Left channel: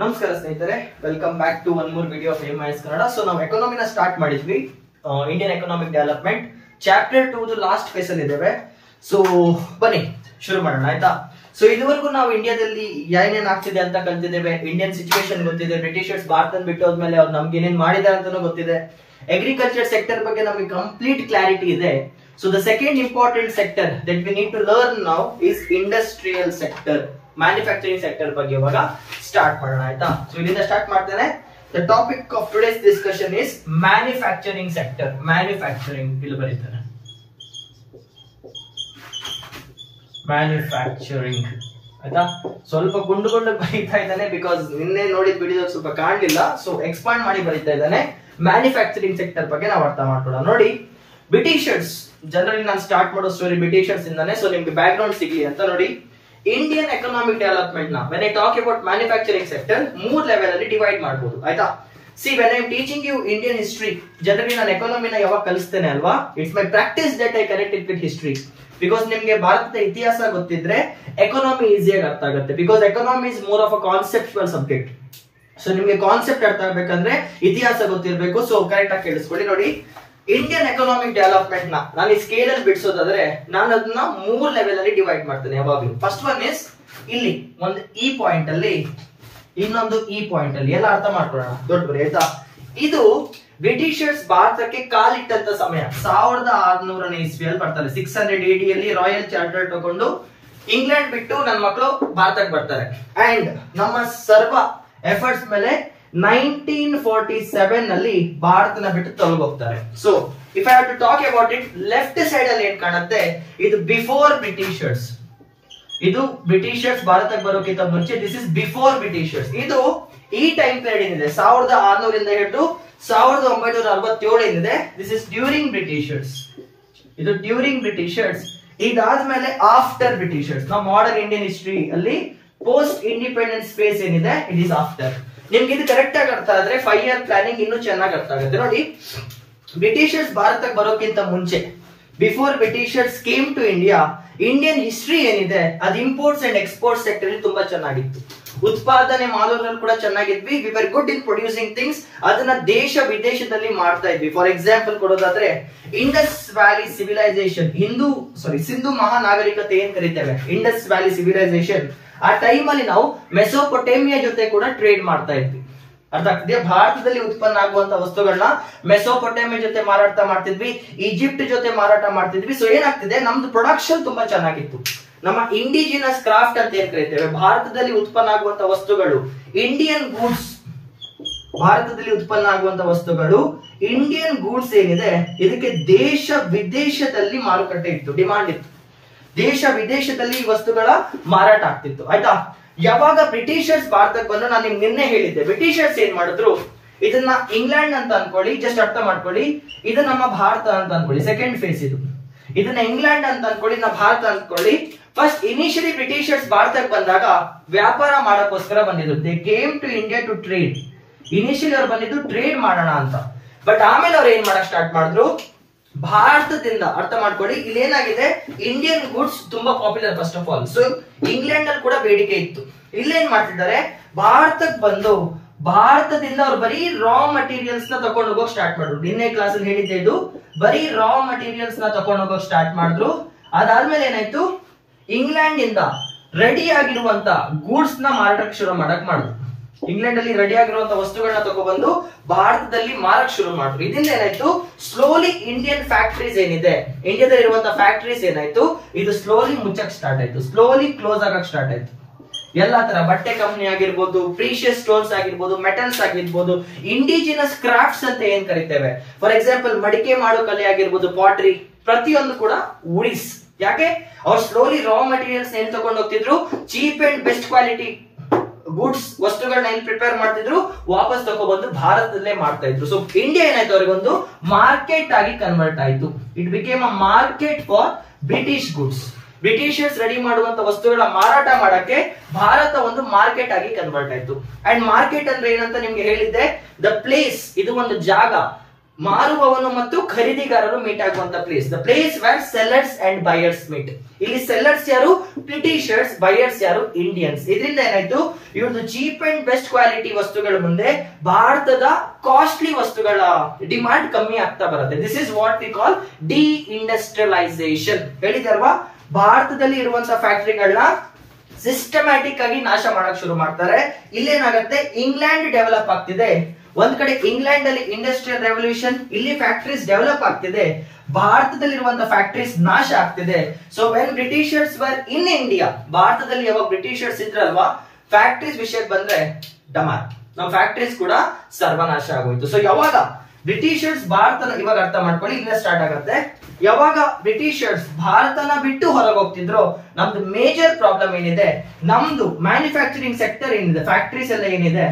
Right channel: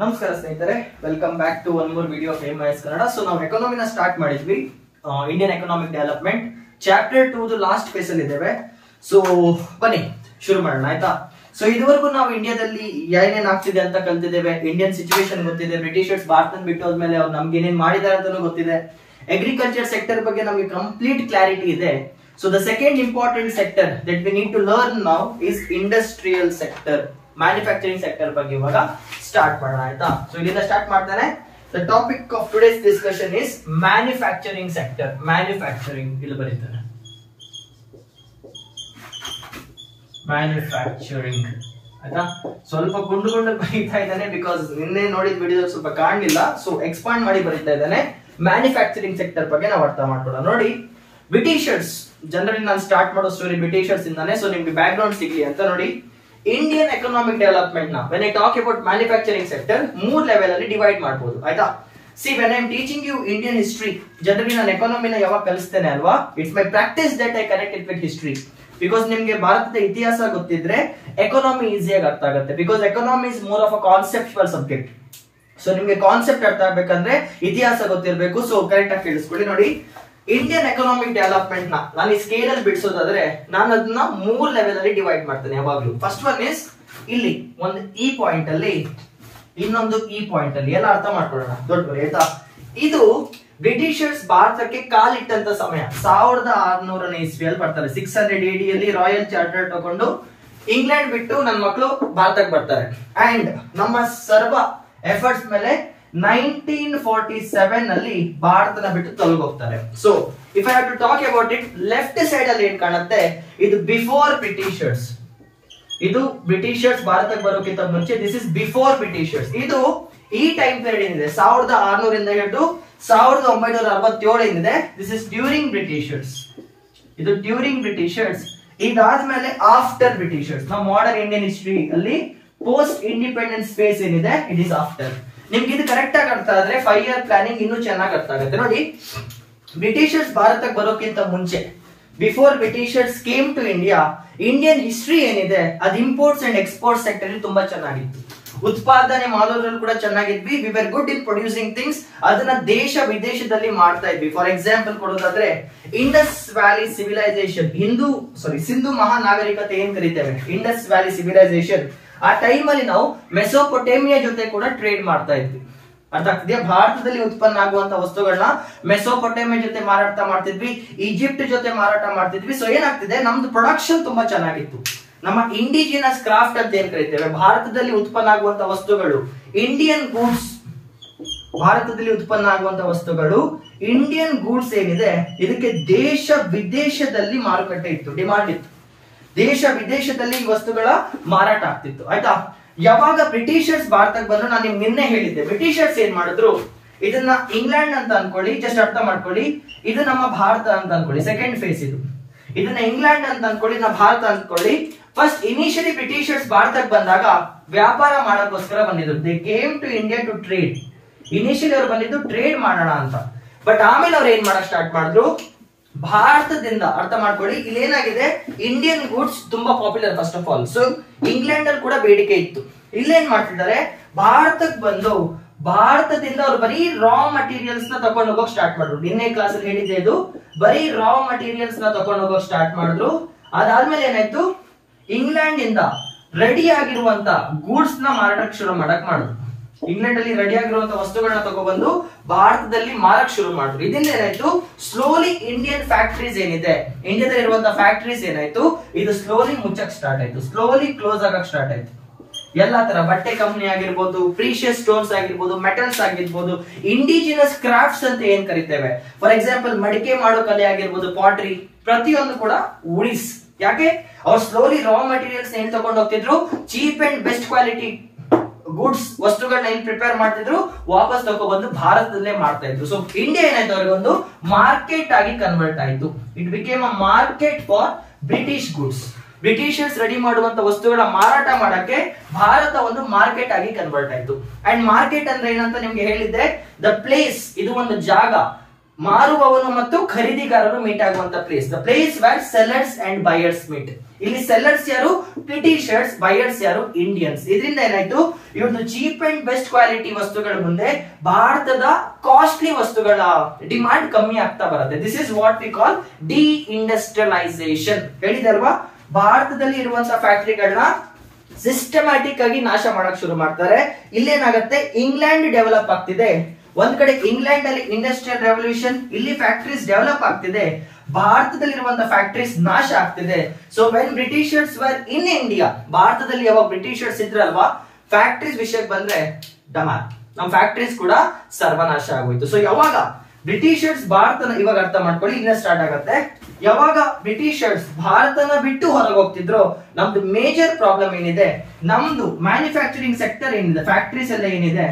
ನಮಸ್ಕಾರ ಸ್ನೇಹಿತರೆ, welcome back to one more video of MIS Kannada. So ನಾವು ಎಕಾನಮಿನ ಸ್ಟಾರ್ಟ್ ಮಾಡಿದ್ವಿ, Indian economic development chapter 2 last phase ಅಲ್ಲಿ ಇದ್ದೇವೆ. ಸೊ ಬನ್ನಿ ಶುರು ಮಾಡೋಣ, ಆಯ್ತಾ? ಸೊ ಇದುವರೆಗೂ ನಾವು ಇಂಡಿಯಾದಲ್ಲಿ ಏನೇನ್ ಆಗ್ತಿದೆ ಅಂತ ಕಲ್ತಿದ್ದೇವೆ, ಇಂಡಿಯನ್ ಸಿಚುವೇಶನ್ ಗೊತ್ತಿದೆ, ಬ್ರಿಟಿಷರ್ಸ್ ಭಾರತ ಬಿಟ್ಟು ಹೋದ್ಮೇಲೆ ಅವ್ರು ನಮ್ಗೆ ಏನೇನ್ ಮಾಡಿದ್ದಾರೆ ಅಂತಾನೂ ಗೊತ್ತಿದೆ. ಅಗ್ರಿಕಲ್ಚರ್ ಸೆಕ್ಟರ್ ಬಗ್ಗೆ ನಮಗೆ ಕಂಪ್ಲೀಟ್ ಕ್ಲಾರಿಟಿ ಇದೆ. So the second important sector that we need to learn now is industrial sector, manufacturing sector ಬಗ್ಗೆ ಇವಾಗ ಸ್ಟಾರ್ಟ್ ಮಾಡೋಣ, ಆಯ್ತಾ? ಸೊ ಇಲ್ಲಿಂದ ಸ್ಟಾರ್ಟ್ ಮಾಡ್ತಾನೆ. The topic of today's discussion is manufacturing sector. Manufacturing ಇಲ್ಲಿ ಬರೀತಾನೆ, ಮ್ಯಾನುಫ್ಯಾಕ್ಚರಿಂಗ್, ಆಯ್ತಾ? ಸ್ವಲ್ಪ ಗುಂಡು ಬರೀತಾ ಇದ್ದಾನೆ, ಬಿಕಾಸ್ ನಿನ್ನೆ ನೋಡಿದ ವಿಡಿಯೋ ಸ್ವಲ್ಪ ಕಾಣಲಿಲ್ಲ. ಸೊ ಎಕ್ಸ್ಪಾಂಡ್ ಮಾಡಿ ಬರೀತಾ ಇದ್ದಾನೆ. ಮ್ಯಾನುಫ್ಯಾಕ್ಚರಿಂಗ್ ಸೆಕ್ಟರ್ ಬಗ್ಗೆ ನಾವು ಅರ್ಥ ಮಾಡ್ಕೊಳ್ಳೋಣ. ನೋಡಿ, ಬ್ರಿಟಿಷರ್ಸ್ ಜನರಲಿ ನಾನು ಸ್ಟಾರ್ಟ್ ಮಾಡೋ ಸ್ಟೋರಿ ಬ್ರಿಟಿಷರ್ಸ್ ಇಂದಾನೆ, ಸೊ ನಿಮ್ಗೆ ಬ್ಯಾಕ್ ಗ್ರೌಂಡ್ ಸಿಗ್ಲಿ ಅಂತ. ನೋಡಿ, ಇಂಡಿಯನ್ ಎಕನಾಮಿಕ್ ಡೆವಲಪ್ಮೆಂಟ್ ನ when I talk about manufacturing sector 3 level ಅಲ್ಲಿ ಡಿವೈಡ್ ಮಾಡಬಹುದು, ಆಯ್ತಾ? See, when I am teaching you Indian history, generally ನಾನು ಎಕಾನಮಿನ ಯಾವಾಗ ಕಲಿಸ್ತೇನೆ ಅಲ್ವಾ, it's my practice that I connect it with history. Because ನಿಮ್ಗೆ ಭಾರತದ ಇತಿಹಾಸ ಗೊತ್ತಿದ್ರೆ ಎಕಾನಮಿ ಈಸಿಯಾಗಿ ಅರ್ಥ ಆಗುತ್ತೆ. Because economy is more of a conceptual subject. So ನಿಮ್ಗೆ ಕಾನ್ಸೆಪ್ಟ್ ಅರ್ಥ ಆಗ್ಬೇಕಂದ್ರೆ ಇತಿಹಾಸ ಗೊತ್ತಿರಬೇಕು. ಸೊ ಕರೆಕ್ಟ್ ಆಗಿ ಕೇಳಿಸ್ಕೊಳ್ಳಿ. ನೋಡಿ, ಇಂಡಿಯನ್ ಎಕನಾಮಿಕ್ ಡೆವಲಪ್ಮೆಂಟ್ ನ ನಾನು ಈ ಸ್ಕೇಲ್ ಅಲ್ಲಿ ಬಿಡಿಸೋದಾದ್ರೆ ನಾನು ಅದನ್ನ 3 ಲೆವೆಲ್ ಅಲ್ಲಿ ಡಿವೈಡ್ ಮಾಡ್ತೇನೆ ಯಾವಾಗ್ಲೂ. ಫಸ್ಟ್ ಒನ್ ಇಸ್ ಇಲ್ಲಿ ಒಂದು ಈ ಪಾಯಿಂಟ್ ಅಲ್ಲಿ, ಇನ್ನೊಂದು ಈ ಪಾಯಿಂಟ್ ಅಲ್ಲಿ. ಎಲ್ಲ ಅರ್ಥ ಮಾಡ್ಕೊಳ್ಳೋಣ, ದೊಡ್ಡ ಬರಿ, ಆಯ್ತಾ? ಇದು ಬ್ರಿಟಿಷರ್ಸ್ ಭಾರತಕ್ಕೆ ಕಾಲಿಟ್ಟಂತ ಸಮಯ 1600ನೇ ಇಸ್ವಿಯಲ್ಲಿ ಬರ್ತಾರೆ. 600 AD ಅಲ್ಲಿ ರಾಯಲ್ ಚಾರ್ಟರ್ ತಗೊಂಡು ಇಂಗ್ಲೆಂಡ್ ಬಿಟ್ಟು ನನ್ನ ಮಕ್ಕಳು ಭಾರತಕ್ಕೆ ಬರ್ತಾರೆ. ಅಂಡ್ ನಮ್ಮ ಸರ್ವ ಎಫರ್ಟ್ಸ್ ಮೇಲೆ 1947 ನಲ್ಲಿ ಭಾರತನ ಬಿಟ್ಟು ತೊಲಗೋಗ್ತಾರೆ. So if I have to talk about it, left side ಅಲ್ಲಿ ಏನ್ ಕಾಣುತ್ತೆ, ಇದು ಬಿಫೋರ್ ಬ್ರಿಟಿಷರ್ಸ್. ಇದು ಬ್ರಿಟಿಷರ್ಸ್ ಭಾರತಕ್ಕೆ ಬರೋಕ್ಕಿಂತ ಮುಂಚೆ, ದಿಸ್ ಇಸ್ ಬಿಫೋರ್ ಬ್ರಿಟಿಷರ್ಸ್. ಇದು ಈ ಟೈಮ್ ಪೀರಿಯಡ್ ಏನಿದೆ 1600 ಇಂದ ಹಿಡಿದು 1967 ಏನಿದೆ, ದಿಸ್ ಇಸ್ ಡ್ಯೂರಿಂಗ್ ಬ್ರಿಟಿಷರ್ಸ್. ಇದು ಡ್ಯೂರಿಂಗ್ ಬ್ರಿಟಿಷರ್ಸ್. ಇದಾದ್ಮೇಲೆ ಆಫ್ಟರ್ ಬ್ರಿಟಿಷರ್ಸ್. ನಾವು ಮಾಡರ್ನ್ ಇಂಡಿಯನ್ ಹಿಸ್ಟ್ರಿ ಅಲ್ಲಿ ಪೋಸ್ಟ್ ಇಂಡಿಪೆಂಡೆನ್ಸ್ ಫೇಸ್ ಏನಿದೆ, ಇಟ್ ಇಸ್ ಆಫ್ಟರ್. ನಿಮ್ಗೆ ಇದು ಕರೆಕ್ಟ್ ಆಗಿ ಅರ್ಥ ಆದ್ರೆ 5 ಇಯರ್ ಪ್ಲಾನಿಂಗ್ ಇನ್ನೂ ಚೆನ್ನಾಗಿ ಅರ್ಥ ಆಗುತ್ತೆ. ನೋಡಿ, ಬ್ರಿಟಿಷರ್ಸ್ ಭಾರತಕ್ಕೆ ಬರೋಕ್ಕಿಂತ ಮುಂಚೆ, before Britishers came to India, Indian history ಏನಿದೆ ಅದು ಇಂಪೋರ್ಟ್ಸ್ ಅಂಡ್ ಎಕ್ಸ್ಪೋರ್ಟ್ ಸೆಕ್ಟರ್ ತುಂಬಾ ಚೆನ್ನಾಗಿತ್ತು. ಉತ್ಪಾದನೆ ಮಾಡೋದ್ರಲ್ಲಿ ಕೂಡ ಚೆನ್ನಾಗಿದ್ವಿ. We were good in producing things. ಅದನ್ನ ದೇಶ ವಿದೇಶದಲ್ಲಿ ಮಾಡ್ತಾ ಇದ್ವಿ. ಫಾರ್ ಎಕ್ಸಾಂಪಲ್ ಕೊಡೋದಾದ್ರೆ, ಇಂಡಸ್ ವ್ಯಾಲಿ ಸಿವಿಲೈಸೇಷನ್, ಸಿಂಧು ಮಹಾನಾಗರಿಕತೆ ಏನ್ ಕರಿತೇವೆ, ಇಂಡಸ್ ವ್ಯಾಲಿ ಸಿವಿಲೈಸೇಷನ್, ಆ ಟೈಮ್ ಅಲ್ಲಿ ನಾವು ಮೆಸೊಪೊಟೇಮಿಯಾ ಜೊತೆ ಕೂಡ ಟ್ರೇಡ್ ಮಾಡ್ತಾ ಇದ್ವಿ. ಅರ್ಥ ಆಗ್ತಿದೆಯಾ? ಭಾರತದಲ್ಲಿ ಉತ್ಪನ್ನ ಆಗುವಂತ ವಸ್ತುಗಳನ್ನ ಮೆಸೊಪೊಟೇಮಿಯಾ ಜೊತೆ ಮಾರಾಟ ಮಾಡ್ತಿದ್ವಿ, ಈಜಿಪ್ಟ್ ಜೊತೆ ಮಾರಾಟ ಮಾಡ್ತಿದ್ವಿ. ಸೊ ಏನಾಗ್ತಿದೆ, ನಮ್ದು ಪ್ರೊಡಕ್ಷನ್ ತುಂಬಾ ಚೆನ್ನಾಗಿತ್ತು. ನಮ್ಮ ಇಂಡಿಜಿನಸ್ ಕ್ರಾಫ್ಟ್ ಅಂತ ಏನ್ ಕರಿತೇವೆ, ಭಾರತದಲ್ಲಿ ಉತ್ಪನ್ನ ಆಗುವಂತ ವಸ್ತುಗಳು, ಇಂಡಿಯನ್ ಗೂಡ್ಸ್, ಭಾರತದಲ್ಲಿ ಉತ್ಪನ್ನ ಆಗುವಂತ ವಸ್ತುಗಳು, ಇಂಡಿಯನ್ ಗೂಡ್ಸ್ ಏನಿದೆ, ಇದಕ್ಕೆ ದೇಶ ವಿದೇಶದಲ್ಲಿ ಮಾರುಕಟ್ಟೆ ಇತ್ತು, ಡಿಮಾಂಡ್ ಇತ್ತು. ದೇಶ ವಿದೇಶದಲ್ಲಿ ಈ ವಸ್ತುಗಳ ಮಾರಾಟ ಆಗ್ತಿತ್ತು, ಆಯ್ತಾ? ಯಾವಾಗ ಬ್ರಿಟಿಷರ್ಸ್ ಭಾರತಕ್ಕೆ ಬಂದು, ನಾನು ನಿಮ್ಗೆ ನಿನ್ನೆ ಹೇಳಿದ್ದೆ, ಬ್ರಿಟಿಷರ್ಸ್ ಏನ್ ಮಾಡಿದ್ರು, ಇದನ್ನ ಇಂಗ್ಲೆಂಡ್ ಅಂತ ಅನ್ಕೊಳ್ಳಿ, ಜಸ್ಟ್ ಅರ್ಥ ಮಾಡ್ಕೊಳ್ಳಿ. ಇದು ನಮ್ಮ ಭಾರತ ಅಂತ ಅನ್ಕೊಳ್ಳಿ, ಸೆಕೆಂಡ್ ಫೇಸ್ ಇದು. ಇದನ್ನ ಇಂಗ್ಲೆಂಡ್ ಅಂತ ಅನ್ಕೊಳ್ಳಿ, ನಾ ಭಾರತ ಅನ್ಕೊಳ್ಳಿ. ಫಸ್ಟ್ ಇನಿಷಿಯಲಿ ಬ್ರಿಟಿಷರ್ಸ್ ಭಾರತಕ್ಕೆ ಬಂದಾಗ ವ್ಯಾಪಾರ ಮಾಡಕ್ಕೋಸ್ಕರ ಬಂದಿದ್ರು. They came to India to trade. Initially ಅವ್ರು ಬಂದಿದ್ದು ಟ್ರೇಡ್ ಮಾಡೋಣ ಅಂತ. ಬಟ್ ಆಮೇಲೆ ಅವ್ರು ಏನ್ ಮಾಡಕ್ ಸ್ಟಾರ್ಟ್ ಮಾಡಿದ್ರು, ಭಾರತದಿಂದ, ಅರ್ಥ ಮಾಡ್ಕೊಳ್ಳಿ, ಇಲ್ಲಿ ಏನಾಗಿದೆ, ಇಂಡಿಯನ್ ಗೂಡ್ಸ್ ತುಂಬಾ popular first of all. So England ಅಲ್ಲಿ ಕೂಡ ಬೇಡಿಕೆ ಇತ್ತು. ಇಲ್ಲೇನ್ ಮಾಡ್ತಿದ್ದಾರೆ, ಭಾರತಕ್ಕೆ ಬಂದು ಭಾರತದಿಂದ ಅವ್ರು ಬರೀ ರಾ ಮಟೀರಿಯಲ್ಸ್ ನ ತಗೊಂಡು ಹೋಗೋಕ್ ಸ್ಟಾರ್ಟ್ ಮಾಡಿದ್ರು. ನಿನ್ನೆ ಕ್ಲಾಸ್ ಅಲ್ಲಿ ಹೇಳಿದ್ದೆ, ಇದು ಬರೀ ರಾ ಮಟೀರಿಯಲ್ಸ್ ನ ತಗೊಂಡು ಹೋಗೋಕ್ ಸ್ಟಾರ್ಟ್ ಮಾಡಿದ್ರು. ಅದಾದ್ಮೇಲೆ ಏನಾಯ್ತು, ಇಂಗ್ಲೆಂಡ್ ಇಂದ ರೆಡಿ ಆಗಿರುವಂತ ಗೂಡ್ಸ್ ನ ಮಾರಾಟಕ್ಕೆ ಶುರು ಮಾಡಕ್ ಮಾಡಿದ್ರು. ಇಂಗ್ಲೆಂಡ್ ಅಲ್ಲಿ ರೆಡಿ ಆಗಿರುವಂತ ವಸ್ತುಗಳನ್ನ ತಗೊಬಂದು ಭಾರತದಲ್ಲಿ ಮಾರಕ್ ಶುರು ಮಾಡಿದ್ರು. ಇದರಿಂದ ಏನಾಯ್ತು, ಸ್ಲೋಲಿ ಇಂಡಿಯನ್ ಫ್ಯಾಕ್ಟರೀಸ್ ಏನಿದೆ, ಇಂಡಿಯಾದಲ್ಲಿ ಇರುವಂತ ಫ್ಯಾಕ್ಟರೀಸ್ ಏನಾಯ್ತು, ಇದು ಸ್ಲೋಲಿ ಮುಚ್ಚಕ್ ಸ್ಟಾರ್ಟ್ ಆಯ್ತು, ಸ್ಲೋಲಿ ಕ್ಲೋಸ್ ಆಗಕ್ ಸ್ಟಾರ್ಟ್ ಆಯ್ತು. ಎಲ್ಲಾ ತರ ಬಟ್ಟೆ ಕಂಪನಿ ಆಗಿರ್ಬೋದು, ಪ್ರೀಶಿಯಸ್ ಸ್ಟೋನ್ಸ್ ಆಗಿರ್ಬೋದು, ಮೆಟಲ್ಸ್ ಆಗಿರ್ಬೋದು, ಇಂಡಿಜಿನಸ್ ಕ್ರಾಫ್ಟ್ಸ್ ಅಂತ ಏನ್ ಕರಿತೇವೆ, ಫಾರ್ ಎಕ್ಸಾಂಪಲ್ ಮಡಿಕೆ ಮಾಡೋ ಕಲೆ ಆಗಿರ್ಬೋದು, ಪಾಟ್ರಿ, ಪ್ರತಿಯೊಂದು ಕೂಡ ಉಳಿಸ್. ಯಾಕೆ, ಅವ್ರು ಸ್ಲೋಲಿ ರಾ ಮಟೀರಿಯಲ್ಸ್ ಏನ್ ತಗೊಂಡು ಹೋಗ್ತಿದ್ರು, cheap and best quality goods ವಸ್ತುಗಳನ್ನ ಏನ್ ಪ್ರಿಪೇರ್ ಮಾಡ್ತಿದ್ರು, ವಾಪಸ್ ತಗೊಬಂದು ಭಾರತದಲ್ಲೇ ಮಾಡ್ತಾ ಇದ್ರು. ಸೊ ಇಂಡಿಯಾ ಏನಾಯ್ತು, ಅವ್ರಿಗೊಂದು ಮಾರ್ಕೆಟ್ ಆಗಿ ಕನ್ವರ್ಟ್ ಆಯ್ತು. It became a market for British goods. Britishers ready ಮಾಡುವಂತ ವಸ್ತುಗಳ ಮಾರಾಟ ಮಾಡಕ್ಕೆ ಭಾರತ ಒಂದು ಮಾರ್ಕೆಟ್ ಆಗಿ ಕನ್ವರ್ಟ್ ಆಯ್ತು. ಅಂಡ್ ಮಾರ್ಕೆಟ್ ಅಂದ್ರೆ ಏನಂತ ನಿಮ್ಗೆ ಹೇಳಿದ್ದೆ, ದ ಪ್ಲೇಸ್, ಇದು ಒಂದು ಜಾಗ ಮಾರುವವನು ಮತ್ತು ಖರೀದಿಗಾರರು ಮೀಟ್ ಆಗುವಂತ place, the place where sellers and buyers meet. ಇಲ್ಲಿ ಸೆಲ್ಲರ್ಸ್ ಯಾರು? ಬ್ರಿಟಿಷರ್ಸ್. ಬಯರ್ಸ್ ಯಾರು? ಇಂಡಿಯನ್ಸ್. ಇದರಿಂದ ಏನಾಯ್ತು, ಇವ್ರದ್ದು ಚೀಪ್ ಅಂಡ್ ಬೆಸ್ಟ್ ಕ್ವಾಲಿಟಿ ವಸ್ತುಗಳ ಮುಂದೆ ಭಾರತದ ಕಾಸ್ಟ್ಲಿ ವಸ್ತುಗಳ ಡಿಮಾಂಡ್ ಕಮ್ಮಿ ಆಗ್ತಾ ಬರುತ್ತೆ. This is what we call D industrialisation. ಹೇಳಿದೆ ಅಲ್ವಾ, ಭಾರತದಲ್ಲಿ ಇರುವಂತಹ ಫ್ಯಾಕ್ಟರಿಗಳನ್ನ ಸಿಸ್ಟಮ್ಯಾಟಿಕ್ ಆಗಿ ನಾಶ ಮಾಡಕ್ ಶುರು ಮಾಡ್ತಾರೆ. ಇಲ್ಲೇನಾಗುತ್ತೆ, ಇಂಗ್ಲೆಂಡ್ ಡೆವಲಪ್ ಆಗ್ತಿದೆ. ಒಂದ್ ಕಡೆ ಇಂಗ್ಲೆಂಡ್ ಅಲ್ಲಿ ಇಂಡಸ್ಟ್ರಿಯಲ್ ರೆವಲ್ಯೂಷನ್, ಇಲ್ಲಿ ಫ್ಯಾಕ್ಟರೀಸ್ ಡೆವಲಪ್ ಆಗ್ತಿದೆ, ಭಾರತದಲ್ಲಿರುವಂತಹ ಫ್ಯಾಕ್ಟರೀಸ್ ನಾಶ ಆಗ್ತಿದೆ. So when Britishers were in India, ಭಾರತದಲ್ಲಿ ಯಾವಾಗ ಬ್ರಿಟಿಷರ್ಸ್ ಇದ್ರಲ್ವಾ, ಫ್ಯಾಕ್ಟರೀಸ್ ವಿಷಯಕ್ಕೆ ಬಂದ್ರೆ ಡಮಾರ್, ನಮ್ಮ ಫ್ಯಾಕ್ಟರೀಸ್ ಕೂಡ ಸರ್ವನಾಶ ಆಗೋಯ್ತು. ಸೊ ಯಾವಾಗ ಬ್ರಿಟಿಷರ್ಸ್ ಭಾರತನ, ಇವಾಗ ಅರ್ಥ ಮಾಡ್ಕೊಳ್ಳಿ, ಇಲ್ಲೇ ಸ್ಟಾರ್ಟ್ ಆಗತ್ತೆ. ಯಾವಾಗ ಬ್ರಿಟಿಷರ್ಸ್ ಭಾರತನ ಬಿಟ್ಟು ಹೊರಗೆ ಹೋಗ್ತಿದ್ರು, ನಮ್ದು ಮೇಜರ್ ಪ್ರಾಬ್ಲಮ್ ಏನಿದೆ, ನಮ್ದು ಮ್ಯಾನುಫ್ಯಾಕ್ಚರಿಂಗ್ ಸೆಕ್ಟರ್ ಏನಿದೆ, ಫ್ಯಾಕ್ಟರೀಸ್ ಎಲ್ಲ ಏನಿದೆ,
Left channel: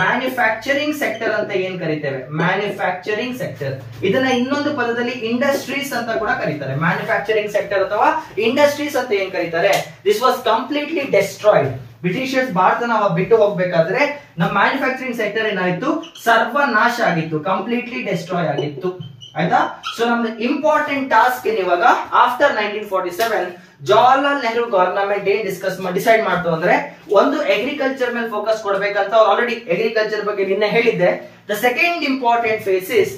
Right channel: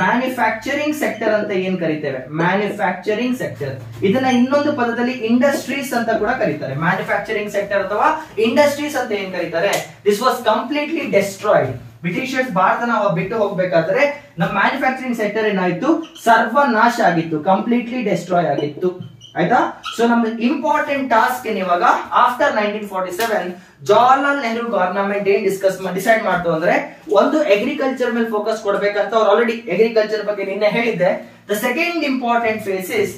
ಮ್ಯಾನುಫ್ಯಾಕ್ಚರಿಂಗ್ ಸೆಕ್ಟರ್ ಅಂತ ಏನ್ ಕರಿತೇವೆ, ಮ್ಯಾನುಫ್ಯಾಕ್ಚರಿಂಗ್ ಸೆಕ್ಟರ್, ಇದನ್ನ ಇನ್ನೊಂದು ಪದದಲ್ಲಿ ಇಂಡಸ್ಟ್ರೀಸ್ ಅಂತ ಕೂಡ ಕರೀತಾರೆ. ಮ್ಯಾನುಫ್ಯಾಕ್ಚರಿಂಗ್ ಸೆಕ್ಟರ್ ಅಥವಾ ಇಂಡಸ್ಟ್ರೀಸ್ ಅಂತ ಏನ್ ಕರೀತಾರೆ, this was completely destroyed. Britishers ಭಾರತನ ಬಿಟ್ಟು ಹೋಗ್ಬೇಕಾದ್ರೆ ನಮ್ಮ ಮ್ಯಾನುಫ್ಯಾಕ್ಚರಿಂಗ್ ಸೆಕ್ಟರ್ ಏನಾಯ್ತು, ಸರ್ವನಾಶ ಆಗಿತ್ತು, ಕಂಪ್ಲೀಟ್ಲಿ ಡೆಸ್ಟ್ರಾಯ್ ಆಗಿತ್ತು. ಆಯ್ತಾ? ಸೊ ನಮ್ದು ಇಂಪಾರ್ಟೆಂಟ್ ಟಾಸ್ಕ್ ಏನ್ ಇವಾಗ, ಆಫ್ಟರ್ 1947 ಜವಾಹರ್ಲಾಲ್ ನೆಹರು ಗವರ್ನಮೆಂಟ್ ಏನ್ ಡಿಸೈಡ್ ಮಾಡ್ತು ಅಂದ್ರೆ, ಒಂದು ಅಗ್ರಿಕಲ್ಚರ್ ಮೇಲೆ ಫೋಕಸ್ ಕೊಡ್ಬೇಕಂತ ಅವ್ರು ಆಲ್ರೆಡಿ ಅಗ್ರಿಕಲ್ಚರ್ ಬಗ್ಗೆ ನಿನ್ನೆ ಹೇಳಿದ್ದೆ. The second important face is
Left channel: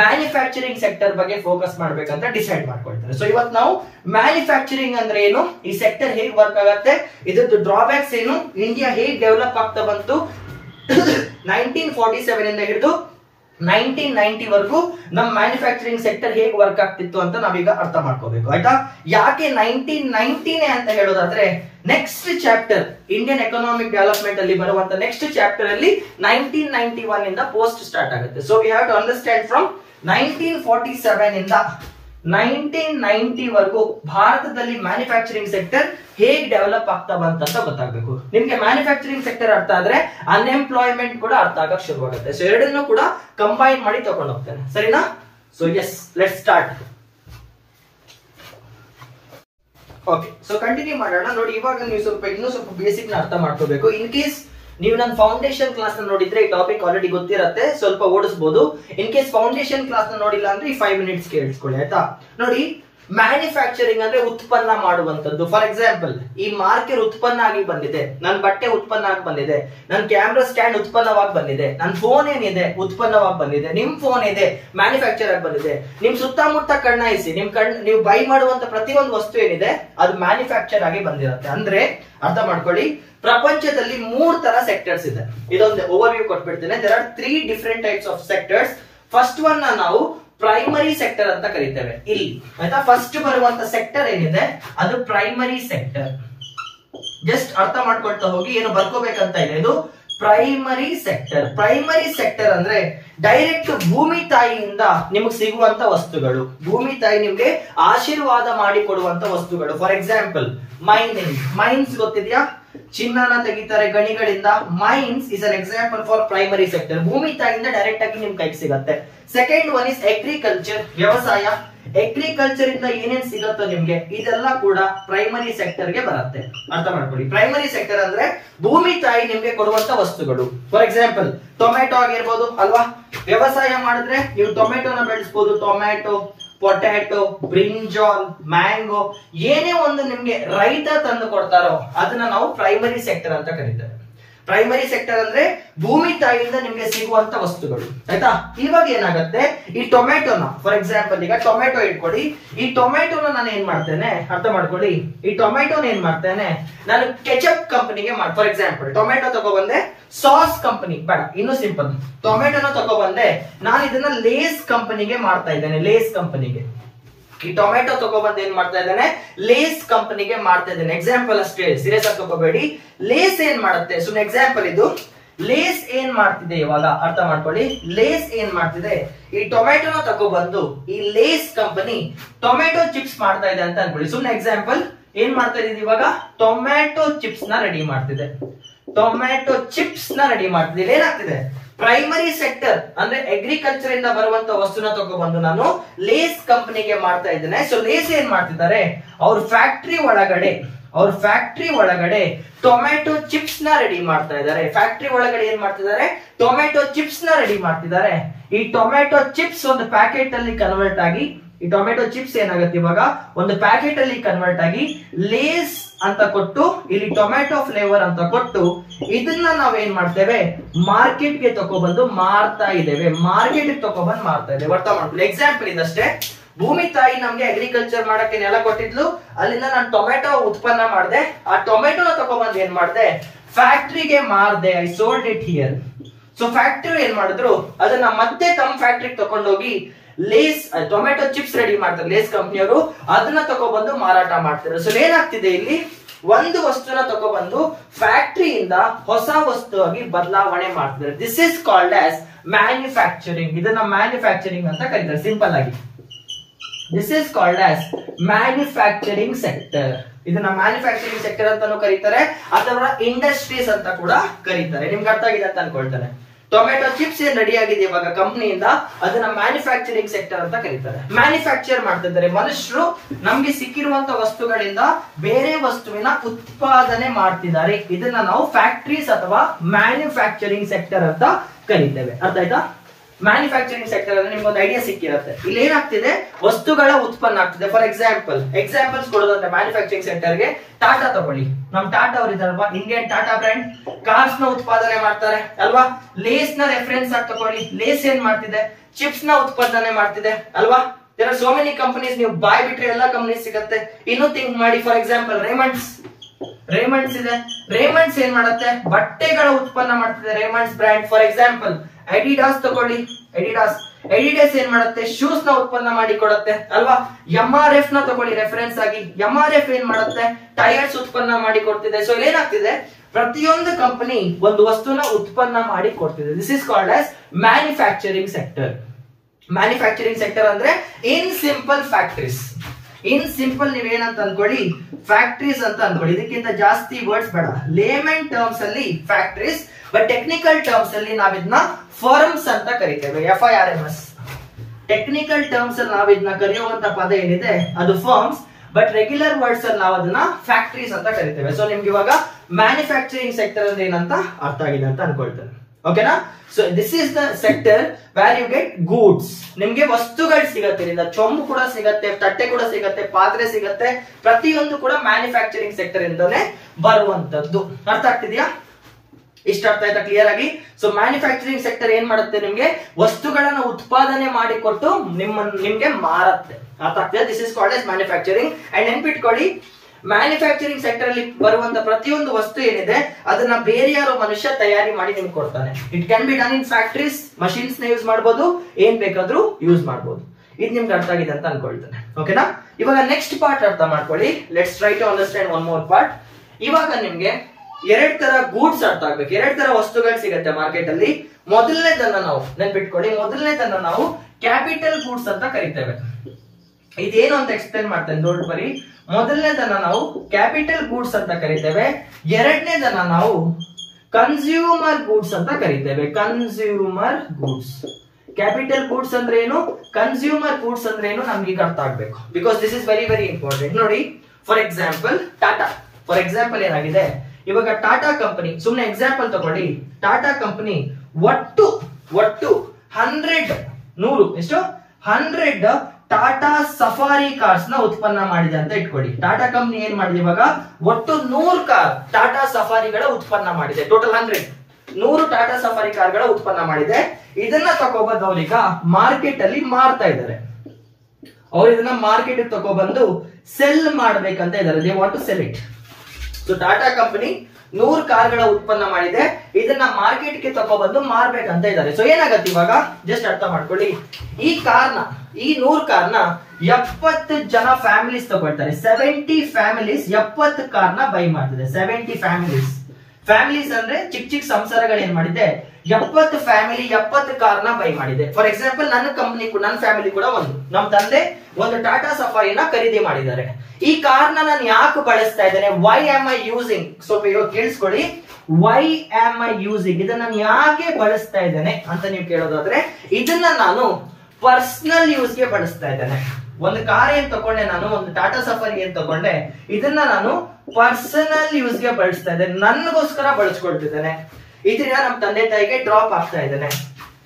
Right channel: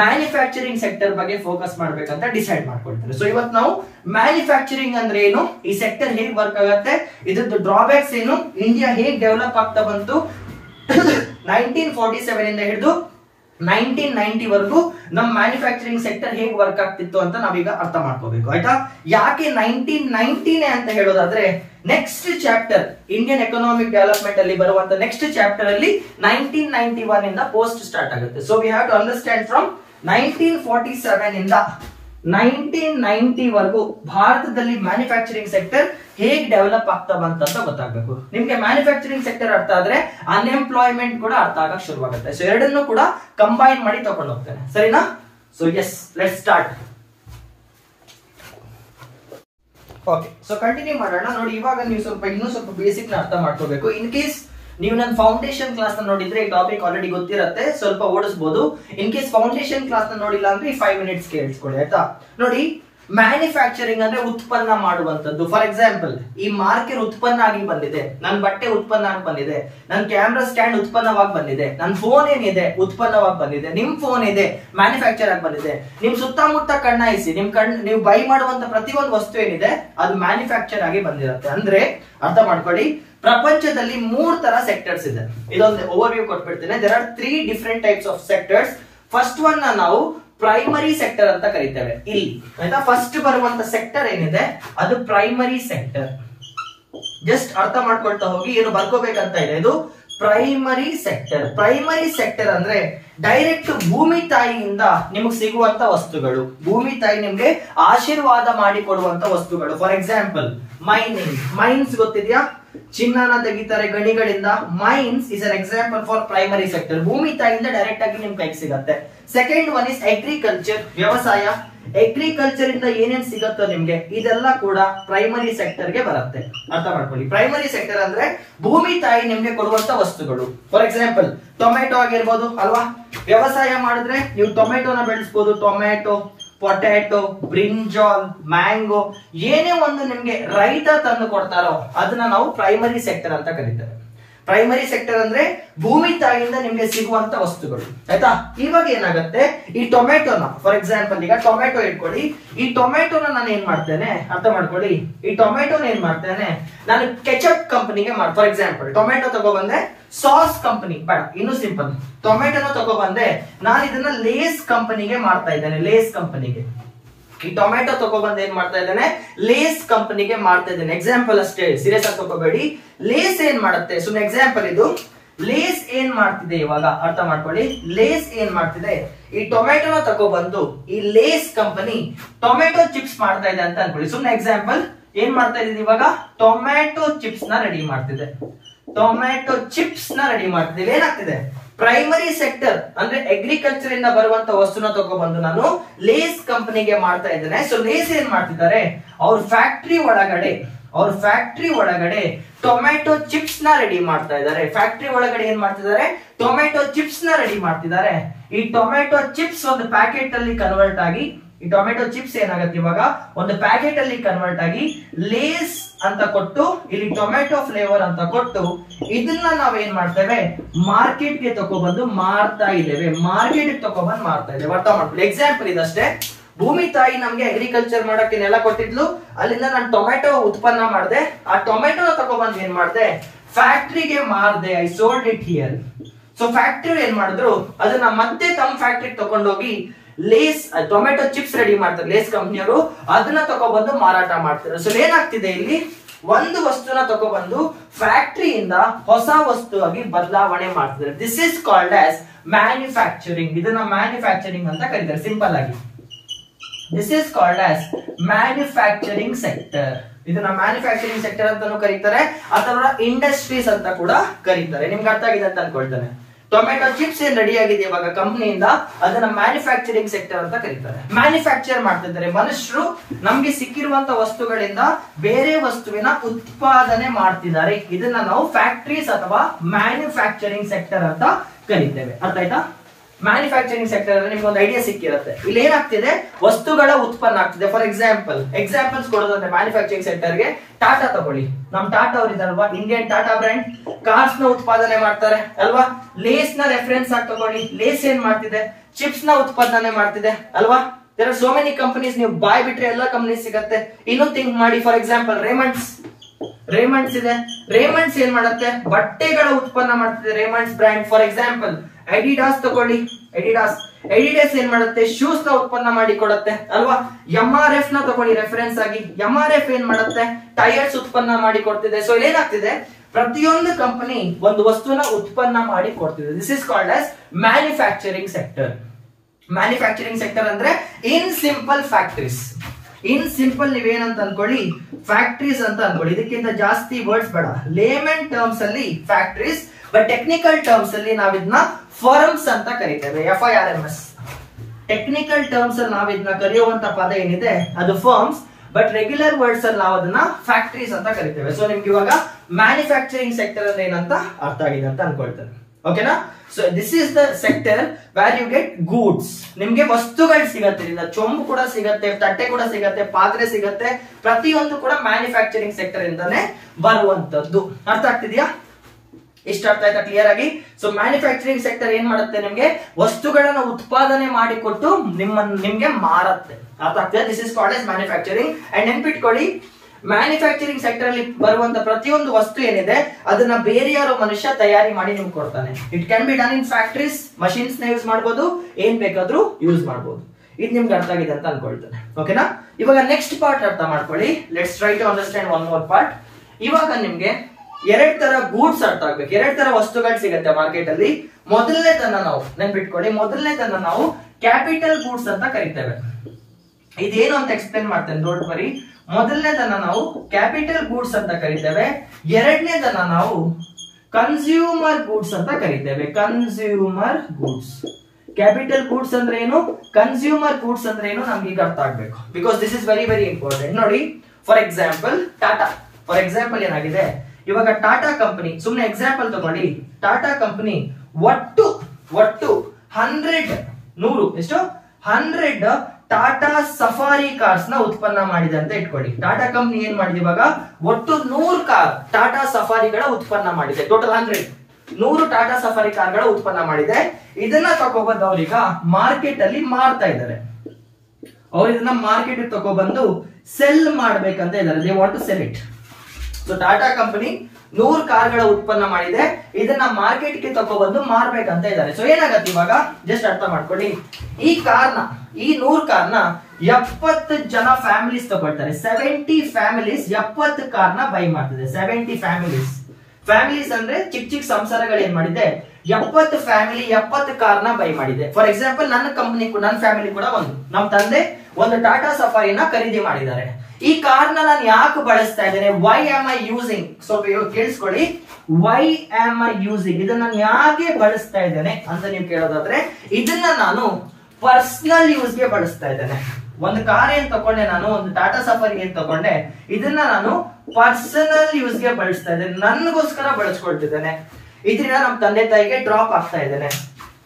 manufacturing sector ಬಗ್ಗೆ ಫೋಕಸ್ ಮಾಡ್ಬೇಕಂತ ಡಿಸೈಡ್ ಮಾಡ್ಕೊಳ್ತಾರೆ. ಸೊ ಇವತ್ತು ನಾವು ಮ್ಯಾನುಫ್ಯಾಕ್ಚರಿಂಗ್ ಅಂದ್ರೆ ಏನು, ಈ ಸೆಕ್ಟರ್ ಹೇಗೆ ವರ್ಕ್ ಆಗುತ್ತೆ, ಇದ್ರದ್ದು ಡ್ರಾಬ್ಯಾಕ್ಸ್ ಏನು, ಇಂಡಿಯಾ ಹೇಗೆ ಡೆವಲಪ್ ಆಗ್ತಾ ಬಂತು 1947 ಇಂದ ಹಿಡಿದು 1990 ವರೆಗೂ ನಮ್ಮ ಮ್ಯಾನುಫ್ಯಾಕ್ಚರಿಂಗ್ ಸೆಕ್ಟರ್ ಹೇಗೆ ವರ್ಕ್ ಆಗ್ತಿತ್ತು ಅಂತ ನಾವೀಗ ಅರ್ಥ ಮಾಡ್ಕೋಬೇಕು. ಆಯ್ತಾ? ಯಾಕೆ 1990 ಅಂತ ಹೇಳೋದಾದ್ರೆ, next chapter Indian economic development ಅಲ್ಲಿ ಬರುವಂತ ನೆಕ್ಸ್ಟ್ ಚಾಪ್ಟರ್ ಅಲ್ಲಿ 1991 ಇಂದ ಪೋಸ್ಟ್ ಸ್ಟಾರ್ಟ್ ಆಗುತ್ತೆ. So we have to understand from 1947 ಇಂದ 1990 ವರೆಗೂ ಭಾರತದಲ್ಲಿ ಮ್ಯಾನುಫ್ಯಾಕ್ಚರಿಂಗ್ ಸೆಕ್ಟರ್ ಹೇಗೆ ಡೆವಲಪ್ ಆಗ್ತಾ ಬಂತಂತ ಗೊತ್ತಾಗಬೇಕು. ನಿಮ್ಗೆ ಮ್ಯಾನುಫ್ಯಾಕ್ಚರಿಂಗ್ ಸೆಕ್ಟರ್ ಅರ್ಥ ಆದ್ರೆ ಅನ್ಎಂಪ್ಲಾಯ್ಮೆಂಟ್ ಕೂಡ ಅರ್ಥ ಆಗಕ್ ಶುರುವಾಗುತ್ತೆ. ಸೊ ಎರಡನ್ನೂ ಕೂಡ ಕಂಬೈನ್ ಮಾಡಿ ತಗೊಂಡು ಹೋಗ್ತೇನೆ, ಸರಿನಾ? So yes, let's start. Okay, so continue ಮಾಡೋಣ. ನೋಡಿ, ಇವಾಗ ನೀವು ಇನ್ನೂ ಸ್ವಲ್ಪ ಬೇಸಿಕ್ ನ ಅರ್ಥ ಮಾಡ್ಕೋಬೇಕು. ಇನ್ ಕೇಸ್ ನೀವು ನನ್ನ ಫೌಂಡೇಶನ್ ಕ್ಲಾಸ್ ನ ನೋಡಿದ್ರೆ ಈ ಟಾಪಿಕ್ ಆಲ್ರೆಡಿ ಗೊತ್ತಿರುತ್ತೆ, ಸ್ವಲ್ಪ ಓಡಿಸಬಹುದು. ಇನ್ ಕೇಸ್ ಫೌಂಡೇಶನ್ ಕ್ಲಾಸ್ ನ ನೋಡಿಲ್ಲ ಅಂದ್ರೆ ಈ 5 ಮಿನಿಟ್ಸ್ ಕೇಳಿಸ್ಕೊಳ್ಳಿ. ಆಯ್ತಾ? ನೋಡಿ, ಮ್ಯಾನುಫ್ಯಾಕ್ಚರಿಂಗ್ ಅಂದ್ರೆ ಉತ್ಪನ್ನ ಮಾಡುವಂತದ್ದು. ಫಾರ್ ಎಕ್ಸಾಂಪಲ್, ಈ ಮಾರ್ಕರ್ ಉತ್ಪನ್ನ ಆಗಿ ಬಂದಿದೆ, ನನ್ನ ಬಟ್ಟೆ ಉತ್ಪನ್ನ ಆಗಿ ಬಂದಿದೆ, ನನ್ನ ಕ್ಯಾಮ್ರಾ ಸ್ಟ್ಯಾಂಡ್ ಉತ್ಪನ್ನವಾಗಿ ಬಂದಿದೆ, ನನ್ನ ಫೋನ್ ಏನಿದೆ ಉತ್ಪನ್ನವಾಗಿ ಬಂದಿದೆ, ನಿಮ್ ಫೋನ್ ಇದೆ ಮ್ಯಾನುಫ್ಯಾಕ್ಚರ್ ಆಗಿ ಬಂದಿದೆ. ನಿಮ್ ಸುತ್ತಮುತ್ತ ಕಣ್ಣಾಯಿಸಿ, ನೀವು ಬೈ ಮಾಡುವಂತ ಪ್ರತಿಯೊಂದು ವಸ್ತು ಏನಿದೆ ಅದು ಮ್ಯಾನುಫ್ಯಾಕ್ಚರ್ ಆಗಿ ಬಂದಿರುತ್ತೆ. ಅಂದ್ರೆ ಅರ್ಥ ಮಾಡ್ಕೊಳ್ಳಿ, ಪ್ರಪಂಚದಲ್ಲಿ 3 ತರ ಸೆಕ್ಟರ್ಸ್ ಇದೆ. ಇದೊಂದು ಓವರ್ ವ್ಯೂ ಕೊಟ್ಬಿಡ್ತೇನೆ. There are 3 different types of sectors. First one ನಾವು ಪ್ರೈಮರಿ ಸೆಕ್ಟರ್ ಅಂತ ಕರೀತೇವೆ. ಇಲ್ಲಿ ಆಯ್ತಾ, ಫಸ್ಟ್ ಬರುವಂತ ಸೆಕ್ಟರ್ ಏನಿದೆ ಅದು ಪ್ರೈಮರಿ ಸೆಕ್ಟರ್. ಜಸ್ಟ್ ಅರ್ಥ ಮಾಡ್ಕೊಳ್ತಾ ಹೋಗಿ, ಏನು ಬರ್ಕೋಬೇಕಂತ ಇದೆ, ಇದು ಪ್ರೈಮರಿ ಸೆಕ್ಟರ್. ಪ್ರೈಮರಿ ಸೆಕ್ಟರ್ ಅಂದ್ರೆ ಡೈರೆಕ್ಟ್ ಭೂಮಿ ತಾಯಿಯಿಂದ ನಿಮಗೆ ಸಿಗುವಂತ ವಸ್ತುಗಳು, ಭೂಮಿ ತಾಯಿ ನಿಮ್ಗೆ ಆಶೀರ್ವಾದ ಮಾಡಿ ಕೊಡುವಂತ ವಸ್ತುಗಳು. ಫಾರ್ ಎಕ್ಸಾಂಪಲ್, ಮೈನ್ಸ್ ಗೊತ್ತಿದ್ಯಾ, ಚಿನ್ನನ ತೆಗಿತಾರೆ ಗಣಿಗಳಿಂದ. Mines is an example for primary sector. ಭೂಮಿ ತಾಯಿಯಿಂದ ಡೈರೆಕ್ಟ್ ಆಗಿ ನಿಮ್ ಕೈಗೆ ಸಿಗತ್ತೆ. ಸೆಕೆಂಡ್ ಒನ್ ಇಸ್ ಅಗ್ರಿಕಲ್ಚರ್, ವ್ಯವಸಾಯ. ಅಗ್ರಿಕಲ್ಚರ್ ಇಂದ ಏನೇನ್ ಸಿಗುತ್ತೋ ನಿಮ್ಗೆ, ಇದೆಲ್ಲ ಕೂಡ ಪ್ರೈಮರಿ ಸೆಕ್ಟರ್ ಗೆ ಬರುತ್ತೆ. ಅರ್ಥ ಮಾಡ್ಕೊಳ್ಳಿ, ಪ್ರೈಮರಿ ಸೆಕ್ಟರ್ ಅಂದ್ರೆ ಭೂಮಿ ತಾಯಿ ನಿಮ್ಗೆ ಕೊಡುವಂತ ವಸ್ತುಗಳು. ಫಾರ್ ಎಕ್ಸಾಂಪಲ್, ಟೊಮೆಟೊ ಆಗಿರ್ಬೋದು ಅಲ್ವಾ, ವ್ಯವಸಾಯ ಮಾಡಿದ್ರೆ ನೀವು ಟೊಮೆಟೊನ ಬೆಳೆಸಬಹುದು. ಟೊಮೆಟೊ, ಪೊಟ್ಯಾಟೊ, ಬ್ರಿಂಜಾಲ್, ಮ್ಯಾಂಗೋ, ಏನೇ ಒಂದು ನಿಮ್ಗೆ ರೈತ ತಂದು ಕೊಡ್ತಾರೋ ಅದನ್ನ ನಾವು ಪ್ರೈಮರಿ ಸೆಕ್ಟರ್ ಅಂತ ಕರೀತೇವೆ. ಪ್ರೈಮರಿ ಸೆಕ್ಟರ್ ಅಂದ್ರೆ ಭೂಮಿ ತಾಯಿಯಿಂದ ನಿಮ್ಗೆ ಸಿಗುವಂತ ವಸ್ತುಗಳು. ಆಯ್ತಾ? ಇವಾಗ ಏನಾಗುತ್ತೆ, ಈ ಟೊಮೆಟೊನ ಫಾರ್ ಎಕ್ಸಾಂಪಲ್, ಈಗ ಟೊಮೆಟೊ ಇಟ್ಕೊಳ್ಳಿ, ಈ ಟೊಮೆಟೊನ ನಾನು ಏನ್ ಮಾಡ್ತೇನೆ ಅರ್ಥ ಮಾಡ್ಕೊಳ್ಳಿ, ಈ ಟೊಮೆಟೊನ ಏನ್ ಮಾಡ್ತೇನೆ ನಾನು ಕೆಚಪ್ ಕಂಪನಿಗೆ ಫಾರ್ ಎಕ್ಸಾಂಪಲ್ ಟೊಮೆಟೊ ತಗೊಬಂದೆ, ಸಾಸ್ ಕಂಪನಿ ಬೇಡ, ಇನ್ನು ಸಿಂಪಲ್, ಟೊಮೆಟೊನ ತಗೊಬಂದೆ, ನಾನು ಇದನ್ನ ಲೇಸ್ ಕಂಪನಿಗೆ ಮಾಡ್ತಾ ಇದ್ದೇನೆ. ಲೇಸ್ ಕಂಪನಿಗೆ ಈ ಟೊಮೆಟೊ ತಗೊಬಂದು ಏನ್ ಮಾಡ್ತಾ ಇದ್ದೇನೆ, ಲೇಸ್ ಕಂಪನಿಗೆ ಮಾಡ್ತಾ ಇದ್ದೇನೆ. ಎಕ್ಸಾಂಪಲ್ ಅಷ್ಟೇ, ಸೀರಿಯಸ್ ಆಗಿ ತಗೋಬೇಡಿ. ಲೇಸ್ ಏನ್ ಮಾಡುತ್ತೆ, ಸುಮ್ಮನೆ ಎಕ್ಸಾಂಪಲ್ ಇದು. ಲೇಸ್ ಏನ್ ಮಾಡ್ತಿದೆ ಇವಾಗ ಅರ್ಥ ಮಾಡ್ಕೊಳ್ಳಿ. ಲೇಸ್ ಏನ್ ಮಾಡ್ತಿದೆ, ಈ ಟೊಮೆಟೊನ ತಗೊಬಂದು ಈ ಲೇಸ್ ಕಂಪನಿ ಟೊಮೆಟೊ ಚಿಪ್ಸ್ ಮಾಡ್ತಾ ಇದೆ ಅಂತ ಅನ್ಕೊಳ್ಳಿ. ಸುಮ್ಮನೆ ಎಕ್ಸಾಂಪಲ್, ಏನ್ ಮಾಡ್ತಾ ಇದ್ದೀವಿ ಇವಾಗ, ಟೊಮೆಟೊ ಚಿಪ್ಸ್ ನ ರೆಡಿ ಮಾಡ್ತಿದೆ. ಟೊಮೆಟೊ ಚಿಪ್ಸ್ ನ ರೆಡಿ ಮಾಡ್ತಿದೆ. ಏನಾಗ್ತಿದೆ, ಪ್ರೈಮರಿ ಸೆಕ್ಟರ್ ಅಂದ್ರೆ ಅಗ್ರಿಕಲ್ಚರ್ ಇಂದ ಬರುವಂತ ವಸ್ತುನ ತಗೊಬಂದು ನಾನು ಲೇಸ್ ಕಂಪನಿಗೆ ಮಾಡ್ತಾ ಇದ್ದೇನೆ. ಸೊ ಲೇಸ್ ಏನ್ ಮಾಡ್ತಿದ್ದಾರೆ, ಅವ್ರ ಫ್ಯಾಕ್ಟರಿ ಒಳಗಡೆ ಅವ್ರ ಫ್ಯಾಕ್ಟರಿ ಒಳಗಡೆ ಟೊಮೆಟೊ ಚಿಪ್ಸ್ ನ ರೆಡಿ ಮಾಡ್ತಾ ಇದ್ದಾರೆ. ಫ್ಯಾಕ್ಟರಿ ಒಳಗಡೆ ಏನ್ ಮಾಡ್ತಿದ್ದಾರೆ? ಟೊಮೆಟೊ ಚಿಪ್ಸ್ ನ ರೆಡಿ ಮಾಡ್ತಿದ್ದಾರೆ. ಈ ಟೊಮೆಟೊ ಚಿಪ್ಸ್ ಒಂದು ಪ್ಯಾಕೆಟ್ ಅಲ್ಲಿ ಕನ್ವರ್ಟ್ ಆಗಿ, ಈ ಟೊಮೆಟೊ ಚಿಪ್ಸ್ ಏನಾಗುತ್ತೆ ಇವಾಗ ಒಂದು ಪ್ಯಾಕೆಟ್ ಅಲ್ಲಿ ಕನ್ವರ್ಟ್ ಆಗಿ ಲೇಸ್ ಅಂತ ಕೊಟ್ಟು, ಇಲ್ಲಿ ಟೊಮೆಟೊ ಫ್ಲೇವರ್ ಅಂತ ಕೊಟ್ಟು, ಇದನ್ನ ನಾವೇನ್ ಮಾಡ್ತೇವೆ? ಮಾರ್ಕೆಟ್ ಗೆ ತಗೊಬಂದು ಮಾರ್ತಾ ಇದ್ದೇವೆ. ಮಾರ್ಕೆಟ್ ಗೆ ತಗೊಬಂದು ಮಾರ್ತಾ ಇದ್ದೇವೆ. ಅರ್ಥ ಮಾಡ್ಕೊಳ್ಳಿ. ಎಕ್ಸಾಂಪಲ್ ಇದಷ್ಟೇ. ಭೂಮಿ ತಾಯಿ ನಮ್ಗೆ ಅಗ್ರಿಕಲ್ಚರ್ ಮಾಡಕ್ಕೆ ನೆಲ ಕೊಟ್ಟಿದ್ಲು, ಅಲ್ಲಿಂದ ನಾನು ಟೊಮೆಟೊ ಉತ್ಪನ್ನ ಮಾಡಿದೆ. ಆ ಟೊಮೆಟೊ ತಗೊಬಂದು ಏನ್ ಮಾಡಿದೆ? ಫ್ಯಾಕ್ಟ್ರಿಗೆ ಮಾರ್ದೆ. I sold it here. So factory ಏನ್ ಮಾಡಿದ್ರು? ಅದನ್ನ ಮತ್ತೆ ತಮ್ಮ ಫ್ಯಾಕ್ಟ್ರಿಗೆ ತಗೊಂಡೋಗಿ ಲೇಸ್ ಟೊಮೆಟೊ ಚಿಪ್ಸ್ ರೆಡಿ ಮಾಡ್ತಾರೆ. ಲೇಸ್ ಕಂಪ್ನಿಯವರು ಅದನ್ನ ತಗೊಬಂದು ಮಾರಾಟ ಮಾಡ್ತಾರೆ. ಸೊ ಏನಾಗ್ತಿದೆ ಇಲ್ಲಿ? ಒಂದು ವಸ್ತುನ ತಗೊಬಂದು ಫ್ಯಾಕ್ಟರಿಯಿಂದ ಹೊಸ ವಸ್ತುವಾಗಿ ಬದಲಾವಣೆ ಮಾಡ್ತಾರೆ. This is called as manufacturing. ಇದನ್ನ ಮ್ಯಾನುಫ್ಯಾಕ್ಚರಿಂಗ್ ಅಂತ ಕರೀತಾರೆ ಸಿಂಪಲ್ ಆಗಿ. This is called as manufacturing sector. ಇದನ್ನ ಮ್ಯಾನುಫ್ಯಾಕ್ಚರಿಂಗ್ ಸೆಕ್ಟರ್ ಅಂತಾನೂ ಕರೀತಾರೆ, ಅಥವಾ ಇಂಡಸ್ಟ್ರೀಸ್ ಅಂತ ಕೂಡ ಕರೀತಾರೆ. ನಿಮ್ಗೆ ಅರ್ಥ ಆಗಿದೆ ಅಂತ ಅನ್ಕೊಳ್ತೇನೆ. ಟೊಮೆಟೊ ಚಿಪ್ಸ್ ಏನ್ ರೆಡಿ ಆಗಿದೆ ಇವಾಗ ಕಂಪನಿಯಿಂದ, ಅದನ್ನ ಮ್ಯಾನುಫ್ಯಾಕ್ಚರಿಂಗ್ ಸೆಕ್ಟರ್ ಅಂತ ಕರೀತಾರೆ. ಮ್ಯಾನುಫ್ಯಾಕ್ಚರ್ ಮಾಡ್ತಿದ್ದಾರೆ ಮನುಷ್ಯರು. ನಮ್ಗೆ ಸಿಕ್ಕಿರುವಂತ ವಸ್ತುಗಳಿಂದ ಬೇರೆ ವಸ್ತುವಿನ ಉತ್ಪಾದನೆ ಮಾಡ್ತಿದ್ದಾರೆ. ಇದನ್ನ ನಾವು ಫ್ಯಾಕ್ಟರೀಸ್ ಅಥವಾ ಮ್ಯಾನುಫ್ಯಾಕ್ಚರಿಂಗ್ ಸೆಕ್ಟರ್ ಅಂತ ಕರೀತೇವೆ. ಅರ್ಥ ಆಯ್ತಾ? ಮ್ಯಾನುಫ್ಯಾಕ್ಚರಿಂಗ್ ಸೆಕ್ಟರ್ ಅಂದ್ರೆ ನಿಮ್ಗೆ ಒಂದು ಐಡಿಯಾ ಸಿಕ್ಕಿರುತ್ತೆ. ಇಲ್ಲಿ ಏನಾಗ್ತಿದೆ? ವಸ್ತುಗಳ ಉತ್ಪನ್ನ ಆಗ್ತಿದೆ. ಫಾರ್ ಎಕ್ಸಾಂಪಲ್ಸ್ ಕೊಡೋದಂದ್ರೆ ಮ್ಯಾನುಫ್ಯಾಕ್ಚರಿಂಗ್ ಸೆಕ್ಟರ್ಗೆ ಟಾಟಾ ತಗೊಳ್ಳಿ. ನಮ್ ಟಾಟಾ ಅವ್ರು ಇದಾರಲ್ವಾ, ಇಂಡಿಯನ್ ಟಾಟಾ ಬ್ರ್ಯಾಂಡ್ ಕಾರ್ಸ್ ನ ಉತ್ಪಾದನೆ ಮಾಡ್ತಾರೆ ಅಲ್ವಾ. ಲೇಸ್ ನ ರೆಫರೆನ್ಸ್ ಆಗಿ ತಗೊಳ್ಳಿ. ಲೇಸ್ ಏನ್ ಮಾಡ್ತಿದೆ? ಚಿಪ್ಸ್ ನ ಉತ್ಪಾದನೆ ಮಾಡ್ತಿದೆ ಅಲ್ವಾ. There are so many companies. ನೀವು ಬಾಯ್ ಬಿಟ್ರೆ ಎಲ್ಲಾ ಕಂಪನೀಸ್ ಸಿಗತ್ತೆ. ಇನ್ನೂ ಥಿಂಕ್ ಮಾಡಿ. ಫಾರ್ ಎಕ್ಸಾಂಪಲ್ ರೇಮಂಡ್ಸ್ ಇದೆ. ರೇಮಂಡ್ಸ್ ಏನ್ ಮಾಡುತ್ತೆ? ಬಟ್ಟೆಗಳ ಉತ್ಪನ್ನ ಮಾಡ್ತಿದೆ. Raymonds brand. For example Adidas ತಗೊಳ್ಳಿ. ಅಡಿಡಾಸ್ ಏನ್ ಮಾಡುತ್ತೆ? ಶೂಸ್ ನ ಉತ್ಪನ್ನ ಮಾಡಿ ಕೊಡುತ್ತೆ ಅಲ್ವಾ. MRF ನ ತಗೊಳ್ಳಿ ರೆಫರೆನ್ಸ್ ಆಗಿ. MRF ಏನ್ ಮಾಡುತ್ತೆ? ಟೈರ್ಸ್ ಉತ್ಪನ್ನ ಮಾಡಿ ಕೊಡ್ತಿದೆ. ಸೊ ಏನಾಗ್ತಿದೆ? ಪ್ರತಿಯೊಂದು ಕಂಪನಿ ಒಂದು ವಸ್ತುನ ಉತ್ಪನ್ನ ಮಾಡಿ ಕೊಡ್ತಿದೆ. This is called as manufacturing sector. Manufacturing sector ಅಂದ್ರೆ in simple factories. In simple ನೀವೇನಂತ ಅನ್ಕೊಳ್ಳಿ? ಫ್ಯಾಕ್ಟರೀಸ್ ಅಂತ ಅನ್ಕೊಳ್ಳಿ. ಇದಕ್ಕಿಂತ ಜಾಸ್ತಿ ವರ್ಡ್ಸ್ ಬೇಡ. ಲೇಮನ್ ಟರ್ಮ್ಸ್ ಅಲ್ಲಿ ಫ್ಯಾಕ್ಟರೀಸ್, ಬಟ್ ಟೆಕ್ನಿಕಲ್ ಟರ್ಮ್ಸ್ ಅಲ್ಲಿ ನಾವಿದ್ನ ಫರ್ಮ್ಸ್ ಅಂತ ಕರಿತೇವೆ. FIRMS. ಟೆಕ್ನಿಕಲ್ ಟರ್ಮ್ಸ್ ಅಲ್ಲಿ ನಾವಿದ್ನ ಕರೆಯುವಂತ ಪದ ಏನಿದೆ ಅದು ಫರ್ಮ್ಸ್, ಬಟ್ ರೆಗ್ಯುಲರ್ ವರ್ಡ್ಸ್ ಅಲ್ಲಿ ನಾವು ಅದನ್ನ ಫ್ಯಾಕ್ಟರೀಸ್ ಅಂತ ಕರಿತೇವೆ. ಸೊ ನಿಮ್ಗೆ ಇವಾಗ ಮ್ಯಾನುಫ್ಯಾಕ್ಚರಿಂಗ್ ಸೆಕ್ಟರ್ ಅಂದ್ರೆ ಏನಂತ ಅರ್ಥ ಆಗಿದೆ ಅಂತ ಅನ್ಕೊಳ್ತೇನೆ. ಓಕೆನಾ? So this is the sector where you get goods. ನಿಮ್ಗೆ ವಸ್ತುಗಳು ಸಿಗತ್ತೆ. ಚೊಂಬು ಕೂಡ ಸಿಗತ್ತೆ, ತಟ್ಟೆ ಕೂಡ ಸಿಗತ್ತೆ, ಪಾತ್ರೆ ಸಿಗತ್ತೆ. ಪ್ರತಿಯೊಂದು ಕೂಡ ಮ್ಯಾನುಫ್ಯಾಕ್ಚರಿಂಗ್ ಸೆಕ್ಟರ್ ಇಂದಾನೆ ಬರುವಂತದ್ದು. ಅರ್ಥ ಆಗ್ತಿದ್ಯಾ? ಇಷ್ಟ ಅರ್ಥ ಆಯ್ತಾ ಕ್ಲಿಯರ್ ಆಗಿ? ಸೊ ಮ್ಯಾನುಫ್ಯಾಕ್ಚರಿಂಗ್ ಸೆಕ್ಟರ್ ಏನ್ ಮಾಡುತ್ತೆ? ನಿಮ್ಗೆ ವಸ್ತುಗಳನ್ನ ಉತ್ಪಾದನೆ ಮಾಡಿಕೊಟ್ಟು ನಿಮ್ಗೆ ಮಾರತ್ತೆ. ಅರ್ಥ ಆಗ್ತದೆ? This is called S manufacturing. And ನೆನ್ಪಿಟ್ಕೊಳ್ಳಿ, ಮ್ಯಾನುಫ್ಯಾಕ್ಚರಿಂಗ್ ಸೆಕ್ಟರ್ ಅಲ್ಲಿ ಬರುವಂತ ಪ್ರತಿಯೊಂದು ವಸ್ತು ಏನಿದೆ ಅದನ್ನ ಬೇರೆ ಯಾರೋ ಮನುಷ್ಯ ತಯಾರಿ ಮಾಡಿ ನಿಮ್ಗೆ ಕೊಡ್ತಾನೆ. It can be done in factories. Machines ನ ಯೂಸ್ ಮಾಡಬಹುದು, ಏನ್ ಬೇಕಾದ್ರೂ ಯೂಸ್ ಮಾಡಬಹುದು. ಇದು ನಿಮ್ಗೆ ಅರ್ಥ ಆಗಿದೆ ಅಂತ ಅನ್ಕೊಳ್ತೇನೆ. ಓಕೆನಾ? ಇವಾಗ ನೆಕ್ಸ್ಟ್ ಪಾರ್ಟ್ ಅರ್ಥ ಮಾಡ್ಕೊಳ್ಳಿ. Let's try to understand one more part. ಇವಾಗ ನಿಮ್ಗೆ ಎರಡ್ ತರ ಗೂಡ್ಸ್ ಅರ್ಥ ಆಗ್ಬೇಕು. ಎರಡ್ ತರ ವಸ್ತುಗಳು ಸಿಗತ್ತೆ ಮಾರ್ಕೆಟ್ ಅಲ್ಲಿ. ಮೊದಲನೇದನ್ನ ನಾವು ನೆನ್ಪಿಟ್ಕೊಳ್ಳಿ. ಮೊದಲನೇದನ್ನ ನಾವು ಕ್ಯಾಪಿಟಲ್ ಗೂಡ್ಸ್ ಅಂತ ಕರಿತೇವೆ. ಇದೇನು ಅಂತ ಎಕ್ಸ್ಪ್ಲೇನ್ ಮಾಡ್ತೇನೆ ನೋಡಿ ಬರೀ. ಮೊದಲನೇದನ್ನ ನಾವು ಕ್ಯಾಪಿಟಲ್ ಗೂಡ್ಸ್ ಅಂತ ಕರಿತೇವೆ. ಎರಡನೇದನ್ನ ನಾವು ಕನ್ಸ್ಯೂಮರ್ ಗೂಡ್ಸ್ ಅಂತ ಕರಿತೇವೆ. Consumer goods. ಕ್ಯಾಪಿಟಲ್ ಗೂಡ್ಸ್ ಅಂದ್ರೆ ಏನು, ಕನ್ಸ್ಯೂಮರ್ ಗೂಡ್ಸ್ ಅಂದ್ರೆ ಏನು ನಮ್ಗೆ ಈಗ ಅರ್ಥ ಆಗ್ಬೇಕು. Because this is very very important. ನೋಡಿ, for example Tata. For example ಏನಾಗಿದೆ ಇವಾಗ ಟಾಟಾ ಕಂಪನಿ, ಸುಮ್ನೆ ಎಕ್ಸಾಂಪಲ್ ತಗೊಳ್ಳಿ. ಟಾಟಾ ಕಂಪನಿ ಒಟ್ಟು 100 ಟಾಟಾ ಸಫಾರಿ ಕಾರ್ಸ್ ನ ಉತ್ಪನ್ನ ಮಾಡಿದೆ ಅಂತ ಇಟ್ಕೊಳ್ಳಿ. ಟಾಟಾ ಕಂಪನಿ ಏನ್ ಮಾಡಿದೆ ಇವಾಗ? ಒಟ್ಟು 100 ಕಾರ್ ಟಾಟಾ ಸಫಾರಿಗಳ ಉತ್ಪನ್ನ ಮಾಡಿದೆ. ಟೋಟಲ್ 100 ಟಾಟಾ ಸಫಾರಿ ಕಾರ್ಗಳ ಉತ್ಪನ್ನ ಮಾಡಿದೆ. ಇದನ್ನ ತಗೊಬಂದು ಅವ್ರೀಗ ಮಾರ್ಕೆಟ್ ಅಲ್ಲಿ ಮಾರ್ತಾ ಇದ್ದಾರೆ. ಅವ್ರು ಇದನ್ನ ಮಾರ್ಕೆಟ್ ತಗೊಬಂದು ಸೆಲ್ ಮಾಡ್ಬೇಕಂತ ಇದ್ದಾರೆ. They want to sell it. So Tata company 100 ಕಾರ್ಗಳ ಉತ್ಪನ್ನ ಮಾಡಿದೆ. ಇದನ್ನ ಮಾರ್ಕೆಟ್ ಗೆ ತಗೊಬಂದು ಮಾರ್ಬೇಕಂತ ಇದ್ದಾರೆ. ಸೊ ಏನಾಗತ್ತೆ ಇವಾಗ? ಜಸ್ಟ್ ಅರ್ಥ ಮಾಡ್ಕೊಳ್ಳಿ. ಈ 100 ಕಾರ್ನ 70 ಜನ ಫ್ಯಾಮಿಲೀಸ್ ತಗೊಳ್ತಾರೆ. 70 ಫ್ಯಾಮಿಲೀಸ್ 70 ಕಾರ್ನ ಬೈ ಮಾಡ್ತಿದೆ. 70 ಫ್ಯಾಮಿಲೀಸ್ ಅಂದ್ರೆ ಚಿಕ್ಕ ಚಿಕ್ಕ ಸಂಸಾರಗಳು ಏನ್ ಮಾಡಿದೆ? 70 ಫ್ಯಾಮಿಲಿ 70 ಕಾರ್ನ ಬೈ ಮಾಡಿದೆ. ಫಾರ್ ಎಕ್ಸಾಂಪಲ್ ನನ್ನ ಫ್ಯಾಮಿಲಿ ಕೂಡ ನಮ್ಮ ತಂದೆ ಒಂದು ಟಾಟಾ ಸಫಾರಿನ ಖರೀದಿ ಮಾಡಿದ್ದಾರೆ. ಈ ಕಾರ್ನ ನಾನು ಯಾಕೆ ಬಳಸ್ತಾ ಇದ್ದೇನೆ? Why am I using? ಸ್ವಲ್ಪ ಇವಾಗ ಕೇಳಿಸ್ಕೊಳ್ಳಿ. Why am I using? ಇದನ್ನ ನಾನು ಯಾಕೆ ಬಳಸ್ತಾ ಇದ್ದೇನೆ ಅಂತ ನೀವು ಕೇಳೋದಾದ್ರೆ, ಇದನ್ನ ನಾನು ಪರ್ಸನಲ್ ಯೂಸ್ಗೆ ಬಳಸ್ತಾ ಇದ್ದೇನೆ. ಒಂದು ಕಾರ್ ಏನ್ ತಗೊಂಡೆ ನಾನು, ಒಂದು ಟಾಟಾ ಸಫಾರಿ ಏನ್ ತಗೊಂಡೆ, ಇದನ್ನ ನಾನು ಪರ್ಸನಲ್ ಯೂಸ್ಗೆ ಬಳಸ್ತಾ ಇದ್ದೇನೆ, ನನ್ಗೋಸ್ಕರ ಬಳಸ್ಕೊಳ್ತಿದ್ದೇನೆ. ಇದರಿಂದ ನಮ್ಮ ತಂದೆ ತಾಯಿಗೆ ಡ್ರಾಪ್ ಆಗ್ತಾ ಇದ್ದಾನೆ,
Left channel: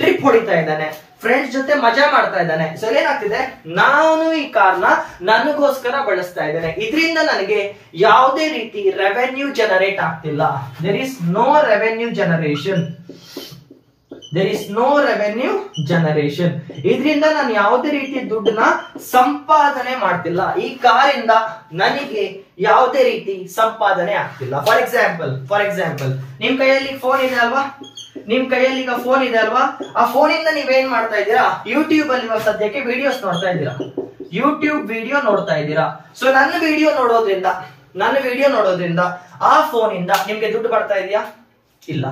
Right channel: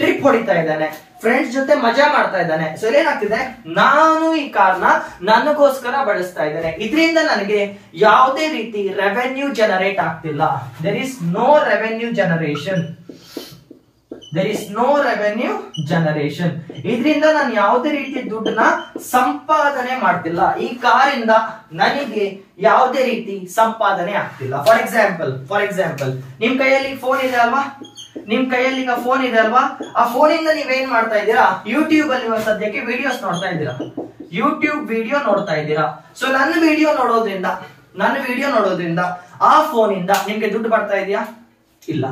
ಟ್ರಿಪ್ ಹೊಡಿತಾ ಇದ್ದಾನೆ, ಫ್ರೆಂಡ್ಸ್ ಜೊತೆ ಮಜಾ ಮಾಡ್ತಾ ಇದ್ದಾನೆ. ಸೊ ಏನಾಗ್ತಿದೆ, ನಾನು ಈ ಕಾರ್ನ ನನಗೋಸ್ಕರ ಬಳಸ್ತಾ ಇದ್ದೇನೆ. ಇದರಿಂದ ನನಗೆ ಯಾವುದೇ ರೀತಿ ರೆವೆನ್ಯೂ ಜನರೇಟ್ ಆಗ್ತಿಲ್ಲ. There is no revenue generation. ಇದರಿಂದ ನಾನು ಯಾವುದೇ ರೀತಿ ದುಡ್ಡನ್ನ ಸಂಪಾದನೆ ಮಾಡ್ತಿಲ್ಲ. ಈ ಕಾರಿಂದ ನನಗೆ ಯಾವುದೇ ರೀತಿ ಸಂಪಾದನೆ ಆಗ್ತಿಲ್ಲ. ಫಾರ್ ಎಕ್ಸಾಂಪಲ್ ನಿಮ್ ಕೈಯಲ್ಲಿ ಫೋನ್ ಇದೆ ಅಲ್ವಾ, ಈಗ ಫೋನ್ ಇದೆ ಅಲ್ವಾ, ಆ ಫೋನ್ ಇಂದ ನೀವೇನ್ ಮಾಡ್ತಾ ಇದ್ದೀರಾ, ಯೂಟ್ಯೂಬ್ ಅಲ್ಲಿ ಇವಾಗ ಸದ್ಯಕ್ಕೆ ವಿಡಿಯೋಸ್ ನೋಡ್ತಾ ಇದ್ದೀರಾ, ಯೂಟ್ಯೂಬ್ ವಿಡಿಯೋ ನೋಡ್ತಾ ಇದ್ದೀರಾ. ಸೊ ನನ್ನ ವಿಡಿಯೋ ನೋಡೋದ್ರಿಂದ ಆ ಫೋನ್ ಇಂದ ನಿಮ್ಗೆ ದುಡ್ಡು ಬರ್ತಾ ಇದೆಯಾ? ಇಲ್ಲ.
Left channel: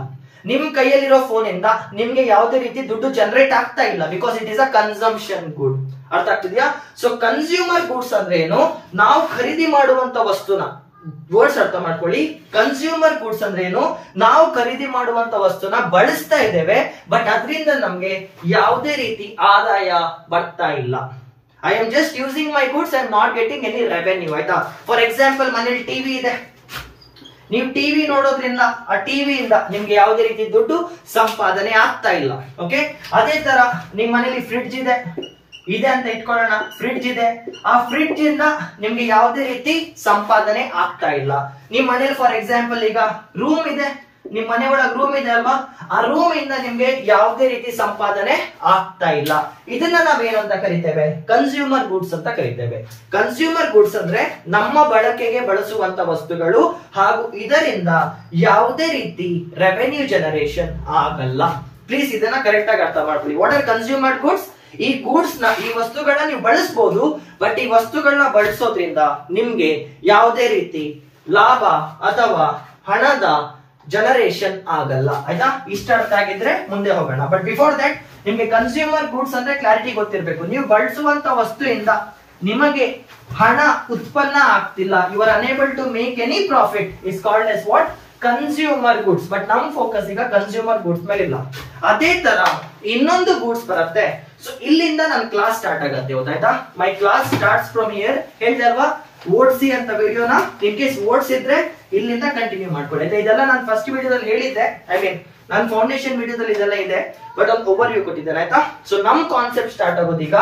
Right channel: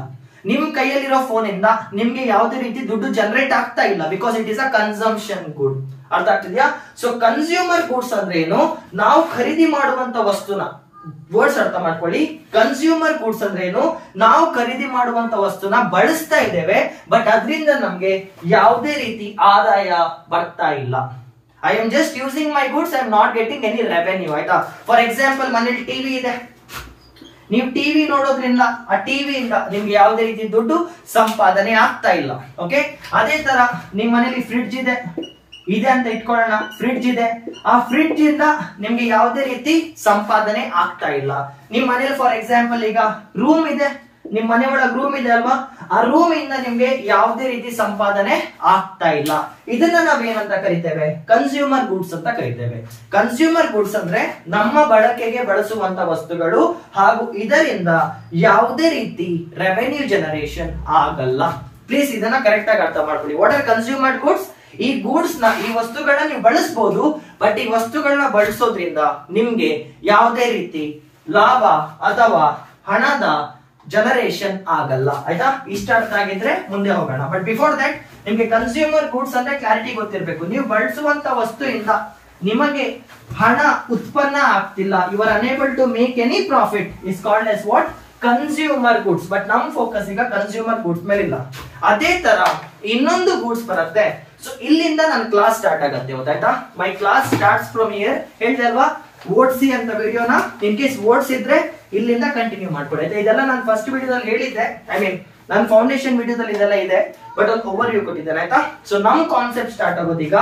ನಿಮ್ ಕೈಯಲ್ಲಿರೋ ಫೋನ್ ಇಂದ ನಿಮ್ಗೆ ಯಾವುದೇ ರೀತಿ ದುಡ್ಡು ಜನರೇಟ್ ಆಗ್ತಾ ಇಲ್ಲ, because it is a consumption good. ಅರ್ಥ ಆಗ್ತಿದ್ಯಾ? ಸೊ ಕನ್ಸ್ಯೂಮರ್ ಗುಡ್ಸ್ ಅಂದ್ರೆ ಏನು, ನಾವು ಖರೀದಿ ಮಾಡುವಂತ ವಸ್ತುನ, ವರ್ಡ್ಸ್ ಅರ್ಥ ಮಾಡ್ಕೊಳ್ಳಿ. ಕನ್ಸ್ಯೂಮರ್ ಗುಡ್ಸ್ ಅಂದ್ರೆ ಏನು, ನಾವು ಖರೀದಿ ಮಾಡುವಂತ ವಸ್ತುನ ಬಳಸ್ತಾ ಇದ್ದೇವೆ, ಬಟ್ ಅದರಿಂದ ನಮ್ಗೆ ಯಾವುದೇ ರೀತಿ ಆದಾಯ ಬರ್ತಾ ಇಲ್ಲ. I am just using my goods, I am not getting any revenue. ಆಯ್ತಾ? ಫಾರ್ ಎಕ್ಸಾಂಪಲ್ ಮನೇಲಿ ಟಿವಿ ಇದೆ, ನೀವು ಟಿವಿ ನೋಡೋದ್ರಿಂದ ಆ ಟಿವಿಯಿಂದ ನಿಮ್ಗೆ ಯಾವುದೇ ರೀತಿ ದುಡ್ಡು ಸಂಪಾದನೆ ಆಗ್ತಾ ಇಲ್ಲ. ಓಕೆ, ಅದೇ ತರ ನಿಮ್ ಮನೇಲಿ ಫ್ರಿಡ್ಜ್ ಇದೆ ಅಂತ ಇಟ್ಕೊಳ್ಳೋಣ, ಫ್ರಿಡ್ಜ್ ಇದೆ, ಆ ಫ್ರಿಡ್ಜ್ ಇಂದ ನಿಮ್ಗೆ ಯಾವುದೇ ರೀತಿ ಸಂಪಾದನೆ ಆಗ್ತಾ ಇಲ್ಲ. ನಿಮ್ ಮನೇಲಿ ಫಾರ್ ಎಕ್ಸಾಂಪಲ್ ಈಗ ರೂಮ್ ಇದೆ, ನಿಮ್ ಮನೆ ಒಳಗೆ ರೂಮ್ ಇದೆ ಅಲ್ವಾ, ಆ ರೂಮ್ ಇಂದ ನಿಮ್ಗೆ ಯಾವುದೇ ರೀತಿ ಸಂಪಾದನೆ ಆಗ್ತಾ ಇಲ್ಲ. ಇದನ್ನ ನಾವೇನು ಅಂತ ಕರಿತೇವೆ, ಕನ್ಸ್ಯೂಮರ್ ಗುಡ್ಸ್ ಅಂತ ಕರಿತೇವೆ. ಕನ್ಸ್ಯೂಮರ್ ಗುಡ್ಸ್ ಅಂದ್ರೆ ನಮ್ಮ ಬಳಕೆಗೆ ಬಳಸುವಂತ ವಸ್ತುಗಳು, ಹಾಗೂ ಇದರಿಂದ ಯಾವುದೇ ರೀತಿ ರೆವೆನ್ಯೂ ಜನರೇಷನ್ ಆಗಲ್ಲ. ಪ್ಲೀಸ್ ಇದನ್ನ ಕರೆಕ್ಟ್ ಆಗಿ ಅರ್ಥ ಮಾಡ್ಕೊಳ್ಳಿ. What are consumer goods? ಈ ಗೂಡ್ಸ್ ನ, ಈ ವಸ್ತುಗಳನ್ನ ನೀವು ಬಳಸಬಹುದು, ಬಟ್ ಈ ವಸ್ತುಗಳನ್ನ ಬಳಸೋದ್ರಿಂದ ನಿಮ್ಗೆ ಯಾವುದೇ ರೀತಿ ಲಾಭ ಅಥವಾ ಹಣದ ಜನರೇಷನ್ ಆಗಲ್ಲ. ಆಯ್ತಾ? ಇಷ್ಟ ಅರ್ಥ ಆಗಿದ್ರೆ ಮುಂದೆ ಹೋಗೋಣ. ಬಟ್ ಬಿಫೋರ್ ದಟ್ ನಿಮ್ಗೆ ಕನ್ಸ್ಯೂಮರ್ ಗೂಡ್ಸ್ ಅಂದ್ರೆ ಕ್ಲಾರಿಟಿ ಗೊತ್ತಿರಬೇಕು. ನೀವು ಬಳಸುವಂತ ವಸ್ತುವಿಂದ ನಿಮಗೆ ಹಣ ಉತ್ಪನ್ನ ಆಗ್ತಿಲ್ಲ, you are unable to make any profit, is called as what, consumer goods. But ನಮ್ ಫೋಕಸ್ ಈಗ ಕನ್ಸ್ಯೂಮರ್ ಗುಡ್ಸ್ ಮೇಲೆ ಇಲ್ಲ. ಅದೇ ತರ ಇನ್ನೊಂದು ಗೂಡ್ಸ್ ಬರುತ್ತೆ. ಸೊ ಇಲ್ಲಿಂದ ನನ್ನ ಕ್ಲಾಸ್ ಸ್ಟಾರ್ಟ್ ಆಗತ್ತೆ. ಗೊತ್ತಾಯ್ತಾ? My class starts from here. ಹೇಳ್ದೆ ಅಲ್ವಾ, ಓಡಿಸಿ ಅಂತ ವಿಡಿಯೋನ ಇನ್ ಕೇಸ್ ಓಡಿಸಿದ್ರೆ ಇಲ್ಲಿಂದ ಕಂಟಿನ್ಯೂ ಮಾಡ್ಕೊಳ್ಳಿ. ಇದೆಲ್ಲ ನಾನು ಫಸ್ಟ್ ವಿಡಿಯೋದಲ್ಲಿ ಹೇಳಿದ್ದೆ, ಐ ಮೀನ್ ನನ್ನ ಫೌಂಡೇಶನ್ ವಿಡಿಯೋದಲ್ಲಿ ಇದೆಲ್ಲ ಇದೆ, ಬಟ್ ಒಂದು ಓವರ್ ವ್ಯೂ ಕೊಟ್ಟಿದ್ದಾರೆ. ಆಯ್ತಾ? ಸೊ ನಮ್ ಕಾನ್ಸೆಪ್ಟ್ ಸ್ಟಾರ್ಟ್ ಆಗೋದು ಈಗ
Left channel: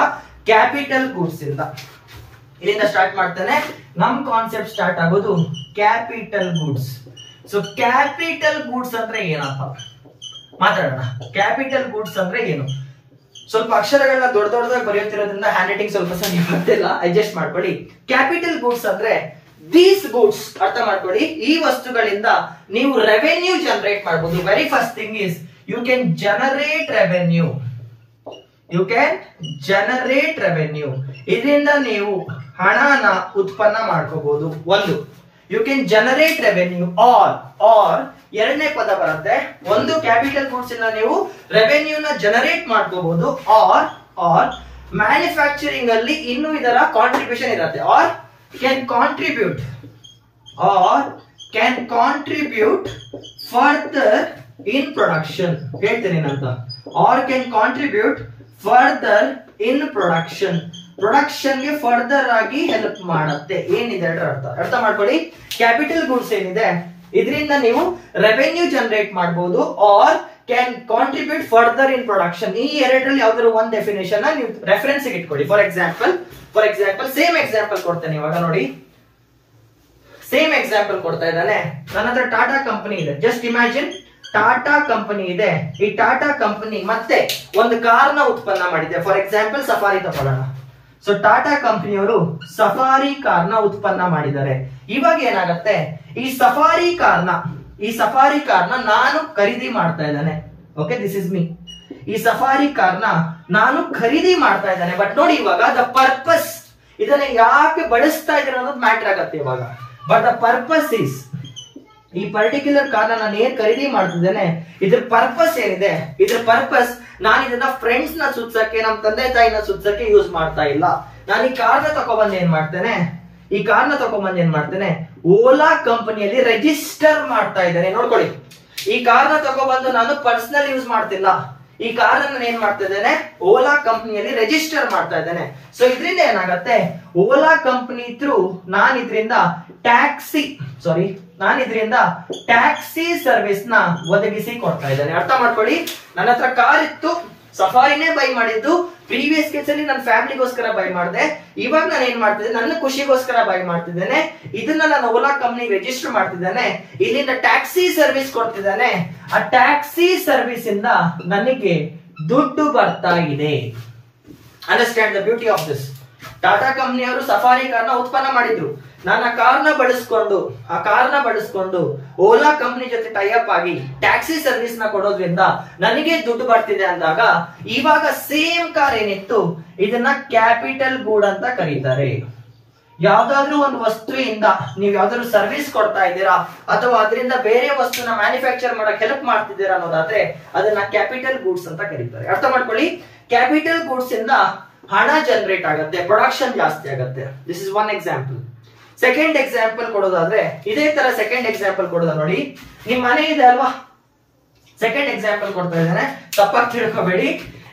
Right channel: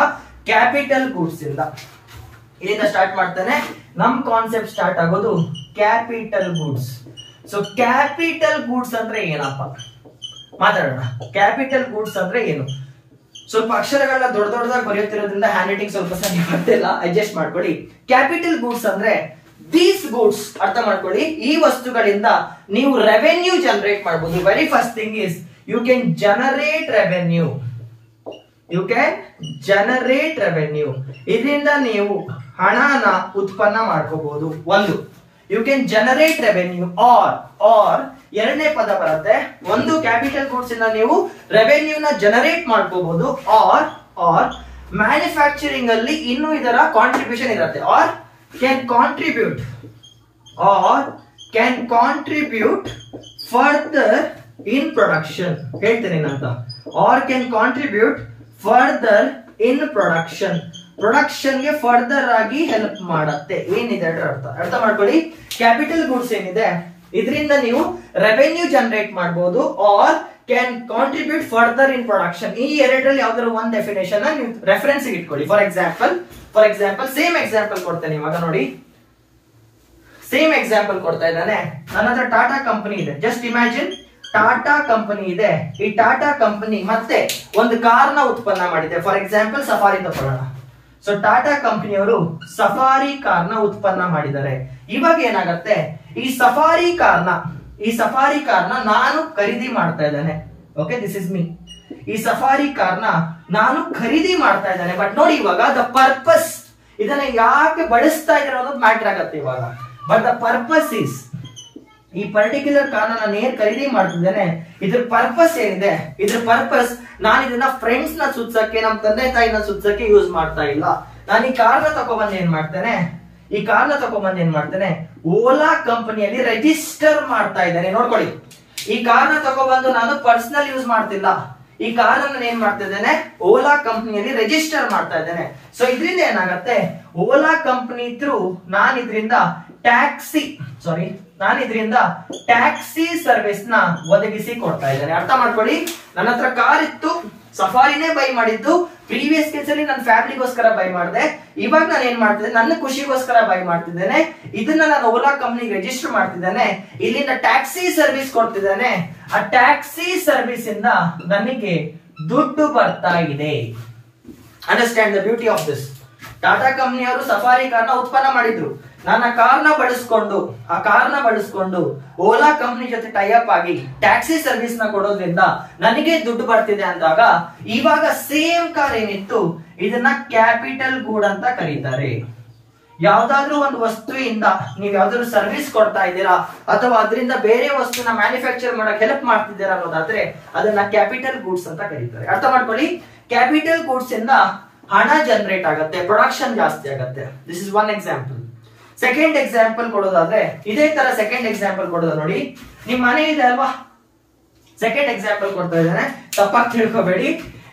ಕ್ಯಾಪಿಟಲ್ ಗೂಡ್ಸ್ ಇಂದ. ಇಲ್ಲಿಂದ ಸ್ಟಾರ್ಟ್ ಮಾಡ್ತಾನೆ. ನಮ್ ಕಾನ್ಸೆಪ್ಟ್ ಸ್ಟಾರ್ಟ್ ಆಗೋದು capital goods. So capital goods ಅಂದ್ರೆ ಏನಪ್ಪ ಮಾತಾಡೋಣ. ಕ್ಯಾಪಿಟಲ್ ಗೂಡ್ಸ್ ಅಂದ್ರೆ ಏನು? ಸ್ವಲ್ಪ ಅಕ್ಷರಗಳನ್ನ ದೊಡ್ಡದಾಗಿ ಬರೆಯುತ್ತಿರೋದ್ರಿಂದ ಹ್ಯಾಂಡ್ ರೈಟಿಂಗ್ ಸ್ವಲ್ಪ ಸರಿ ಗೊತ್ತಿಲ್ಲ, ಅಡ್ಜಸ್ಟ್ ಮಾಡ್ಕೊಳ್ಳಿ. ಕ್ಯಾಪಿಟಲ್ ಗೂಡ್ಸ್ ಅಂದ್ರೆ ದೀಸ್ ಗೂಡ್ಸ್. ಅರ್ಥ ಮಾಡ್ಕೊಳ್ಳಿ, ಈ ವಸ್ತುಗಳಿಂದ ನೀವು ರೆವೆನ್ಯೂ ಜನರೇಟ್ ಮಾಡಬಹುದು. Very first thing is you can generate revenue. ಇದರಿಂದ ನೀವು ಹಣನ ಉತ್ಪನ್ನ ಮಾಡ್ಕೋಬಹುದು. ಒಂದು, you can generate revenue. Or ಎರಡನೇ ಪದ ಬರುತ್ತೆ. ಒಂದು, ಕ್ಯಾಪಿಟಲ್ ಗೂಡ್ಸ್ ಇಂದ ನೀವು ರೆವೆನ್ಯೂ ನ ಜನರೇಟ್ ಮಾಡ್ಕೋಬಹುದು. ಆರ್ ಮ್ಯಾನುಫ್ಯಾಕ್ಚರಿಂಗ್ ಅಲ್ಲಿ ಇನ್ನೂ ಇದರ ಕಾಂಟ್ರಿಬ್ಯೂಷನ್ ಇರುತ್ತೆ. Or can contribute further in production. ಹೇಳ್ತೇನೆ ಏನಂತ. Or can contribute further in production ಗೆ ಫರ್ದರ್ ಆಗಿ ಹೆಲ್ಪ್ ಮಾಡುತ್ತೆ. ಏನಿದೆ ಅರ್ಥ ಮಾಡ್ಕೊಳ್ಳಿ. ಕ್ಯಾಪಿಟಲ್ ಗೂಡ್ಸ್ ಏನಿದೆ, ಇದರಿಂದ ನೀವು ರೆವೆನ್ಯೂ ಜನರೇಟ್ ಮಾಡಬಹುದು. Or can contribute further in production. ಈ ಎರಡರಲ್ಲಿ ಯಾವ್ದಾದ್ರು ಒಂದು ಡೆಫಿನೇಷನ್ ನೀವು ರೆಫರೆನ್ಸ್ ಇಟ್ಕೊಳ್ಳಿ. ಫಾರ್ ಎಕ್ಸಾಂಪಲ್ ಸೇಮ್ ಎಕ್ಸಾಂಪಲ್ ಕೊಡ್ತೇನೆ. ಇವಾಗ ನೋಡಿ, ಸೇಮ್ ಎಕ್ಸಾಂಪಲ್ ಕೊಡ್ತಾ ಇದ್ದಾನೆ. ನನ್ನ ಹತ್ರ ಟಾಟಾ ಕಂಪನಿ ಇದೆ. ಜಸ್ಟ್ ಇಮ್ಯಾಜಿನ್, ಟಾಟಾ ಕಂಪನಿ ಇದೆ. ಈ ಟಾಟಾ ಕಂಪನಿ ಮತ್ತೆ ಒಂದು ಕಾರ್ನ ಉತ್ಪನ್ನ ಮಾಡಿದೆ. ಫಾರ್ ಎಕ್ಸಾಂಪಲ್ ಸಫಾರಿ ತಗೊಳ್ಳೋಣ. ಸೊ ಟಾಟಾ ಕಂಪನಿಯವರು ಸಫಾರಿ ಕಾರ್ನ ಉತ್ಪನ್ನ ಮಾಡಿದ್ದಾರೆ. ಇವಾಗ ಏನಾಗುತ್ತೆ, ಈ ಸಫಾರಿ ಕಾರ್ನ ನಾನು ಖರೀದಿ ಮಾಡ್ತಾ ಇದ್ದೇನೆ. Okay, this is me. ಈ ಸಫಾರಿ ಕಾರ್ನ ನಾನು ಖರೀದಿ ಮಾಡ್ತಾ ಇದ್ದೇನೆ. ಬಟ್ ನೋಡಿ, ಇವಾಗ ದ ಪರ್ಪಸ್, ಇದನ್ನ ಯಾಕೆ ಬಳಸ್ತಾ ಇದ್ದಾರೆ ಅನ್ನೋದು ಮ್ಯಾಟರ್ ಆಗತ್ತೆ ಇವಾಗ. ಬಟ್ ದ ಪರ್ಪಸ್ ಈಸ್, ಈ ಪರ್ಟಿಕ್ಯುಲರ್ ಕಾರ್ನ ನಾನು ಏನ್ ಖರೀದಿ ಮಾಡ್ತಿದ್ದೇನೆ, ಇದ್ರ ಪರ್ಪಸ್ ಏನಿದೆ, ಇದ್ರ ಪರ್ಪಸ್ ನಾನು ಇದನ್ನ ಫ್ರೆಂಡ್ಸ್ ನ ಸುತ್ಸಕ್ಕೆ, ನಮ್ ತಂದೆ ತಾಯಿನ ಸುತ್ಸಕ್ಕೆ ಯೂಸ್ ಮಾಡ್ತಾ ಇಲ್ಲ. ನಾನು ಈ ಕಾರ್ನ ತಗೊಬಂದು ಏನ್ ಮಾಡ್ತೇನೆ, ಓಲಾ ಕಂಪನಿಯಲ್ಲಿ ರಿಜಿಸ್ಟರ್ ಮಾಡ್ತಾ ಇದ್ದೇನೆ. ನೋಡ್ಕೊಳ್ಳಿ, ಈ ಕಾರ್ನ ತಗೊಬಂದು ನಾನು ಪರ್ಸನಲ್ ಯೂಸ್ ಮಾಡ್ತಿಲ್ಲ. ಈ ಕಾರ್ ಅನ್ನು ಏನ್ ಮಾಡ್ತಾ ಇದ್ದೇನೆ, ಓಲಾ ಕಂಪನಿಯಲ್ಲಿ ರಿಜಿಸ್ಟರ್ ಮಾಡ್ತಾ ಇದ್ದೇನೆ. ಸೊ ಇದರಿಂದ ಏನಾಗುತ್ತೆ, ಓಲಾ ಕಂಪನಿ ಥ್ರೂ ನಾನು ಇದರಿಂದ ಟ್ಯಾಕ್ಸಿ ಸರ್ವಿಸ್ ನ ಒದಗಿಸಿ ಕೊಡ್ತಾ ಇದ್ದೇನೆ. ಅರ್ಥ ಮಾಡ್ಕೊಳ್ಳಿ, ನನ್ನ ಹತ್ರ ಕಾರ್ ಇತ್ತು, ಸಫಾರಿನೇ ಬೈ ಮಾಡಿದ್ದು. ಪ್ರೀವಿಯಸ್ ಕೇಸ್ ಅಲ್ಲಿ ನನ್ನ ಫ್ಯಾಮಿಲಿಗೋಸ್ಕರ ಬೈ ಮಾಡಿದೆ. ಇವಾಗ ನಾನು ಏನ್ ಮಾಡ್ತಿದ್ದೆ, ನನ್ನ ಖುಷಿಗೋಸ್ಕರ ಬೈ ಮಾಡ್ತಿದ್ದೇನೆ. ಇದನ್ನ ನಾನು ಓಲಾ ಕಂಪನಿಗೆ ರಿಜಿಸ್ಟರ್ ಮಾಡ್ತಿದ್ದೇನೆ. ಇಲ್ಲಿಂದ ಟ್ಯಾಕ್ಸಿ ಸರ್ವಿಸ್ ಕೊಡ್ತಿದ್ದಾನೆ. ಆ ಟ್ಯಾಕ್ಸಿ ಸರ್ವಿಸ್ ಇಂದ ನನಗೆ ದುಡ್ಡು ಬರ್ತಾ ಇದೆ. Understand the beauty of this. Tata ಕಂಪನಿಯವರು ಸಫಾರಿ ಕಾರ್ನ ಉತ್ಪನ್ನ ಮಾಡಿದ್ರು. ನಾನು ಆ ಕಾರ್ನ ಬಳಸ್ಕೊಂಡು ಓಲಾ ಕಂಪನಿ ಜೊತೆ ಟೈ ಅಪ್ ಆಗಿ ಟ್ಯಾಕ್ಸಿ ಸರ್ವಿಸ್ ನ ಕೊಡೋದ್ರಿಂದ ನನಗೆ ದುಡ್ಡು ಬರ್ತಿದೆ ಅಂದಾಗ, ಇವಾಗ ಸೇಮ್ ಕಾರ್ ಏನಿತ್ತು ಇದನ್ನ ಕ್ಯಾಪಿಟಲ್ ಗೂಡ್ ಅಂತ ಕರೀತಾರೆ. ಯಾವ್ದಾದ್ರು ಒಂದು ವಸ್ತುವಿಂದ ನೀವು ಯಾವ್ದಾದ್ರು ಸರ್ವಿಸ್ ಕೊಡ್ತಾ ಇದ್ದೀರಾ ಅಥವಾ ಅದರಿಂದ ಬೇರೆ ವಸ್ತುನ ಮ್ಯಾನುಫ್ಯಾಕ್ಚರ್ ಮಾಡಕ್ ಹೆಲ್ಪ್ ಮಾಡ್ತಿದ್ದೀರಾ ಅನ್ನೋದಾದ್ರೆ ಅದನ್ನ ಕ್ಯಾಪಿಟಲ್ ಗೂಡ್ಸ್ ಅಂತ ಕರೀತಾರೆ. ಅರ್ಥ ಮಾಡ್ಕೊಳ್ಳಿ, ಕ್ಯಾಪಿಟಲ್ ಗೂಡ್ಸ್ ಇಂದ ಹಣ ಜನರೇಟ್ ಆಗುತ್ತೆ, ಪ್ರೊಡಕ್ಷನ್ ಜಾಸ್ತಿ ಆಗುತ್ತೆ. This is one example. Second example ಕೊಡೋದಾದ್ರೆ, ಇದೇ ತರ ಸೆಕೆಂಡ್ ಎಕ್ಸಾಂಪಲ್ ಕೊಡೋದ ನೋಡಿ. ನಿಮ್ ಮನೆ ಇದೆ ಅಲ್ವಾ, ಸೆಕೆಂಡ್ ಎಕ್ಸಾಂಪಲ್ ಕೊಡ್ತಾ ಇದ್ದಾನೆ, ತಪ್ಪಾಗಿ ತಿಳ್ಕೊಬೇಡಿ.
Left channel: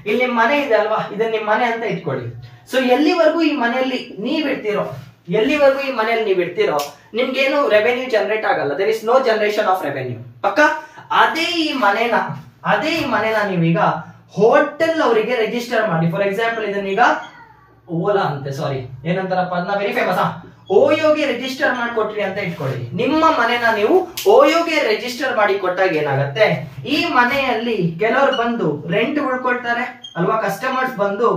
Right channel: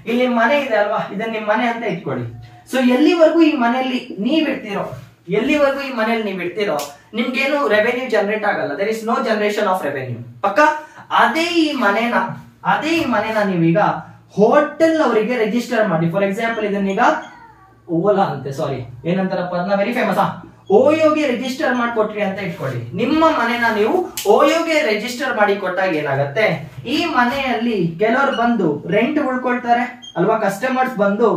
ಇಲ್ಲಿ ನಿಮ್ ಮನೆ ಇದೆ ಅಲ್ವಾ, ಇದನ್ನ ನಿಮ್ ಮನೆ ಅಂತ ಇಟ್ಕೊಳ್ಳಿ. ಸೊ ಎಲ್ಲಿವರೆಗೂ ಈ ಮನೆಯಲ್ಲಿ ನೀವ್ ಇಡ್ತಿರೋ ನಿಮ್ಗೇನು ರೆವೆನ್ಯೂ ಜನರೇಟ್ ಆಗಲ್ಲ. There is no generation of revenue. ಪಕ್ಕ ಅದೇ ಈ ಮನೆನ ನೀವೀಗ ಹೋಟೆಲ್ ಅವರಿಗೆ ರಿಜಿಸ್ಟರ್ ಮಾಡಿ. ಫಾರ್ ಎಕ್ಸಾಂಪಲ್ ಇದನ್ನೀಗ ಓಲಾ ಅಂತೆ, ಸಾರಿ ಏನಂತಾರಪ್ಪ ಅದನ್ನ, ವೆರಿ ಫೇಮಸ್, ಓಯೋಗೆ ರಿಜಿಸ್ಟರ್ ಮಾಡಿಕೊಟ್ರಿ ಅಂತ ಇಟ್ಕೊಳ್ಳಿ. ನಿಮ್ಮ ಮನೆನ ನೀವು ಓಯೋಗೆ ರಿಜಿಸ್ಟರ್ ಮಾಡಿ ಕೊಟ್ಟಾಗ ಏನಾಗುತ್ತೆ, ಈ ಮನೆಯಲ್ಲಿ ಕೆಲವರು ಬಂದು ರೆಂಟ್ ಉಳ್ಕೊಳ್ತಾರೆ ಅಲ್ವಾ. ಕಸ್ಟಮರ್ಸ್ ಬಂದು,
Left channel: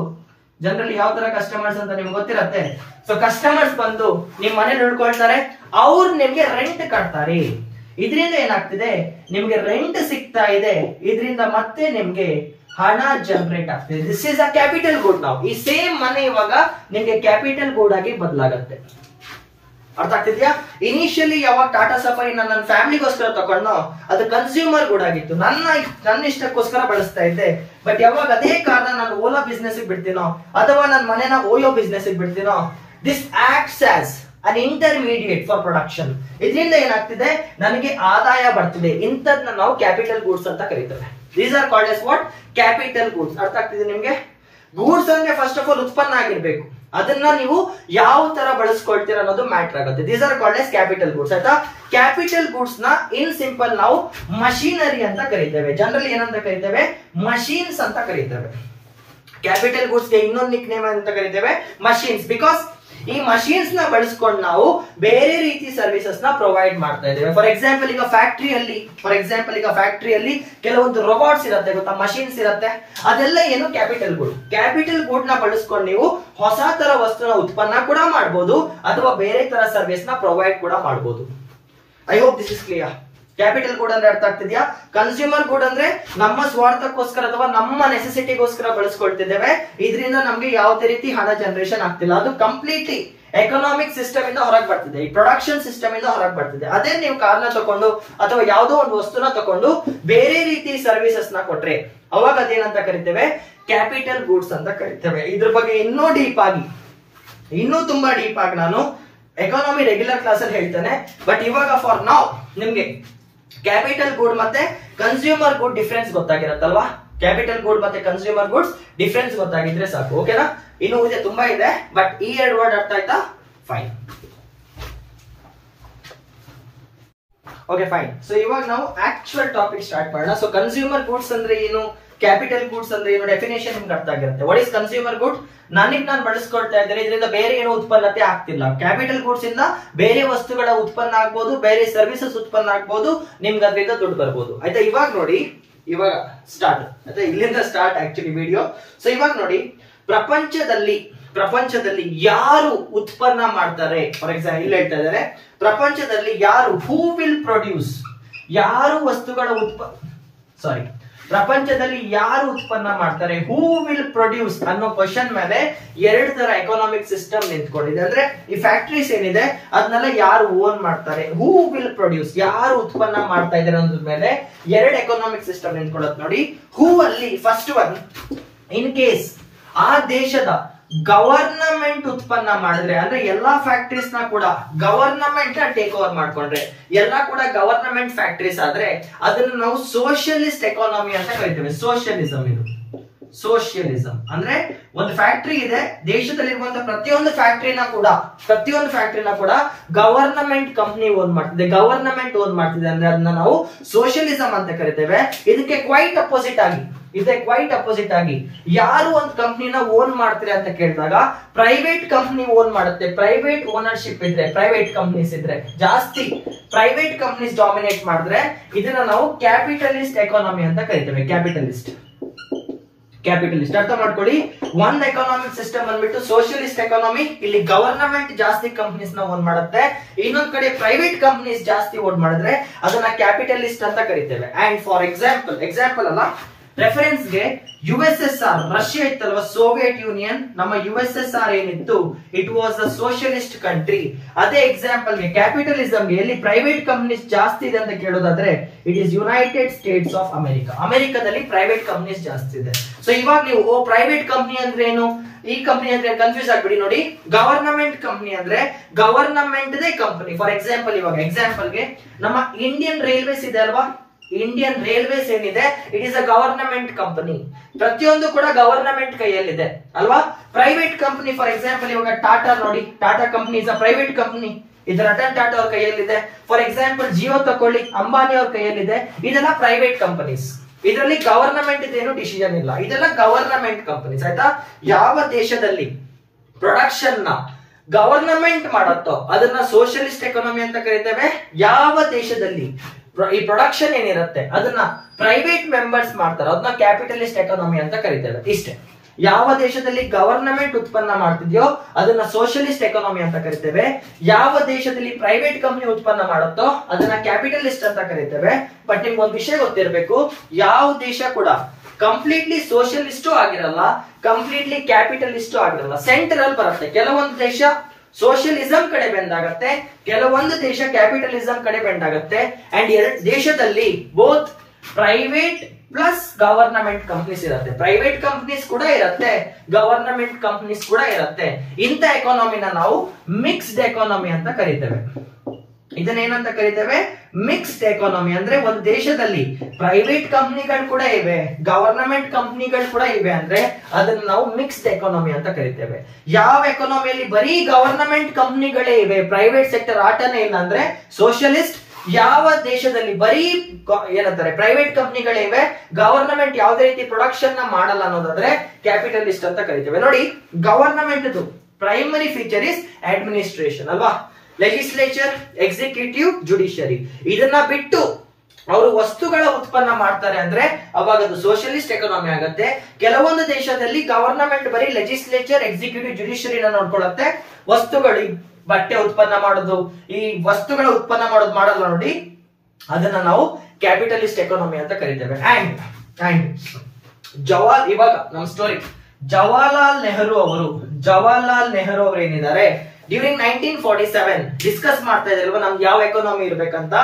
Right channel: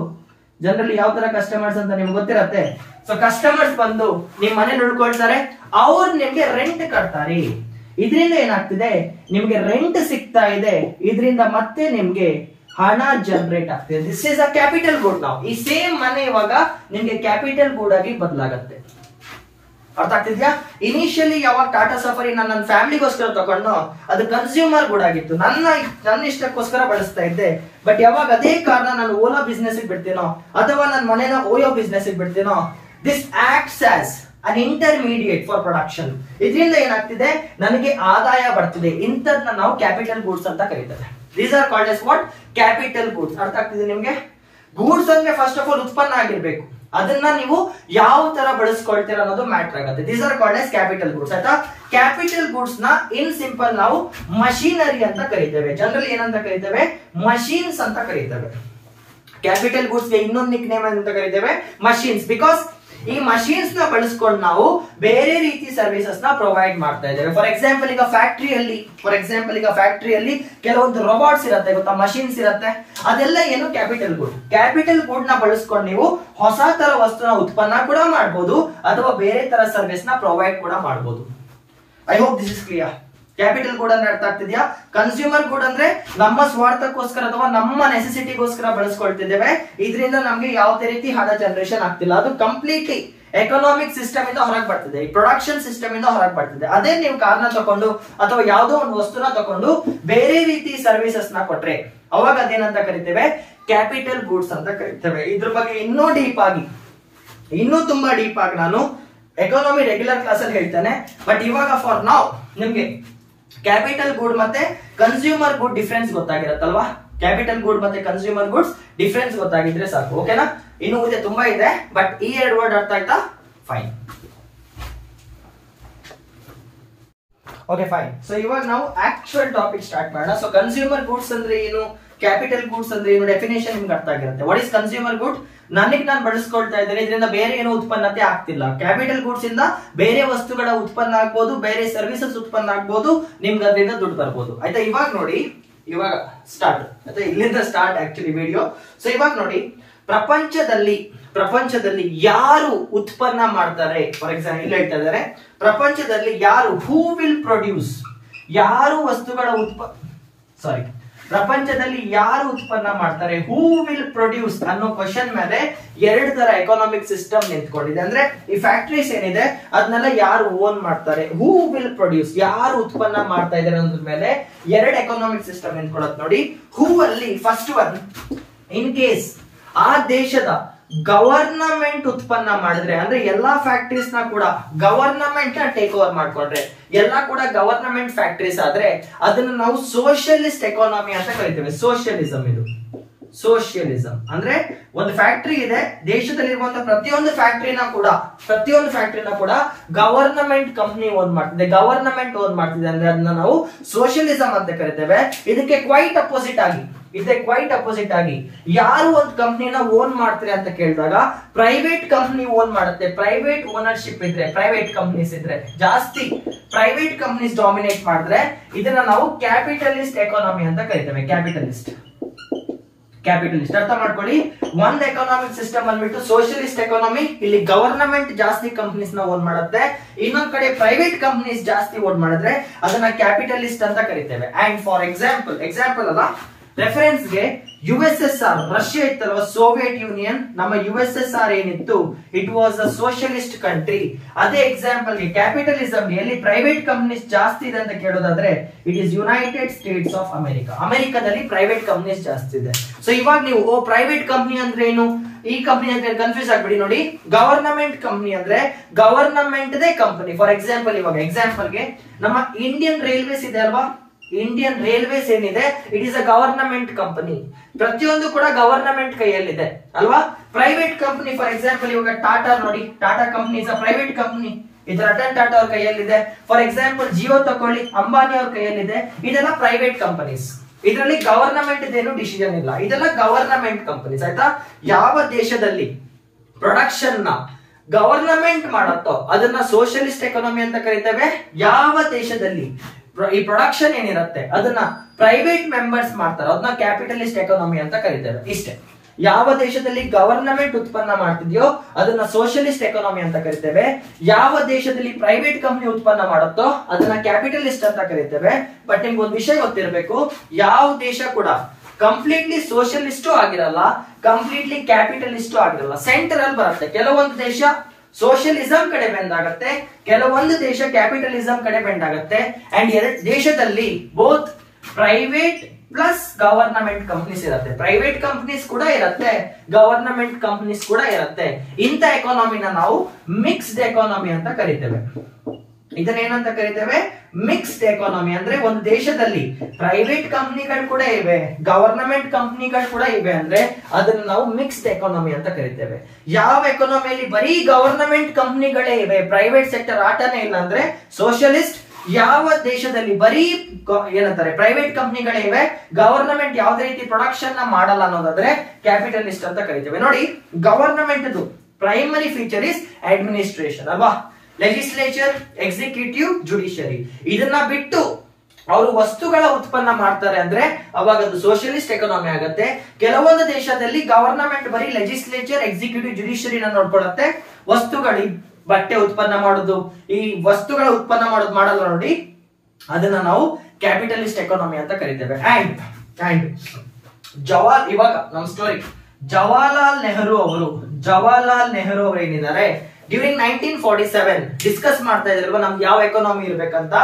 ಜನರಲಿ ಯಾವ ತರ ಕಸ್ಟಮರ್ಸ್ ಅಂತ ನಿಮ್ಗೆ ಗೊತ್ತಿರತ್ತೆ. ಸೊ ಕಸ್ಟಮರ್ಸ್ ಬಂದು ನಿಮ್ ಮನೇಲಿ ಉಳ್ಕೊಳ್ತಾರೆ, ಅವ್ರು ನಿಮ್ಗೆ ರೆಂಟ್ ಕಟ್ತಾರೆ. ಇದರಿಂದ ಏನಾಗ್ತಿದೆ, ನಿಮ್ಗೆ ರೆಂಟ್ ಸಿಗ್ತಾ ಇದೆ, ಇದರಿಂದ ಮತ್ತೆ ನಿಮ್ಗೆ ಹಣ ಜನರೇಟ್ ಆಗ್ತಿದೆ. ದಿಸ್ ಇಸ್ ಅ ಕ್ಯಾಪಿಟಲ್ ಗೂಡ್. ನಾವು ಈ ಸೇಮ್ ಮನೆ ಇವಾಗ ನಿಮ್ಗೆ ಕ್ಯಾಪಿಟಲ್ ಗೂಡ್ ಆಗಿ ಬದಲಾಗತ್ತೆ. ಅರ್ಥ ಆಗ್ತಿದ್ಯಾ? ಇನಿಷಿಯಲಿ ಯಾವಾಗ ಟಾಟಾ ಸಫಾರಿ ನನ್ನ ಫ್ಯಾಮಿಲಿಗೋಸ್ಕರ ತಗೊಂಡು ಅದು ಕನ್ಸ್ಯೂಮರ್ ಗೂಡ್ ಆಗಿತ್ತು, ನನ್ನ ಇಷ್ಟಕ್ಕೋಸ್ಕರ ಬಳಸ್ತಾ ಇದ್ದೆ. ಬಟ್ ಯಾವಾಗ ಅದೇ ಕಾರ್ನ ನಾನು ಓಲಾ ಬಿಸ್ನೆಸ್ ಬಿಡ್ತೀನೋ ಅಥವಾ ನನ್ನ ಮನೆನ ಓಯೋ ಬಿಸ್ನೆಸ್ ಬಿಡ್ತೀನೋ, this acts as an intermediate for production. ಇದರಿಂದ ಏನಾಗ್ತಿದೆ, ನನಗೆ ಆದಾಯ ಬರ್ತಿದೆ. ಇಂಥದ್ನ ನಾವು ಕ್ಯಾಪಿಟಲ್ ಗೂಡ್ಸ್ ಅಂತ ಕರೀತೇವೆ. These are called as what, capital goods. ಅರ್ಥ ಆಗ್ತಿದೆ ನಿಮ್ಗೆ? ಗೂಡ್ಸ್ ಅಂದ್ರೆ ಫಸ್ಟ್ ಆಫ್ ಆಲ್ ಉತ್ಪನ್ನ ಆಗಿರ್ಬೇಕು, ಅದನ್ನ ನೀವು ಯಾವ ತರ ಬಳಸ್ಕೊಳ್ತೀರ ಅನ್ನೋದು ಮ್ಯಾಟರ್ ಆಗುತ್ತೆ. These are called S capital goods. ಆಯ್ತಾ? ಕ್ಯಾಪಿಟಲ್ ಗೂಡ್ಸ್ ನ ಇನ್ ಸಿಂಪಲ್ ನಾವು ಮಷೀನರಿ ಅಂತ ಕರೀತೇವೆ. ಜನರಲಿ ಏನಂತ ಕರೀತೇವೆ, ಮಷೀನ್ಸ್ ಅಂತ ಕರೀತೇವೆ. ಕ್ಯಾಪಿಟಲ್ ಗೂಡ್ಸ್ ಗೆ ಇನ್ನೊಂದು ನಿಕ್ ನೇಮ್ ಅಂತ ಕರೀತೇವೆ, ಮಷೀನ್ಸ್. ಬಿಕಾಸ್ ಈ ಮಷೀನ್ಸ್ ನ ಬಳಸ್ಕೊಂಡು ನಾವು ಬೇರೆ ರೀತಿ ಸರ್ವಿಸಸ್ ನ ಪ್ರೊವೈಡ್ ಮಾಡ್ತಾ ಇದ್ದೇವೆ. ಫಾರ್ ಎಕ್ಸಾಂಪಲ್ ಈಗ ಫ್ಯಾಕ್ಟರಿಯಲ್ಲಿ ಕೆಲವೊಂದು ರೋಬೋಟ್ಸ್ ಇರುತ್ತೆ ಗೊತ್ತಾ, ಮಷೀನ್ಸ್ ಇರುತ್ತೆ. ಅದೆಲ್ಲ ಏನು, ಕ್ಯಾಪಿಟಲ್ ಗೂಡ್. ಕ್ಯಾಪಿಟಲ್ ಗೂಡ್ ನ ಬಳಸ್ಕೊಂಡು ನೀವು ಹೊಸ ತರ ವಸ್ತುನ ಉತ್ಪನ್ನ ಕೂಡ ಮಾಡಬಹುದು ಅಥವಾ ಬೇರೆ ತರ ಸರ್ವಿಸ್ ನ ಪ್ರೊವೈಡ್ ಕೂಡ ಮಾಡಬಹುದು. I hope this is clear. Capital good ಅಂದ್ರೆ ಅರ್ಥ ಆಗ್ತಿದ್ಯಾ? ಕನ್ಸ್ಯೂಮರ್ ಗೂಡ್ ಅಂದ್ರೆ ನಮ್ಮ ಸ್ವಾರ್ಥಕ್ಕೋಸ್ಕರ ಅಥವಾ ನಮ್ಮ ನೆಸೆಸಿಟಿಗೋಸ್ಕರ ಬಳಸ್ಕೊಳ್ತಿದ್ದೇವೆ, ಇದರಿಂದ ನಮ್ಗೆ ಯಾವುದೇ ರೀತಿ ಹಣ ಜನರೇಷನ್ ಆಗ್ತಿಲ್ಲ. ಅದು ಕಂಪ್ಲೀಟ್ಲಿ ಎಕನಾಮಿಕ್ ಸಿಸ್ಟಮ್ ಇಂದ ಹೊರಗೆ ಬರ್ತಿದೆ, ಈ ಪ್ರೊಡಕ್ಷನ್ ಸಿಸ್ಟಮ್ ಇಂದ ಹೊರಗೆ ಬರ್ತಿದೆ. ಅದೇ ನೀವು ಕಾರ್ನ ತಕೊಂಡು ಅಥವಾ ಯಾವುದೋ ಒಂದು ವಸ್ತುನ ತಕೊಂಡು ಬೇರೆ ರೀತಿ ಸರ್ವಿಸಸ್ ನ ಕೊಟ್ರೆ ಅವಾಗ ಅದೇನಂತ ಕರಿತೇವೆ, ಕ್ಯಾಪಿಟಲ್ ಗೂಡ್ಸ್ ಅಂತ ಕರಿತೇವೆ. ಇದ್ರ ಬಗ್ಗೆ ಇನ್ನೂ ತುಂಬಾ ಡೀಪ್ ಆಗಿ ನಾನು ಎಕಾನಮಿ ರೆಗ್ಯುಲರ್ ಕ್ಲಾಸ್ ಅಲ್ಲಿ ಹೇಳ್ತೇನೆ. ಬಟ್ ಇವಾಗ ಫಾರ್ ನೌ ನಿಮ್ಗೆ ಕ್ಯಾಪಿಟಲ್ ಗೂಡ್ ಮತ್ತೆ ಕನ್ಸ್ಯೂಮರ್ ಗೂಡ್ ಡಿಫರೆನ್ಸ್ ಗೊತ್ತಾಗಿರತ್ತಲ್ವಾ? ಕ್ಯಾಪಿಟಲ್ ಗೂಡ್ ಮತ್ತೆ ಕನ್ಸ್ಯೂಮರ್ ಗೂಡ್ಸ್ ಡಿಫರೆನ್ಸ್ ಗೊತ್ತಾಗಿದ್ರೆ ಸಾಕು. ಓಕೆನಾ? ಇನ್ನು ಇದೆ, ತುಂಬಾ ಇದೆ, ಬಟ್ ಈ ಎರಡು ವರ್ಡ್ ಅರ್ಥ ಆಯ್ತಾ? ಫೈನ್. Okay fine. ಸೊ ಇವಾಗ ನಾವು ಆಕ್ಚುಯಲ್ ಟಾಪಿಕ್ ಸ್ಟಾರ್ಟ್ ಮಾಡೋಣ. ಸೊ ಕನ್ಸ್ಯೂಮರ್ ಗೂಡ್ಸ್ ಅಂದ್ರೆ ಏನು, ಕ್ಯಾಪಿಟಲ್ ಗೂಡ್ಸ್ ಅಂದ್ರೆ ಏನು, ಡೆಫಿನೇಷನ್ ನಿಮ್ಗೆ ಅರ್ಥ ಆಗಿರುತ್ತೆ. What is consumer good? ನಾನು ಬಳಸ್ಕೊಳ್ತಾ ಇದ್ದೇನೆ, ಇದರಿಂದ ಬೇರೆ ಏನೋ ಉತ್ಪನ್ನತೆ ಆಗ್ತಿಲ್ಲ. ಕ್ಯಾಪಿಟಲ್ ಗೂಡ್ಸ್ ಇಂದ ಬೇರೆ ವಸ್ತುಗಳ ಉತ್ಪನ್ನ ಆಗ್ಬೋದು, ಬೇರೆ ಸರ್ವಿಸಸ್ ಉತ್ಪನ್ನ ಆಗ್ಬೋದು, ನಿಮ್ಗೆ ಅದರಿಂದ ದುಡ್ಡು ಬರ್ಬೋದು. ಆಯ್ತಾ? ಇವಾಗ ನೋಡಿ, ಇವಾಗ ಸ್ಟಾರ್ಟ್ ಆಯ್ತಾ, ಇಲ್ಲಿಂದ ಸ್ಟಾರ್ಟ್ ಆಕ್ಚುಲಿ ವಿಡಿಯೋ. ಸೊ ಇವಾಗ ನೋಡಿ, ಪ್ರಪಂಚದಲ್ಲಿ ಯಾರು ಉತ್ಪನ್ನ ಮಾಡ್ತಾರೆ, ಫಾರ್ ಎಕ್ಸಾಂಪಲ್ ಇಲ್ಲಿ ಹೇಳ್ತಾ ಇದ್ದಾರೆ, ಪ್ರಪಂಚದಲ್ಲಿ ಯಾರು, ಹೂ ವಿಲ್ ಪ್ರೊಡ್ಯೂಸ್, ಯಾರು ವಸ್ತುಗಳ ಪ್ರಪಂಚದಲ್ಲಿ ಯಾರು ಉತ್ಪನ್ನ ಮಾಡ್ತಾರೆ, ಹೂ ವಿಲ್ ಪ್ರೊಡ್ಯೂಸ್ ಅನ್ನೋ ಕ್ವಶನ್ ಮೇಲೆ ಎರಡು ತರ ಎಕನಾಮಿಕ್ ಸಿಸ್ಟಮ್ ನಿಂತ್ಕೊಂಡಿದೆ. ಅಂದ್ರೆ ಈ ಫ್ಯಾಕ್ಟರೀಸ್ ಏನಿದೆ ಅದನ್ನೆಲ್ಲ ಯಾರು ಓನ್ ಮಾಡ್ತಾರೆ, ಹೂ ವಿಲ್ ಪ್ರೊಡ್ಯೂಸ್, ಯಾರು ಉತ್ಪನ್ನ ಮಾಡ್ತಾ ಇದ್ದಾರೆ ಅನ್ನೋದ್ರ ಮೇಲೆ ಎರಡು ಎಕನಾಮಿಕ್ ಸಿಸ್ಟಮ್ ನಿಂತ್ಕೊಳ್ಳೋದು ನೋಡಿ. ಹೂ ಅಲ್ಲಿ ಫಸ್ಟ್ ಒನ್, ಇನ್ ಕೇಸ್ ಆ ದೇಶದ ಗವರ್ನಮೆಂಟ್ ಉತ್ಪನ್ನ ಮಾಡಿದ್ರೆ ಅಂದ್ರೆ ಎಲ್ಲಾ ಫ್ಯಾಕ್ಟರೀಸ್ ನ ಕೂಡ ಗವರ್ನಮೆಂಟ್ ನ ಟೇಕ್ ಓವರ್ ಮಾಡ್ಕೊಂಡ್ರೆ ಎಲ್ಲ ಕೂಡ ಗವರ್ನಮೆಂಟ್ ಫ್ಯಾಕ್ಟರೀಸ್ ಆದ್ರೆ ಅದನ್ನ ನಾವು ಸೋಷಿಯಲಿಸ್ಟ್ ಎಕಾನಮಿ ಅಂತ ಕರಿತೇವೆ. ಸೋಷಿಯಲಿಸಂ ಇದು ಸೋಷಿಯಲಿಸಂ ಅಂದ್ರೆ ಒಂದು ಫ್ಯಾಕ್ಟರಿ ಇದೆ, ದೇಶದಲ್ಲಿರುವಂತಹ ಪ್ರತಿಯೊಂದು ಫ್ಯಾಕ್ಟರಿನ ಕೂಡ ಗವರ್ನಮೆಂಟ್ ಕಂಪನಿ ಓನ್ ಮಾಡ್ತಿದೆ, ಗವರ್ನಮೆಂಟ್ ಓನ್ ಮಾಡ್ತಿದೆ ಅಂದ್ರೆ ಅದನ್ನ ನಾವು ಸೋಷಿಯಲಿಸಂ ಅಂತ ಕರಿತೇವೆ. ಇದಕ್ಕೆ ಕ್ವೈಟ್ ಅಪೋಸಿಟ್ ಆಗಿ ಯಾರು ಒಂದು ಕಂಪನಿನ ಓನ್ ಮಾಡ್ತೀರಿ ಅಂತ ಕೇಳಿದಾಗ ಪ್ರೈವೇಟ್ ಕಂಪನಿ ಓನ್ ಮಾಡುತ್ತೆ. ಪ್ರೈವೇಟ್ ಓನರ್ಶಿಪ್ ಇದ್ರೆ, ಪ್ರೈವೇಟ್ ಕಂಪನೀಸ್ ಇದ್ರೆ, ಜಾಸ್ತಿ ಪ್ರೈವೇಟ್ ಕಂಪನೀಸ್ ಡಾಮಿನೇಟ್ ಮಾಡಿದ್ರೆ ಇದನ್ನ ನಾವು ಕ್ಯಾಪಿಟಲಿಸ್ಟ್ ಎಕಾನಮಿ ಅಂತ ಕರಿತೇವೆ. ಕ್ಯಾಪಿಟಲಿಸ್ಟ್ ಅರ್ಥ ಮಾಡ್ಕೊಳ್ಳಿ. ಒಂದ್ ಎಕನಾಮಿಕ್ ಸಿಸ್ಟಮ್ ಅಂದ್ಬಿಟ್ಟು ಸೋಷಿಯಲಿಸ್ಟ್ ಎಕಾನಮಿ, ಇಲ್ಲಿ ಗವರ್ನಮೆಂಟ್ ಜಾಸ್ತಿ ಕಂಪನೀಸ್ ನ ಓನ್ ಮಾಡುತ್ತೆ, ಇನ್ನೊಂದ್ ಕಡೆ ಪ್ರೈವೇಟ್ ಕಂಪನೀಸ್ ಜಾಸ್ತಿ ಓನ್ ಮಾಡಿದ್ರೆ ಅದನ್ನ ಕ್ಯಾಪಿಟಲಿಸ್ಟ್ ಅಂತ ಕರಿತೇವೆ. ಅಂಡ್ ಫಾರ್ ಎಕ್ಸಾಂಪಲ್ ಅಲ್ಲ, ರೆಫರೆನ್ಸ್ ಗೆ USSR ರಷ್ಯಾ ಇತ್ತಲ್ವ, ಸೋವಿಯತ್ ಯೂನಿಯನ್, ನಮ್ಮ USSR ಏನಿತ್ತು it was a socialist country. ಅದೇ ಎಕ್ಸಾಂಪಲ್ ಗೆ ಕ್ಯಾಪಿಟಲಿಸಂ ಎಲ್ಲಿ ಪ್ರೈವೇಟ್ ಕಂಪನೀಸ್ ಜಾಸ್ತಿ ಇದೆ ಅಂತ ಕೇಳೋದಾದ್ರೆ it is United States of America. ಅಮೆರಿಕಾದಲ್ಲಿ ಪ್ರೈವೇಟ್ ಕಂಪನೀಸ್ ಜಾಸ್ತಿ ಇದೆ. ಸೊ ಇವಾಗ ನೀವು ಪ್ರೈವೇಟ್ ಕಂಪನಿ ಅಂದ್ರೆ ಏನು, ಈ ಕಂಪನಿ ಅಂದ್ರೆ ಕನ್ಫ್ಯೂಸ್ ಆಗ್ಬಿಡಿ. ನೋಡಿ, ಗವರ್ನಮೆಂಟ್ ಕಂಪನಿ ಅಂದ್ರೆ government they company. For example ಇವಾಗ ಎಕ್ಸಾಂಪಲ್ ಗೆ ನಮ್ಮ ಇಂಡಿಯನ್ ರೈಲ್ವೇಸ್ ಇದೆ ಅಲ್ವಾ, ಇಂಡಿಯನ್ ರೈಲ್ವೇಸ್ ಏನಿದೆ it is a government company. ಪ್ರತಿಯೊಂದು ಕೂಡ ಗವರ್ನಮೆಂಟ್ ಕೈಯಲ್ಲಿದೆ ಅಲ್ವಾ. ಪ್ರೈವೇಟ್ ಕಂಪನಿ ಫಾರ್ ಎಕ್ಸಾಂಪಲ್ ಇವಾಗ ಟಾಟಾ ನೋಡಿ, Tata company is a private company, ಇದು ರತನ್ ಟಾಟಾ ಅವ್ರ ಕೈಯಲ್ಲಿದೆ. ಫಾರ್ ಎಕ್ಸಾಂಪಲ್ ಜಿಯೋ ತಕೊಳ್ಳಿ, ಅಂಬಾನಿ ಅವ್ರ ಕೈಯಲ್ಲಿದೆ. ಇದೆಲ್ಲ ಪ್ರೈವೇಟ್ ಕಂಪನೀಸ್, ಇದರಲ್ಲಿ ಗವರ್ನಮೆಂಟ್ ಏನು ಡಿಸಿಷನ್ ಇಲ್ಲ, ಇದೆಲ್ಲ ಗವರ್ನಮೆಂಟ್ ಕಂಪನೀಸ್. ಆಯ್ತಾ. ಯಾವ ದೇಶದಲ್ಲಿ ಪ್ರೊಡಕ್ಷನ್ ನ ಗವರ್ನಮೆಂಟ್ ಮಾಡತ್ತೋ ಅದನ್ನ ಸೋಷಿಯಲಿಸ್ಟ್ ಎಕಾನಮಿ ಅಂತ ಕರಿತೇವೆ. ಯಾವ ದೇಶದಲ್ಲಿ ಈ ಪ್ರೊಡಕ್ಷನ್ ಏನಿರುತ್ತೆ ಅದನ್ನ ಪ್ರೈವೇಟ್ ಮೆಂಬರ್ಸ್ ಮಾಡ್ತಾರೆ ಅದನ್ನ ಕ್ಯಾಪಿಟಲಿಸ್ಟ್ ಎಕಾನಮಿ ಅಂತ ಕರಿತೇವೆ. ಇಷ್ಟೇ. ಯಾವ ದೇಶದಲ್ಲಿ ಗವರ್ನಮೆಂಟ್ ಉತ್ಪನ್ನ ಮಾಡ್ತಿದ್ಯೋ ಅದನ್ನ ಸೋಷಿಯಲಿಸ್ಟ್ ಎಕಾನಮಿ ಅಂತ ಕರಿತೇವೆ. ಯಾವ ದೇಶದಲ್ಲಿ ಪ್ರೈವೇಟ್ ಕಂಪನಿ ಉತ್ಪನ್ನ ಮಾಡುತ್ತೋ ಅದನ್ನ ಕ್ಯಾಪಿಟಲಿಸ್ಟ್ ಅಂತ ಕರಿತೇವೆ. ಬಟ್ ನಿಮ್ಗೆ ಒಂದು ವಿಷಯ ಗೊತ್ತಿರಬೇಕು, ಯಾವ ದೇಶ ಕೂಡ ಕಂಪ್ಲೀಟ್ಲಿ ಸೋಷಿಯಲಿಸ್ಟು ಆಗಿರಲ್ಲ, ಕಂಪ್ಲೀಟ್ಲಿ ಕ್ಯಾಪಿಟಲಿಸ್ಟು ಆಗಿರಲ್ಲ, ಸೆಂಟರ್ ಅಲ್ಲಿ ಬರುತ್ತೆ. ಕೆಲವೊಂದು ದೇಶ ಸೋಷಿಯಲಿಸಂ ಕಡೆ ಬೆಂಡ್ ಆಗುತ್ತೆ, ಕೆಲವೊಂದು ದೇಶ ಕ್ಯಾಪಿಟಲಿಸಂ ಕಡೆ ಬೆಂಡ್ ಆಗುತ್ತೆ. ಅಂಡ್ ಎರಡು ದೇಶದಲ್ಲಿ both private plus government companies ಇರುತ್ತೆ, ಪ್ರೈವೇಟ್ ಕಂಪನೀಸ್ ಕೂಡ ಇರುತ್ತೆ, ಗವರ್ನಮೆಂಟ್ ಕಂಪನೀಸ್ ಕೂಡ ಇರುತ್ತೆ. ಇಂಥ ಎಕಾನಮಿನ ನಾವು ಮಿಕ್ಸ್ಡ್ ಎಕಾನಮಿ ಅಂತ ಕರಿತೇವೆ. ಇದನ್ನ ಏನಂತ ಕರಿತೇವೆ, ಮಿಕ್ಸ್ಡ್ ಎಕಾನಮಿ. ಅಂದ್ರೆ ಒಂದು ದೇಶದಲ್ಲಿ ಪ್ರೈವೇಟ್ ಕಂಪನಿಗಳು ಕೂಡ ಇವೆ, ಗವರ್ನಮೆಂಟ್ ಕಂಪನಿಗಳು ಕೂಡ ಇವೆ ಅಂದ್ರೆ ಅದನ್ನ ನಾವು ಮಿಕ್ಸ್ಡ್ ಎಕಾನಮಿ ಅಂತ ಕರಿತೇವೆ. ಯಾವ ಎಕಾನಮಿಯಲ್ಲಿ ಬರೀ ಗವರ್ನಮೆಂಟ್ ಕಂಪನಿಗಳೇ ಇವೆ, ಪ್ರೈವೇಟ್ ಸೆಕ್ಟರ್ ಆಟನೇ ಇಲ್ಲ ಅಂದ್ರೆ ಸೋಷಿಯಲಿಸ್ಟ್. ಯಾವ ದೇಶದಲ್ಲಿ ಬರೀ ಏನಂತಾರೆ ಪ್ರೈವೇಟ್ ಕಂಪನಿಗಳೇ ಇವೆ, ಗವರ್ನಮೆಂಟ್ ಯಾವುದೇ ರೀತಿ ಪ್ರೊಡಕ್ಷನ್ ನ ಮಾಡಲ್ಲ ಅನ್ನೋದಾದ್ರೆ ಕ್ಯಾಪಿಟಲಿಸ್ಟ್ ಅಂತ ಕರಿತೇವೆ. ನೋಡಿ, government primary feature is administration ಅಲ್ವಾ, ಲೆಜಿಸ್ಲೇಚರ್, ಎಕ್ಸಿಕ್ಯೂಟಿವ್, ಜುಡಿಷಿಯರಿ. ಇದನ್ನ ಬಿಟ್ಟು ಅವರು ವಸ್ತುಗಳ ಉತ್ಪನ್ನ ಮಾಡ್ತಾರೆ ಅಂದ್ರೆ ಅವಾಗ ಅದು ಸೋಷಿಯಲಿಸ್ಟ್ ಎಕಾನಮಿ ಆಗುತ್ತೆ. ಕೆಲವೊಂದು ದೇಶದಲ್ಲಿ ಗವರ್ನಮೆಂಟ್ ಬರೀ ಲೆಜಿಸ್ಲೇಚರ್, ಎಕ್ಸಿಕ್ಯೂಟಿವ್, ಜುಡಿಷಿಯರಿನ ನೋಡ್ಕೊಳ್ಳುತ್ತೆ. ವಸ್ತುಗಳು, ಬಟ್ಟೆ ಉತ್ಪನ್ನ ಮಾಡೋದು, ಈ ವಸ್ತುಗಳ ಉತ್ಪನ್ನ ಮಾಡೋದು ಮಾಡಲ್ಲ ನೋಡಿ, ಅದನ್ನ ನಾವು ಕ್ಯಾಪಿಟಲಿಸ್ಟ್ ಎಕಾನಮಿ ಅಂತ ಕರಿತೇವೆ. ಅಂಡ್ ಇವಾಗ ನಮ್ ಸ್ಟೋರಿ, ಜವಾಹರ್ಲಾಲ್ ನೆಹರು ಅವರು ಏನಿದ್ದಾರೆ ಡ್ಯೂರಿಂಗ್ 1947 ಡಿಸ್ಕಸ್ ಮಾಡ್ತಾ ಇದ್ರು ನಮ್ಗೆ ಯಾವ ಎಕಾನಮಿ ಇರ್ಬೇಕಂತ.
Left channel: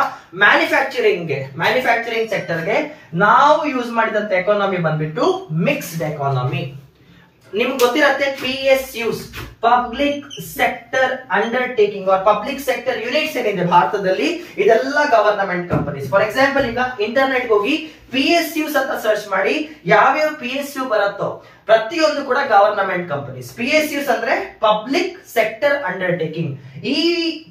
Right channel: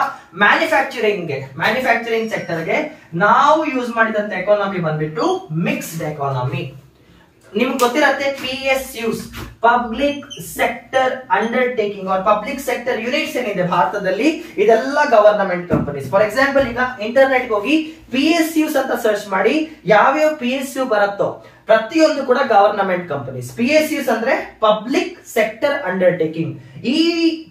ಮ್ಯಾನುಫ್ಯಾಕ್ಚರಿಂಗ್ ಸೆಕ್ಟರ್ಗೆ ನಾವು ಯೂಸ್ ಮಾಡಿದಂತ ಎಕಾನಮಿ ಬಂದ್ಬಿಟ್ಟು ಮಿಕ್ಸ್ಡ್ ಎಕಾನಮಿ. ನಿಮ್ಗೆ ಗೊತ್ತಿರತ್ತೆ PSUs, public sector undertaking or public sector units ಏನಿದೆ ಭಾರತದಲ್ಲಿ ಇದೆಲ್ಲ ಗವರ್ನಮೆಂಟ್ ಕಂಪನೀಸ್. ಫಾರ್ ಎಕ್ಸಾಂಪಲ್ ಈಗ ಇಂಟರ್ನೆಟ್ ಹೋಗಿ PSUs ಅಂತ ಸರ್ಚ್ ಮಾಡಿ, ಯಾವ್ಯಾವ PSU ಬರುತ್ತೋ ಪ್ರತಿಯೊಂದು ಕೂಡ ಗವರ್ನಮೆಂಟ್ ಕಂಪನೀಸ್. PSUs ಅಂದ್ರೆ ಪಬ್ಲಿಕ್ ಸೆಕ್ಟರ್ ಅಂಡರ್ಟೇಕಿಂಗ್. ಈ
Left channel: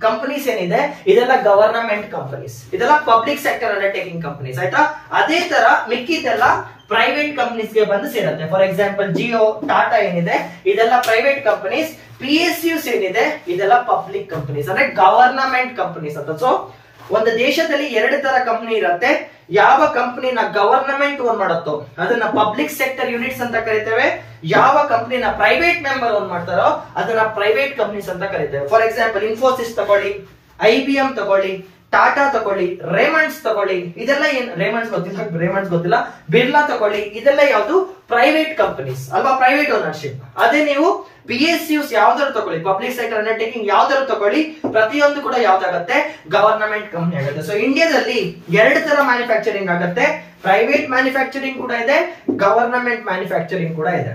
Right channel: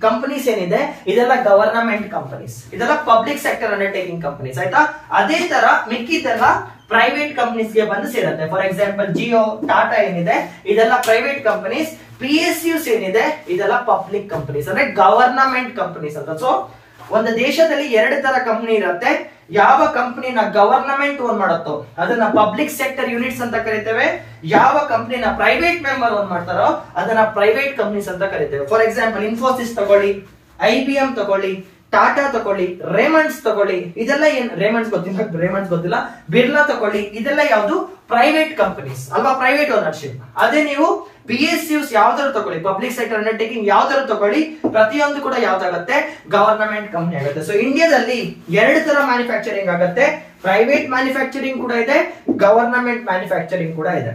ಕಂಪನೀಸ್ ಏನಿದೆ ಇದೆಲ್ಲ ಗವರ್ನಮೆಂಟ್ ಕಂಪನೀಸ್, ಇದೆಲ್ಲ ಪಬ್ಲಿಕ್ ಸೆಕ್ಟರ್ ಅಂಡರ್ಟೇಕಿಂಗ್ ಕಂಪನೀಸ್. ಆಯ್ತಾ. ಅದೇ ತರ ಮಿಕ್ಕಿದೆಲ್ಲ ಪ್ರೈವೇಟ್ ಕಂಪನೀಸ್ ಗೆ ಬಂದು ಸೇರುತ್ತೆ. ಫಾರ್ ಎಕ್ಸಾಂಪಲ್ ಜಿಯೋ, ಟಾಟಾ ಏನಿದೆ ಇದೆಲ್ಲ ಪ್ರೈವೇಟ್ ಕಂಪನೀಸ್. PSUs ಏನಿದೆ ಇದೆಲ್ಲ ಪಬ್ಲಿಕ್ ಕಂಪನೀಸ್ ಅಂದ್ರೆ ಗವರ್ನಮೆಂಟ್ ಕಂಪನೀಸ್ ಅಂತ. ಸೊ ಒಂದು ದೇಶದಲ್ಲಿ ಎರಡು ತರ ಕಂಪನಿ ಇರುತ್ತೆ. ಯಾವ ಕಂಪನಿನ ಗವರ್ನಮೆಂಟ್ ಓನ್ ಮಾಡುತ್ತೋ ಅದನ್ನ ಪಬ್ಲಿಕ್ ಸೆಕ್ಟರ್ ಯೂನಿಟ್ಸ್ ಅಂತ ಕರಿತೇವೆ. ಯಾವ ಕಂಪನಿನ ಪ್ರೈವೇಟ್ ಮೆಂಬರ್ ಓನ್ ಮಾಡ್ತಾರೋ ಅದನ್ನ ಪ್ರೈವೇಟ್ ಕಂಪನೀಸ್ ಅಂತ ಕರಿತೇವೆ. ಫಾರ್ ಎಕ್ಸಾಂಪಲ್ ಇನ್ಫೋಸಿಸ್ ತಗೊಳ್ಳಿ, IBM ತಗೊಳ್ಳಿ, ಟಾಟಾ ತಗೊಳ್ಳಿ, ರೇಮಂಡ್ಸ್ ತಗೊಳ್ಳಿ, ಇದೆಲ್ಲ ಏನ್ ರೇಮಂಡ್ಸ್ ಗೊತ್ತಿಲ್ಲ, ಬಿರ್ಲಾ ತಗೊಳ್ಳಿ, ಇದೆಲ್ಲ ಯಾವುದು ಪ್ರೈವೇಟ್ ಕಂಪನೀಸ್ ಅಲ್ವಾ, ಪ್ರೈವೇಟ್ ಓನರ್ಶಿಪ್. ಅದೇ ನೀವು PSUs ಯಾವ್ದಾದ್ರು ತಗೊಳ್ಳಿ, ಪಬ್ಲಿಕ್ ಸೆಕ್ಟರ್ ಅಂಡರ್ಟೇಕಿಂಗ್ ಯಾವ್ದಾದ್ರು ತಗೊಳ್ಳಿ, ಪ್ರತಿಯೊಂದು ಕೂಡ ಯಾವ್ದಾಗತ್ತೆ ಗವರ್ನಮೆಂಟ್ ಕಂಪನಿ ಆಗುತ್ತೆ. ಸೊ ಇಂಡಿಯಾದಲ್ಲಿ ಎರಡು ತರ ಮ್ಯಾನುಫ್ಯಾಕ್ಚರಿಂಗ್ ಆಗುತ್ತೆ, ಪ್ರೈವೇಟ್ ಮ್ಯಾನುಫ್ಯಾಕ್ಚರಿಂಗ್ ಕೂಡ ಇದೆ, ಗವರ್ನಮೆಂಟ್ ಮ್ಯಾನುಫ್ಯಾಕ್ಚರಿಂಗ್ ಕೂಡ ಇದೆ.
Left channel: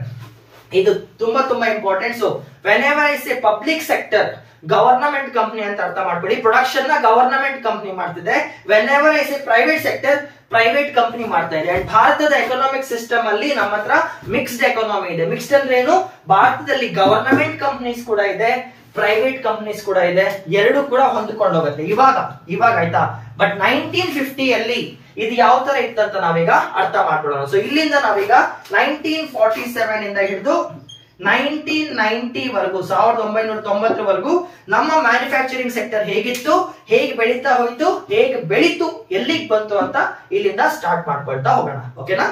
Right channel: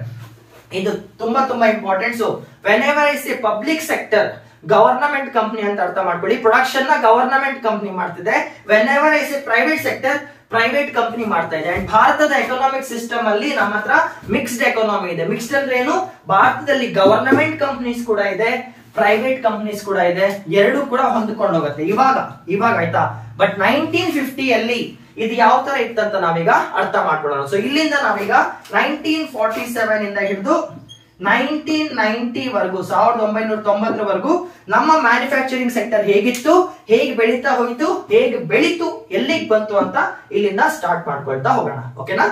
ಇದು ತುಂಬಾ ತುಂಬಾ important. So when ever I say public sector, government company ಅಂತ ಅರ್ಥ ಮಾಡ್ಕೊಳ್ಳಿ. ಪ್ರೊಡಕ್ಷನ್ ನ ಗವರ್ನಮೆಂಟ್ ಕಂಪನಿ ಮಾಡ್ತಿದೆ. When ever I say private sector, private company ಮಾಡ್ತಾ ಇದೆ. ಅಂಡ್ ಭಾರತದ ಎಕನಾಮಿಕ್ ಸಿಸ್ಟಮ್ ಅಲ್ಲಿ ನಮ್ಮ ಹತ್ರ ಮಿಕ್ಸ್ಡ್ ಎಕಾನಮಿ ಇದೆ. ಮಿಕ್ಸ್ಡ್ ಅಂದ್ರೆ ಏನು? ಭಾರತದಲ್ಲಿ ಗವರ್ನಮೆಂಟ್ ಕಂಪನೀಸ್ ಕೂಡ ಇದೆ, ಪ್ರೈವೇಟ್ ಕಂಪನೀಸ್ ಕೂಡ ಇದೆ, ಎರಡು ಕೂಡ ಹೊಂದ್ಕೊಂಡು ಹೋಗುತ್ತೆ ಇವಾಗ ಆಯ್ತಾ. ಬಟ್ 1950 ಅಲ್ಲಿ ಇದು ಯಾವ ತರ ಇತ್ತಂತ ನಾವೀಗ ಅರ್ಥ ಮಾಡ್ಕೊಳ್ಳೋಣ. ಸೊ ಇಲ್ಲಿಂದ ನಾವೀಗ 1947 ಇಂದ ಹಿಡಿದು 1990 ವರೆಗೂ, 1990 ವರೆಗೂ ನಮ್ಮ ಮ್ಯಾನುಫ್ಯಾಕ್ಚರಿಂಗ್ ಸೆಕ್ಟರ್ ಹೇಗಿತ್ತು, ಹೇಗೆ ಬೆಳೀತಾ ಹೋಯ್ತು, ಹೇಗೆ ಬೆಳೀತು, ಎಲ್ಲಿಗೆ ಬಂತು ಅಂತ ಇಲ್ಲಿಂದ ಸ್ಟಾರ್ಟ್ ಮಾಡ್ಕೊಳ್ತಾ ಹೋಗೋಣ. ಓಕೆನಾ?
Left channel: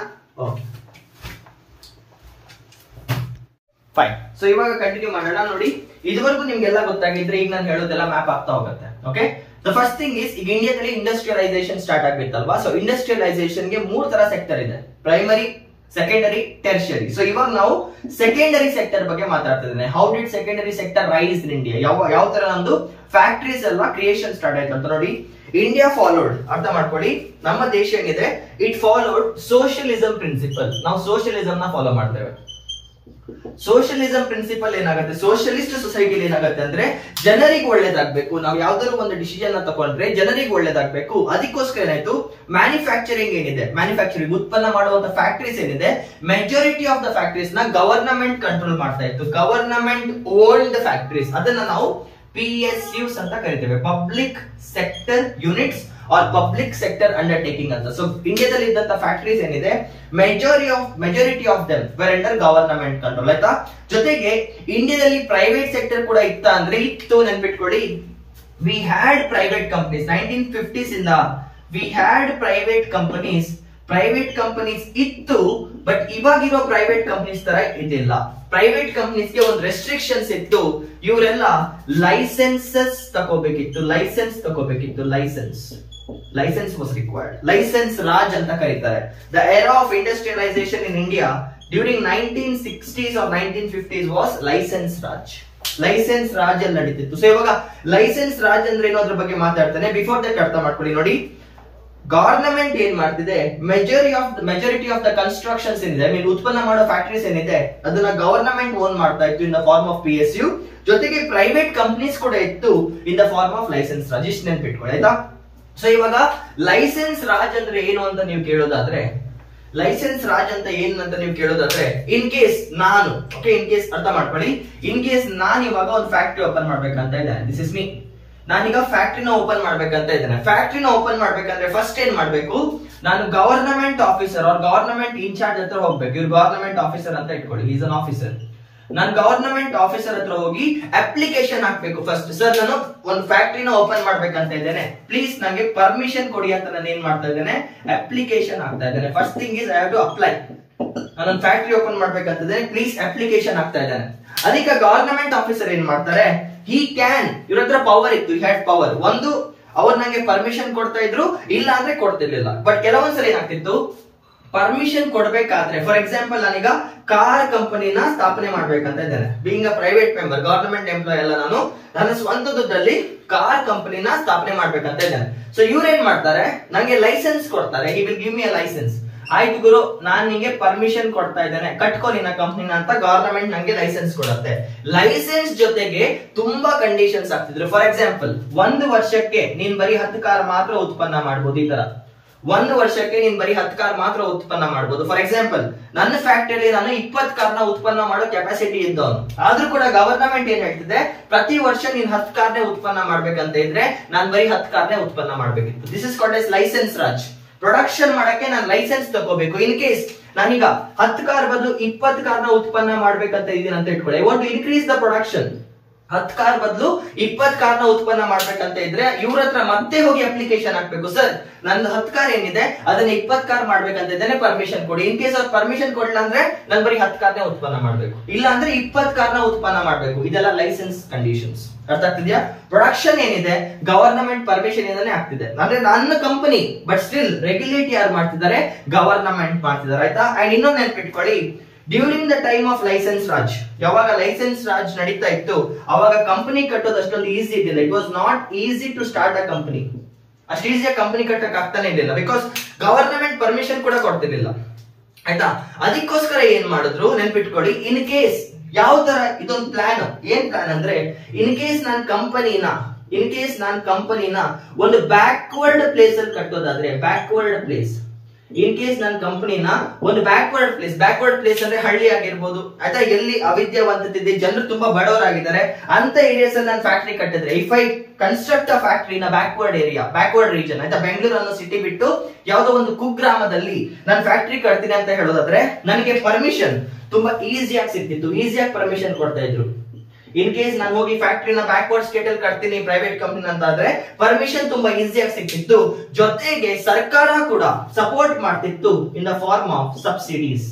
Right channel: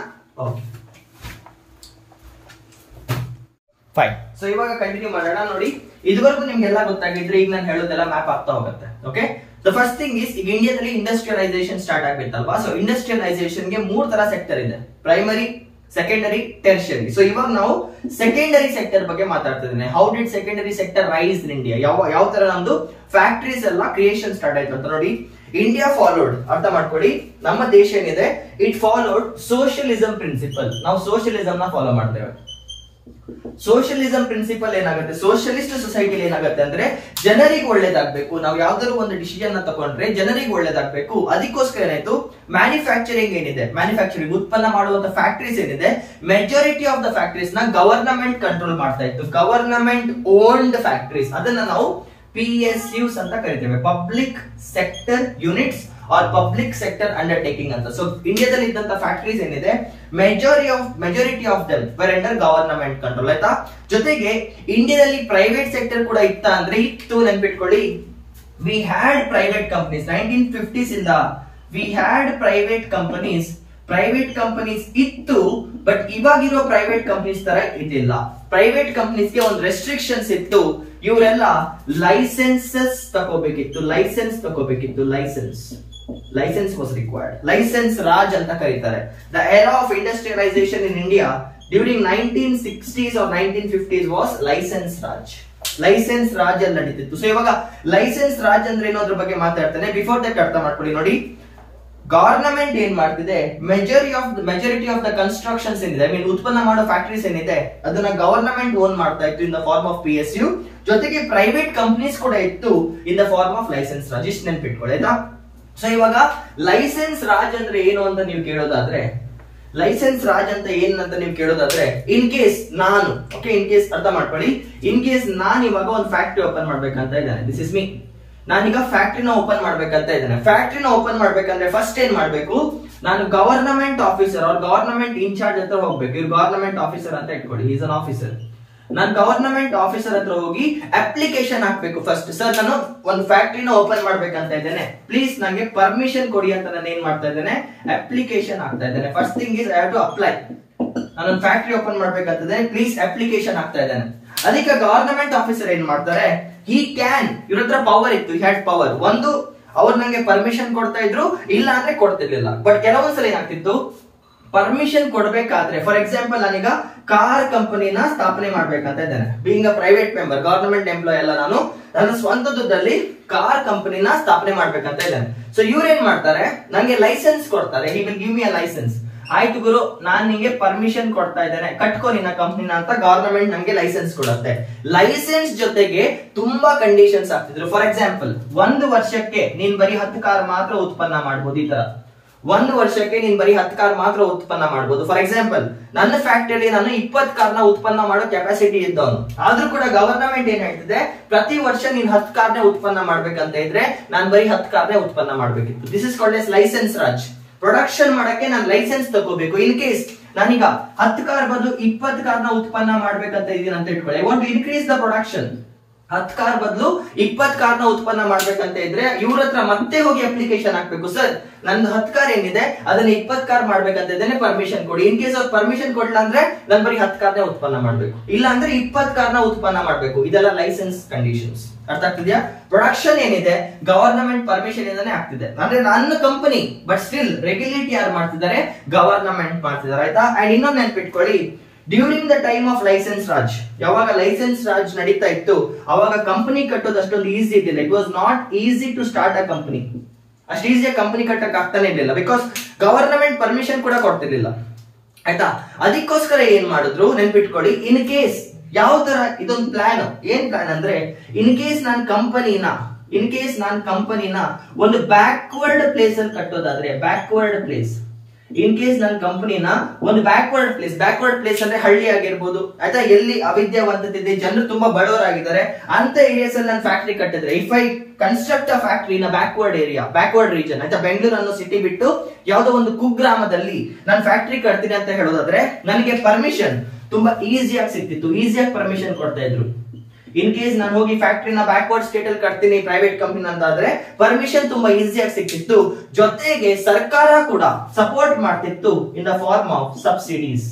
Okay fine. ಸೊ ಇವಾಗ ಕಂಟಿನ್ಯೂ ಮಾಡೋಣ. ನೋಡಿ, ಇದುವರೆಗೂ ನಿಮ್ಗೆಲ್ಲ ಗೊತ್ತಾಗಿದ್ರೆ ಈಗ ನಾನು ಹೇಳೋದೆಲ್ಲ ಮ್ಯಾಪ್ ಆಗ್ತಾ ಹೋಗುತ್ತೆ. Okay, the first thing is, ಈಗ ಇಂಡಿಯಾದಲ್ಲಿ ಇಂಡಸ್ಟ್ರಿಯಲೈಸೇಷನ್ ಸ್ಟಾರ್ಟ್ ಆಗ್ಬೇಕಲ್ವಾ. ಸೊ ಇಂಡಸ್ಟ್ರಿಯಲೈಸೇಷನ್ ಗೆ 3 ತರ ಸೆಕ್ಟರ್ ಇದೆ: ಪ್ರೈಮರಿ, ಸೆಕೆಂಡರಿ, ಟೆರ್ಷರಿ. ಸೊ ಇವಾಗ ನಾವು ಸೆಕೆಂಡರಿ ಸೆಕ್ಟರ್ ಬಗ್ಗೆ ಮಾತಾಡ್ತಿದ್ದೇನೆ. How did secondary sector rise in India? ಯಾವ ತರ ನಮ್ದು ಫ್ಯಾಕ್ಟರೀಸ್ ಎಲ್ಲ ಕ್ರಿಯೇಷನ್ ಸ್ಟಾರ್ಟ್ ಆಯ್ತು ಅಂತ ನೋಡಿ. ಇಂಡಿಯಾ ಫಾಲೋಡ್, ಅರ್ಥ ಮಾಡ್ಕೊಳ್ಳಿ, ನಮ್ಮ ದೇಶ ಏನಿದೆ ಇಟ್ ಫಾಲೋಡ್ ಸೋಷಿಯಲಿಸಂ ಪ್ರಿನ್ಸಿಪಲ್. ನಾವು ಸೋಷಿಯಲಿಸಂ ನ ಫಾಲೋ ಮಾಡ್ತೇವೆ. ಸೋಷಿಯಲಿಸಂ ಪ್ರಿನ್ಸಿಪಲ್ ಏನಾಗುತ್ತೆ, ಸೋಷಿಯಲಿಸ್ಟ್ ಸೊಸೈಟಿಲಿ ಏನಾಗುತ್ತೆ ಅಂದ್ರೆ ಜನರಿಗೆ ಒಳ್ಳೇದಾಗ್ಬೇಕು. ನಾವು ಯಾವ್ದಾದ್ರು ಒಂದು ಡಿಸಿಷನ್ ನ ತಗೊಂಡ್ರೆ ಜನರಿಗೆ ಒಳ್ಳೇದಾಗ್ಬೇಕು. ಅದಕ್ಕೋಸ್ಕರ ಏನಾಯ್ತು, ಮ್ಯಾನುಫ್ಯಾಕ್ಚರಿಂಗ್ ಏನಿದೆ, ಮ್ಯಾನುಫ್ಯಾಕ್ಚರಿಂಗ್ ಉತ್ಪನ್ನ ಮಾಡುವಂತ ಫ್ಯಾಕ್ಟರೀಸ್ ಏನಿದೆ, ಮೆಜಾರಿಟಿ ಆಫ್ ದ ಫ್ಯಾಕ್ಟರೀಸ್ ನ ಗವರ್ನಮೆಂಟ್ ಕಂಟ್ರೋಲ್ ಮಾಡ್ತಾ ಇತ್ತು. ಗವರ್ನಮೆಂಟ್ ಓನ್ಡ್ ಫ್ಯಾಕ್ಟರೀಸ್, ಅದನ್ನ ನಾವು PSUs ಅಂತ ಕರಿತೇವೆ, public sector units or public sector undertaking ಅಂತ. ಸೊ ಇಂಡಿಯಾದಲ್ಲಿ ಇದ್ದಂತ ಫ್ಯಾಕ್ಟರೀಸ್ ಏನಿದೆ, majority of them were under government control. ಆಯ್ತಾ? ಜೊತೆಗೆ ಇಂಡಿಯಾದಲ್ಲಿ ಪ್ರೈವೇಟ್ ಸೆಕ್ಟರ್ ಕೂಡ ಇತ್ತ ಅಂದ್ರೆ ಇತ್ತು, ನೆನ್ಪಿಟ್ಕೊಳ್ಳಿ. V had private companies 1950s ಇಂದ. ವಿ ಹ್ಯಾಡ್ ಪ್ರೈವೇಟ್ ಕಂಪನೀಸ್ ಇತ್ತು. ಬಟ್ ಇವಾಗಿರೋ ಪ್ರೈವೇಟ್ ಕಂಪನೀಸ್ ತರ ಇದಿಲ್ಲ. ಪ್ರೈವೇಟ್ ಕಂಪನೀಸ್ ಗೆ ಒಂದು ರೆಸ್ಟ್ರಿಕ್ಷನ್ಸ್ ಇತ್ತು. ಇವರೆಲ್ಲ ಲೈಸೆನ್ಸಸ್ ತಗೋಬೇಕಿತ್ತು. Licence was required. Licence Raj ಅಂತ ಕರೀತಾರೆ. The era of industrialization in India during 1960s or 1950s was license Raj ಅಲ್ಲಿ ನಡೀತಿತ್ತು. ಸೊ ಇವಾಗ ಲೈಸೆನ್ಸ್ ರಾಜ್ ಅಂದ್ರೆ ಏನೋ ಅದ್ರ ಬಗ್ಗೆ ಮಾತಾಡ್ತಾನೆ. ಬಿಫೋರ್ ದಟ್ ಅರ್ಥ ಮಾಡ್ಕೊಳ್ಳಿ. ನೋಡಿ, ಗವರ್ನಮೆಂಟ್ ಏನ್ ಮಾಡ್ತಿದೆ, ಮೆಜಾರಿಟಿ ಆಫ್ ದ ಕನ್ಸ್ಟ್ರಕ್ಷನ್ಸ್ ಏನಿದೆ, ಐ ಮೀನ್ ಉತ್ಪನ್ನ ಮಾಡೋ ಫ್ಯಾಕ್ಟರೀಸ್ ಏನಿದೆ, ಅದನ್ನ ಗವರ್ನಮೆಂಟ್ ಓನ್ ಮಾಡ್ತಾ ಇತ್ತು in the form of PSU. ಜೊತೆಗೆ ಪ್ರೈವೇಟ್ ಕಂಪನೀಸ್ ಕೂಡ ಇತ್ತು in the form of license Raj. ಇಷ್ಟು ನೆನ್ಪಿಟ್ಕೊಳ್ಳಿ, ಆಯ್ತಾ? ಸೊ ಇವಾಗ ಲೈಸೆನ್ಸ್ ರಾಜ್ ಅಂದ್ರೆ ಏನು ಅಂತ ನೀವು ಕೇಳೋದಾದ್ರೆ, ಇನ್ ಕೇಸ್ ನಾನು, ಓಕೆ, ಇನ್ ಕೇಸ್ ಅರ್ಥ ಮಾಡ್ಕೊಳ್ಳಿ, ಇನ್ ಕೇಸ್ ನಾನು ಇವಾಗ ಒಂದು ಫ್ಯಾಕ್ಟರಿ ಓಪನ್ ಮಾಡ್ಬೇಕಂತ ಇದ್ದೇನೆ. This is me. ನಾನೀಗ ಫ್ಯಾಕ್ಟರಿನ ಓಪನ್ ಮಾಡ್ಬೇಕಂತ ಇದ್ದೇನೆ. ಫ್ಯಾಕ್ಟರಿನ ಓಪನ್ ಮಾಡ್ಬೇಕಂದ್ರೆ ಫಸ್ಟ್ ಏನ್ ಮಾಡ್ಬೇಕು, ನಾನು government officer or government incharge ಹತ್ರ ಹೋಗ್ಬೇಕು. ಇವ್ರು ಗವರ್ನಮೆಂಟ್ ಆಫೀಸರ್ ಅಂತ ಇಟ್ಕೊಳ್ಳಿ, ಈಸ್ ಅನ್ ಆಫೀಸರ್. ನಾನು ಗವರ್ನಮೆಂಟ್ ಆಫೀಸರ್ ಹತ್ರ ಹೋಗಿ ಅಪ್ಲಿಕೇಶನ್ ಹಾಕ್ಬೇಕು. ಫಸ್ಟ್, ಸರ್ ನಾನು ಒಂದು ಫ್ಯಾಕ್ಟರಿನ ಓಪನ್ ಮಾಡ್ಬೇಕಂತ ಇದ್ದೇನೆ, ಪ್ಲೀಸ್ ನಂಗೆ ಪರ್ಮಿಷನ್ ಕೊಡಿ ಅಂತ ನಾನು ಏನ್ ಮಾಡ್ತಾ ಇದ್ದೇನೆ, ಅಪ್ಲಿಕೇಶನ್ ಹಾಕ್ತಾ ಇದ್ದೇನೆ. First thing is I have to apply. ನಾನೊಂದು ಫ್ಯಾಕ್ಟರಿ ಓಪನ್ ಮಾಡ್ಬೇಕಂತಂದ್ರೆ ಪ್ಲೀಸ್ ಅಪ್ಲಿಕೇಶನ್ ಹಾಕ್ತಾ ಇದ್ದೇನೆ. ಅದಕ್ಕೆ ಗವರ್ನಮೆಂಟ್ ಆಫೀಸರ್ ಏನ್ ಮಾಡ್ತಾರೆ, ಇವ್ರ ಹತ್ರ ಪವರ್ ಇತ್ತು, ಹ್ಯಾಡ್ ಪವರ್. ಒಂದು, ಅವ್ರು ನಂಗೆ ಪರ್ಮಿಷನ್ ಕೊಡ್ತಾ ಇದ್ರು, ಇಲ್ಲ ಅಂದ್ರೆ ಕೊಡ್ತಿರ್ಲಿಲ್ಲ. ಬಟ್ ಕೆಲವೊಂದ್ಸಲ ಏನಾಗ್ತಿತ್ತು, ಪರ್ಮಿಷನ್ ಕೊಡ್ಬೇಕಾದ್ರೆ, ಫಾರ್ ಎಕ್ಸಾಂಪಲ್ ನಾನೀಗ ಕಾರ್ ಕಂಪನಿನ ಸ್ಥಾಪನೆ ಮಾಡ್ಬೇಕಂತ ಇದ್ದೇನೆ. Being a private member, government employee ಅಲ್ಲ ನಾನು, ನನ್ನ ಸ್ವಂತ ದುಡ್ಡಲ್ಲಿ ಕಾರ್ ಕಂಪನಿನ ಸ್ಥಾಪನೆ ಮಾಡ್ಬೇಕಂತ ಇದ್ದೇನೆ. ಸೊ ಇವ್ರು ಏನ್ ಮಾಡ್ತಾರೆ, ನಂಗೆ ಲೈಸೆನ್ಸ್ ಕೊಡ್ತಾರೆ. He will give me a license. ಆಯ್ತು ಗುರು, ನಾನ್ ನಿಂಗೆ ಪರ್ಮಿಷನ್ ಕೊಡ್ತಾ ಇದ್ದೇನೆ, ಕಟ್ಕೋ ನಿನ್ನ ಕಂಪ್ನಿನ ಅಂತ ಗವರ್ನಮೆಂಟ್ ನಂಗೆ ಲೈಸೆನ್ಸ್ ಕೊಡುತ್ತೆ. ಲೈಸೆನ್ಸ್ ಜೊತೆಗೆ ತುಂಬಾ ಕಂಡೀಷನ್ಸ್ ಆಗ್ತಿದ್ರು. ಫಾರ್ ಎಕ್ಸಾಂಪಲ್, 1 ವರ್ಷಕ್ಕೆ ನೀನ್ ಬರೀ 10 ಕಾರ್ ಮಾತ್ರ ಉತ್ಪನ್ನ ಮಾಡಬಹುದು. ಈ ತರ 1 ವರ್ಷಕ್ಕೆ ನೀನ್ ಬರೀ 10 ಕಾರ್ ಮಾತ್ರ ಉತ್ಪನ್ನ ಮಾಡಬಹುದು. ಫಾರ್ ಎಕ್ಸಾಂಪಲ್, ನನ್ನ ಫ್ಯಾಕ್ಟರಿಯಲ್ಲಿ ನಾನು 20 ಕಾರ್ನ ಉತ್ಪನ್ನ ಮಾಡೋ ಕೆಪಾಸಿಟಿ ಇದ್ದವನು. ಆದ್ರೂ ಕೂಡ ಗವರ್ನಮೆಂಟ್ ಏನ್ ಹೇಳ್ತಿದೆ, ಪ್ರತಿ ವರ್ಷ ನೀನ್ 10 ಕಾರ್ನೇ ಉತ್ಪನ್ನ ಮಾಡ್ಬೇಕಂತ ಇದ್ರೆ ನಾನ್ ಬರೀ 10 ಕಾರ್ನೇ ಉತ್ಪನ್ನ ಮಾಡ್ಬೇಕಿತ್ತು. This is called as license Raj. Production ಮಾಡಕ್ಕೆ ನಾನು ಲೈಸೆನ್ಸ್ ತಗೋಬೇಕು. ಇನ್ ಕೇಸ್ ನಾನೀಗ 10 ಕಾರ್ ಬದಲು 20 ಕಾರ್ನ ಉತ್ಪನ್ನ ಮಾಡ್ಬೇಕಂತ ಇದೀನಿ ಅಂತ ಇಟ್ಕೊಳ್ಳಿ. I want to increase the production. 10 car ಬದಲು 20 ಕಾರ್ನ ಉತ್ಪನ್ನ ಮಾಡ್ಬೇಕಂತ ಇದ್ರೆ ಇವ್ರ ಹತ್ರ ಮತ್ತೆ ಹೋಗಿ ಅಪ್ಲಿಕೇಶನ್ ಹಾಕ್ಬೇಕು. ಸರ್, ನಂದು 10 ಕಾರ್ ಏನಿದೆ ಅದನ್ನ 20 ಕಾರ್ ಮಾಡ್ಬೇಕಂತ ಇದ್ದೇನೆ, ಪರ್ಮಿಷನ್ ಕೊಡಿ. ಇನ್ ಕೇಸ್ ಅವ್ರು ಪರ್ಮಿಷನ್ ಕೊಡ್ಲಿಲ್ಲ ಅಂದ್ರೆ ನಾನು ಬರೀ 10 ಕಾರ್ನೇ ಉತ್ಪನ್ನ ಮಾಡ್ಬೇಕು, ಇಲ್ಲ ಅಂದ್ರೆ 20 ಕಾರ್ನ ಉತ್ಪನ್ನ ಮಾಡ್ಬೇಕು. ಇದೆಲ್ಲ ಲೈಸೆನ್ಸ್ ಕಂಡೀಷನ್ಸ್. ಅರ್ಥ ಆಗ್ತಿದ್ಯಾ? ಪ್ರೊಡಕ್ಷನ್ ಏನಿದೆ ಗವರ್ನಮೆಂಟ್ ಪರ್ಮಿಷನ್ ಇಂದಾನೆ ಆಗ್ತಿದೆ, ಅಂದ್ರೆ ನನ್ನ ಕಂಪನಿ. ಬಟ್ ಸ್ಟಿಲ್ ರೆಗ್ಯುಲೇಟ್ ಯಾರು ಮಾಡ್ತಿದ್ದಾರೆ, ಗವರ್ನಮೆಂಟ್ ಮಾಡ್ತಿದ್ದಾರೆ. ಆಯ್ತಾ? ಅಂಡ್ ಇನ್ನೊಂದು ನೆನ್ಪಿಟ್ಕೊಳ್ಳಿ, during the time of license Raj, ಯಾವಾಗ ಲೈಸೆನ್ಸ್ ರಾಜ್ ನಡೀತಾ ಇತ್ತು ಅವಾಗ ಕಂಪನಿ ಕಟ್ಟೋದು ಅಷ್ಟೊಂದು ಈಸಿ ಇದ್ದಿಲ್ಲ. It was not easy to start a company. ಅಷ್ಟು ಈಸಿಯಾಗಿ ಕಂಪನಿ ಕಟ್ಟಕ್ ಆಗ್ತಾನೆ ಇರ್ಲಿಲ್ಲ, ಬಿಕಾಸ್ ಗವರ್ನಮೆಂಟ್ ಪರ್ಮಿಷನ್ ಕೂಡ ಕೊಡ್ತಿರ್ಲಿಲ್ಲ. ಆಯ್ತಾ. ಅದಕ್ಕೋಸ್ಕರ ಏನ್ ಮಾಡಿದ್ರು ನೆನ್ಪಿಟ್ಕೊಳ್ಳಿ, ಇನ್ ಕೇಸ್ ಯಾವ ತರ ಇದೊಂದು ಪ್ಲಾನ್, ಏನ್ ಪ್ಲಾನ್ ಅಂದ್ರೆ ಇನ್ ಕೇಸ್ ನಾನು ಕಂಪನಿನ ಒಂದು ಬ್ಯಾಕ್ವರ್ಡ್ ಪ್ಲೇಸ್ ಅಲ್ಲಿ ಕಟ್ಟೋದಾದ್ರೆ, ಬ್ಯಾಕ್ವರ್ಡ್ ಪ್ಲೇಸ್, ಇನ್ ಕೇಸ್ ನನ್ನ ಕಂಪನಿನ ಒಂದು ಬ್ಯಾಕ್ವರ್ಡ್ ಪ್ಲೇಸ್ ಅಂದ್ರೆ ಹಳ್ಳಿ ಆಗಿರ್ಬೋದು ಆಯ್ತಾ, ಎಲ್ಲಿ ಅವಿದ್ಯಾವಂತತೆ ಇದೆ, ಜನರು ತುಂಬಾ ಬಡವರಾಗಿದ್ದಾರೆ ಅಂತ ಏರಿಯಾಸ್ ಅಲ್ಲಿ ನಾನು ಫ್ಯಾಕ್ಟರಿ ಕಟ್ಟಿದ್ರೆ, if I construct a factory in backward area, backward region ಆಯ್ತಾ, ಬೆಂಗಳೂರು ಅನ್ನೋ ಸಿಟಿ ಬಿಟ್ಟು ಯಾವ್ದೋ ಒಂದು ಕುಗ್ರಾಮದಲ್ಲಿ ನಾನು ಫ್ಯಾಕ್ಟರಿ ಕಟ್ತೀನಿ ಅಂತ ಹೇಳೋದಾದ್ರೆ ನನಗೆ ಪರ್ಮಿಷನ್ ತುಂಬಾ ಈಸಿಯಾಗಿ ಸಿಕ್ತಿತ್ತು, ಈಸಿಯಾಗಿ ಪರ್ಮಿಷನ್ ಕೊಡ್ತಾ ಇದ್ರು. ಇನ್ ಕೇಸ್ ನಾನು ಹೋಗಿ ಫ್ಯಾಕ್ಟರಿನ ಬ್ಯಾಕ್ವರ್ಡ್ ಸ್ಟೇಟ್ ಅಲ್ಲಿ ಕಟ್ತೀನಿ ಪ್ರೈವೇಟ್ ಕಂಪನಿ ಅಂತ ಆದ್ರೆ ಪರ್ಮಿಷನ್ ತುಂಬಾ ಈಸಿಯಾಗಿ ಸಿಕ್ತಿತ್ತು, ಜೊತೆಗೆ ಸರ್ಕಾರ ಕೂಡ ಸಪೋರ್ಟ್ ಮಾಡ್ತಿತ್ತು in the form of subsidies.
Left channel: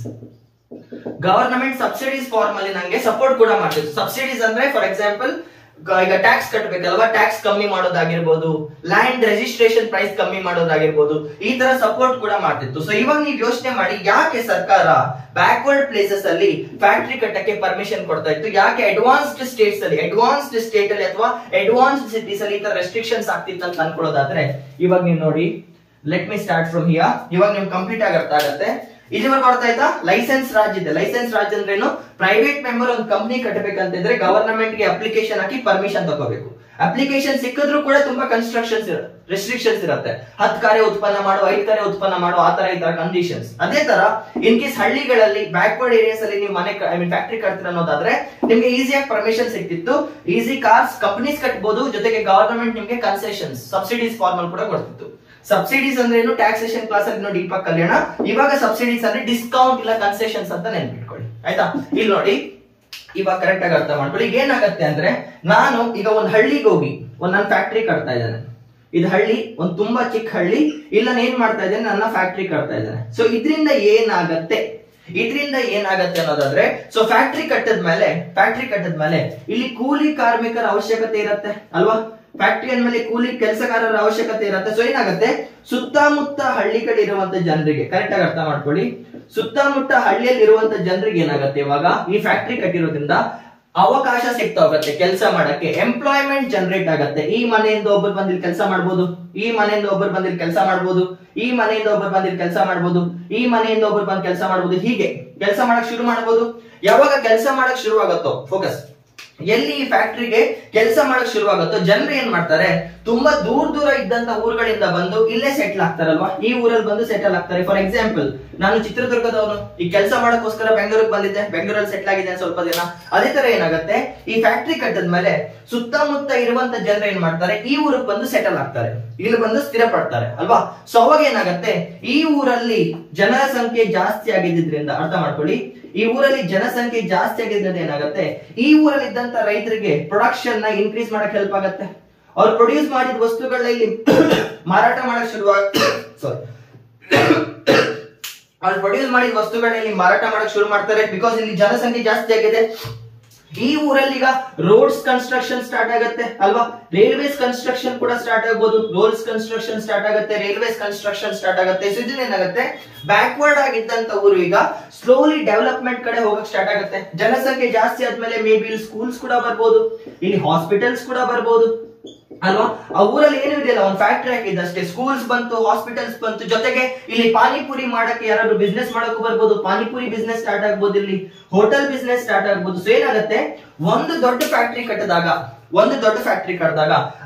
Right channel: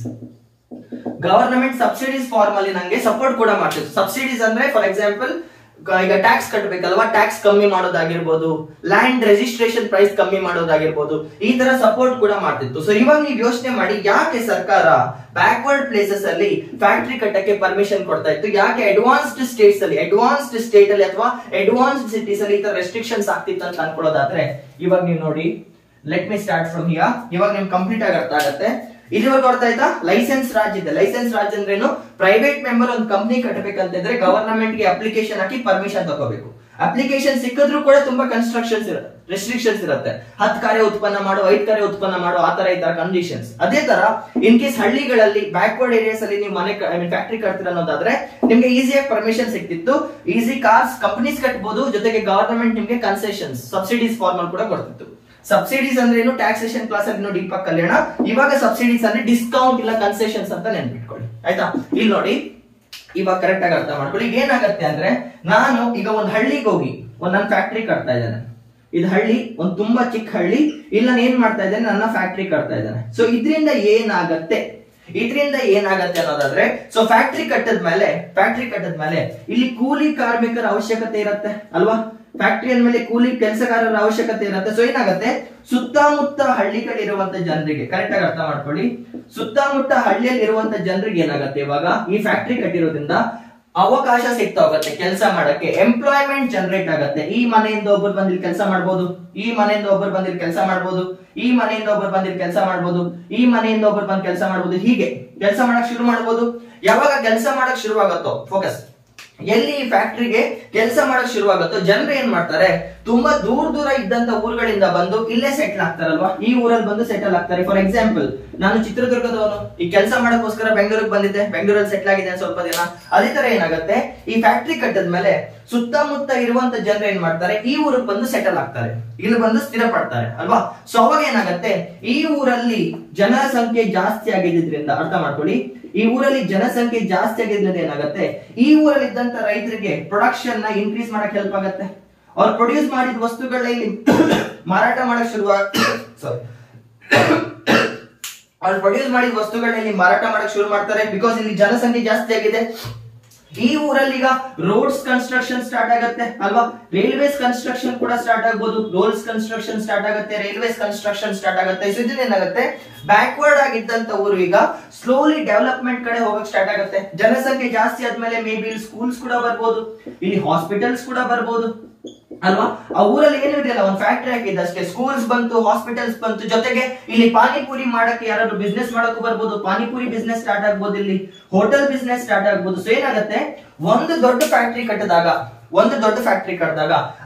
Government subsidies form ಅಲ್ಲಿ ನಂಗೆ ಸಪೋರ್ಟ್ ಕೂಡ ಮಾಡ್ತಿತ್ತು. ಸಬ್ಸಿಡೀಸ್ ಅಂದ್ರೆ ಫಾರ್ ಎಕ್ಸಾಂಪಲ್ ಈಗ ಟ್ಯಾಕ್ಸ್ ಕಟ್ಟಬೇಕಲ್ವಾ, ಟ್ಯಾಕ್ಸ್ ಕಮ್ಮಿ ಮಾಡೋದಾಗಿರ್ಬೋದು, ಲ್ಯಾಂಡ್ ರಿಜಿಸ್ಟ್ರೇಷನ್ ಪ್ರೈಸ್ ಕಮ್ಮಿ ಮಾಡೋದಾಗಿರ್ಬೋದು, ಈ ತರ ಸಪೋರ್ಟ್ ಕೂಡ ಮಾಡ್ತಿತ್ತು. ಸೊ ಇವಾಗ ನೀವು ಯೋಚನೆ ಮಾಡಿ, ಯಾಕೆ ಸರ್ಕಾರ ಬ್ಯಾಕ್ವರ್ಡ್ ಪ್ಲೇಸಸ್ ಅಲ್ಲಿ ಫ್ಯಾಕ್ಟರಿ ಕಟ್ಟಕ್ಕೆ ಪರ್ಮಿಷನ್ ಕೊಡ್ತಾ ಇತ್ತು, ಯಾಕೆ ಅಡ್ವಾನ್ಸ್ಡ್ ಸ್ಟೇಟ್ ಅಲ್ಲಿ ಅಥವಾ ಅಡ್ವಾನ್ಸ್ಡ್ ಸಿಟೀಸ್ ಅಲ್ಲಿ ಈ ತರ ರೆಸ್ಟ್ರಿಕ್ಷನ್ಸ್ ಆಗ್ತಿತ್ತು ಅಂತ ಅನ್ಕೊಳ್ಳೋದಾದ್ರೆ, ಇವಾಗ ನೀವು ನೋಡಿ, let me start from here. ಇವಾಗ ನಿಮ್ಗೆ ಕಂಪ್ಲೀಟ್ ಆಗಿ ಅರ್ಥ ಆಗುತ್ತೆ. ಇಲ್ಲಿವರೆಗೆ ಕೊಡ್ತಾ ಆಯ್ತಾ, ಲೈಸೆನ್ಸ್ ರಾಜ್ ಇದೆ. ಲೈಸೆನ್ಸ್ ರಾಜ್ ಅಂದ್ರೆ ಏನು, ಪ್ರೈವೇಟ್ ಮೆಂಬರ್ ಒಂದು ಕಂಪ್ನಿ ಕಟ್ಟಬೇಕಂತಿದ್ರೆ ಗವರ್ನಮೆಂಟ್ ಗೆ ಅಪ್ಲಿಕೇಶನ್ ಹಾಕಿ ಪರ್ಮಿಷನ್ ತಗೋಬೇಕು. ಅಪ್ಲಿಕೇಶನ್ ಸಿಕ್ಕಿದ್ರು ಕೂಡ ತುಂಬಾ ರೆಸ್ಟ್ರಿಕ್ಷನ್ಸ್ ಇರುತ್ತೆ, 10 ಕಾರ್ಯ ಉತ್ಪನ್ನ ಮಾಡು, 5 ಕಾರ್ಯ ಉತ್ಪನ್ನ ಮಾಡು, ಆ ತರ ಈ ತರ ಕಂಡೀಷನ್ಸ್. ಅದೇ ತರ ಇನ್ ಕೇಸ್ ಹಳ್ಳಿಗಳಲ್ಲಿ ಬ್ಯಾಕ್ವರ್ಡ್ ಏರಿಯಾಸ್ ಅಲ್ಲಿ ನೀವು ಫ್ಯಾಕ್ಟರಿ ಕಟ್ತೀರ ಅನ್ನೋದಾದ್ರೆ ನಿಮ್ಗೆ ಈಸಿಯಾಗಿ ಪರ್ಮಿಷನ್ ಸಿಕ್ತಿತ್ತು, ಈಸಿ ಕಾರ್ಸ್ ಕಂಪನೀಸ್ ಕಟ್ಟಬಹುದು, ಜೊತೆಗೆ ಗವರ್ನಮೆಂಟ್ ನಿಮ್ಗೆ ಕನ್ಸೆಷನ್ಸ್ ಸಬ್ಸಿಡೀಸ್ ಫಾರ್ಮ್ ಅಲ್ಲಿ ಕೂಡ ಕೊಡ್ತಿತ್ತು. ಸಬ್ಸಿಡೀಸ್ ಅಂದ್ರೆ ಏನು, ಟ್ಯಾಕ್ಸೇಷನ್ ಕ್ಲಾಸ್ ಅಲ್ಲಿ ಡೀಪಾಗಿ ಕಲಿಯೋಣ. ಇವಾಗ ಸಬ್ಸಿಡೀಸ್ ಅಂದ್ರೆ ಡಿಸ್ಕೌಂಟ್ ಇಲ್ಲ ಕನ್ಸೆಷನ್ಸ್ ಅಂತ ನೆನ್ಪಿಟ್ಕೊಳ್ಳಿ ಆಯ್ತಾ. ಇಲ್ಲಿ ನೋಡಿ, ಇವಾಗ ಕರೆಕ್ಟ್ ಆಗಿ ಅರ್ಥ ಮಾಡ್ಕೊಳ್ಳಿ. ಏನಾಗತ್ತೆ ಅಂದ್ರೆ, ನಾನು ಈಗ ಒಂದ್ ಹಳ್ಳಿಗೆ ಹೋಗಿ ನನ್ನ ಫ್ಯಾಕ್ಟರಿ ಕಟ್ತಾ ಇದ್ದೇನೆ. ಇದು ಹಳ್ಳಿ, ಒಂದು ತುಂಬಾ ಚಿಕ್ಕ ಹಳ್ಳಿ, ಇಲ್ಲಿ ನಾನು ಏನ್ ಮಾಡ್ತಾ ಇದ್ದೇನೆ, ನನ್ನ ಫ್ಯಾಕ್ಟರಿ ಕಟ್ತಾ ಇದ್ದೇನೆ. ಸೊ ಇದರಿಂದ ಏನಾಗತ್ತೆ ಅನ್ನೋದಾದ್ರೆ, ಸೊ ಫ್ಯಾಕ್ಟರಿ ಕಟ್ಟದ್ಮೇಲೆ ಇಲ್ಲಿ ಕೂಲಿ ಕಾರ್ಮಿಕರ ಅವಶ್ಯಕತೆ ಇರುತ್ತೆ ಅಲ್ವಾ, ಫ್ಯಾಕ್ಟರಿ ಅಂದ್ಮೇಲೆ ಕೂಲಿ ಕೆಲಸಗಾರರ ಅವಶ್ಯಕತೆ ಇರುತ್ತೆ. ಸೊ ಏನಾಗುತ್ತೆ, ಸುತ್ತಮುತ್ತ ಹಳ್ಳಿಗಳಿರುವಂತ ಜನರಿಗೆ, ಕರೆಕ್ಟ್ ಆಗಿ ಅರ್ಥ ಮಾಡ್ಕೊಳ್ಳಿ, ಸುತ್ತಮುತ್ತ ಹಳ್ಳಿಯಲ್ಲಿ ಇರುವಂತ ಜನರಿಗೆ ಏನಾಗುತ್ತೆ, ಇವಾಗ ಈ ಫ್ಯಾಕ್ಟರಿ ಕಟ್ಟಿರೋದ್ರಿಂದ ಅವಕಾಶ ಸಿಗ್ತಾ ಹೋಗುತ್ತೆ ಕೆಲಸ ಮಾಡಕ್ಕೆ, ಎಂಪ್ಲಾಯ್ಮೆಂಟ್ ಜನರೇಟ್ ಆಗುತ್ತೆ. ಈ ಮನೆಯಿಂದ ಒಬ್ಬರು ಬಂದಿಲ್ಲಿ ಕೆಲಸ ಮಾಡ್ಬೋದು, ಈ ಮನೆಯಿಂದ ಒಬ್ಬರು ಬಂದಿಲ್ಲಿ ಕೆಲಸ ಮಾಡ್ಬೋದು, ಈ ಮನೆಯಿಂದ ಒಬ್ಬರು ಬಂದಿಲ್ಲಿ ಕೆಲಸ ಮಾಡ್ಬೋದು, ಈ ಮನೆಯಿಂದ ಒಬ್ಬರು ಬಂದು ಕೆಲಸ ಮಾಡ್ಬೋದು, ಹೀಗೆ ಕೆಲಸ ಮಾಡಕ್ ಶುರು ಮಾಡ್ಬೋದು. ಯಾವಾಗ ಕೆಲಸ ಮಾಡಕ್ ಶುರು ಆಗುತ್ತೋ, ಫೋಕಸ್ ಎಲ್ಲಿ ಈ ಫ್ಯಾಕ್ಟರಿಗೆ ಕೆಲಸ ಮಾಡಕ್ ಶುರುವಾಗುತ್ತೋ, ಜನರು ಏನ್ ಮಾಡ್ತಾರೆ, ತುಂಬಾ ದೂರ ಇದ್ದಂತ ಊರುಗಳಿಂದ ಬಂದು ಇಲ್ಲೇ ಸೆಟ್ಲ್ ಆಗ್ತಾರಲ್ವಾ, ಈ ಊರಲ್ಲಿ ಬಂದು ಸೆಟಲ್ ಆಗ್ತಾರೆ. ಫಾರ್ ಎಕ್ಸಾಂಪಲ್, ನಾನು ಚಿತ್ರದುರ್ಗದವನು, ಈ ಕೆಲಸ ಮಾಡಕ್ಕೋಸ್ಕರ ಬೆಂಗಳೂರಿಗೆ ಬಂದಿದ್ದೆ, ಬೆಂಗಳೂರಲ್ಲಿ ಸೆಟ್ಲ್ ಆಗಿದ್ದೇನೆ ಸ್ವಲ್ಪ ದಿನ. ಅದೇ ತರ ಏನಾಗುತ್ತೆ, ಈ ಫ್ಯಾಕ್ಟರಿ ಕಟ್ಟದ್ಮೇಲೆ ಸುತ್ತಮುತ್ತ ಇರುವಂತ ಜನರು ಏನ್ ಮಾಡ್ತಾರೆ, ಈ ಊರಿಗೆ ಬಂದು ಸೆಟಲ್ ಆಗ್ತಾರೆ, ಇಲ್ಲಿ ಬಂದು ಸ್ಥಿರ ಪಡ್ತಾರೆ ಅಲ್ವಾ. ಸೊ ಅವಾಗ ಏನಾಗುತ್ತೆ, ಈ ಊರಲ್ಲಿ ಜನರ ಸಂಖ್ಯೆ ಜಾಸ್ತಿ ಆಗಿದ್ರಿಂದ, ಅರ್ಥ ಮಾಡ್ಕೊಳ್ಳಿ, ಈ ಊರಲ್ಲಿ ಜನಸಂಖ್ಯೆ ಜಾಸ್ತಿ ಆಗಿದ್ರಿಂದ ಏನಾಗುತ್ತೆ, ಈ ಊರಲ್ಲಿ ಇದ್ದಂತ ರೈತರಿಗೆ ಪ್ರೊಡಕ್ಷನ್ ನ ಇನ್ಕ್ರೀಸ್ ಮಾಡಕ್ ಹೆಲ್ಪ್ ಆಗುತ್ತೆ. ಅವ್ರು ಪ್ರೊಡ್ಯೂಸ್ ಮಾಡಿದ ವಸ್ತುಗಳನ್ನ ಇಲ್ಲಿ ಮಾರಾಟ ಮಾಡಕ್ ಶುರು ಮಾಡ್ತಾರೆ, ಬಿಕಾಸ್ ಇಲ್ಲಿ ಜನಸಂಖ್ಯೆ ಜಾಸ್ತಿ ಆಗಿದೆ. ಈ ಊರಲ್ಲಿ ಈಗ ರೋಡ್ಸ್ ಕನ್ಸ್ಟ್ರಕ್ಷನ್ ಸ್ಟಾರ್ಟ್ ಆಗುತ್ತೆ ಅಲ್ವಾ, ರೈಲ್ವೇಸ್ ಕನ್ಸ್ಟ್ರಕ್ಷನ್ ಕೂಡ ಸ್ಟಾರ್ಟ್ ಆಗ್ಬೋದು, ರೋಡ್ಸ್ ಕನ್ಸ್ಟ್ರಕ್ಷನ್ ಸ್ಟಾರ್ಟ್ ಆಗುತ್ತೆ, ರೈಲ್ವೇಸ್ ಕನ್ಸ್ಟ್ರಕ್ಷನ್ ಸ್ಟಾರ್ಟ್ ಆಗುತ್ತೆ. ಸೊ ಇದು ಏನಾಗುತ್ತೆ, ಬ್ಯಾಕ್ವರ್ಡ್ ಆಗಿದ್ದಂತ ಊರು ಈಗ ಸ್ಲೋಲಿ ಡೆವಲಪ್ಮೆಂಟ್ ಕಡೆ ಹೋಗಕ್ ಸ್ಟಾರ್ಟ್ ಆಗುತ್ತೆ. ಜನಸಂಖ್ಯೆ ಜಾಸ್ತಿ ಆದ್ಮೇಲೆ ಮೇ ಬಿ ಇಲ್ಲಿ ಸ್ಕೂಲ್ಸ್ ಕೂಡ ಬರ್ಬೋದು, ಇಲ್ಲಿ ಹಾಸ್ಪಿಟಲ್ಸ್ ಕೂಡ ಬರ್ಬೋದು ಅಲ್ವಾ. ಆ ಊರಲ್ಲಿ ಏನು ಇದೆಯಲ್ಲ, ಒಂದು ಫ್ಯಾಕ್ಟರಿ ಹಾಕಿದ್ದಷ್ಟೇ, ಸ್ಕೂಲ್ಸ್ ಬಂತು, ಹಾಸ್ಪಿಟಲ್ಸ್ ಬಂತು, ಜೊತೆಗೆ ಇಲ್ಲಿ ಪಾನಿಪುರಿ ಮಾಡಕ್ಕೆ ಯಾರಾದ್ರೂ ಬಿಸ್ನೆಸ್ ಮಾಡಕ್ಕೂ ಬರ್ಬೋದು, ಪಾನಿಪುರಿ ಬಿಸ್ನೆಸ್ ಸ್ಟಾರ್ಟ್ ಆಗ್ಬೋದು, ಇಲ್ಲಿ ಹೋಟೆಲ್ ಬಿಸ್ನೆಸ್ ಸ್ಟಾರ್ಟ್ ಆಗ್ಬೋದು. ಸೊ ಏನಾಗುತ್ತೆ, ಒಂದು ದೊಡ್ಡ ಫ್ಯಾಕ್ಟರಿ ಕಟ್ಟಿದಾಗ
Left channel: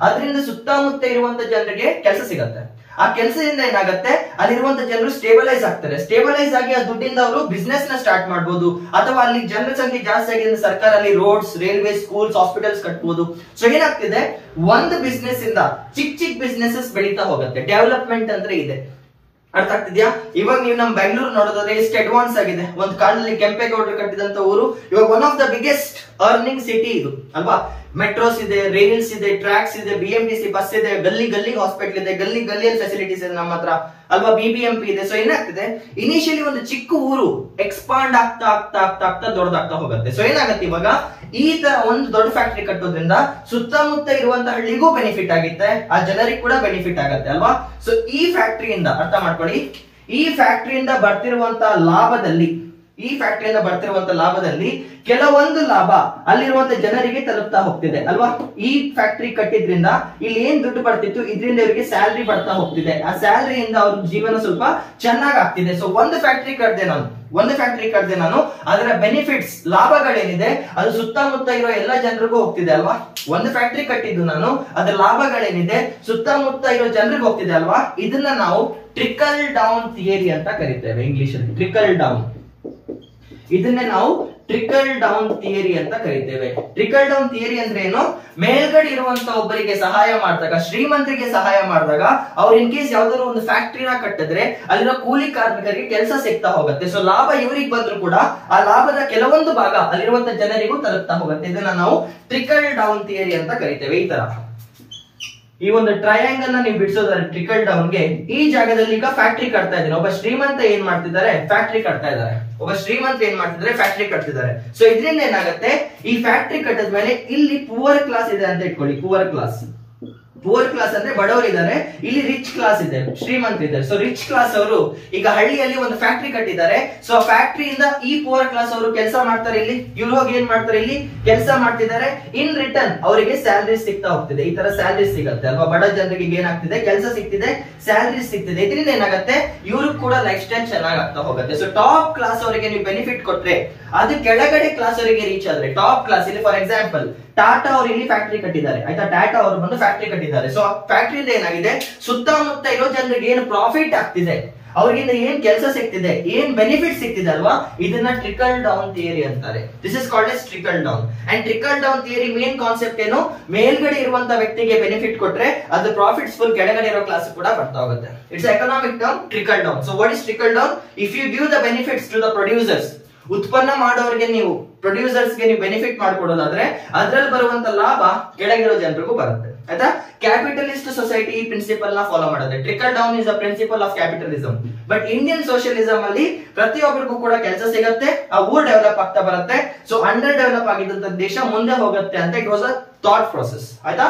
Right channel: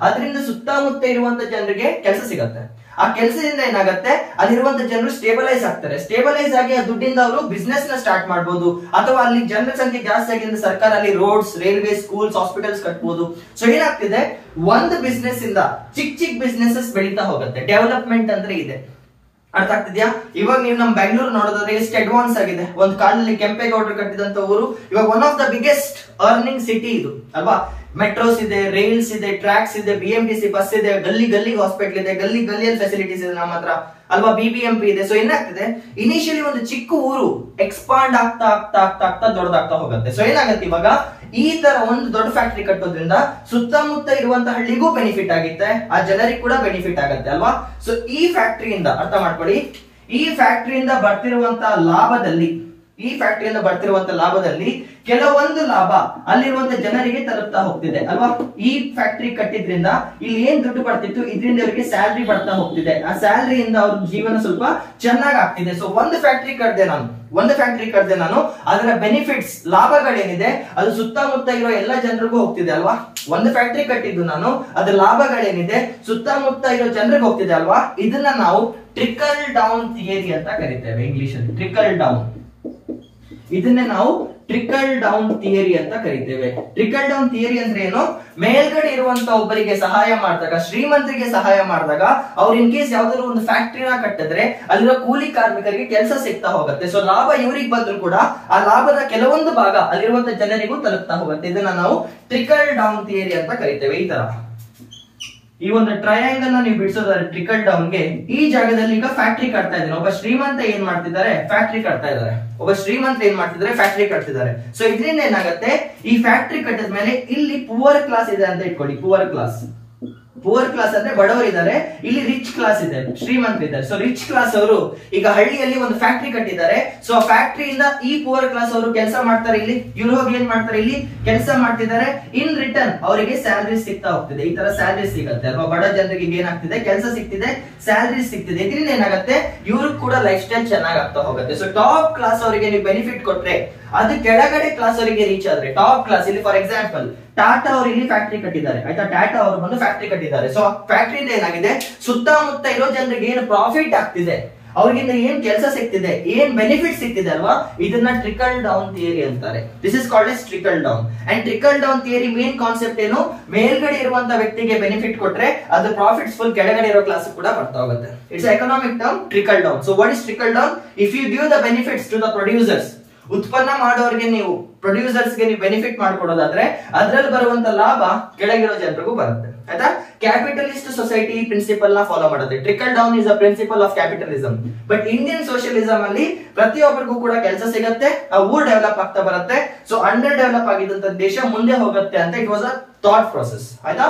ಅದರಿಂದ ಸುತ್ತಮುತ್ತ ಇರುವಂತ ಜನರಿಗೆ ಕೆಲಸ ಸಿಗತ್ತೆ. ಆ ಕೆಲಸದಿಂದ ಏನಾಗುತ್ತೆ, ಅಲ್ಲಿರುವಂತ ಜನರು ಸ್ಟೇಬಲೈಸ್ ಆಗ್ತಾರೆ. ಸ್ಟೇಬಲೈಸ್ ಆಗಿ ಆ ದುಡ್ಡಿಂದ ಅವರು ಬಿಸ್ನೆಸ್ ನ ಸ್ಟಾರ್ಟ್ ಮಾಡಬಹುದು, ಅಥವಾ ಅಲ್ಲಿ ಜನರ ಸಂಖ್ಯೆ ಜಾಸ್ತಿ ಆಗಿದ್ರೆ ಸರ್ಕಾರ ಅಲ್ಲಿ ರೋಡ್ಸ್, ರೈಲ್ವೆ, ಸ್ಕೂಲ್ಸ್, ಹಾಸ್ಪಿಟಲ್ಸ್ ಕಟ್ಬಹುದು. ಸೊ ಏನಾಗ್ತಿದೆ, ಒಂದು ಬಿಸ್ನೆಸ್ ಇಂದ ಚಿಕ್ಕ ಬಿಸ್ನೆಸಸ್ ಬೆಳೀತಾ ಹೋಗುತ್ತೆ. ಡೆವಲಪ್ಮೆಂಟ್ ಅಂದ್ರೆ ಇದೆ, ಅರ್ಥ ಆಗ್ತಿದ್ಯಾ. ಇವಾಗ ನೀವು ನಮ್ ಬೆಂಗಳೂರು ನೋಡೋದಾದ್ರೆ ಎಷ್ಟು ಅಡ್ವಾನ್ಸ್ ಆಗಿದೆ. ಒಂದು ಕಾಲದಲ್ಲಿ ಕೆಂಪೇಗೌಡರು ಕಟ್ಟಿದಂತ ಊರು ಇವಾಗ one of the biggest earning city ಇದು ಅಲ್ವಾ. ಮೆಟ್ರೋಸ್ ಇದೆ, ರೈಲ್ಸ್ ಇದೆ, ಟ್ರ್ಯಾಕ್ಸ್ ಇದೆ, BMTC ಬಸ್ ಇದೆ, ಗಲ್ಲಿ ಹಾಸ್ಪಿಟಲ್ ಇದೆ, ಗಲ್ಲಿಯಲ್ಲಿ ಫೆಸಿಲಿಟೀಸ್ ಇದೆ ನಮ್ಮ ಹತ್ರ ಅಲ್ವಾ, BBMP ಇದೆ. ಸೊ ಏನಾಗ್ತಿದೆ, ಇನಿಷಿಯಲಿ ಒಂದು ಚಿಕ್ಕ ಊರು ಎಕ್ಸ್ಪಾಂಡ್ ಆಗ್ತಾ ದೊಡ್ಡದಾಗ್ತಾ ಹೋಗುತ್ತೆ. ಸೊ ಏನಾಗುತ್ತೆ, ಇವಾಗ ಈ ತರ ಒಂದು ದೊಡ್ಡ ಫ್ಯಾಕ್ಟರಿ ಕಟ್ಟೋದ್ರಿಂದ ಸುತ್ತಮುತ್ತ ಇರುವಂತ ಹಳ್ಳಿಗೂ ಬೆನಿಫಿಟ್ ಆಗುತ್ತೆ, ಆ ಜನರಿಗೆ ಕೂಡ ಬೆನಿಫಿಟ್ ಆಗುತ್ತೆ ಅಲ್ವಾ. ಸೊ ಈ ಫ್ಯಾಕ್ಟರಿಯಿಂದ, ಅರ್ಥ ಮಾಡ್ಕೊಳ್ಳಿ, ಈ ಫ್ಯಾಕ್ಟರಿಯಿಂದ ಬರ್ತಿರುವಂತ ಲಾಭದಲ್ಲಿ ಈ ಫ್ಯಾಕ್ಟರಿಯಿಂದ ಬರ್ತಿರುವಂತ ಲಾಭದಲ್ಲಿ ಕೆಲವೊಂದು ಲಾಭ ಅಲ್ಲಿರುವಂತ ಜನರಿಗೆ ತಲುಪ್ತಾ ಹೋಗ್ತಿದೆ ಅಲ್ವಾ. ಈ ಫ್ಯಾಕ್ಟರಿ ಕಟ್ಟಿದ್ರಿಂದ ಇಲ್ಲಿ ಏನ್ ದುಡ್ಡು ಬರ್ತಿತ್ತು ಇದರಿಂದ ಅವರಿಗೆ ಸ್ಯಾಲರಿ ಬರ್ತಾ ಹೋಗ್ತಿದೆ. ಆ ಸ್ಯಾಲರಿಯಿಂದ ಅವ್ರ ಜೀವನ ಸ್ವಲ್ಪ ಚೆನ್ನಾಗ್ ಆಗ್ತಿದೆ. ಸೊ ಒಂದು ಫ್ಯಾಕ್ಟರಿ ಕಟ್ಟಿದೆ ನಾನು, ಅದರ ಬೆನಿಫಿಟ್ಸ್ ಲಾಭಗಳೇನಿದೆ ಅದು ಸುತ್ತಮುತ್ತ ಇರೋ ಎಲ್ಲ ಜನರಿಗೂ ಹೋಗ್ತಿದೆ ಅಲ್ವಾ. ಒಂದು ಫ್ಯಾಕ್ಟರಿ ಕಟ್ಟಿದ್ದು ನಾನು, ಅದರ ಲಾಭಗಳೇನಿದೆ ಸುತ್ತಮುತ್ತ ಇರೋ ಜನರಿಗೆ ಹೋಗ್ತಿದೆ ಅಲ್ವಾ. ಇದನ್ನ ನಾವು ಟ್ರಿಕಲ್ ಡೌನ್ ಥಿಯರಿ ಅಂತ ಕರಿತೇವೆ ಇಂಗ್ಲಿಷ್ ಅಲ್ಲಿ. ಟ್ರಿಕಲ್ ಡೌನ್, ಇದನ್ನೇ ನಾವು ಟ್ರಿಕಲ್ ಡೌನ್ ಥಿಯರಿ ಅಂತ ಕರಿತೇವೆ. ಟ್ರಿಕಲ್ ಡೌನ್ ಥಿಯರಿ ಅಂದ್ರೆ ಏನು? ಮೇಲ್ಗಡೆ ಇರುವಂತ ಒಬ್ಬರಿಗೆ ಸಹಾಯ ಮಾಡಿದಾಗ, ಶ್ರೀಮಂತರಿಗೆ ಸಹಾಯ ಮಾಡಿದಾಗ, ಅವ್ರು ಇನ್ ಕೇಸ್ ಯಾವ್ದಾದ್ರು ಒಂದು ಫ್ಯಾಕ್ಟರಿನ ಕಟ್ಟಿದ್ರೆ ಅಲ್ಲಿರೋ ಕೂಲಿ ಕಾರ್ಮಿಕರಿಗೆ ಕೆಲಸ ಸಿಗ್ತಾ ಹೋಗುತ್ತೆ. ಸೊ ಲಾಭ ಇವ್ರಿಗೆ ಬಂದ್ರು ಕೂಡ ಆ ಲಾಭದ ಕೆಲವೊಂದು ಭಾಗ ಅಲ್ಲಿರುವಂತ ಜನರಿಗೂ ತಲುಪ್ತಾ ಹೋಗುತ್ತೆ. ಇದನ್ನ ನಾವು ಟ್ರಿಕಲ್ ಡೌನ್ ಥಿಯರಿ ಅಂತ ಕರಿತೇವೆ. ಈ ತರ ಈ ಒಂದು ಟ್ರಯಾಂಗಲ್ ನ ನೀವು ಬಿಡಿಸೋದಾದ್ರೆ ಟ್ರಿಕಲ್ ಡೌನ್ ಗೆ, ಈ ಜಾಗದಲ್ಲಿ ಈಗ ಫ್ಯಾಕ್ಟರಿ ಕಟ್ತಾ ಇದ್ದಾನೆ. ಒಬ್ಬ ಶ್ರೀಮಂತ ಏನ್ ಮಾಡ್ತಿದ್ದಾರೆ? ಫ್ಯಾಕ್ಟರಿ ಕಟ್ತಾ ಇದ್ದಾರೆ. ಸೊ ಇದರಿಂದ ಏನಾಗುತ್ತೆ, ಈ ಫ್ಯಾಕ್ಟರಿ ಕಟ್ಟಿದ ಮೇಲೆ ಇಲ್ಲಿ ಪುವರ್ ಕ್ಲಾಸ್ ಇದೆ ಅಂತ ಇಟ್ಕೊಳ್ಳಿ. ಪುವರ್ ಕ್ಲಾಸ್ ಅಂದ್ರೆ ಬಡವರು ಇದ್ದಾರೆ, ಇಲ್ಲಿ ರಿಚ್ ಕ್ಲಾಸ್ ಇದೆ, ಶ್ರೀಮಂತರಿದ್ದಾರೆ. ಸೊ ರಿಚ್ ಕ್ಲಾಸ್ ಅವರು ಈಗ ಹಳ್ಳಿಯಲ್ಲಿ ಒಂದು ಫ್ಯಾಕ್ಟರಿ ಕಟ್ಟಿದ್ದಾರೆ. ಸೊ ಫ್ಯಾಕ್ಟರಿಯಿಂದ ಈ ಪುವರ್ ಕ್ಲಾಸ್ ಅವರು ಕೆಲಸ ಮಾಡ್ತಾರೆ. ಇಲ್ಲಿ ಹೋಗಿ ಏನ್ ಮಾಡ್ತಾರೆ? ಇಲ್ಲಿ ಕೆಲಸ ಮಾಡ್ತಿದ್ದಾರೆ. ಇನ್ ರಿಟರ್ನ್ ಅವರಿಗೆ ಸ್ಯಾಲರಿ ಸಿಗ್ತಾ ಹೋಗ್ತಿದೆ. ಈ ತರ ಸ್ಯಾಲರಿ ಸಿಗುತ್ತೆ ಅಲ್ವಾ. ಬಡ ಜನರಿಗೆ ಏನಾಗ್ತಿದೆ? ಕೆಲಸ ಸಿಗ್ತಿದೆ, ಸ್ಯಾಲರಿ ಸಿಗ್ತಿದೆ. ಇದರಿಂದ ಏನಾಗುತ್ತೆ? ಇವರು ಕೂಡ ಲೈಫ್ ಸ್ಟೈಲ್ ಚೆನ್ನಾಗ್ ಆಗ್ತಾ ಹೋಗುತ್ತೆ. ಸೊ ಟಾಪ್ ಕ್ಲಾಸ್ ಅವರಿಗೆ ನೀವು ಬೆನಿಫಿಟ್ ಕೊಟ್ರೆ ಅದು ಕೆಳಗಡೆ ಕ್ಲಾಸ್ ಅವರಿಗೆ ರೀಚ್ ಆದ್ರೆ, ಟಾಪ್ ಕ್ಲಾಸ್ ಇಲ್ಲಿ ಫಾರ್ ಎಕ್ಸಾಂಪಲ್ ಟಾಟಾ ಅವರು ಇಲ್ಲಿ ಫ್ಯಾಕ್ಟರಿ ಕಟ್ಟಿದ್ದಾರೆ ಆಯ್ತಾ. ಟಾಟಾ ಅವರು ಬಂದು ಫ್ಯಾಕ್ಟರಿ ಕಟ್ಟಿದ್ದಾರೆ. ಸೊ ಫ್ಯಾಕ್ಟರಿಯಿಂದ ಏನಾಗಿದೆ? ಸುತ್ತಮುತ್ತ ಇರೋ ಜನರಿಗೆ ಏನು ಪ್ರಾಫಿಟ್ ಆಗ್ತಿದೆ, ಅವ್ರಿಗಿಂದ ಏನ್ ಕೆಲಸ ಸಿಗ್ತಿದೆ, ಏನ್ ಬೆನಿಫಿಟ್ ಸಿಗ್ತಿದೆ ಅಲ್ವಾ, ಇದನ್ನ ಟ್ರಿಕಲ್ ಡೌನ್ ಥಿಯರಿ ಅಂತಾರೆ. This is called S trickle down. And trickle down theory main concept ಏನು? ಮೇಲ್ಗಡೆ ಇರುವಂತ ವ್ಯಕ್ತಿಗೆ ಬೆನಿಫಿಟ್ ಕೊಟ್ರೆ ಅದು ಪ್ರಾಫಿಟ್ಸ್ ಫುಲ್ ಕೆಳಗಡೆ ಇರೋ ಕ್ಲಾಸ್ ಕೂಡ ಬರ್ತಾ ಹೋಗುತ್ತೆ. It's economic term trickle down. So what is trickle down? If you give the benefits to the producers, ಉತ್ಪನ್ನ ಮಾಡೋರಿಗೆ ನೀವು ಪ್ರೊಡ್ಯೂಸರ್ಸ್ ಗೆ ನೀವು ಬೆನಿಫಿಟ್ ಮಾಡ್ಕೊಡೋದಾದ್ರೆ ಅದರಲ್ಲಿ ಬರುವಂತ ಲಾಭ ಕೆಳಗಿರೋ ಜನರಿಗೂ ಬರುತ್ತೆ ಆಯ್ತಾ. ಕ್ಯಾಪಿಟಲಿಸ್ಟ್ ಸೊಸೈಟಿ ಈ ಪ್ರಿನ್ಸಿಪಲ್ ನ ಫಾಲೋ ಮಾಡುತ್ತೆ. Trickle down is a principle of capitalism. But Indian socialism ಅಲ್ಲಿ ಪ್ರತಿಯೊಬ್ಬರಿಗೂ ಕೂಡ ಕೆಲಸ ಸಿಗುತ್ತೆ, ಆ ಊರ್ ಡೆವಲಪ್ ಆಗ್ತಾ ಬರುತ್ತೆ. ಸೊ ಅಂಡರ್ ಡೆವಲಪ್ ಆಗಿದ್ದಂತ ದೇಶ ಮುಂದೆ ಹೋಗುತ್ತೆ ಅಂತ it was a thought process ಆಯ್ತಾ.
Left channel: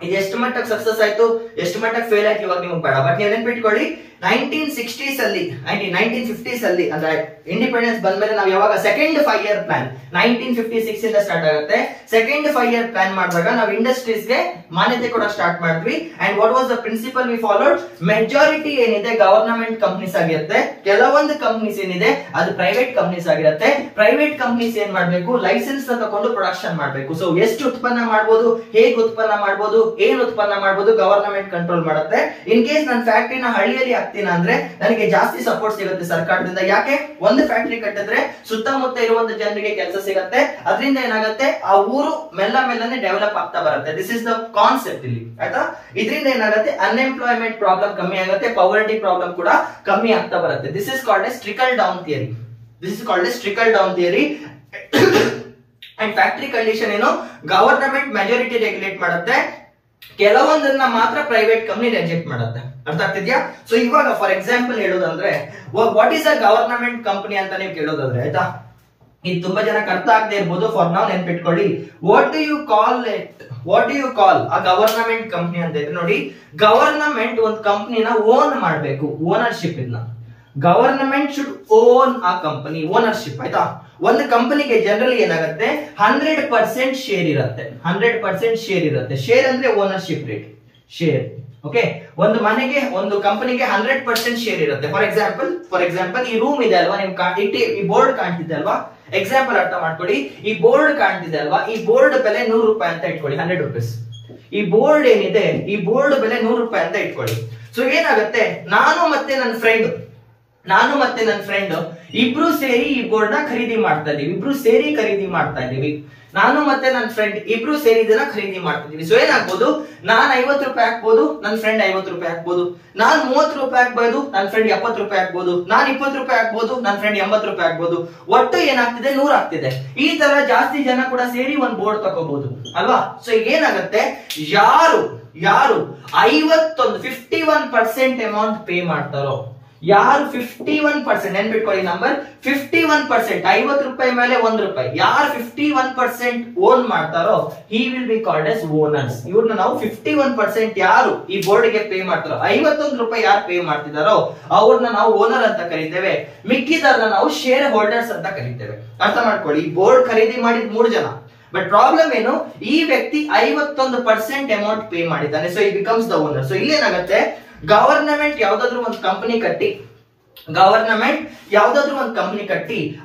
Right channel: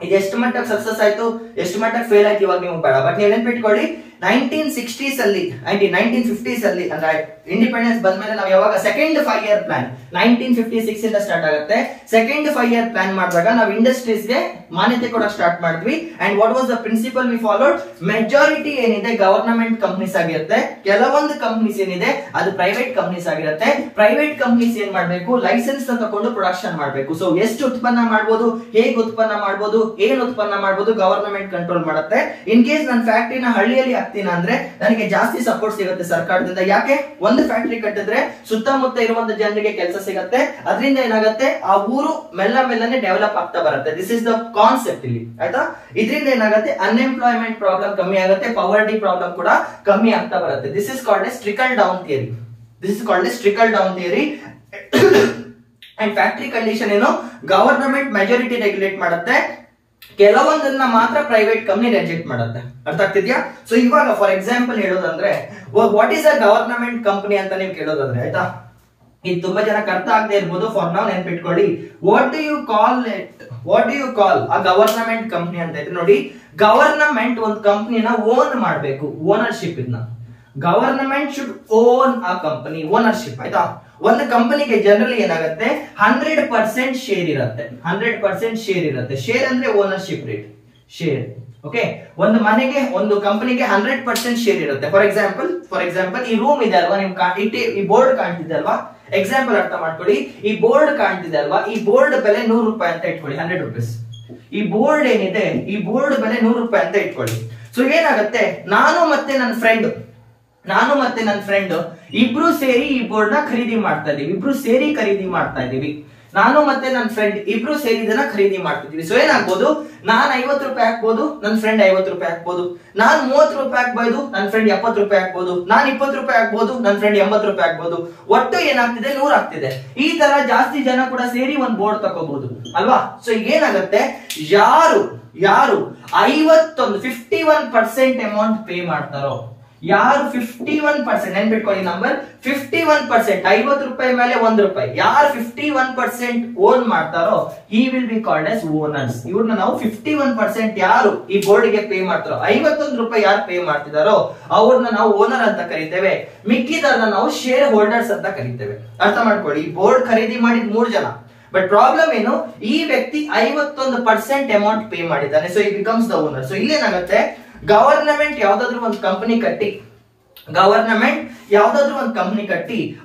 ಇದು ಎಷ್ಟು ಮಟ್ಟಕ್ಕೆ ಸಕ್ಸಸ್ ಆಯ್ತು, ಎಷ್ಟು ಮಟ್ಟಕ್ಕೆ ಫೇಲ್ ಆಯ್ತು ಇವಾಗ ನೀವು ಬೇಡ. ಬಟ್ ನೀವು ನೆನ್ಪಿಟ್ಕೊಳ್ಳಿ, 1960s ಅಲ್ಲಿ 1950s ಅಲ್ಲಿ ಅಂದ್ರೆ ಇಂಡಿಪೆಂಡೆನ್ಸ್ ಬಂದ್ಮೇಲೆ ನಾವು ಯಾವಾಗ ಸೆಕೆಂಡ್ 5 year ಪ್ಲಾನ್ 1956 ಇಂದ ಸ್ಟಾರ್ಟ್ ಆಗುತ್ತೆ. ಸೆಕೆಂಡ್ 5 year ಪ್ಲಾನ್ ಮಾಡಿದಾಗ ನಾವು ಇಂಡಸ್ಟ್ರೀಸ್ ಗೆ ಮಾನ್ಯತೆ ಕೂಡ ಸ್ಟಾರ್ಟ್ ಮಾಡಿದ್ವಿ. And what was the principle we followed? Majority ಏನಿದೆ ಗವರ್ನಮೆಂಟ್ ಕಂಪನೀಸ್ ಆಗಿರುತ್ತೆ, ಕೆಲವೊಂದು ಕಂಪನೀಸ್ ಏನಿದೆ ಅದು ಪ್ರೈವೇಟ್ ಕಂಪನೀಸ್ ಆಗಿರುತ್ತೆ. ಪ್ರೈವೇಟ್ ಕಂಪನೀಸ್ ಏನ್ ಮಾಡ್ಬೇಕು? ಲೈಸೆನ್ಸ್ ತಗೊಂಡು ಪ್ರೊಡಕ್ಷನ್ ಮಾಡ್ಬೇಕು. ಸೊ ಎಷ್ಟು ಉತ್ಪನ್ನ ಮಾಡಬಹುದು, ಹೇಗೆ ಉತ್ಪನ್ನ ಮಾಡಬಹುದು, ಏನ್ ಉತ್ಪನ್ನ ಮಾಡಬಹುದು, ಗವರ್ನಮೆಂಟ್ ಕಂಟ್ರೋಲ್ ಮಾಡುತ್ತೆ. ಇನ್ ಕೇಸ್ ನನ್ನ ಫ್ಯಾಕ್ಟರಿನ ಹಳ್ಳಿಯಲ್ಲಿ ಹಾಕ್ತೀನಿ ಅಂದ್ರೆ ನನಗೆ ಜಾಸ್ತಿ ಸಪೋರ್ಟ್ ಸಿಗುತ್ತೆ ಸರ್ಕಾರದಿಂದ. ಯಾಕೆ? ಒಂದು ಫ್ಯಾಕ್ಟರಿ ಕಟ್ಟಿದ್ರೆ ಸುತ್ತಮುತ್ತ ಇರುವಂತ ಜನರಿಗೆ ಕೆಲಸ ಸಿಗುತ್ತೆ, ಅದರಿಂದ ಏನಾಗುತ್ತೆ? ಆ ಊರು ಮೆಲ್ಲನೆ ಡೆವಲಪ್ ಆಗ್ತಾ ಬರುತ್ತೆ. ದಿಸ್ ಇಸ್ ದ ಕಾನ್ಸೆಪ್ಟ್ ಇಲ್ಲಿ ಆಯ್ತಾ. ಇದರಿಂದ ಏನಾಗುತ್ತೆ? ಅನ್ಎಂಪ್ಲಾಯ್ಮೆಂಟ್ ಪ್ರಾಬ್ಲಮ್ ಕಮ್ಮಿ ಆಗುತ್ತೆ, ಪವರ್ಟಿ ಪ್ರಾಬ್ಲಮ್ ಕೂಡ ಕಮ್ಮಿ ಆಗ್ತಾ ಬರುತ್ತೆ. This is called S trickle down theory. And factory condition ಏನು? ಗವರ್ನಮೆಂಟ್ ಮೆಜಾರಿಟಿ ರೆಗ್ಯುಲೇಟ್ ಮಾಡುತ್ತೆ, ಕೆಲವೊಂದನ್ನ ಮಾತ್ರ ಪ್ರೈವೇಟ್ ಕಂಪನಿ ರಿಜೆಕ್ಟ್ ಮಾಡುತ್ತೆ. ಅರ್ಥ ಆಗ್ತಿದ್ಯಾ? ಸೊ ಇವಾಗ ಫಾರ್ ಎಕ್ಸಾಂಪಲ್ ಹೇಳೋದಂದ್ರೆ what is a government company ಅಂತ ನೀವು ಕೇಳೋದಾದ್ರೆ ಆಯ್ತಾ, ಇದು ತುಂಬಾ ಜನಕ್ಕೆ ಅರ್ಥ ಆಗದೆ ಇರ್ಬೋದು. ಫಾರ್ ನಾವ್ ನೆನ್ಪಿಟ್ಕೊಳ್ಳಿ, what do you call a government company ಅಂತ ಇದ್ರೆ ನೋಡಿ, ಗವರ್ನಮೆಂಟ್ ಒಂದು ಕಂಪನಿನ ಓನ್ ಮಾಡಬೇಕು, ಓನರ್ಶಿಪ್. ಇದನ್ನ ಗವರ್ನಮೆಂಟ್ ಶುಡ್ ಓನ್ ಆ ಕಂಪನಿ, ಓನರ್ಶಿಪ್ ಆಯ್ತಾ. ಒಂದು ಕಂಪನಿಗೆ ಜನರಲಿ ಏನಾಗುತ್ತೆ? 100% ಶೇರ್ ಇರುತ್ತೆ. 100% ಶೇರ್ ಇರುತ್ತೆ. ಶೇರ್ ಅಂದ್ರೆ ಓನರ್ಶಿಪ್ ರೇಟ್, ಶೇರ್. ಓಕೆ, ಒಂದು ಮನೆಗೆ, ಒಂದು ಕಂಪನಿಗೆ 100% ಶೇರ್ ಇರುತ್ತೆ. ಫಾರ್ ಎಕ್ಸಾಂಪಲ್ ಈ ರೂಮ್ ಇದೆ ಅಲ್ವಾ, ನೀವು ಈ ಬೋರ್ಡ್ ಕಾಣ್ತಿದೆ ಅಲ್ವಾ, ಎಕ್ಸಾಂಪಲ್ ಅರ್ಥ ಮಾಡ್ಕೊಳ್ಳಿ. ಈ ಬೋರ್ಡ್ ಕಾಣ್ತಿದೆ ಅಲ್ವಾ, ಈ ಬೋರ್ಡ್ ಬೆಲೆ 100 ರೂಪಾಯಿ ಅಂತ ಇಟ್ಕೊಳ್ಳಿ, 100 rupees. ಈ ಬೋರ್ಡ್ ಏನಿದೆ, ಈ ಬೋರ್ಡ್ ಬೆಲೆ 100 ರೂಪಾಯಿ ಅಂತ ಇಟ್ಕೊಳ್ಳಿ. ಸೊ ಏನಾಗುತ್ತೆ? ನಾನು ಮತ್ತೆ ನನ್ನ ಫ್ರೆಂಡ್ ಇಬ್ರು ಸೇರಿ ಈ ಬೋರ್ಡ್ ನ ಖರೀದಿ ಮಾಡ್ತಾ ಇದೀವಿ. ನಾನು ಮತ್ತೆ ನನ್ನ ಫ್ರೆಂಡ್ ಇಬ್ರು ಸೇರಿ ಇದನ್ನ ಖರೀದಿ ಮಾಡ್ತಿದೀವಿ. ಸೊ ಏನಾಗ್ಬೋದು? ನಾನ್ 50 ರೂಪಾಯಿ ಹಾಕ್ಬೋದು, ನನ್ನ ಫ್ರೆಂಡ್ 50 ರೂಪಾಯಿ ಹಾಕ್ಬೋದು. ನಾನ್ 30 ರೂಪಾಯಿ ಹಾಕ್ಬೋದು, ನನ್ನ ಫ್ರೆಂಡ್ 70 ರೂಪಾಯಿ ಹಾಕ್ಬೋದು. ನಾನ್ 20 ರೂಪಾಯಿ ಹಾಕ್ಬೋದು, ನನ್ನ ಫ್ರೆಂಡ್ 80 ರೂಪಾಯಿ ಹಾಕ್ಬೋದು. ಒಟ್ಟು ಏನಾಗ್ತಿದೆ? 100 ಆಗ್ತಿದೆ. ಈ ತರ ಜಾಸ್ತಿ ಜನ ಕೂಡ ಸೇರಿ ಒಂದ್ ಬೋರ್ಡ್ ತಗೋಬಹುದು ಅಲ್ವಾ. ಸೊ ಈಗ ಏನಾಗುತ್ತೆ? ಯಾರು 51% ಅಮೌಂಟ್ ಪೇ ಮಾಡ್ತಾರೋ, ಯಾರು 51% ನೆನ್ಪಿಟ್ಕೊಳ್ಳಿ ನಂಬರ್ 51%, 50 ರೂಪಾಯಿ ಮೇಲೆ 1 ರೂಪಾಯಿ, ಯಾರು 51% ಓನ್ ಮಾಡ್ತಾರೋ he will be called as owners. ಇವ್ರನ್ನ ನಾವು 51% ಯಾರು ಈ ಬೋರ್ಡ್ ಗೆ ಪೇ ಮಾಡ್ತಾರೋ, 51 ರೂಪಾಯಿ ಯಾರು ಪೇ ಮಾಡ್ತಿದಾರೋ ಅವ್ರನ್ನ ನಾವು ಓನರ್ ಅಂತ ಕರಿತೇವೆ. ಮಿಕ್ಕಿದವ್ರನ್ನ ನಾವು ಶೇರ್ ಹೋಲ್ಡರ್ಸ್ ಅಂತ ಕರಿತೇವೆ. ಅರ್ಥ ಮಾಡ್ಕೊಳ್ಳಿ, ಈ ಬೋರ್ಡ್ ಖರೀದಿ ಮಾಡಿದ 3 ಜನ, ಬಟ್ ಪ್ರಾಬ್ಲಮ್ ಏನು, ಈ ವ್ಯಕ್ತಿ 51% ಅಮೌಂಟ್ ಪೇ ಮಾಡಿದ್ದಾನೆ, ಸೊ ಈ ಬಿಕಮ್ಸ್ ದ ಓನರ್. ಸೊ ಇಲ್ಲೇನಾಗುತ್ತೆ, ಗವರ್ನಮೆಂಟ್ ಯಾವ್ದಾದ್ರು ಒಂದು ಕಂಪನಿ ಕಟ್ಟಿ,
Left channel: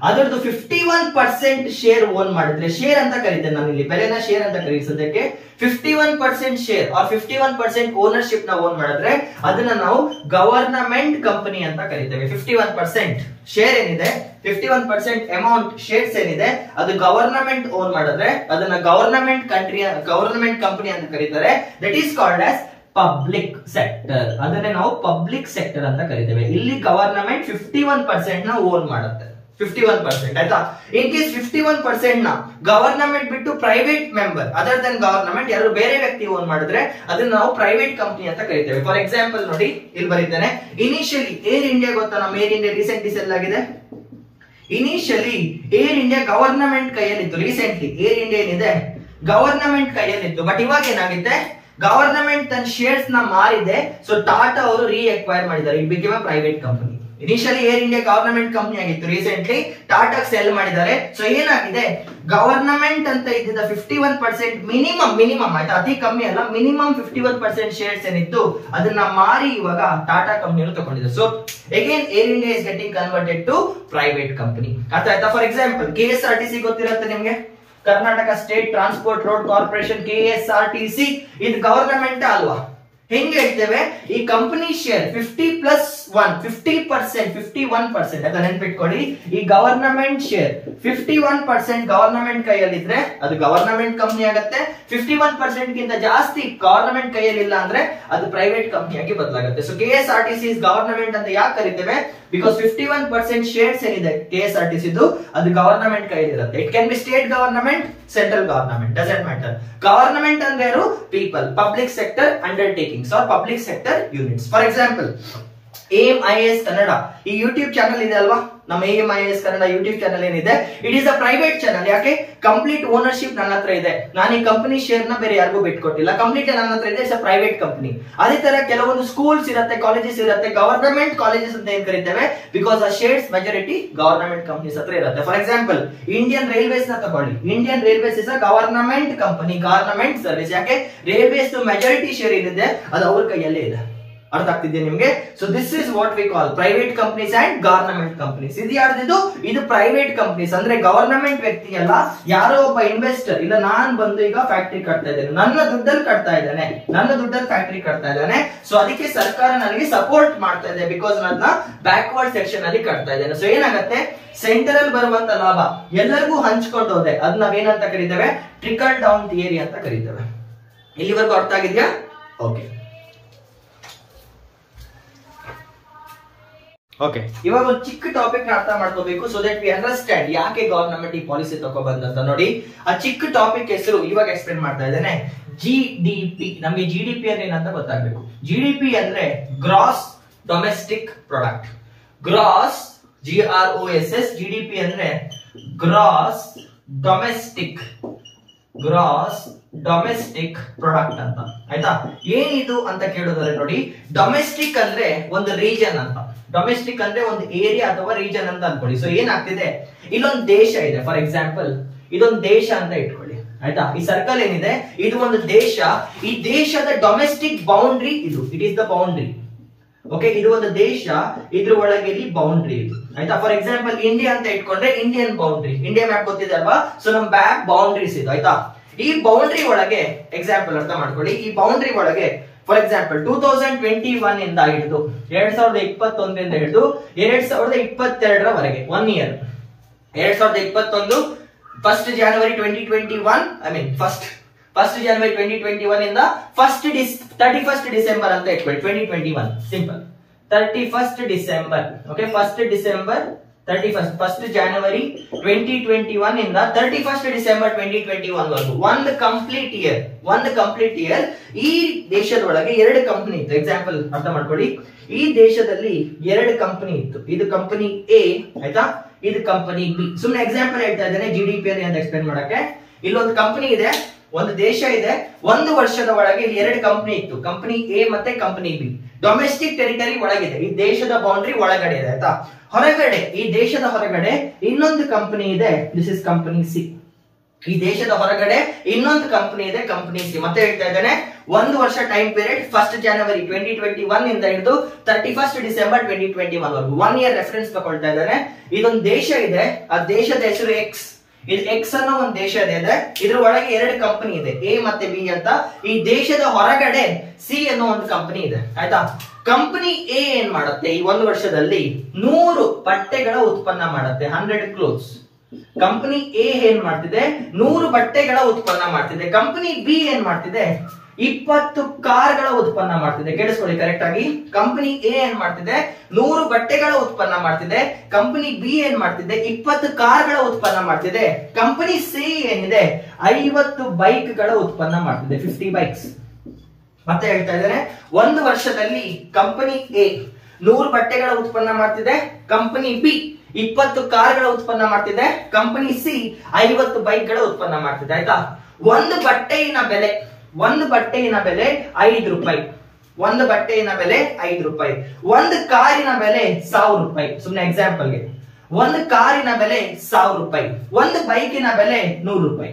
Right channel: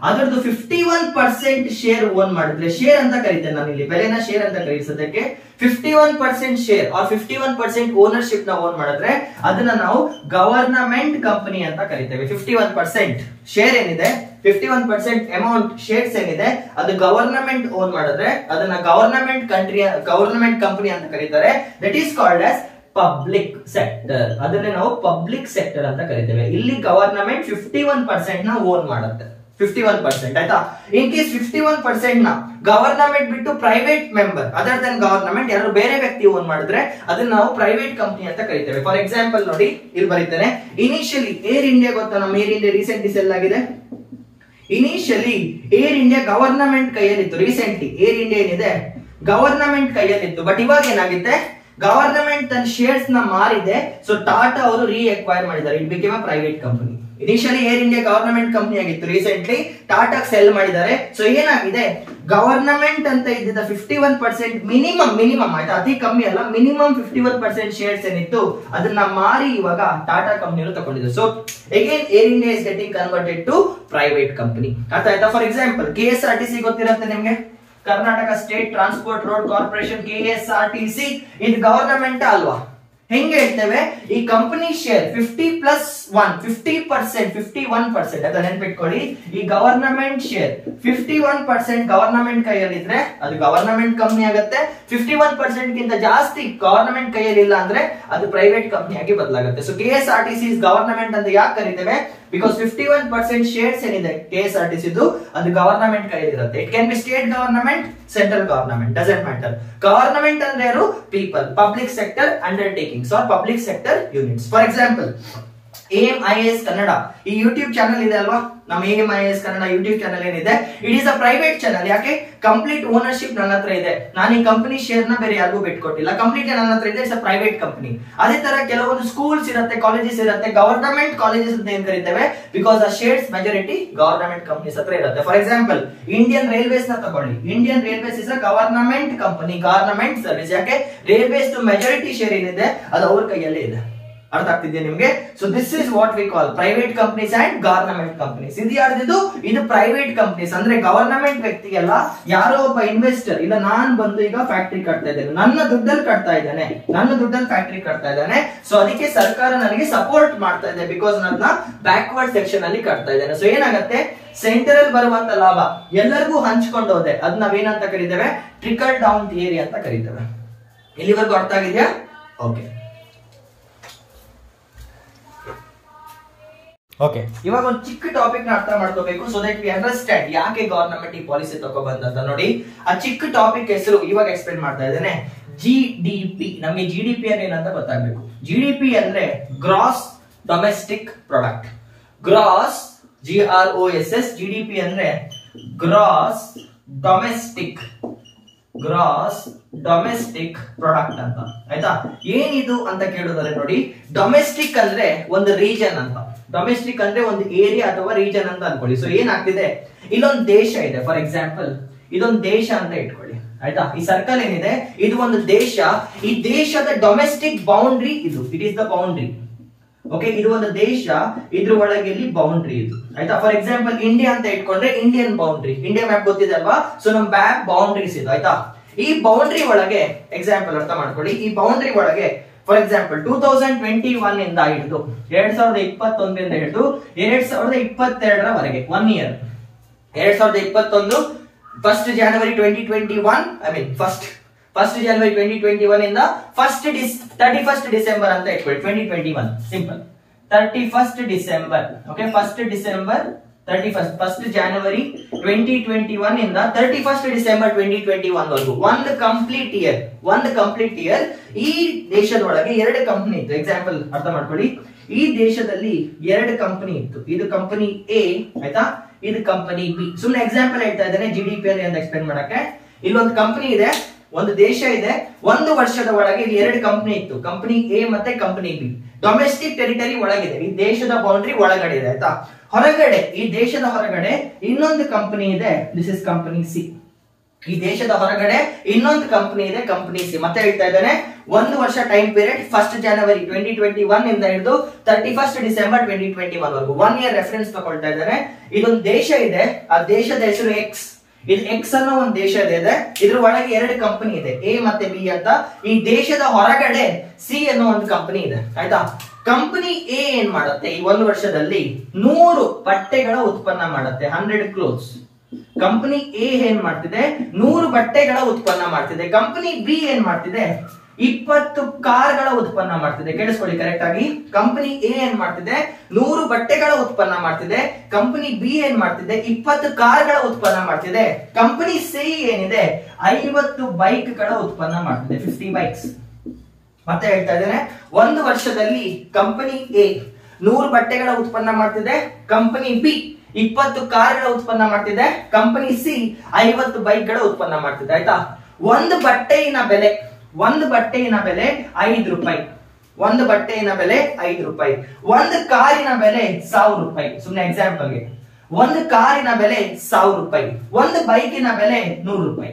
ಅದರದ್ದು 51% ಶೇರ್ ಓನ್ ಮಾಡಿದ್ರೆ, ಶೇರ್ ಅಂತ ಕರೀತೇನೆ ನಾನು ಇಲ್ಲಿ, ಬೆಲೆನ ಶೇರ್ ಅಂತ ಕರೀಸೋದಕ್ಕೆ 51% ಶೇರ್ ಆರ್ 51% ಓನರ್ಶಿಪ್ ನ ಓನ್ ಮಾಡಿದ್ರೆ ಅದನ್ನ ನಾವು ಗವರ್ನಮೆಂಟ್ ಕಂಪನಿ ಅಂತ ಕರಿತೇವೆ. 51% ಶೇರ್ ಏನಿದೆ, 51% ಅಮೌಂಟ್ ಶೇರ್ಸ್ ಏನಿದೆ, ಅದು ಗವರ್ನಮೆಂಟ್ ಓನ್ ಮಾಡಿದ್ರೆ ಅದನ್ನ ಗವರ್ನಮೆಂಟ್ ಕಂಪನಿ ಅಂತ ಕರೀತಾರೆ. That is called as public sector. ಅದನ್ನೇ ನಾವು ಪಬ್ಲಿಕ್ ಸೆಕ್ಟರ್ ಅಂತ ಕರಿತೇವೆ. ಇಲ್ಲಿ ಗವರ್ನಮೆಂಟ್ 51% ನ ಓನ್ ಮಾಡುತ್ತೆ, 51%. ಆಯ್ತಾ? ಇನ್ ಕೇಸ್ 51% ನ ಗವರ್ನಮೆಂಟ್ ಬಿಟ್ಟು private member other than government ಯಾರು ಬೇರೆ ವ್ಯಕ್ತಿ ಓನ್ ಮಾಡಿದ್ರೆ ಅದನ್ನ ನಾವು ಪ್ರೈವೇಟ್ ಕಂಪನಿ ಅಂತ ಕರಿತೇವೆ. ಫಾರ್ ಎಕ್ಸಾಂಪಲ್ ನೋಡಿ, ಇಲ್ಲಿ ಬರೀತೇನೆ. ಇನಿಷಿಯಲಿ ಏರ್ ಇಂಡಿಯಾ ಗೊತ್ತಾ, ನಮ್ಮ ಏರ್ ಇಂಡಿಯಾ ರೀಸೆಂಟ್ಲಿ ಸೆಲ್ ಆಗಿದೆ. ಇನಿಷಿಯಲಿ ಏರ್ ಇಂಡಿಯಾ ಗವರ್ನಮೆಂಟ್ ಕೈಯಲ್ಲಿತ್ತು. ರೀಸೆಂಟ್ಲಿ ಏರ್ ಇಂಡಿಯಾ ಏನಿದೆ ಗವರ್ನಮೆಂಟ್ ಕೈಯಲ್ಲಿತ್ತು, ಬಟ್ ಇವಾಗ ಏನಾಗಿದೆ, ಗವರ್ನಮೆಂಟ್ ತನ್ನ ಶೇರ್ಸ್ ನ ಮಾರಿದೆ. ಸೊ ಟಾಟಾ ಅವರು ರೀಅಕ್ವೈರ್ ಮಾಡಿದ್ದಾರೆ, it became a private company. Initially Air India government company ಆಗಿತ್ತು, ರೀಸೆಂಟ್ಲಿ ಟಾಟಾ ಸೆಲ್ ಮಾಡಿದ್ದಾರೆ. ಸೊ ಏನಾಗಿದೆ, ಗವರ್ನಮೆಂಟ್ ಅಂತ ಇದ್ದಿದ್ದ 51% ಮಿನಿಮಮ್ ಆಯ್ತಾ, ಅತಿ ಕಮ್ಮಿ ಅಲ್ಲ, ಮಿನಿಮಮ್ 51% ಶೇರ್ಸ್ ಏನಿತ್ತು ಅದನ್ನ ಮಾರಿ ಇವಾಗ ಟಾಟಾ ಕಂಪನಿಯವರು ತಗೊಂಡಿದ್ದಾರೆ. So again air India is getting converted to private company. ಅರ್ಥ ಆಯ್ತಾ? ಫಾರ್ ಎಕ್ಸಾಂಪಲ್ KSRTC ಗೊತ್ತಿರುತ್ತೆ ನಿಮ್ಗೆ, Karnataka state transport road corporation, KSRTC, ಇದು ಗವರ್ನಮೆಂಟ್ ಅಲ್ವಾ? ಹೆಂಗೆ ಹೇಳ್ತೇವೆ, ಈ ಕಂಪನಿ ಶೇರ್ 51% ಅಂತ ನೆನ್ಪಿಟ್ಕೊಳ್ಳಿ. ಈ ಗವರ್ನಮೆಂಟ್ ಶೇರ್ 51% ಗವರ್ನಮೆಂಟ್ ಕೈಯಲ್ಲಿದ್ರೆ ಅದು ಗವರ್ನಮೆಂಟ್ ಕಂಪನಿ ಆಗುತ್ತೆ. 51% ಗಿಂತ ಜಾಸ್ತಿ ಗವರ್ನಮೆಂಟ್ ಕೈಯಲ್ಲಿ ಇಲ್ಲ ಅಂದ್ರೆ ಅದು ಪ್ರೈವೇಟ್ ಕಂಪನಿ ಆಗಿ ಬದಲಾಗುತ್ತೆ. ಸೊ KSRTC ಇಸ್ ಗವರ್ನಮೆಂಟ್ ಅಂತ ಯಾಕೆ ಕರಿತೇವೆ, ಬಿಕಾಸ್ 51% ಶೇರ್ಸ್ ಏನಿದೆ KSRTC ಅದು ಗವರ್ನಮೆಂಟ್ ಕೈಯಲ್ಲಿರುತ್ತೆ. It can be state government, central government, doesn't matter. Government ಅಂದ್ರೆ ಯಾರು, people, public sector undertakings are public sector units. For example AMIS Kannada ಈ ಯೂಟ್ಯೂಬ್ ಚಾನಲ್ ಇದೆ ಅಲ್ವಾ, ನಮ್ಮ AMIS ಕನ್ನಡ ಯೂಟ್ಯೂಬ್ ಚಾನಲ್ ಏನಿದೆ, it is a private channel. ಯಾಕೆ, complete ownership ನನ್ನ ಹತ್ರ ಇದೆ, ನಾನು ಈ ಕಂಪನಿ ಶೇರ್ ನ ಬೇರೆ ಯಾರಿಗೂ ಬಿಟ್ಕೊಟ್ಟಿಲ್ಲ, ಕಂಪ್ಲೀಟ್ ನನ್ನ ಹತ್ರ ಇದೆ, ಇಟ್ಸ್ ಅ ಪ್ರೈವೇಟ್ ಕಂಪನಿ. ಅದೇ ತರ ಕೆಲವೊಂದು ಸ್ಕೂಲ್ಸ್ ಇರುತ್ತೆ, ಕಾಲೇಜಸ್ ಇರುತ್ತೆ, ಗವರ್ನಮೆಂಟ್ ಕಾಲೇಜಸ್ ಅಂತ ಏನ್ ಕರಿತೇವೆ, ಬಿಕಾಸ್ ಆ ಶೇರ್ಸ್ ಮೆಜಾರಿಟಿ ಗವರ್ನಮೆಂಟ್ ಕಂಪನೀಸ್ ಹತ್ರ ಇರುತ್ತೆ. ಫಾರ್ ಎಕ್ಸಾಂಪಲ್ ಇಂಡಿಯನ್ ರೈಲ್ವೇಸ್ ನ ತಗೊಳ್ಳಿ, Indian railways is a government company, government service. ಯಾಕೆ, ರೈಲ್ವೇಸ್ ಮೆಜಾರಿಟಿ ಶೇರ್ ಏನಿದೆ ಅದು ಅವ್ರ ಕೈಯಲ್ಲೇ ಇದೆ. ಅರ್ಥ ಆಗ್ತಿದ್ಯಾ ನಿಮ್ಗೆ? So this is what we call private companies and government companies. ಇದು ಯಾರ್ದಿದು, ಇದು ಪ್ರೈವೇಟ್ ಕಂಪನೀಸ್. ಅಂದ್ರೆ ಗವರ್ನಮೆಂಟ್ ವ್ಯಕ್ತಿ ಅಲ್ಲ, ಯಾರೋ ಒಬ್ಬ ಇನ್ವೆಸ್ಟರ್, ಇಲ್ಲ ನಾನ್ ಬಂದು ಈಗ ಫ್ಯಾಕ್ಟರಿ ಕಟ್ತಾ ಇದ್ದೇನೆ, ನನ್ನ ದುಡ್ಡಲ್ಲಿ ಕಟ್ತಾ ಇದ್ದೇನೆ, ನನ್ನ ದುಡ್ಡಲ್ಲಿ ಫ್ಯಾಕ್ಟರಿ ಕಟ್ತಾ ಇದ್ದೇನೆ, ಸೊ ಅದಕ್ಕೆ ಸರ್ಕಾರ ನನಗೆ ಸಪೋರ್ಟ್ ಮಾಡ್ತಾ ಇದೆ, ಬಿಕಾಸ್ ನನ್ನ ಬ್ಯಾಕ್ವರ್ಡ್ ಸೆಕ್ಷನ್ ಅಲ್ಲಿ ಕಟ್ತಾ ಇದ್ದೇನೆ. ಸೊ ಏನಾಗುತ್ತೆ, ಸೆಂಟ್ರಲ್ ಬರುವಂತ ಲಾಭ ಎಲ್ಲರಿಗೂ ಹಂಚ್ಕೊಂಡು ಹೋದೆ, ಅದ್ ನಾವೇನಂತ ಕರಿತೇವೆ, ಟ್ರಿಕಲ್ ಡೌನ್ ಥಿಯರಿ ಅಂತ ಕರಿತೇವೆ. ಇಲ್ಲಿವರೆಗೂ ಅರ್ಥ ಆಗಿದ್ಯಾ? ಓಕೆ ಓಕೆ, ಇವಾಗ ಒಂದು ಚಿಕ್ಕ ಟಾಪಿಕ್ ನ ಅರ್ಥ ಮಾಡ್ಕೋಬೇಕು, ಸೊ ದಟ್ ವಿ ಅಂಡರ್ಸ್ಟ್ಯಾಂಡ್ ಯಾಕೆ ಗವರ್ನಮೆಂಟ್ ಈ ಪಾಲಿಸಿ ತಗೊಬಂದಂತ. ನೋಡಿ, ಆ ಚಿಕ್ಕ ಟಾಪಿಕ್ ಹೆಸರು ಇವಾಗ ಎಕ್ಸ್ಪ್ಲೇನ್ ಮಾಡ್ತಾ ಇದ್ದೇನೆ. GDP. ನಮಗೆ GDP ಅಂದ್ರೆ ಏನಂತ ಗೊತ್ತಾಗ್ಬೇಕು. GDP ಅಂದ್ರೆ gross domestic product. Gross GROSS, GDP ಅಂದ್ರೆ ಗ್ರಾಸ್ ಡೊಮೆಸ್ಟಿಕ್ ಪ್ರಾಡಕ್ಟ್ ಅಂತ. ಆಯ್ತಾ? ಏನಿದು ಅಂತ ಕೇಳೋದಾದ್ರೆ ನೋಡಿ, ಡೊಮೆಸ್ಟಿಕ್ ಅಂದ್ರೆ ಒಂದು ರೀಜನ್ ಅಂತ, ಡೊಮೆಸ್ಟಿಕ್ ಅಂದ್ರೆ ಒಂದು ಏರಿಯಾ ಅಥವಾ ರೀಜನ್ ಅಂತ ಅನ್ಕೊಳ್ಳಿ. ಸೊ ಏನಾಗ್ತಿದೆ, ಇಲ್ಲೊಂದು ದೇಶ ಇದೆ, ಫಾರ್ ಎಕ್ಸಾಂಪಲ್ ಇದೊಂದು ದೇಶ ಅಂತ ಇಟ್ಕೊಳ್ಳಿ. ಆಯ್ತಾ? ಈ ಸರ್ಕಲ್ ಏನಿದೆ ಇದು ಒಂದು ದೇಶ, ಈ ದೇಶದ ಡೊಮೆಸ್ಟಿಕ್ ಬೌಂಡ್ರಿ ಇದು, it is the boundary. Okay, ಇದು ಒಂದು ದೇಶ, ಇದ್ರ ಒಳಗೆ ಇಲ್ಲಿ ಬೌಂಡ್ರಿ ಇದು. ಆಯ್ತಾ? ಫಾರ್ ಎಕ್ಸಾಂಪಲ್ ಇಂಡಿಯಾ ಅಂತ ಇಟ್ಕೊಂಡ್ರೆ ಇಂಡಿಯನ್ ಬೌಂಡ್ರಿ, ಇಂಡಿಯಾ ಮ್ಯಾಪ್ ಗೊತ್ತಿದೆ ಅಲ್ವಾ, ಸೊ ನಮ್ ಬ್ಯಾಕ್ ಬೌಂಡ್ರೀಸ್ ಇದು. ಆಯ್ತಾ? ಈ ಬೌಂಡ್ರಿ ಒಳಗೆ ಎಕ್ಸಾಂಪಲ್ ಅರ್ಥ ಮಾಡ್ಕೊಳ್ಳಿ, ಈ ಬೌಂಡ್ರಿ ಒಳಗೆ ಫಾರ್ ಎಕ್ಸಾಂಪಲ್ 2021 ಇಂದ ಹಿಡಿದು 2021 ಹಿಡಿದು 2022 1 year, 2021 1st January 2021, I mean first ಜನವರಿ 2021 ಇಂದ 31st ಡಿಸೆಂಬರ್ ಅಂತ ಇಟ್ಕೊಳ್ಳಿ, 2021 simple 31st December. Okay, 1st December 1st January 2021 ಇಂದ 31st December 2021 ವರೆಗೂ ಒಂದು ಕಂಪ್ಲೀಟ್ ಇಯರ್ ಈ ದೇಶದ ಒಳಗೆ 2 ಕಂಪನಿ ಇತ್ತು. ಎಕ್ಸಾಂಪಲ್ ಅರ್ಥ ಮಾಡ್ಕೊಳ್ಳಿ, ಈ ದೇಶದಲ್ಲಿ 2 ಕಂಪನಿ ಇತ್ತು. ಇದು ಕಂಪನಿ ಎ ಆಯ್ತಾ, ಇದು ಕಂಪನಿ ಬಿ. ಸುಮ್ಮನೆ ಎಕ್ಸಾಂಪಲ್ ಹೇಳ್ತಾ ಇದ್ದೇನೆ GDP ಅಲ್ಲಿ ಅಂತ ಎಕ್ಸ್ಪ್ಲೇನ್ ಮಾಡಕ್ಕೆ. ಇಲ್ಲೊಂದು ಕಂಪನಿ ಇದೆ, ಒಂದು ದೇಶ ಇದೆ, ಒಂದು ವರ್ಷದ ಒಳಗೆ ಇಲ್ಲಿ 2 ಕಂಪನಿ ಇತ್ತು, ಕಂಪನಿ ಎ ಮತ್ತೆ ಕಂಪನಿ ಬಿ. ಡೊಮೆಸ್ಟಿಕ್ ಟೆರಿಟರಿ ಒಳಗಿದೆ, ಈ ದೇಶದ ಬೌಂಡ್ರಿ ಒಳಗಡೆ ಇದೆ ಆಯ್ತಾ. ಹೊರಗಡೆ, ಈ ದೇಶದ ಹೊರಗಡೆ ಇನ್ನೊಂದು ಕಂಪನಿ ಇದೆ, ದಿಸ್ ಇಸ್ ಕಂಪನಿ ಸಿ. ಈ ದೇಶದ ಹೊರಗಡೆ ಇನ್ನೊಂದು ಕಂಪನಿ ಇದೆ, ಕಂಪನಿ ಸಿ. ಮತ್ತೆ ಹೇಳ್ತಾ ಇದ್ದೇನೆ, ಒಂದು ವರ್ಷ ಟೈಮ್ ಪೀರಿಯಡ್ 1st January 2021 ಇಂದ ಹಿಡಿದು 31st December 2021 ವರೆಗೂ 1 ಇಯರ್ ರೆಫರೆನ್ಸ್ ತಗೊಳ್ತಾ ಇದ್ದಾರೆ. ಇದೊಂದು ದೇಶ ಇದೆ, ಆ ದೇಶದ ಹೆಸರು ಎಕ್ಸ್. ಇದು ಎಕ್ಸ್ ಅನ್ನೋ ಒಂದು ದೇಶ ಇದೆ, ಇದ್ರ ಒಳಗೆ 2 ಕಂಪನಿ ಇದೆ, ಎ ಮತ್ತೆ ಬಿ ಅಂತ. ಈ ದೇಶದ ಹೊರಗಡೆ ಸಿ ಅನ್ನೋ ಒಂದು ಕಂಪನಿ ಇದೆ ಆಯ್ತಾ. ಕಂಪನಿ ಎ ಏನ್ ಮಾಡುತ್ತೆ, ಈ ಒಂದು ವರ್ಷದಲ್ಲಿ 100 ಬಟ್ಟೆಗಳ ಉತ್ಪನ್ನ ಮಾಡುತ್ತೆ, 100 ಕ್ಲೋತ್ಸ್. ಕಂಪನಿ ಎ ಏನ್ ಮಾಡ್ತಿದೆ, 100 ಬಟ್ಟೆಗಳ ಉತ್ಪನ್ನ ಮಾಡ್ತಿದೆ. ಕಂಪನಿ ಬಿ ಏನ್ ಮಾಡ್ತಿದೆ, 20 ಕಾರ್ಗಳ ಉತ್ಪನ್ನ ಮಾಡ್ತಿದೆ. ಕೇಳಿಸ್ಕೊಳ್ಳಿ ಕರೆಕ್ಟ್ ಆಗಿ. ಕಂಪನಿ ಎ ಏನ್ ಮಾಡ್ತಿದೆ, 100 ಬಟ್ಟೆಗಳ ಉತ್ಪನ್ನ ಮಾಡ್ತಿದೆ. ಕಂಪನಿ ಬಿ ಏನ್ ಮಾಡ್ತಿದೆ, 20 ಕಾರ್ಗಳ ಉತ್ಪನ್ನ ಮಾಡ್ತಿದೆ. ಕಂಪನಿ ಸಿ ಏನಿದೆ, 50 ಬೈಕ್ಗಳ ಉತ್ಪನ್ನ ಮಾಡ್ತಿದೆ, 50 ಬೈಕ್ಸ್. ಮತ್ತೆ ಹೇಳ್ತಾ ಇದ್ದೇನೆ, ಒಂದು ವರ್ಷದಲ್ಲಿ ಕಂಪನಿ ಎ 100 ಬಟ್ಟೆಗಳ ಉತ್ಪನ್ನ ಮಾಡ್ತಿದೆ, ಕಂಪನಿ ಬಿ 20 ಕಾರ್ಗಳ ಉತ್ಪನ್ನ ಮಾಡ್ತಿದೆ, ಕಂಪನಿ ಸಿ 50 ಬೈಕ್ಗಳ ಉತ್ಪನ್ನ ಮಾಡ್ತಿದೆ ಆಯ್ತಾ. ಒಂದು ಬಟ್ಟೆಯಿನ ಬೆಲೆ 5 ರೂಪಾಯಿ. ಒಂದು ಬಟ್ಟೆಯಿನ ಬೆಲೆ 5 ರೂಪಾಯಿ. ಒಂದು ಕಾರಿನ ಬೆಲೆ 1000 ರೂಪಾಯಿ. ಸುಮ್ಮನೆ ಎಕ್ಸಾಂಪಲ್ಗೆ, ಒಂದು ಕಾರಿನ ಬೆಲೆ 1000 ರೂಪಾಯಿ, ಒಂದು ಬೈಕಿನ ಬೆಲೆ 100 ರೂಪಾಯಿ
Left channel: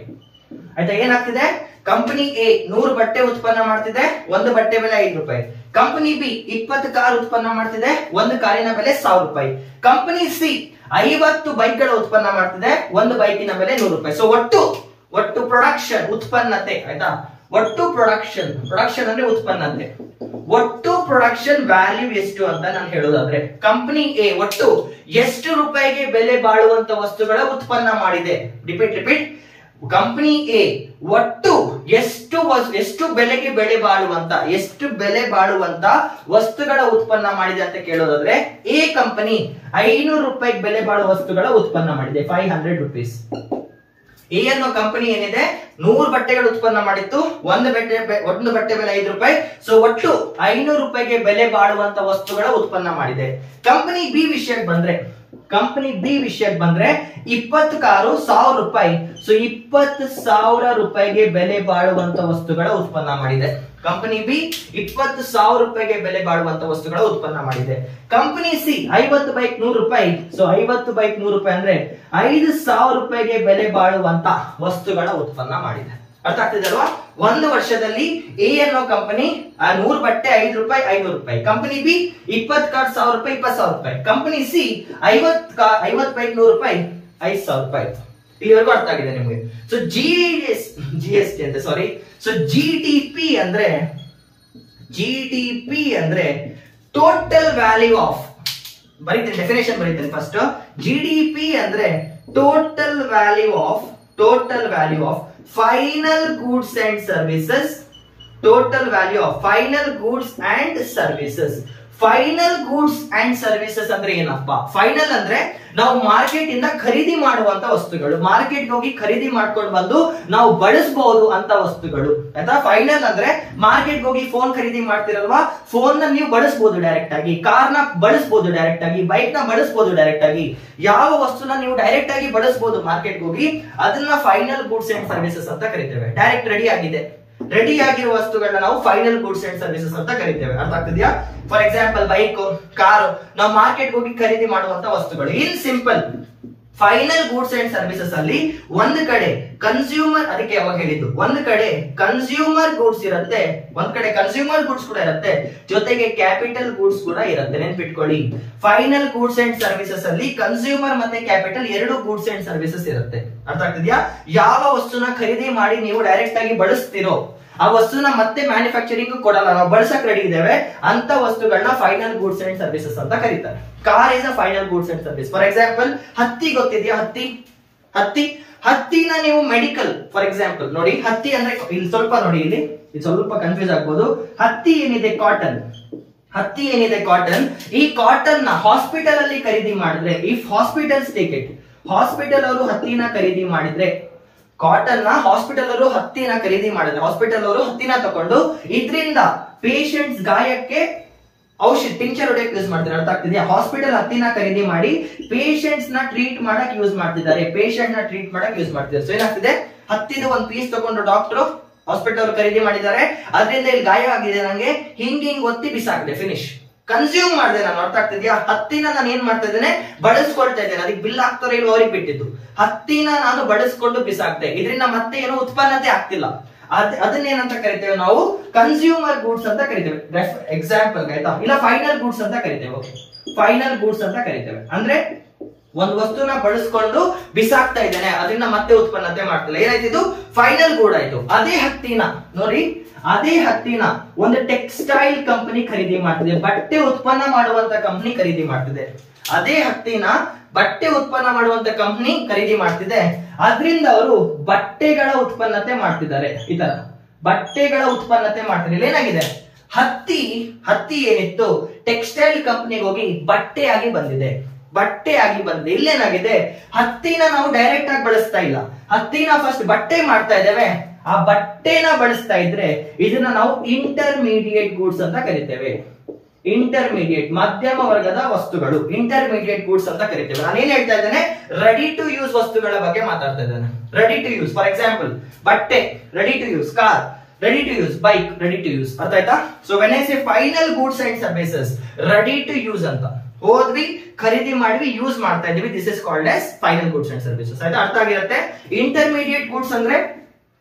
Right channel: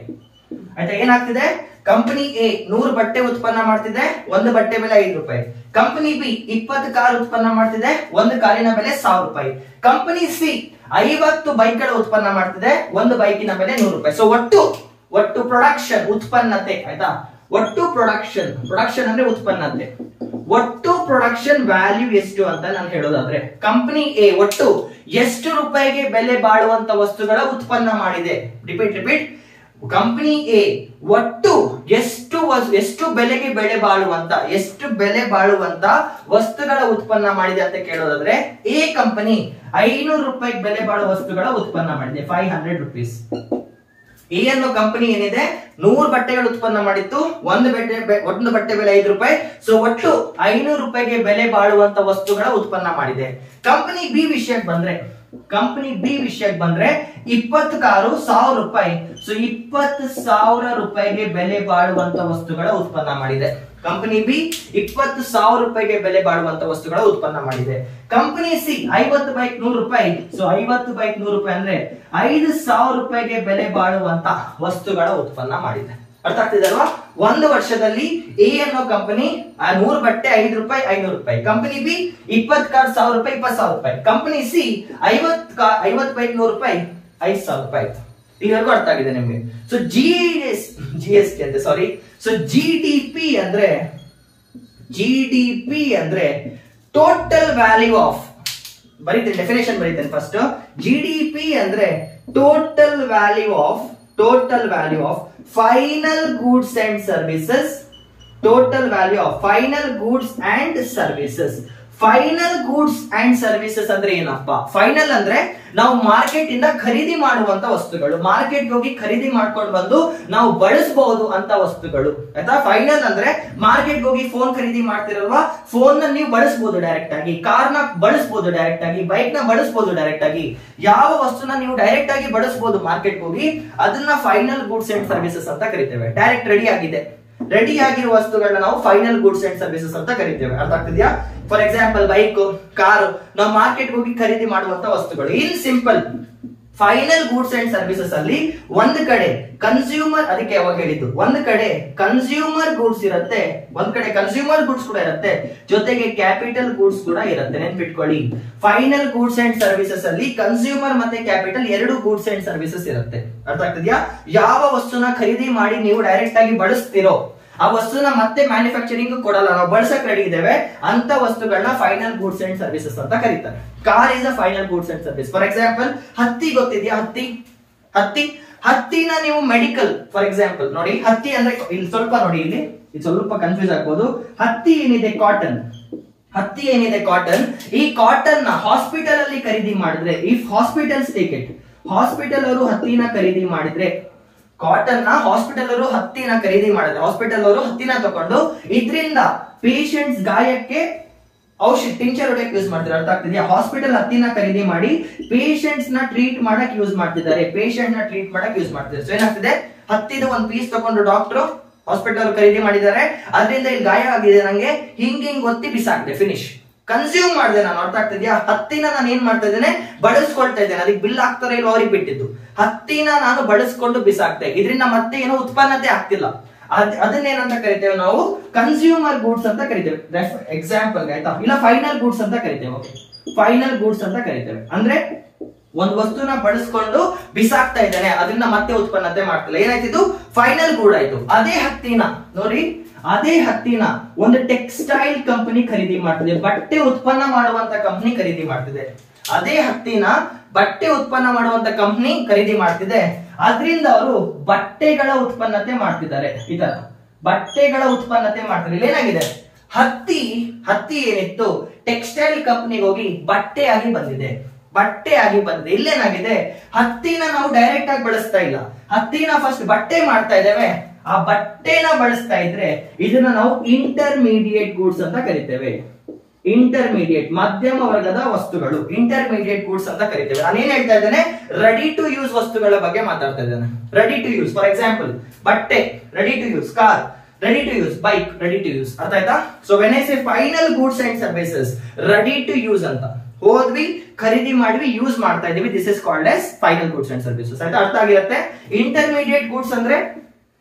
ಆಯ್ತಾ. ಏನಾಗ್ತಿದೆ, ಕಂಪನಿ ಎ 100 ಬಟ್ಟೆ ಉತ್ಪನ್ನ ಮಾಡ್ತಿದೆ, ಒಂದು ಬಟ್ಟೆ ಬೆಲೆ 5 ರೂಪಾಯಿ. ಕಂಪನಿ ಬಿ 20 ಕಾರ್ ಉತ್ಪನ್ನ ಮಾಡ್ತಿದೆ, ಒಂದು ಕಾರಿನ ಬೆಲೆ 1000 ರೂಪಾಯಿ. ಕಂಪನಿ ಸಿ 50 ಬೈಕ್ಗಳ ಉತ್ಪನ್ನ ಮಾಡ್ತಿದೆ, ಒಂದು ಬೈಕಿನ ಬೆಲೆ 100 ರೂಪಾಯಿ. ಸೊ ಒಟ್ಟು ಪ್ರೊಡಕ್ಷನ್, ಉತ್ಪನ್ನತೆ ಆಯ್ತಾ. ಒಟ್ಟು ಪ್ರೊಡಕ್ಷನ್ ಅಂದ್ರೆ ಉತ್ಪನ್ನತೆ. ಒಟ್ಟು ಪ್ರೊಡಕ್ಷನ್ ವ್ಯಾಲ್ಯೂ ಎಷ್ಟು ಅಂತ ನಾನು ಹೇಳೋದಾದ್ರೆ, ಕಂಪನಿ ಎ ಒಟ್ಟು ಎಷ್ಟು ರೂಪಾಯಿಗೆ ಬೆಲೆ ಬಾಳುವಂತ ವಸ್ತುಗಳ ಉತ್ಪನ್ನ ಮಾಡಿದೆ. ರಿಪೀಟ್. ಕಂಪನಿ ಎ ಒಟ್ಟು ಎಷ್ಟು ಬೆಲೆ ಬಾಳುವಂತ ವಸ್ತುಗಳ ಉತ್ಪನ್ನ ಮಾಡಿದೆ ಅಂತ ಕೇಳೋದಾದ್ರೆ, ಎ ಕಂಪನಿ 500 ರೂಪಾಯಿ ಬೆಲೆ ಬಾಳುವ ವಸ್ತುಗಳ ಉತ್ಪನ್ನ ಮಾಡಿದೆ, 500 rupees. ಎ ಅನ್ನೋ ಕಂಪನಿ ಏನಿದೆ, 100 ಬಟ್ಟೆಗಳು ಉತ್ಪನ್ನ ಮಾಡಿತ್ತು, ಒಂದು ಬಟ್ಟೆ ಬೆಲೆ 5 ರೂಪಾಯಿ. ಸೊ ಒಟ್ಟು 500 ರೂಪಾಯಿಗೆ ಬೆಲೆ ಬಾಳುವಂತ ವಸ್ತುಗಳ ಉತ್ಪನ್ನ ಮಾಡಿದೆ. ಕಂಪನಿ ಬಿ ವಿಷಯಕ್ಕೆ ಬಂದ್ರೆ 20 ಕಾರು 1000 ರೂಪಾಯಿ. ಸೊ 20,000 ರೂಪಾಯಿಗೆ ಬೆಲೆ ಬಾಳುವಂತ ವಸ್ತುಗಳ ಉತ್ಪನ್ನ ಮಾಡಿದೆ. ಕಂಪನಿ ಬಿ 20,000 ರೂಪಾಯಿಗೆ ಬೆಲೆ ಬಾಳುವಂತ ವಸ್ತುಗಳ ಉತ್ಪನ್ನ ಮಾಡಿದೆ. ಕಂಪನಿ ಸಿ 50 ಬೈಕ್ 100 ರೂಪಾಯಿ. ಸೊ 50 ಬೈಕ್ 100 ರೂಪಾಯಿ ಅಂದ್ರೆ 5,000 ರೂಪಾಯಿಗೆ ಬೆಲೆ ಬಾಳುವಂತ ವಸ್ತುಗಳ ಉತ್ಪನ್ನ ಮಾಡಿದೆ. ಅರ್ಥ ಆಗ್ತಿದೆ ಅಲ್ವಾ. ಒಂದು ವರ್ಷದಲ್ಲಿ ಎ ಅನ್ನೋ ಕಂಪನಿ 100 ಬಟ್ಟೆ 5 ರೂಪಾಯಿ 500 ರೂಪಾಯಿ. ಕಂಪನಿ ಬಿ 20 ಕಾರ್ಡ್ 1000 ರೂಪಾಯಿ 20,000 ರೂಪಾಯಿ. ಕಂಪನಿ ಸಿ 50 ಬೈಕ್ 100 ರೂಪಾಯಿ 5,000 ರೂಪಾಯಿ. ಇಲ್ಲಿವರೆಗೂ ಅರ್ಥ ಆಗಿದೆ ನಿಮ್ಗೆ. ಸೊ ಜಿಎಸ್ಟಿ ಅಂತ ಸಾರಿ. ಸೊ ಜಿಡಿಪಿ ಅಂದ್ರೆ ಟೋಟಲ್ ವ್ಯಾಲ್ಯೂ ಆಫ್, ಬರೀತೀನಿ ಡೆಫಿನೇಷನ್ ಬರೀತೀನಿ ಫಸ್ಟ್. ಜಿಡಿಪಿ ಅಂದ್ರೆ total value of final goods and services. Total value of final goods and services. Final goods and services ಅಂದ್ರೆ ಏನಪ್ಪಾ? ಫೈನಲ್ ಅಂದ್ರೆ ನಾವು ಮಾರ್ಕೆಟ್ ಇಂದ ಖರೀದಿ ಮಾಡುವಂತ ವಸ್ತುಗಳು, ಮಾರ್ಕೆಟ್ ಹೋಗಿ ಖರೀದಿ ಮಾಡ್ಕೊಂಡು ಬಂದು ನಾವು ಬಳಸಬಹುದು ಅಂತ ವಸ್ತುಗಳು ಆಯ್ತಾ. ಫೈನಲ್ ಅಂದ್ರೆ ಮಾರ್ಕೆಟ್ ಹೋಗಿ ಫೋನ್ ಖರೀದಿ ಮಾಡ್ತಿರಲ್ವಾ, ಫೋನ್ ನ ನೀವು ಬಳಸಬಹುದು ಡೈರೆಕ್ಟ್ ಆಗಿ, ಕಾರ್ ನ ಬಳಸಬಹುದು ಡೈರೆಕ್ಟ್ ಆಗಿ, ಬೈಕ್ ನ ಬಳಸಬಹುದು ಡೈರೆಕ್ಟ್ ಆಗಿ. ಯಾವ ವಸ್ತುನ ನೀವು ಡೈರೆಕ್ಟ್ ಆಗಿ ಬಳಸಬಹುದು ಮಾರ್ಕೆಟ್ ಹೋಗಿ, ಅದನ್ನ ಫೈನಲ್ ಗೂಡ್ಸ್ ಅಂಡ್ ಸರ್ವಿಸಸ್ ಅಂತ ಕರಿತೇವೆ. ಡೈರೆಕ್ಟ್ ರೆಡಿ ಆಗಿರುವ ವಸ್ತುಗಳನ್ನ ನಾವು ಫೈನಲ್ ಗೂಡ್ಸ್ ಅಂಡ್ ಸರ್ವಿಸಸ್ ಅಂತ ಕರಿತೇವೆ. ಅರ್ಥ ಆಗ್ತಿದ್ಯಾ? ಫಾರ್ ಎಕ್ಸಾಂಪಲ್ ಬೈಕ್, ಕಾರು ನಾವು ಮಾರ್ಕೆಟ್ ಹೋಗಿ ಖರೀದಿ ಮಾಡುವಂತ ವಸ್ತುಗಳು. In simple final goods and services ಅಲ್ಲಿ ಒಂದು ಕಡೆ ಕನ್ಸ್ಯೂಮರ್, ಅದಕ್ಕೆ ಯಾವಾಗ ಹೇಳಿದ್ದು, ಒಂದು ಕಡೆ ಕನ್ಸ್ಯೂಮರ್ ಗೂಡ್ಸ್ ಇರುತ್ತೆ, ಒಂದ್ ಕಡೆ ಕನ್ಸ್ಯೂಮರ್ ಗೂಡ್ಸ್ ಕೂಡ ಇರುತ್ತೆ, ಜೊತೆಗೆ ಕ್ಯಾಪಿಟಲ್ ಗೂಡ್ಸ್ ಕೂಡ ಇರುತ್ತೆ. ನೆನ್ಪಿಟ್ಕೊಳ್ಳಿ, ಫೈನಲ್ ಗೂಡ್ಸ್ ಅಂಡ್ ಸರ್ವಿಸಸ್ ಅಲ್ಲಿ ಕನ್ಸ್ಯೂಮರ್ ಮತ್ತೆ ಕ್ಯಾಪಿಟಲ್ ಎರಡು ಗೂಡ್ಸ್ ಅಂಡ್ ಸರ್ವಿಸಸ್ ಇರುತ್ತೆ. ಅರ್ಥ ಆಗ್ತಿದ್ಯಾ? ಯಾವ ವಸ್ತುನ ಖರೀದಿ ಮಾಡಿ ನೀವು ಡೈರೆಕ್ಟ್ ಆಗಿ ಬಳಸ್ತಿರೋ ಆ ವಸ್ತುನ ಮತ್ತೆ ಮ್ಯಾನುಫ್ಯಾಕ್ಚರಿಂಗ್ ಕೊಡಲ್ಲ, ನಾವು ಬಳಸಕ್ ರೆಡಿ ಇದ್ದೇವೆ ಅಂತ ವಸ್ತುಗಳನ್ನ ಫೈನಲ್ ಗೂಡ್ಸ್ ಅಂಡ್ ಸರ್ವಿಸಸ್ ಅಂತ ಕರೀತಾರೆ. Car is a final goods and service. For example ಹತ್ತಿ ಗೊತ್ತಿದ್ಯಾ? ಹತ್ತಿನ ನೀವು ಮೆಡಿಕಲ್, ಫಾರ್ ಎಕ್ಸಾಂಪಲ್ ನೋಡಿ, ಹತ್ತಿ ಅಂದ್ರೆ ಇಲ್ಲಿ ಸ್ವಲ್ಪ ನೋಡಿ, ಇಲ್ಲಿ ಸ್ವಲ್ಪ ಕನ್ಫ್ಯೂಸ್ ಆಗ್ಬೋದು. ಹತ್ತಿ ಏನಿದೆ ಕಾಟನ್, ಹತ್ತಿ ಏನಿದೆ ಕಾಟನ್, ಈ ಕಾಟನ್ ನ ಹಾಸ್ಪಿಟಲ್ ಅಲ್ಲಿ ಖರೀದಿ ಮಾಡಿದ್ರೆ, if hospitals take it, hospital ಅವರು ಹತ್ತಿನ ಖರೀದಿ ಮಾಡಿದ್ರೆ, ಕಾಟನ್ ನ ಹಾಸ್ಪಿಟಲ್ ಅವರು ಹತ್ತಿನ ಖರೀದಿ ಮಾಡಿದ್ರೆ, ಹಾಸ್ಪಿಟಲ್ ಅವರು ಹತ್ತಿನ ತಗೊಂಡು ಇದರಿಂದ ಪೇಷಂಟ್ಸ್ ಗಾಯಕ್ಕೆ ಔಷಧ ಟಿಂಚರ್ ಹೊಡೆಯಕ್ಕೆ ಯೂಸ್ ಮಾಡ್ತಾರೆ. ಅರ್ಥ ಆಗ್ತಿದೆಯಾ? ಹಾಸ್ಪಿಟಲ್ ಹತ್ತಿನ ಖರೀದಿ ಮಾಡಿ ಪೇಷಂಟ್ಸ್ ನ ಟ್ರೀಟ್ ಮಾಡಕ್ ಯೂಸ್ ಮಾಡ್ತಿದ್ದಾರೆ, ಪೇಷಂಟ್ ನ ಟ್ರೀಟ್ ಮಾಡಕ್ ಯೂಸ್ ಮಾಡ್ತಿದ್ದಾರೆ. ಸೊ ಏನಾಗ್ತಿದೆ, ಹತ್ತಿದ ಒಂದು ಪೀಸ್ ತಗೊಂಡು ಡಾಕ್ಟರ್ ಹಾಸ್ಪಿಟಲ್ ಖರೀದಿ ಮಾಡಿದ್ದಾರೆ, ಅದರಿಂದ ಇಲ್ಲಿ ಗಾಯ ಆಗಿದೆ, ನಂಗೆ ಹಿಂಗ್ ಒತ್ತಿ ಬಿಸಾಕ್ದೆ, ಫಿನಿಶ್. ಕನ್ಸ್ಯೂಮ್ ಮಾಡಿದೆ ನಾನು. ಅರ್ಥ ಆಗ್ತಿದ್ಯಾ? ಹತ್ತಿನ ನಾನು ಏನ್ ಮಾಡ್ತಾ ಇದ್ದೇನೆ, ಬಳಸ್ಕೊಳ್ತಾ ಇದ್ದೇನೆ. ಅದಕ್ಕೆ ಬಿಲ್ ಆಗ್ತಾರ ಇಲ್ವ ಅವ್ರಿಗೆ ಬಿಟ್ಟಿದ್ದು. ಹತ್ತಿನ ನಾನು ಬಳಸ್ಕೊಂಡು ಬಿಸಾಕ್ತೆ, ಇದರಿಂದ ಮತ್ತೆ ಏನು ಉತ್ಪನ್ನತೆ ಆಗ್ತಿಲ್ಲ. ಅದನ್ನೇನಂತ ಕರಿತೇವೆ ನಾವು, ಕನ್ಸ್ಯೂಮರ್ ಗೂಡ್ಸ್ ಅಂತ ಕರಿತೇವೆ. ಎಕ್ಸಾಂಪಲ್ ಆಯ್ತಾ, ಇಲ್ಲ ಫೈನಲ್ ಗೂಡ್ಸ್ ಅಂತ ಕರಿತೇವೆ. ಫೈನಲ್ ಗೂಡ್ಸ್ ಅಂತ ಕರಿತೇವೆ. ಅಂದ್ರೆ ಒಂದು ವಸ್ತುನ ಬಳಸ್ಕೊಂಡು ಬಿಸಾಕ್ತಾ ಇದ್ದಾನೆ, ಅದರಿಂದ ಮತ್ತೆ ಉತ್ಪನ್ನತೆ ಮಾಡ್ತಿಲ್ಲ, ಏನಾಯ್ತು, ಫೈನಲ್ ಗೂಡ್ ಆಯ್ತು. ಅದೇ ಹತ್ತಿನ ನೋಡಿ, ಅದೇ ಹತ್ತಿನ ಒಂದು ಟೆಕ್ಸ್ಟೈಲ್ ಕಂಪನಿ ಖರೀದಿ ಮಾಡ್ತಿದೆ, ಬಟ್ಟೆ ಉತ್ಪನ್ನ ಮಾಡುವಂತ ಕಂಪನಿ ಖರೀದಿ ಮಾಡ್ತಿದೆ. ಅದೇ ಹತ್ತಿನ ಬಟ್ಟೆ ಉತ್ಪನ್ನ ಮಾಡುವಂತ ಕಂಪನಿ ಖರೀದಿ ಮಾಡ್ತಿದೆ, ಅದರಿಂದ ಅವರು ಬಟ್ಟೆಗಳ ಉತ್ಪನ್ನತೆ ಮಾಡ್ತಿದ್ದಾರೆ. ಈ ತರ ಬಟ್ಟೆಗಳ ಉತ್ಪನ್ನತೆ ಮಾಡ್ತಿದ್ದಾರೆ. ಏನಾಗಿದೆ, ಹತ್ತಿ ಏನಿತ್ತು ಟೆಕ್ಸ್ಟೈಲ್ ಕಂಪನಿಗೆ ಹೋಗಿ ಬಟ್ಟೆಯಾಗಿ ಬಂದಿದೆ, ಬಟ್ಟೆಯಾಗಿ ಬಂದಿದೆ. ಇಲ್ಲೇನಾಗಿದೆ, ಹತ್ತಿನ ನಾವು ಡೈರೆಕ್ಟ್ ಆಗಿ ಬಳಸ್ತಾ ಇಲ್ಲ, ಹತ್ತಿನ ಫಸ್ಟ್ ಬಟ್ಟೆ ಮಾಡ್ತಾ ಇದ್ದೇವೆ. ಆ ಬಟ್ಟೆನ ಬಳಸ್ತಾ ಇದ್ರೆ ಇದನ್ನ ನಾವು ಇಂಟರ್ಮೀಡಿಯೇಟ್ ಗೂಡ್ಸ್ ಅಂತ ಕರಿತೇವೆ. ಇಂಟರ್ಮೀಡಿಯೇಟ್, ಮಧ್ಯಮ ವರ್ಗದ ವಸ್ತುಗಳು, ಇಂಟರ್ಮೀಡಿಯೇಟ್ ಗೂಡ್ಸ್ ಅಂತ ಕರಿತೇವೆ. ನಾನು ಏನ್ ಹೇಳ್ತಾ ಇದ್ದೇನೆ, ರೆಡಿ ಟು ಯೂಸ್ ವಸ್ತುಗಳ ಬಗ್ಗೆ ಮಾತಾಡ್ತಾ ಇದ್ದೇನೆ. Ready to use, for example ಬಟ್ಟೆ ready to use, car ready to use, bike ready to use. ಅರ್ಥ ಆಯ್ತಾ? So when I say final goods and services ready to use ಅಂತ, ಹೋದ್ವಿ ಖರೀದಿ ಮಾಡಿದ್ವಿ ಯೂಸ್ ಮಾಡ್ತಾ ಇದೀವಿ, this is called as final goods and services. ಆಯ್ತಾ? ಅರ್ಥ ಆಗಿರುತ್ತೆ. ಇಂಟರ್ಮೀಡಿಯೇಟ್ ಗೂಡ್ಸ್ ಅಂದ್ರೆ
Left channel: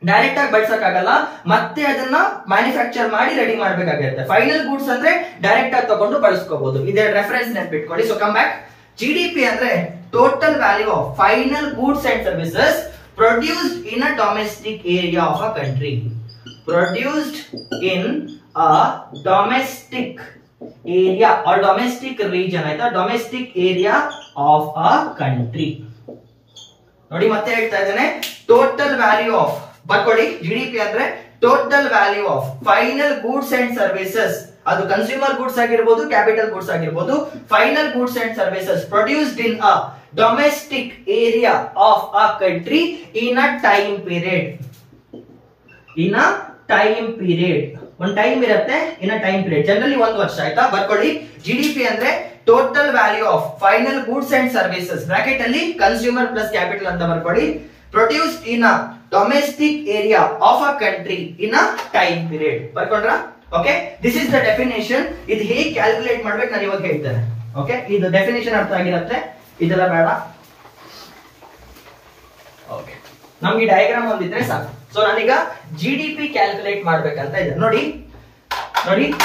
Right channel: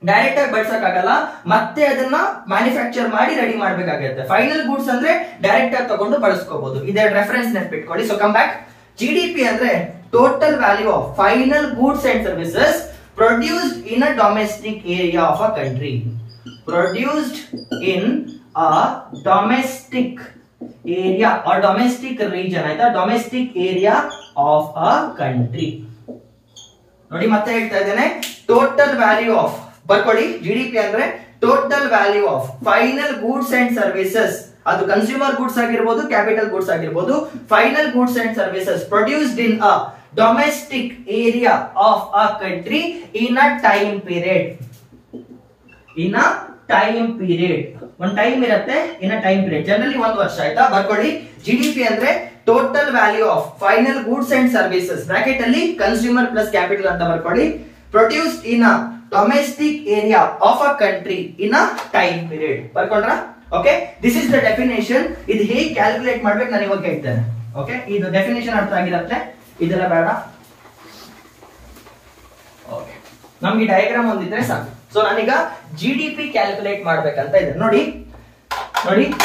ಡೈರೆಕ್ಟ್ ಆಗಿ ಬಳಸಕ್ ಆಗಲ್ಲ, ಮತ್ತೆ ಅದನ್ನ ಮ್ಯಾನುಫ್ಯಾಕ್ಚರ್ ಮಾಡಿ ರೆಡಿ ಮಾಡ್ಬೇಕಾಗುತ್ತೆ. ಫೈನಲ್ ಗೂಡ್ಸ್ ಅಂದ್ರೆ ಡೈರೆಕ್ಟ್ ಆಗಿ ತಗೊಂಡು ಬಳಸ್ಕೋಬಹುದು. ಇದೇ ರೆಫರೆನ್ಸ್ ನೆನ್ಪಿಟ್ಕೊಳ್ಳಿ. So come back. ಜಿಡಿಪಿ ಅಂದ್ರೆ total value of final goods and services produced in a domestic area of a country. Produced in a domestic area or domestic region. ಆಯ್ತಾ? Domestic area of a country. ನೋಡಿ ಮತ್ತೆ ಹೇಳ್ತಾ ಇದ್ದೇನೆ, total value of, ಬರ್ಕೊಳ್ಳಿ, GDP ಅಂದ್ರೆ total value of final goods and services. ಅದು consumer goods ಆಗಿರ್ಬೋದು, capital goods ಆಗಿರ್ಬೋದು. Final goods and services produced in a domestic area of a country in a time period. In a time period, ಒಂದು time ಇರುತ್ತೆ, in a time period, generally 1 ವರ್ಷ. ಆಯ್ತಾ? ಬರ್ಕೊಳ್ಳಿ, GDP ಅಂದ್ರೆ total value of final goods and services, bracket ಅಲ್ಲಿ consumer plus capital ಅಂತ ಬರ್ಕೊಳ್ಳಿ, produced in a domestic area of a country in a time period. ಬರ್ಕೊಂಡ್ರ? Okay, this is the definition. ಇದು ಹೇಗೆ ಕ್ಯಾಲ್ಕುಲೇಟ್ ಮಾಡ್ಬೇಕು ನಾನು ಇವಾಗ ಹೇಳ್ತೇನೆ. ಓಕೆ, ಇದು ಡೆಫಿನೇಷನ್ ಅರ್ಥ ಆಗಿರುತ್ತೆ, ಇದೆಲ್ಲ ಬೇಡ. ಓಕೆ, ನಮ್ಗೆ ಡಯಾಗ್ರಾಮ್ ಒಂದಿದ್ರೆ ಸಾಕು. ಸೊ ನಾನೀಗ ಜಿಡಿಪಿ ಕ್ಯಾಲ್ಕುಲೇಟ್ ಮಾಡ್ಬೇಕಂತ ಇದೆ. ನೋಡಿ,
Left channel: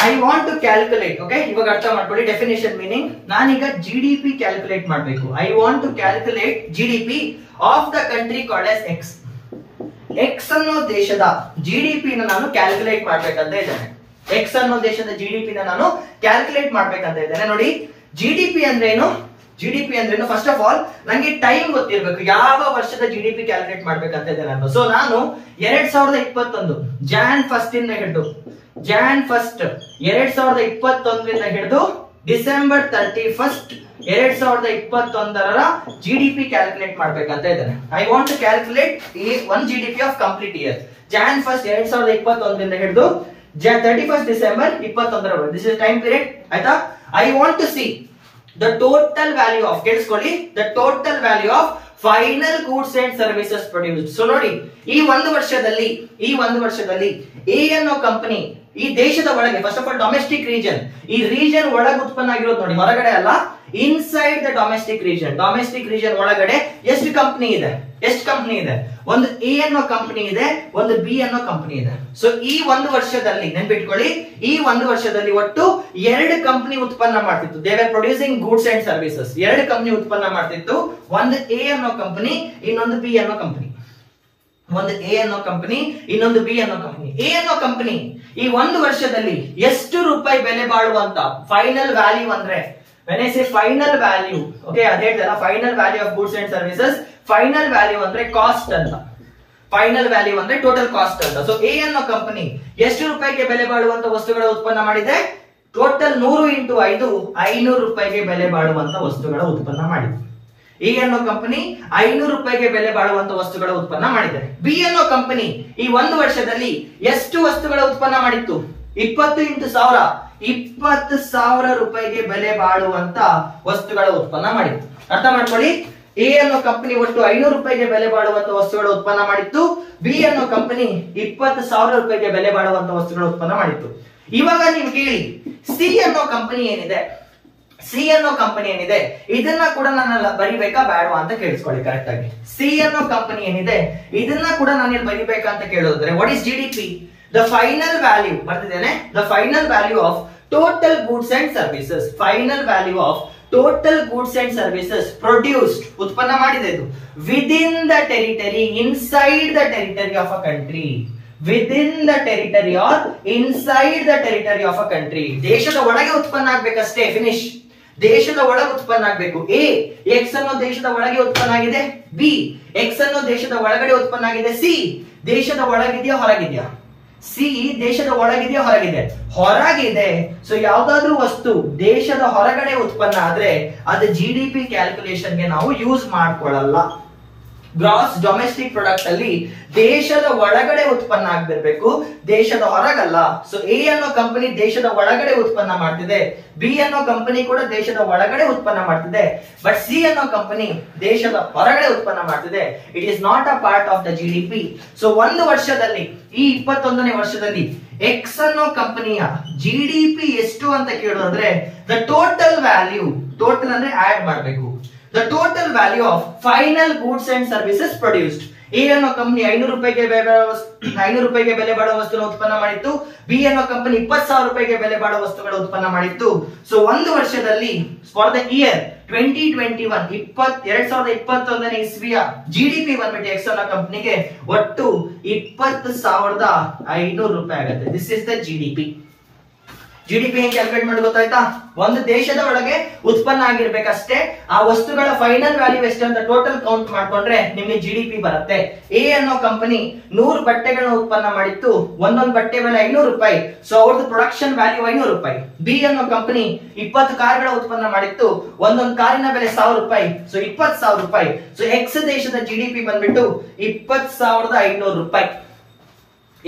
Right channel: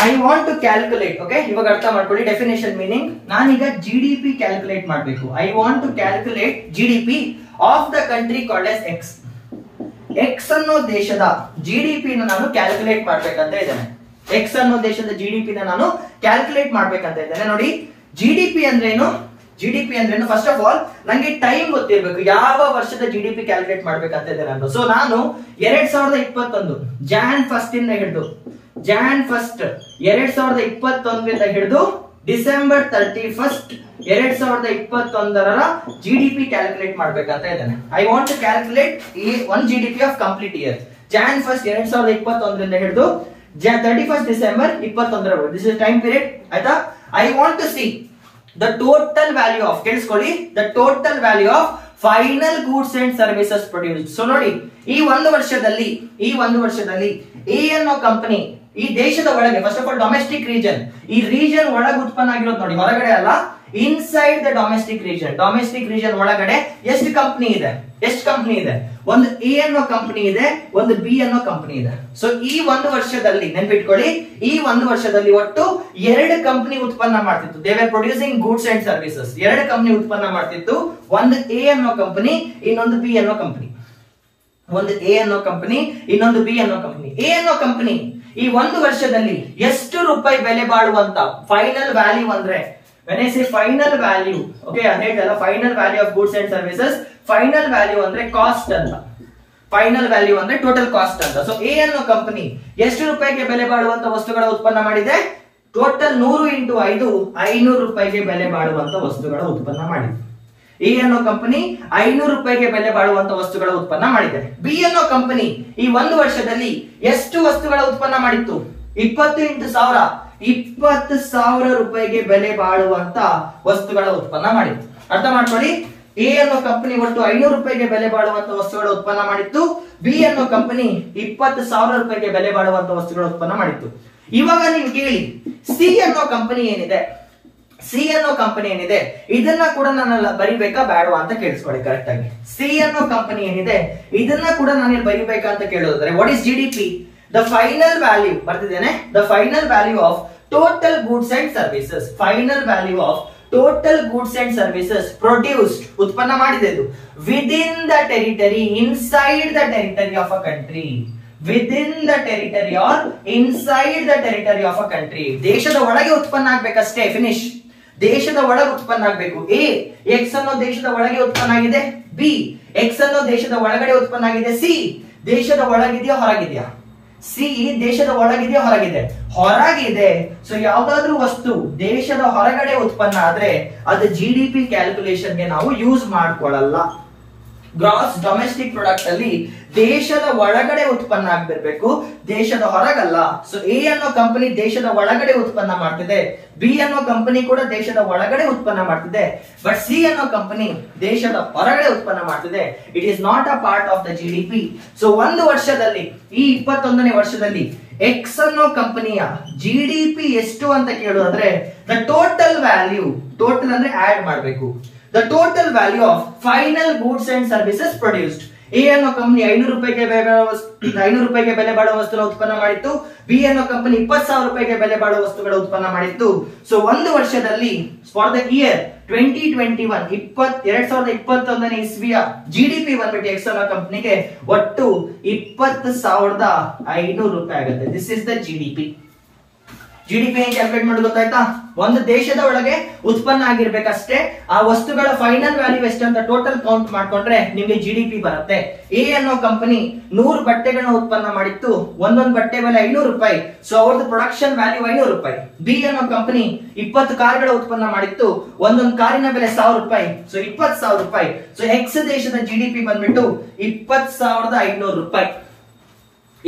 I want to calculate. Okay, ಇವಾಗ ಅರ್ಥ ಮಾಡ್ಕೊಳ್ಳಿ ಡೆಫಿನೇಷನ್ ಮೀನಿಂಗ್. ನಾನೀಗ ಜಿಡಿಪಿ ಕ್ಯಾಲ್ಕುಲೇಟ್ ಮಾಡಬೇಕು. I want to calculate GDP of the country called as X. X ಅನ್ನೋ ದೇಶದ ಜಿಡಿಪಿ ನಾನು ಕ್ಯಾಲ್ಕುಲೇಟ್ ಮಾಡ್ಬೇಕಂತ ಇದ್ದೇನೆ. ಎಕ್ಸ್ ಅನ್ನೋ ದೇಶದ ಜಿಡಿಪಿ ನಾನು ಕ್ಯಾಲ್ಕುಲೇಟ್ ಮಾಡ್ಬೇಕಂತ ಇದ್ದೇನೆ. ನೋಡಿ, ಜಿಡಿಪಿ ಅಂದ್ರೇನು? ಜಿಡಿಪಿ ಅಂದ್ರೇನು? ಫಸ್ಟ್ ಆಫ್ ಆಲ್ ನಂಗೆ ಟೈಮ್ ಗೊತ್ತಿರಬೇಕು, ಯಾವ ವರ್ಷದ ಜಿಡಿಪಿ ಕ್ಯಾಲ್ಕುಲೇಟ್ ಮಾಡ್ಬೇಕಂತ ಇದ್ದೇನೆ ನಾನು. ಸೊ ನಾನು 2021 ಜಾನ್ 1 ಇಂದ ಹಿಡಿದು ಜಾನ್ 1 2021 ಹಿಡಿದು ಡಿಸೆಂಬರ್ 31 2021 ಜಿಡಿಪಿ ಕ್ಯಾಲ್ಕುಲೇಟ್ ಮಾಡ್ಬೇಕಂತ ಇದ್ದೇನೆ. ಐ ವಾಂಟ್ ಟು ಕ್ಯಾಲ್ಕುಲೇಟ್ ಈ one GDP of complete year, Jan 1 2021 ಹಿಡಿದು 31 December 2021. This is time period. ಆಯ್ತಾ? I want to see the total value of, ಕೇಳಿಸ್ಕೊಳ್ಳಿ, the total value of final goods and services produced. So ನೋಡಿ, ಈ ಒಂದು ವರ್ಷದಲ್ಲಿ A ಅನ್ನೋ company ಈ ದೇಶದ ಒಳಗೆ, first of all domestic region, ಈ ರೀಜನ್ ಒಳಗೆ ಉತ್ಪನ್ನ ಆಗಿರೋದು ನೋಡಿ, ಹೊರಗಡೆ ಅಲ್ಲ, inside the domestic region. Domestic region ಒಳಗಡೆ ಎಷ್ಟು ಕಂಪನಿ ಇದೆ? ಒಂದು ಎ ಅನ್ನೋ ಕಂಪನಿ ಇದೆ, ಒಂದು ಬಿ ಅನ್ನೋ ಕಂಪನಿ ಇದೆ. ಸೊ ಈ ಒಂದು ವರ್ಷದಲ್ಲಿ ನೆನ್ಪಿಟ್ಕೊಳ್ಳಿ, ಈ ಒಂದು ವರ್ಷದಲ್ಲಿ ಒಟ್ಟು 2 ಕಂಪನಿ ಉತ್ಪನ್ನ ಮಾಡ್ತಿತ್ತು. They were producing goods and services. 2 company ಉತ್ಪನ್ನ ಮಾಡ್ತಿತ್ತು. ಒಂದು ಎ ಅನ್ನೋ ಕಂಪನಿ, ಇನ್ನೊಂದು ಬಿ ಅನ್ನೋ ಕಂಪನಿ. ಒಂದು ಎ ಅನ್ನೋ ಕಂಪನಿ, ಇನ್ನೊಂದು ಬಿ ಅನ್ನೋ ಕಂಪನಿ. ಎ ಅನ್ನೋ ಕಂಪನಿ ಈ ಒಂದು ವರ್ಷದಲ್ಲಿ ಎಷ್ಟು ರೂಪಾಯಿ ಬೆಲೆ ಬಾಳುವಂತ ಫೈನಲ್ ವ್ಯಾಲ್ಯೂ ಅಂದ್ರೆ, when I say final value, okay, ಅದೇ ಹೇಳ್ತಲ್ಲ, final value of goods and services. Final value ಅಂದ್ರೆ ಕಾಸ್ಟ್ ಅಂತ, ಫೈನಲ್ ವ್ಯಾಲ್ಯೂ ಅಂದ್ರೆ ಟೋಟಲ್ ಕಾಸ್ಟ್ ಅಂತ. ಸೊ ಎ ಅನ್ನೋ ಕಂಪನಿ ಎಷ್ಟು ರೂಪಾಯಿಗೆ ಬೆಲೆ ಬಾಳುವಂತ ವಸ್ತುಗಳ ಉತ್ಪನ್ನ ಮಾಡಿದೆ? ಟೋಟಲ್ 100 ಇಂಟು 5 500 ರೂಪಾಯಿಗೆ ಬೆಲೆ ಬಾಳುವಂತ ವಸ್ತುಗಳ ಉತ್ಪನ್ನ ಮಾಡಿದೆ. ಎ ಅನ್ನೋ ಕಂಪನಿ 500 ರೂಪಾಯಿಗೆ ಬೆಲೆ ಬಾಳುವಂತ ವಸ್ತುಗಳ ಉತ್ಪನ್ನ ಮಾಡಿದೆ. ಬಿ ಅನ್ನೋ ಕಂಪನಿ ಈ ಒಂದು ವರ್ಷದಲ್ಲಿ ಎಷ್ಟು ವಸ್ತುಗಳ ಉತ್ಪನ್ನ ಮಾಡಿತ್ತು? 20 ಇಂಟು 1000 20,000 ರೂಪಾಯಿಗೆ ಬೆಲೆ ಬಾಳುವಂತ ವಸ್ತುಗಳ ಉತ್ಪನ್ನ ಮಾಡಿತ್ತು. ಅರ್ಥ ಮಾಡ್ಕೊಳ್ಳಿ, ಎ ಅನ್ನೋ ಕಂಪನಿ ಒಟ್ಟು 500 ರೂಪಾಯಿಗೆ ಬೆಲೆ ಬಾಳುವಂತ ವಸ್ತುಗಳ ಉತ್ಪನ್ನ ಮಾಡಿತ್ತು. ಬಿ ಅನ್ನೋ ಕಂಪನಿ 20,000 ರೂಪಾಯಿಗೆ ಬೆಲೆ ಬಾಳುವಂತ ವಸ್ತುಗಳ ಉತ್ಪನ್ನ ಮಾಡಿತ್ತು. ಇವಾಗ ನೀವು ಕೇಳಿ, ಸಿ ಅನ್ನೋ ಕಂಪನಿ ಏನಿದೆ, ಸಿ ಅನ್ನೋ ಕಂಪನಿ ಏನಿದೆ ಇದನ್ನ ಕೂಡ ನಾನು ಬರಿಬೇಕಾ ಬೇಡವಾ ಅಂತ ಕೇಳಿಸ್ಕೊಳ್ಳಿ ಕರೆಕ್ಟ್ ಆಗಿ. ಸಿ ಅನ್ನೋ ಕಂಪನಿ ಏನಿದೆ ಇದನ್ನ ಕೂಡ ನಾನು ಬರಿಬೇಕಾ ಅಂತ ಕೇಳೋದಾದ್ರೆ, what is GDP? The final value ಬರ್ತಿದ್ದೇನೆ, the final value of total goods and services. Final value of total goods and services produced, ಉತ್ಪನ್ನ ಮಾಡಿದೆ ಇದು, within the territory, inside the territory of a country. Within the territory or inside the territory of a country. ದೇಶದ ಒಳಗೆ ಉತ್ಪನ್ನ ಆಗ್ಬೇಕಷ್ಟೇ, finish. ದೇಶದ ಒಳಗೆ ಉತ್ಪನ್ನ ಆಗ್ಬೇಕು. ಎ ಎಕ್ಸ್ ಅನ್ನೋ ದೇಶದ ಒಳಗೆ ಉತ್ಪನ್ನ ಆಗಿದೆ, ಬಿ ಎಕ್ಸ್ ಅನ್ನೋ ದೇಶದ ಒಳಗಡೆ ಉತ್ಪನ್ನ ಆಗಿದೆ, ಸಿ ದೇಶದ ಒಳಗಿದೆಯಾ ಹೊರಗಿದೆಯಾ? ಸಿ ದೇಶದ ಒಳಗಿದೆಯಾ ಹೊರಗಿದೆ? ಹೊರಗಿದೆ. ಸೊ ಯಾವ್ದಾದ್ರೂ ವಸ್ತು ದೇಶದ ಹೊರಗಡೆ ಉತ್ಪನ್ನ ಆದ್ರೆ ಅದು ಜಿಡಿಪಿ ಕ್ಯಾಲ್ಕುಲೇಷನ್ ಗೆ ನಾವು ಯೂಸ್ ಮಾಡ್ಕೊಳ್ಳಲ್ಲ. ಗ್ರಾಸ್ ಡೊಮೆಸ್ಟಿಕ್ ಪ್ರಾಡಕ್ಟ್ ಅಲ್ಲಿ ದೇಶದ ಒಳಗಡೆ ಉತ್ಪನ್ನ ಆಗ್ಬಿರ್ಬೇಕು, ದೇಶದ ಹೊರಗಲ್ಲ. ಸೊ ಎ ಅನ್ನೋ ಕಂಪನಿ ದೇಶದ ಒಳಗಡೆ ಉತ್ಪನ್ನ ಮಾಡ್ತಿದೆ, ಬಿ ಅನ್ನೋ ಕಂಪನಿ ಕೂಡ ದೇಶದ ಒಳಗಡೆ ಉತ್ಪನ್ನ ಮಾಡ್ತಿದೆ, ಬಟ್ ಸಿ ಅನ್ನೋ ಕಂಪನಿ ದೇಶದ ಹೊರಗಡೆ ಉತ್ಪನ್ನ ಮಾಡ್ತಿದೆ. It is not a part of the GDP. So ಒಂದು ವರ್ಷದಲ್ಲಿ, ಈ 21ನೇ ವರ್ಷದಲ್ಲಿ ಎಕ್ಸ್ ಅನ್ನೋ ಕಂಪನಿಯ ಜಿಡಿಪಿ ಎಷ್ಟು ಅಂತ ಕೇಳೋದ್ರೆ, ದ ಟೋಟಲ್ ವ್ಯಾಲ್ಯೂ, ಟೋಟಲ್ ಅಂದ್ರೆ ಆಡ್ ಮಾಡಬೇಕು, the total value of final goods and services produced. A ಅನ್ನೋ ಕಂಪನಿ 500 ರೂಪಾಯಿಗೆ ಬೆಲೆ ಬಾಳುವ ವಸ್ತುಗಳ ಉತ್ಪನ್ನ ಮಾಡಿತ್ತು, ಬಿ ಅನ್ನೋ ಕಂಪನಿ 20,000 ರೂಪಾಯಿಗೆ ಬೆಲೆ ಬಾಳುವ ವಸ್ತುಗಳ ಉತ್ಪನ್ನ ಮಾಡಿತ್ತು. ಸೊ ಒಂದು ವರ್ಷದಲ್ಲಿ ಫಾರ್ ದ ಇಯರ್ 2021 2021ನೇ ಇಸ್ವಿಯ ಜಿಡಿಪಿ ಬಂದ್ಬಿಟ್ಟು ಎಕ್ಸ್ ಅನ್ನೋ ಕಂಪನಿಗೆ ಒಟ್ಟು 20,500 ರೂಪಾಯಿ ಆಗುತ್ತೆ. This is the GDP. GDP ಹೆಂಗೆ ಕ್ಯಾಲ್ಕುಲೇಟ್ ಮಾಡಿ ಗೊತ್ತಾಯ್ತಾ? ಒಂದು ದೇಶದ ಒಳಗೆ ಉತ್ಪನ್ನ ಆಗಿರ್ಬೇಕಷ್ಟೇ, ಆ ವಸ್ತುಗಳ ಫೈನಲ್ ವ್ಯಾಲ್ಯೂ ಎಷ್ಟಂತ ಟೋಟಲ್ ಕೌಂಟ್ ಮಾಡ್ಕೊಂಡ್ರೆ ನಿಮ್ಗೆ ಜಿಡಿಪಿ ಬರುತ್ತೆ. ಎ ಅನ್ನೋ ಕಂಪನಿ 100 ಬಟ್ಟೆಗಳನ್ನ ಉತ್ಪನ್ನ ಮಾಡಿತ್ತು, ಒಂದೊಂದು ಬಟ್ಟೆ ಬೆಲೆ 500 ರೂಪಾಯಿ, ಸೊ ಅವ್ರದ್ದು ಪ್ರೊಡಕ್ಷನ್ ವ್ಯಾಲ್ಯೂ 500 ರೂಪಾಯಿ. ಬಿ ಅನ್ನೋ ಕಂಪನಿ 20 ಕಾರ್ಗಳ ಉತ್ಪನ್ನ ಮಾಡಿತ್ತು, ಒಂದೊಂದು ಕಾರಿನ ಬೆಲೆ 1000 ರೂಪಾಯಿ, ಸೊ 20,000 ರೂಪಾಯಿ. ಸೊ ಎಕ್ಸ್ ದೇಶದ ಜಿಡಿಪಿ ಬಂದ್ಬಿಟ್ಟು 20,500 ರೂಪಾಯಿ.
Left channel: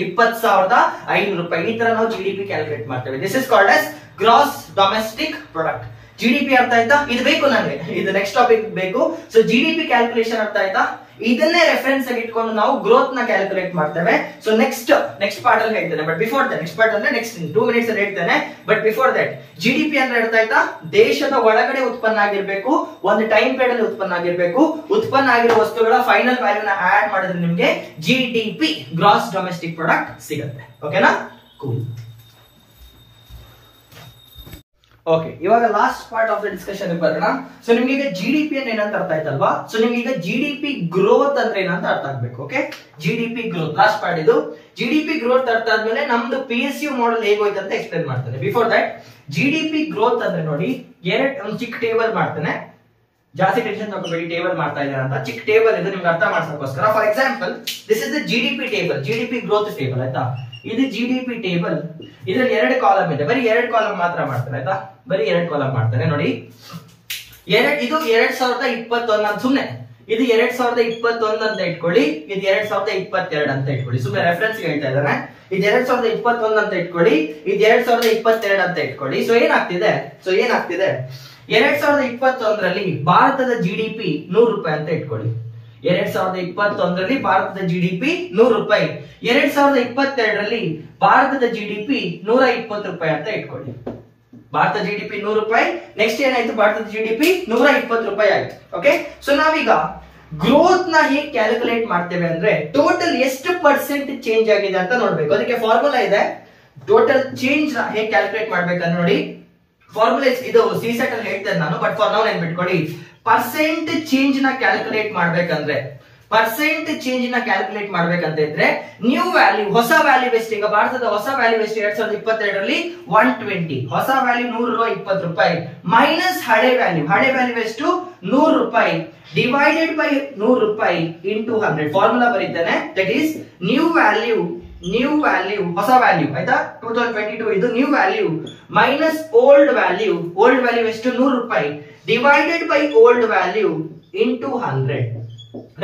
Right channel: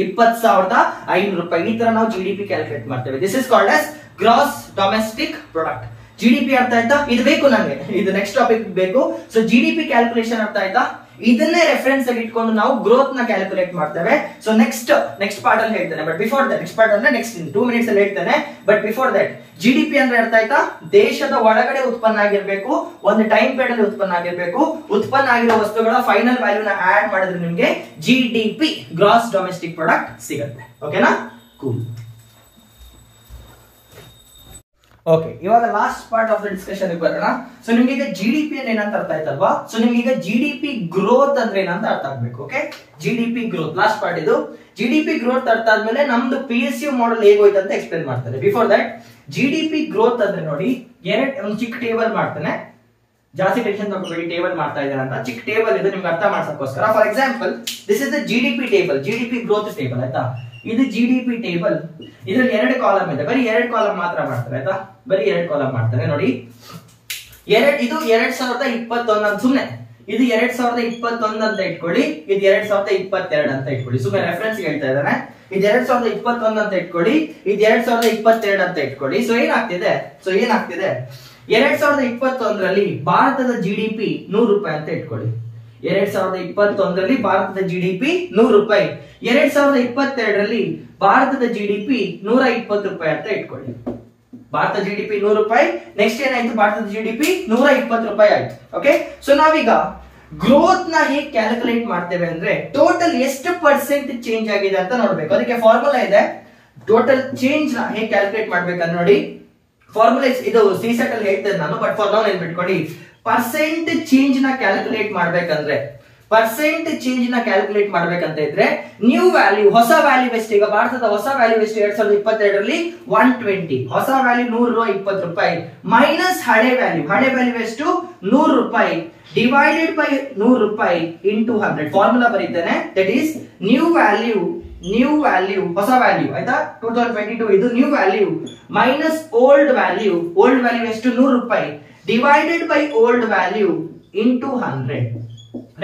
20,500 ರೂಪಾಯಿ. ಈ ತರ ನಾವು ಜಿಡಿಪಿ ಕ್ಯಾಲ್ಕುಲೇಟ್ ಮಾಡ್ತೇವೆ. This is called as gross domestic product. GDP ಅರ್ಥ ಆಯ್ತಾ? ಇದು ಬೇಕು ನನಗೆ, ಇದು ನೆಕ್ಸ್ಟ್ ಟಾಪಿಕ್ ಬೇಕು. ಸೊ ಜಿಡಿಪಿ ಕ್ಯಾಲ್ಕುಲೇಷನ್ ಅರ್ಥ ಆಯ್ತಾ? ಇದನ್ನೇ ರೆಫರೆನ್ಸ್ ಆಗಿ ಇಟ್ಕೊಂಡು ನಾವು ಗ್ರೋತ್ ನ ಕ್ಯಾಲ್ಕುಲೇಟ್ ಮಾಡ್ತೇವೆ. ಸೊ ನೆಕ್ಸ್ಟ್ ಪಾರ್ಟ್ ಅಲ್ಲಿ ಹೇಳ್ತೇನೆ, but before that, next part ಅಂದ್ರೆ ನೆಕ್ಸ್ಟ್ 2 ಮಿನಿಟ್ಸ್ ಅಲ್ಲಿ ಹೇಳ್ತೇನೆ. ಬಟ್ ಬಿಫೋರ್ ದಟ್, ಜಿಡಿಪಿ ಅಂದ್ರೆ ಅರ್ಥ ಆಯ್ತಾ? ದೇಶದ ಒಳಗಡೆ ಉತ್ಪನ್ನ ಆಗಿರ್ಬೇಕು, ಒಂದು ಟೈಮ್ ಪೀರಿಯಡ್ ಅಲ್ಲಿ ಉತ್ಪನ್ನ ಆಗಿರ್ಬೇಕು, ಉತ್ಪನ್ನ ಆಗಿರೋ ವಸ್ತುಗಳ ಫೈನಲ್ ವ್ಯಾಲ್ಯೂನ ಆಡ್ ಮಾಡಿದ್ರೆ ನಿಮ್ಗೆ ಜಿಡಿಪಿ, ಗ್ರಾಸ್ ಡೊಮೆಸ್ಟಿಕ್ ಪ್ರಾಡಕ್ಟ್ ಸಿಗುತ್ತೆ. ಓಕೆನಾ? ಕೂಲ್. ಓಕೆ, ಇವಾಗ last part of the discussion ಬರೋಣ. ಸೊ ನಿಮ್ಗೆ ಈಗ ಜಿಡಿಪಿ ಅಂದ್ರೆ ಏನಂತ ಅರ್ಥ ಆಯ್ತಲ್ವಾ? ಸೊ ನಿಮ್ಗೆ ಈಗ ಜಿಡಿಪಿ ಗ್ರೋತ್ ಅಂದ್ರೆ ಏನಂತ ಅರ್ಥ ಆಗ್ಬೇಕು. Okay, GDP growth last part ಇದು. ಜಿಡಿಪಿ ಗ್ರೋತ್ ಅರ್ಥ ಆದ್ಮೇಲೆ ನಮ್ದು PSU ಮಾಡೆಲ್ ಹೇಗೋಯ್ತು ಅಂತ ಎಕ್ಸ್ಪ್ಲೇನ್ ಮಾಡ್ತೇನೆ. ಬಿಫೋರ್ ದಟ್, ಜಿಡಿಪಿ ಗ್ರೋತ್ ಅಂದ್ರೆ ನೋಡಿ, ಒಂದು ಚಿಕ್ಕ ಟೇಬಲ್ ಮಾಡ್ತೇನೆ, ಜಾಸ್ತಿ ಟೆನ್ಷನ್ ತಗೋಬೇಡಿ, ಟೇಬಲ್ ಮಾಡ್ತಾ ಇದ್ದಾರೆ ಅಂತ. ಚಿಕ್ಕ ಟೇಬಲ್ ಇದು ನಿಮ್ಗೆ ಅರ್ಥ ಮಾಡ್ಸಕ್ಕೋಸ್ಕರ. For example, this is the GDP table, GDP growth table ಆಯ್ತಾ? ಇದು ಜಿಡಿಪಿ ಟೇಬಲ್. ಇದ್ರಲ್ಲಿ 2 ಕಾಲಮ್ ಇದೆ, ಬರೀ 2 ಕಾಲಮ್ ಮಾತ್ರ ಮಾಡ್ತಾರೆ ಆಯ್ತಾ? ಬರೀ 2 ಕಾಲಮ್ ಮಾಡ್ತಾರೆ ನೋಡಿ. ಇದು 2021 ಸುಮ್ನೆ, ಇದು 2021 ಅಂತ ಇಟ್ಕೊಳ್ಳಿ, ಇದು 2022 ಅಂತ ಇಟ್ಕೊಳ್ಳಿ. ಸುಮ್ಮನೆ ರೆಫರೆನ್ಸ್ ಹೇಳ್ತಾ ಇದ್ದಾನೆ. ಇದು 2021 ಅಂತ ಇಟ್ಕೊಳ್ಳಿ, ಇದು 2022 ಅಂತ ಇಟ್ಕೊಳ್ಳಿ. ಸೊ ಏನಾಗ್ತಿದೆ 2021ರಲ್ಲಿ ಭಾರತದ ಜಿಡಿಪಿ 100 ರೂಪಾಯಿ ಅಂತ ಇಟ್ಕೊಳ್ಳಿ. 2021ರಲ್ಲಿ ಭಾರತದ ಜಿಡಿಪಿ 100 ರೂಪಾಯಿ. 2022ರಲ್ಲಿ ಭಾರತದ ಜಿಡಿಪಿ 120 ರೂಪಾಯಿ ಅಂತ ಇಟ್ಕೊಳ್ಳಿ. ಭಾರತ ಜಿಡಿಪಿ 100 ರೂಪಾಯಿ. ನೆಕ್ಸ್ಟ್ ಏನಾಯ್ತು? ಭಾರತದ ಜಿಡಿಪಿ 120 ರೂಪಾಯಿ ಆಯ್ತು. ಓಕೆ, ಸೊ ನಾವೀಗ ಗ್ರೋತ್ ನ ಹೇಗೆ ಕ್ಯಾಲ್ಕುಲೇಟ್ ಮಾಡ್ತೇವೆ ಅಂದ್ರೆ, ಟೋಟಲ್ ಎಷ್ಟು ಪರ್ಸೆಂಟ್ ಚೇಂಜ್ ಆಗಿದೆ ಅಂತ ನೋಡ್ಬೇಕು. ಅದಕ್ಕೆ ಫಾರ್ಮುಲಾ ಇದೆ. ಟೋಟಲ್ ಚೇಂಜ್ ನ ಹೇಗೆ ಕ್ಯಾಲ್ಕುಲೇಟ್ ಮಾಡ್ಬೇಕಂತ ನೋಡಿ, ಫಾರ್ಮುಲಾ ಇದು ಸಿಸೆಟ್ ಅಲ್ಲಿ ಹೇಳ್ತೇನೆ ನಾನು, ಬಟ್ ಫಾರ್ ನೌ ನೆನ್ಪಿಟ್ಕೊಳ್ಳಿ. ಪರ್ಸೆಂಟ್ ಚೇಂಜ್ ನ ಕ್ಯಾಲ್ಕುಲೇಟ್ ಮಾಡ್ಬೇಕಂದ್ರೆ, ಇದ್ರೆ ನ್ಯೂ ವ್ಯಾಲ್ಯೂ, ಹೊಸ ವ್ಯಾಲ್ಯೂ ಎಷ್ಟು? ಈಗ ಭಾರತದ ಹೊಸ ವ್ಯಾಲ್ಯೂ ಎಷ್ಟು? 2022ರಲ್ಲಿ 120. ಹೊಸ ವ್ಯಾಲ್ಯೂ 120 ರೂಪಾಯಿ ಮೈನಸ್ ಹಳೆ ವ್ಯಾಲ್ಯೂ ಎಷ್ಟು? 100 ರೂಪಾಯಿ ಡಿವೈಡೆಡ್ ಬೈ 100 ರೂಪಾಯಿ ಇಂಟು 100. ಫಾರ್ಮುಲಾ ಬರೀತಾನೆ, that is new value new value, ಹೊಸ ವ್ಯಾಲ್ಯೂ ಆಯ್ತಾ, 2022 ಇದು new value minus old value ಎಷ್ಟು 100 ರೂಪಾಯಿ divided by old value into 100.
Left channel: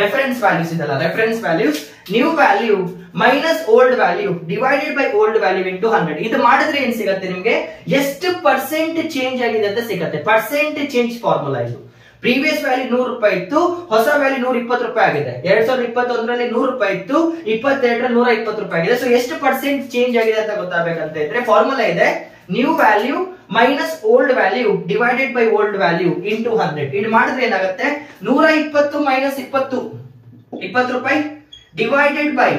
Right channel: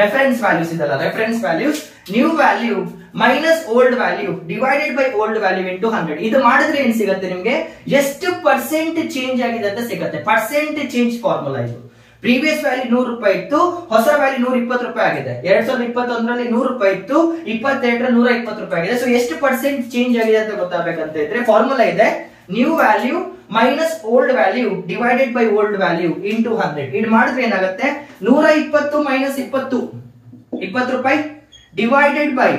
Reference values ಇದಲ್ಲ, reference values new value minus old value divided by old value into 100. ಇದು ಮಾಡಿದ್ರೆ ಏನ್ ಸಿಗುತ್ತೆ ನಿಮ್ಗೆ, ಎಷ್ಟು ಪರ್ಸೆಂಟ್ ಚೇಂಜ್ ಆಗಿದೆ ಅಂತ ಸಿಗುತ್ತೆ. ಪರ್ಸೆಂಟ್ ಚೇಂಜ್ ಫಾರ್ಮುಲಾ ಇದು. ಪ್ರೀವಿಯಸ್ ವ್ಯಾಲ್ಯೂ 100 ರೂಪಾಯಿ ಇತ್ತು, ಹೊಸ ವ್ಯಾಲ್ಯೂ 120 ರೂಪಾಯಿ ಆಗಿದೆ. 2021ರಲ್ಲಿ 100 ರೂಪಾಯಿ ಇತ್ತು, 22ರಲ್ಲಿ 120 ರೂಪಾಯಿ ಆಗಿದೆ. ಸೊ ಎಷ್ಟು ಪರ್ಸೆಂಟ್ ಚೇಂಜ್ ಆಗಿದೆ ಅಂತ ಗೊತ್ತಾಗಬೇಕಂತ ಇದ್ರೆ ಫಾರ್ಮುಲಾ ಇದೆ, new value minus old value divided by old value into 100. ಇದು ಮಾಡಿದ್ರೆ ಏನಾಗುತ್ತೆ, 120 ಮೈನಸ್ 20 ರೂಪಾಯಿ divided by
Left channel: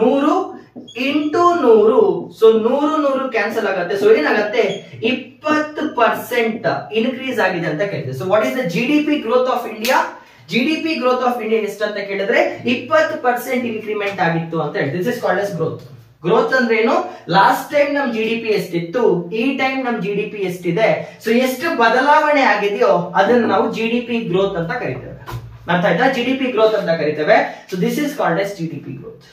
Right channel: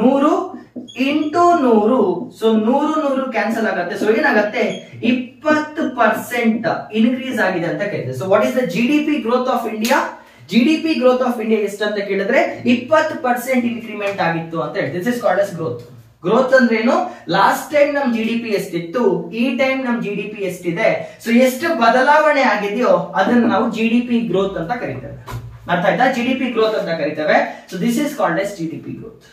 100 into 100. So 100 cancel ಆಗುತ್ತೆ. ಸೊ ಏನಾಗುತ್ತೆ, 20% ಇನ್ಕ್ರೀಸ್ ಆಗಿದೆ ಅಂತ ಕೇಳಿದೆ. So what is the GDP growth of India? GDP growth of India ಎಷ್ಟು ಅಂತ ಕೇಳಿದ್ರೆ 20% ಇನ್ಕ್ರಿಮೆಂಟ್ ಆಗಿತ್ತು ಅಂತ ಹೇಳಿ. This is called S growth. Growth ಅಂದ್ರೆ ಏನು, ಲಾಸ್ಟ್ ಟೈಮ್ ನಮ್ GDP ಎಷ್ಟಿತ್ತು, ಈ ಟೈಮ್ ನಮ್ GDP ಎಷ್ಟಿದೆ, ಸೊ ಎಷ್ಟು ಬದಲಾವಣೆ ಆಗಿದೆಯೋ ಅದನ್ನ ನಾವು GDP ಗ್ರೋತ್ ಅಂತ ಕರಿತೇವೆ. ಅರ್ಥ ಆಯ್ತಾ? GDP ಗ್ರೋತ್ ಅಂತ ಕರಿತೇವೆ. So this is called S GDP growth.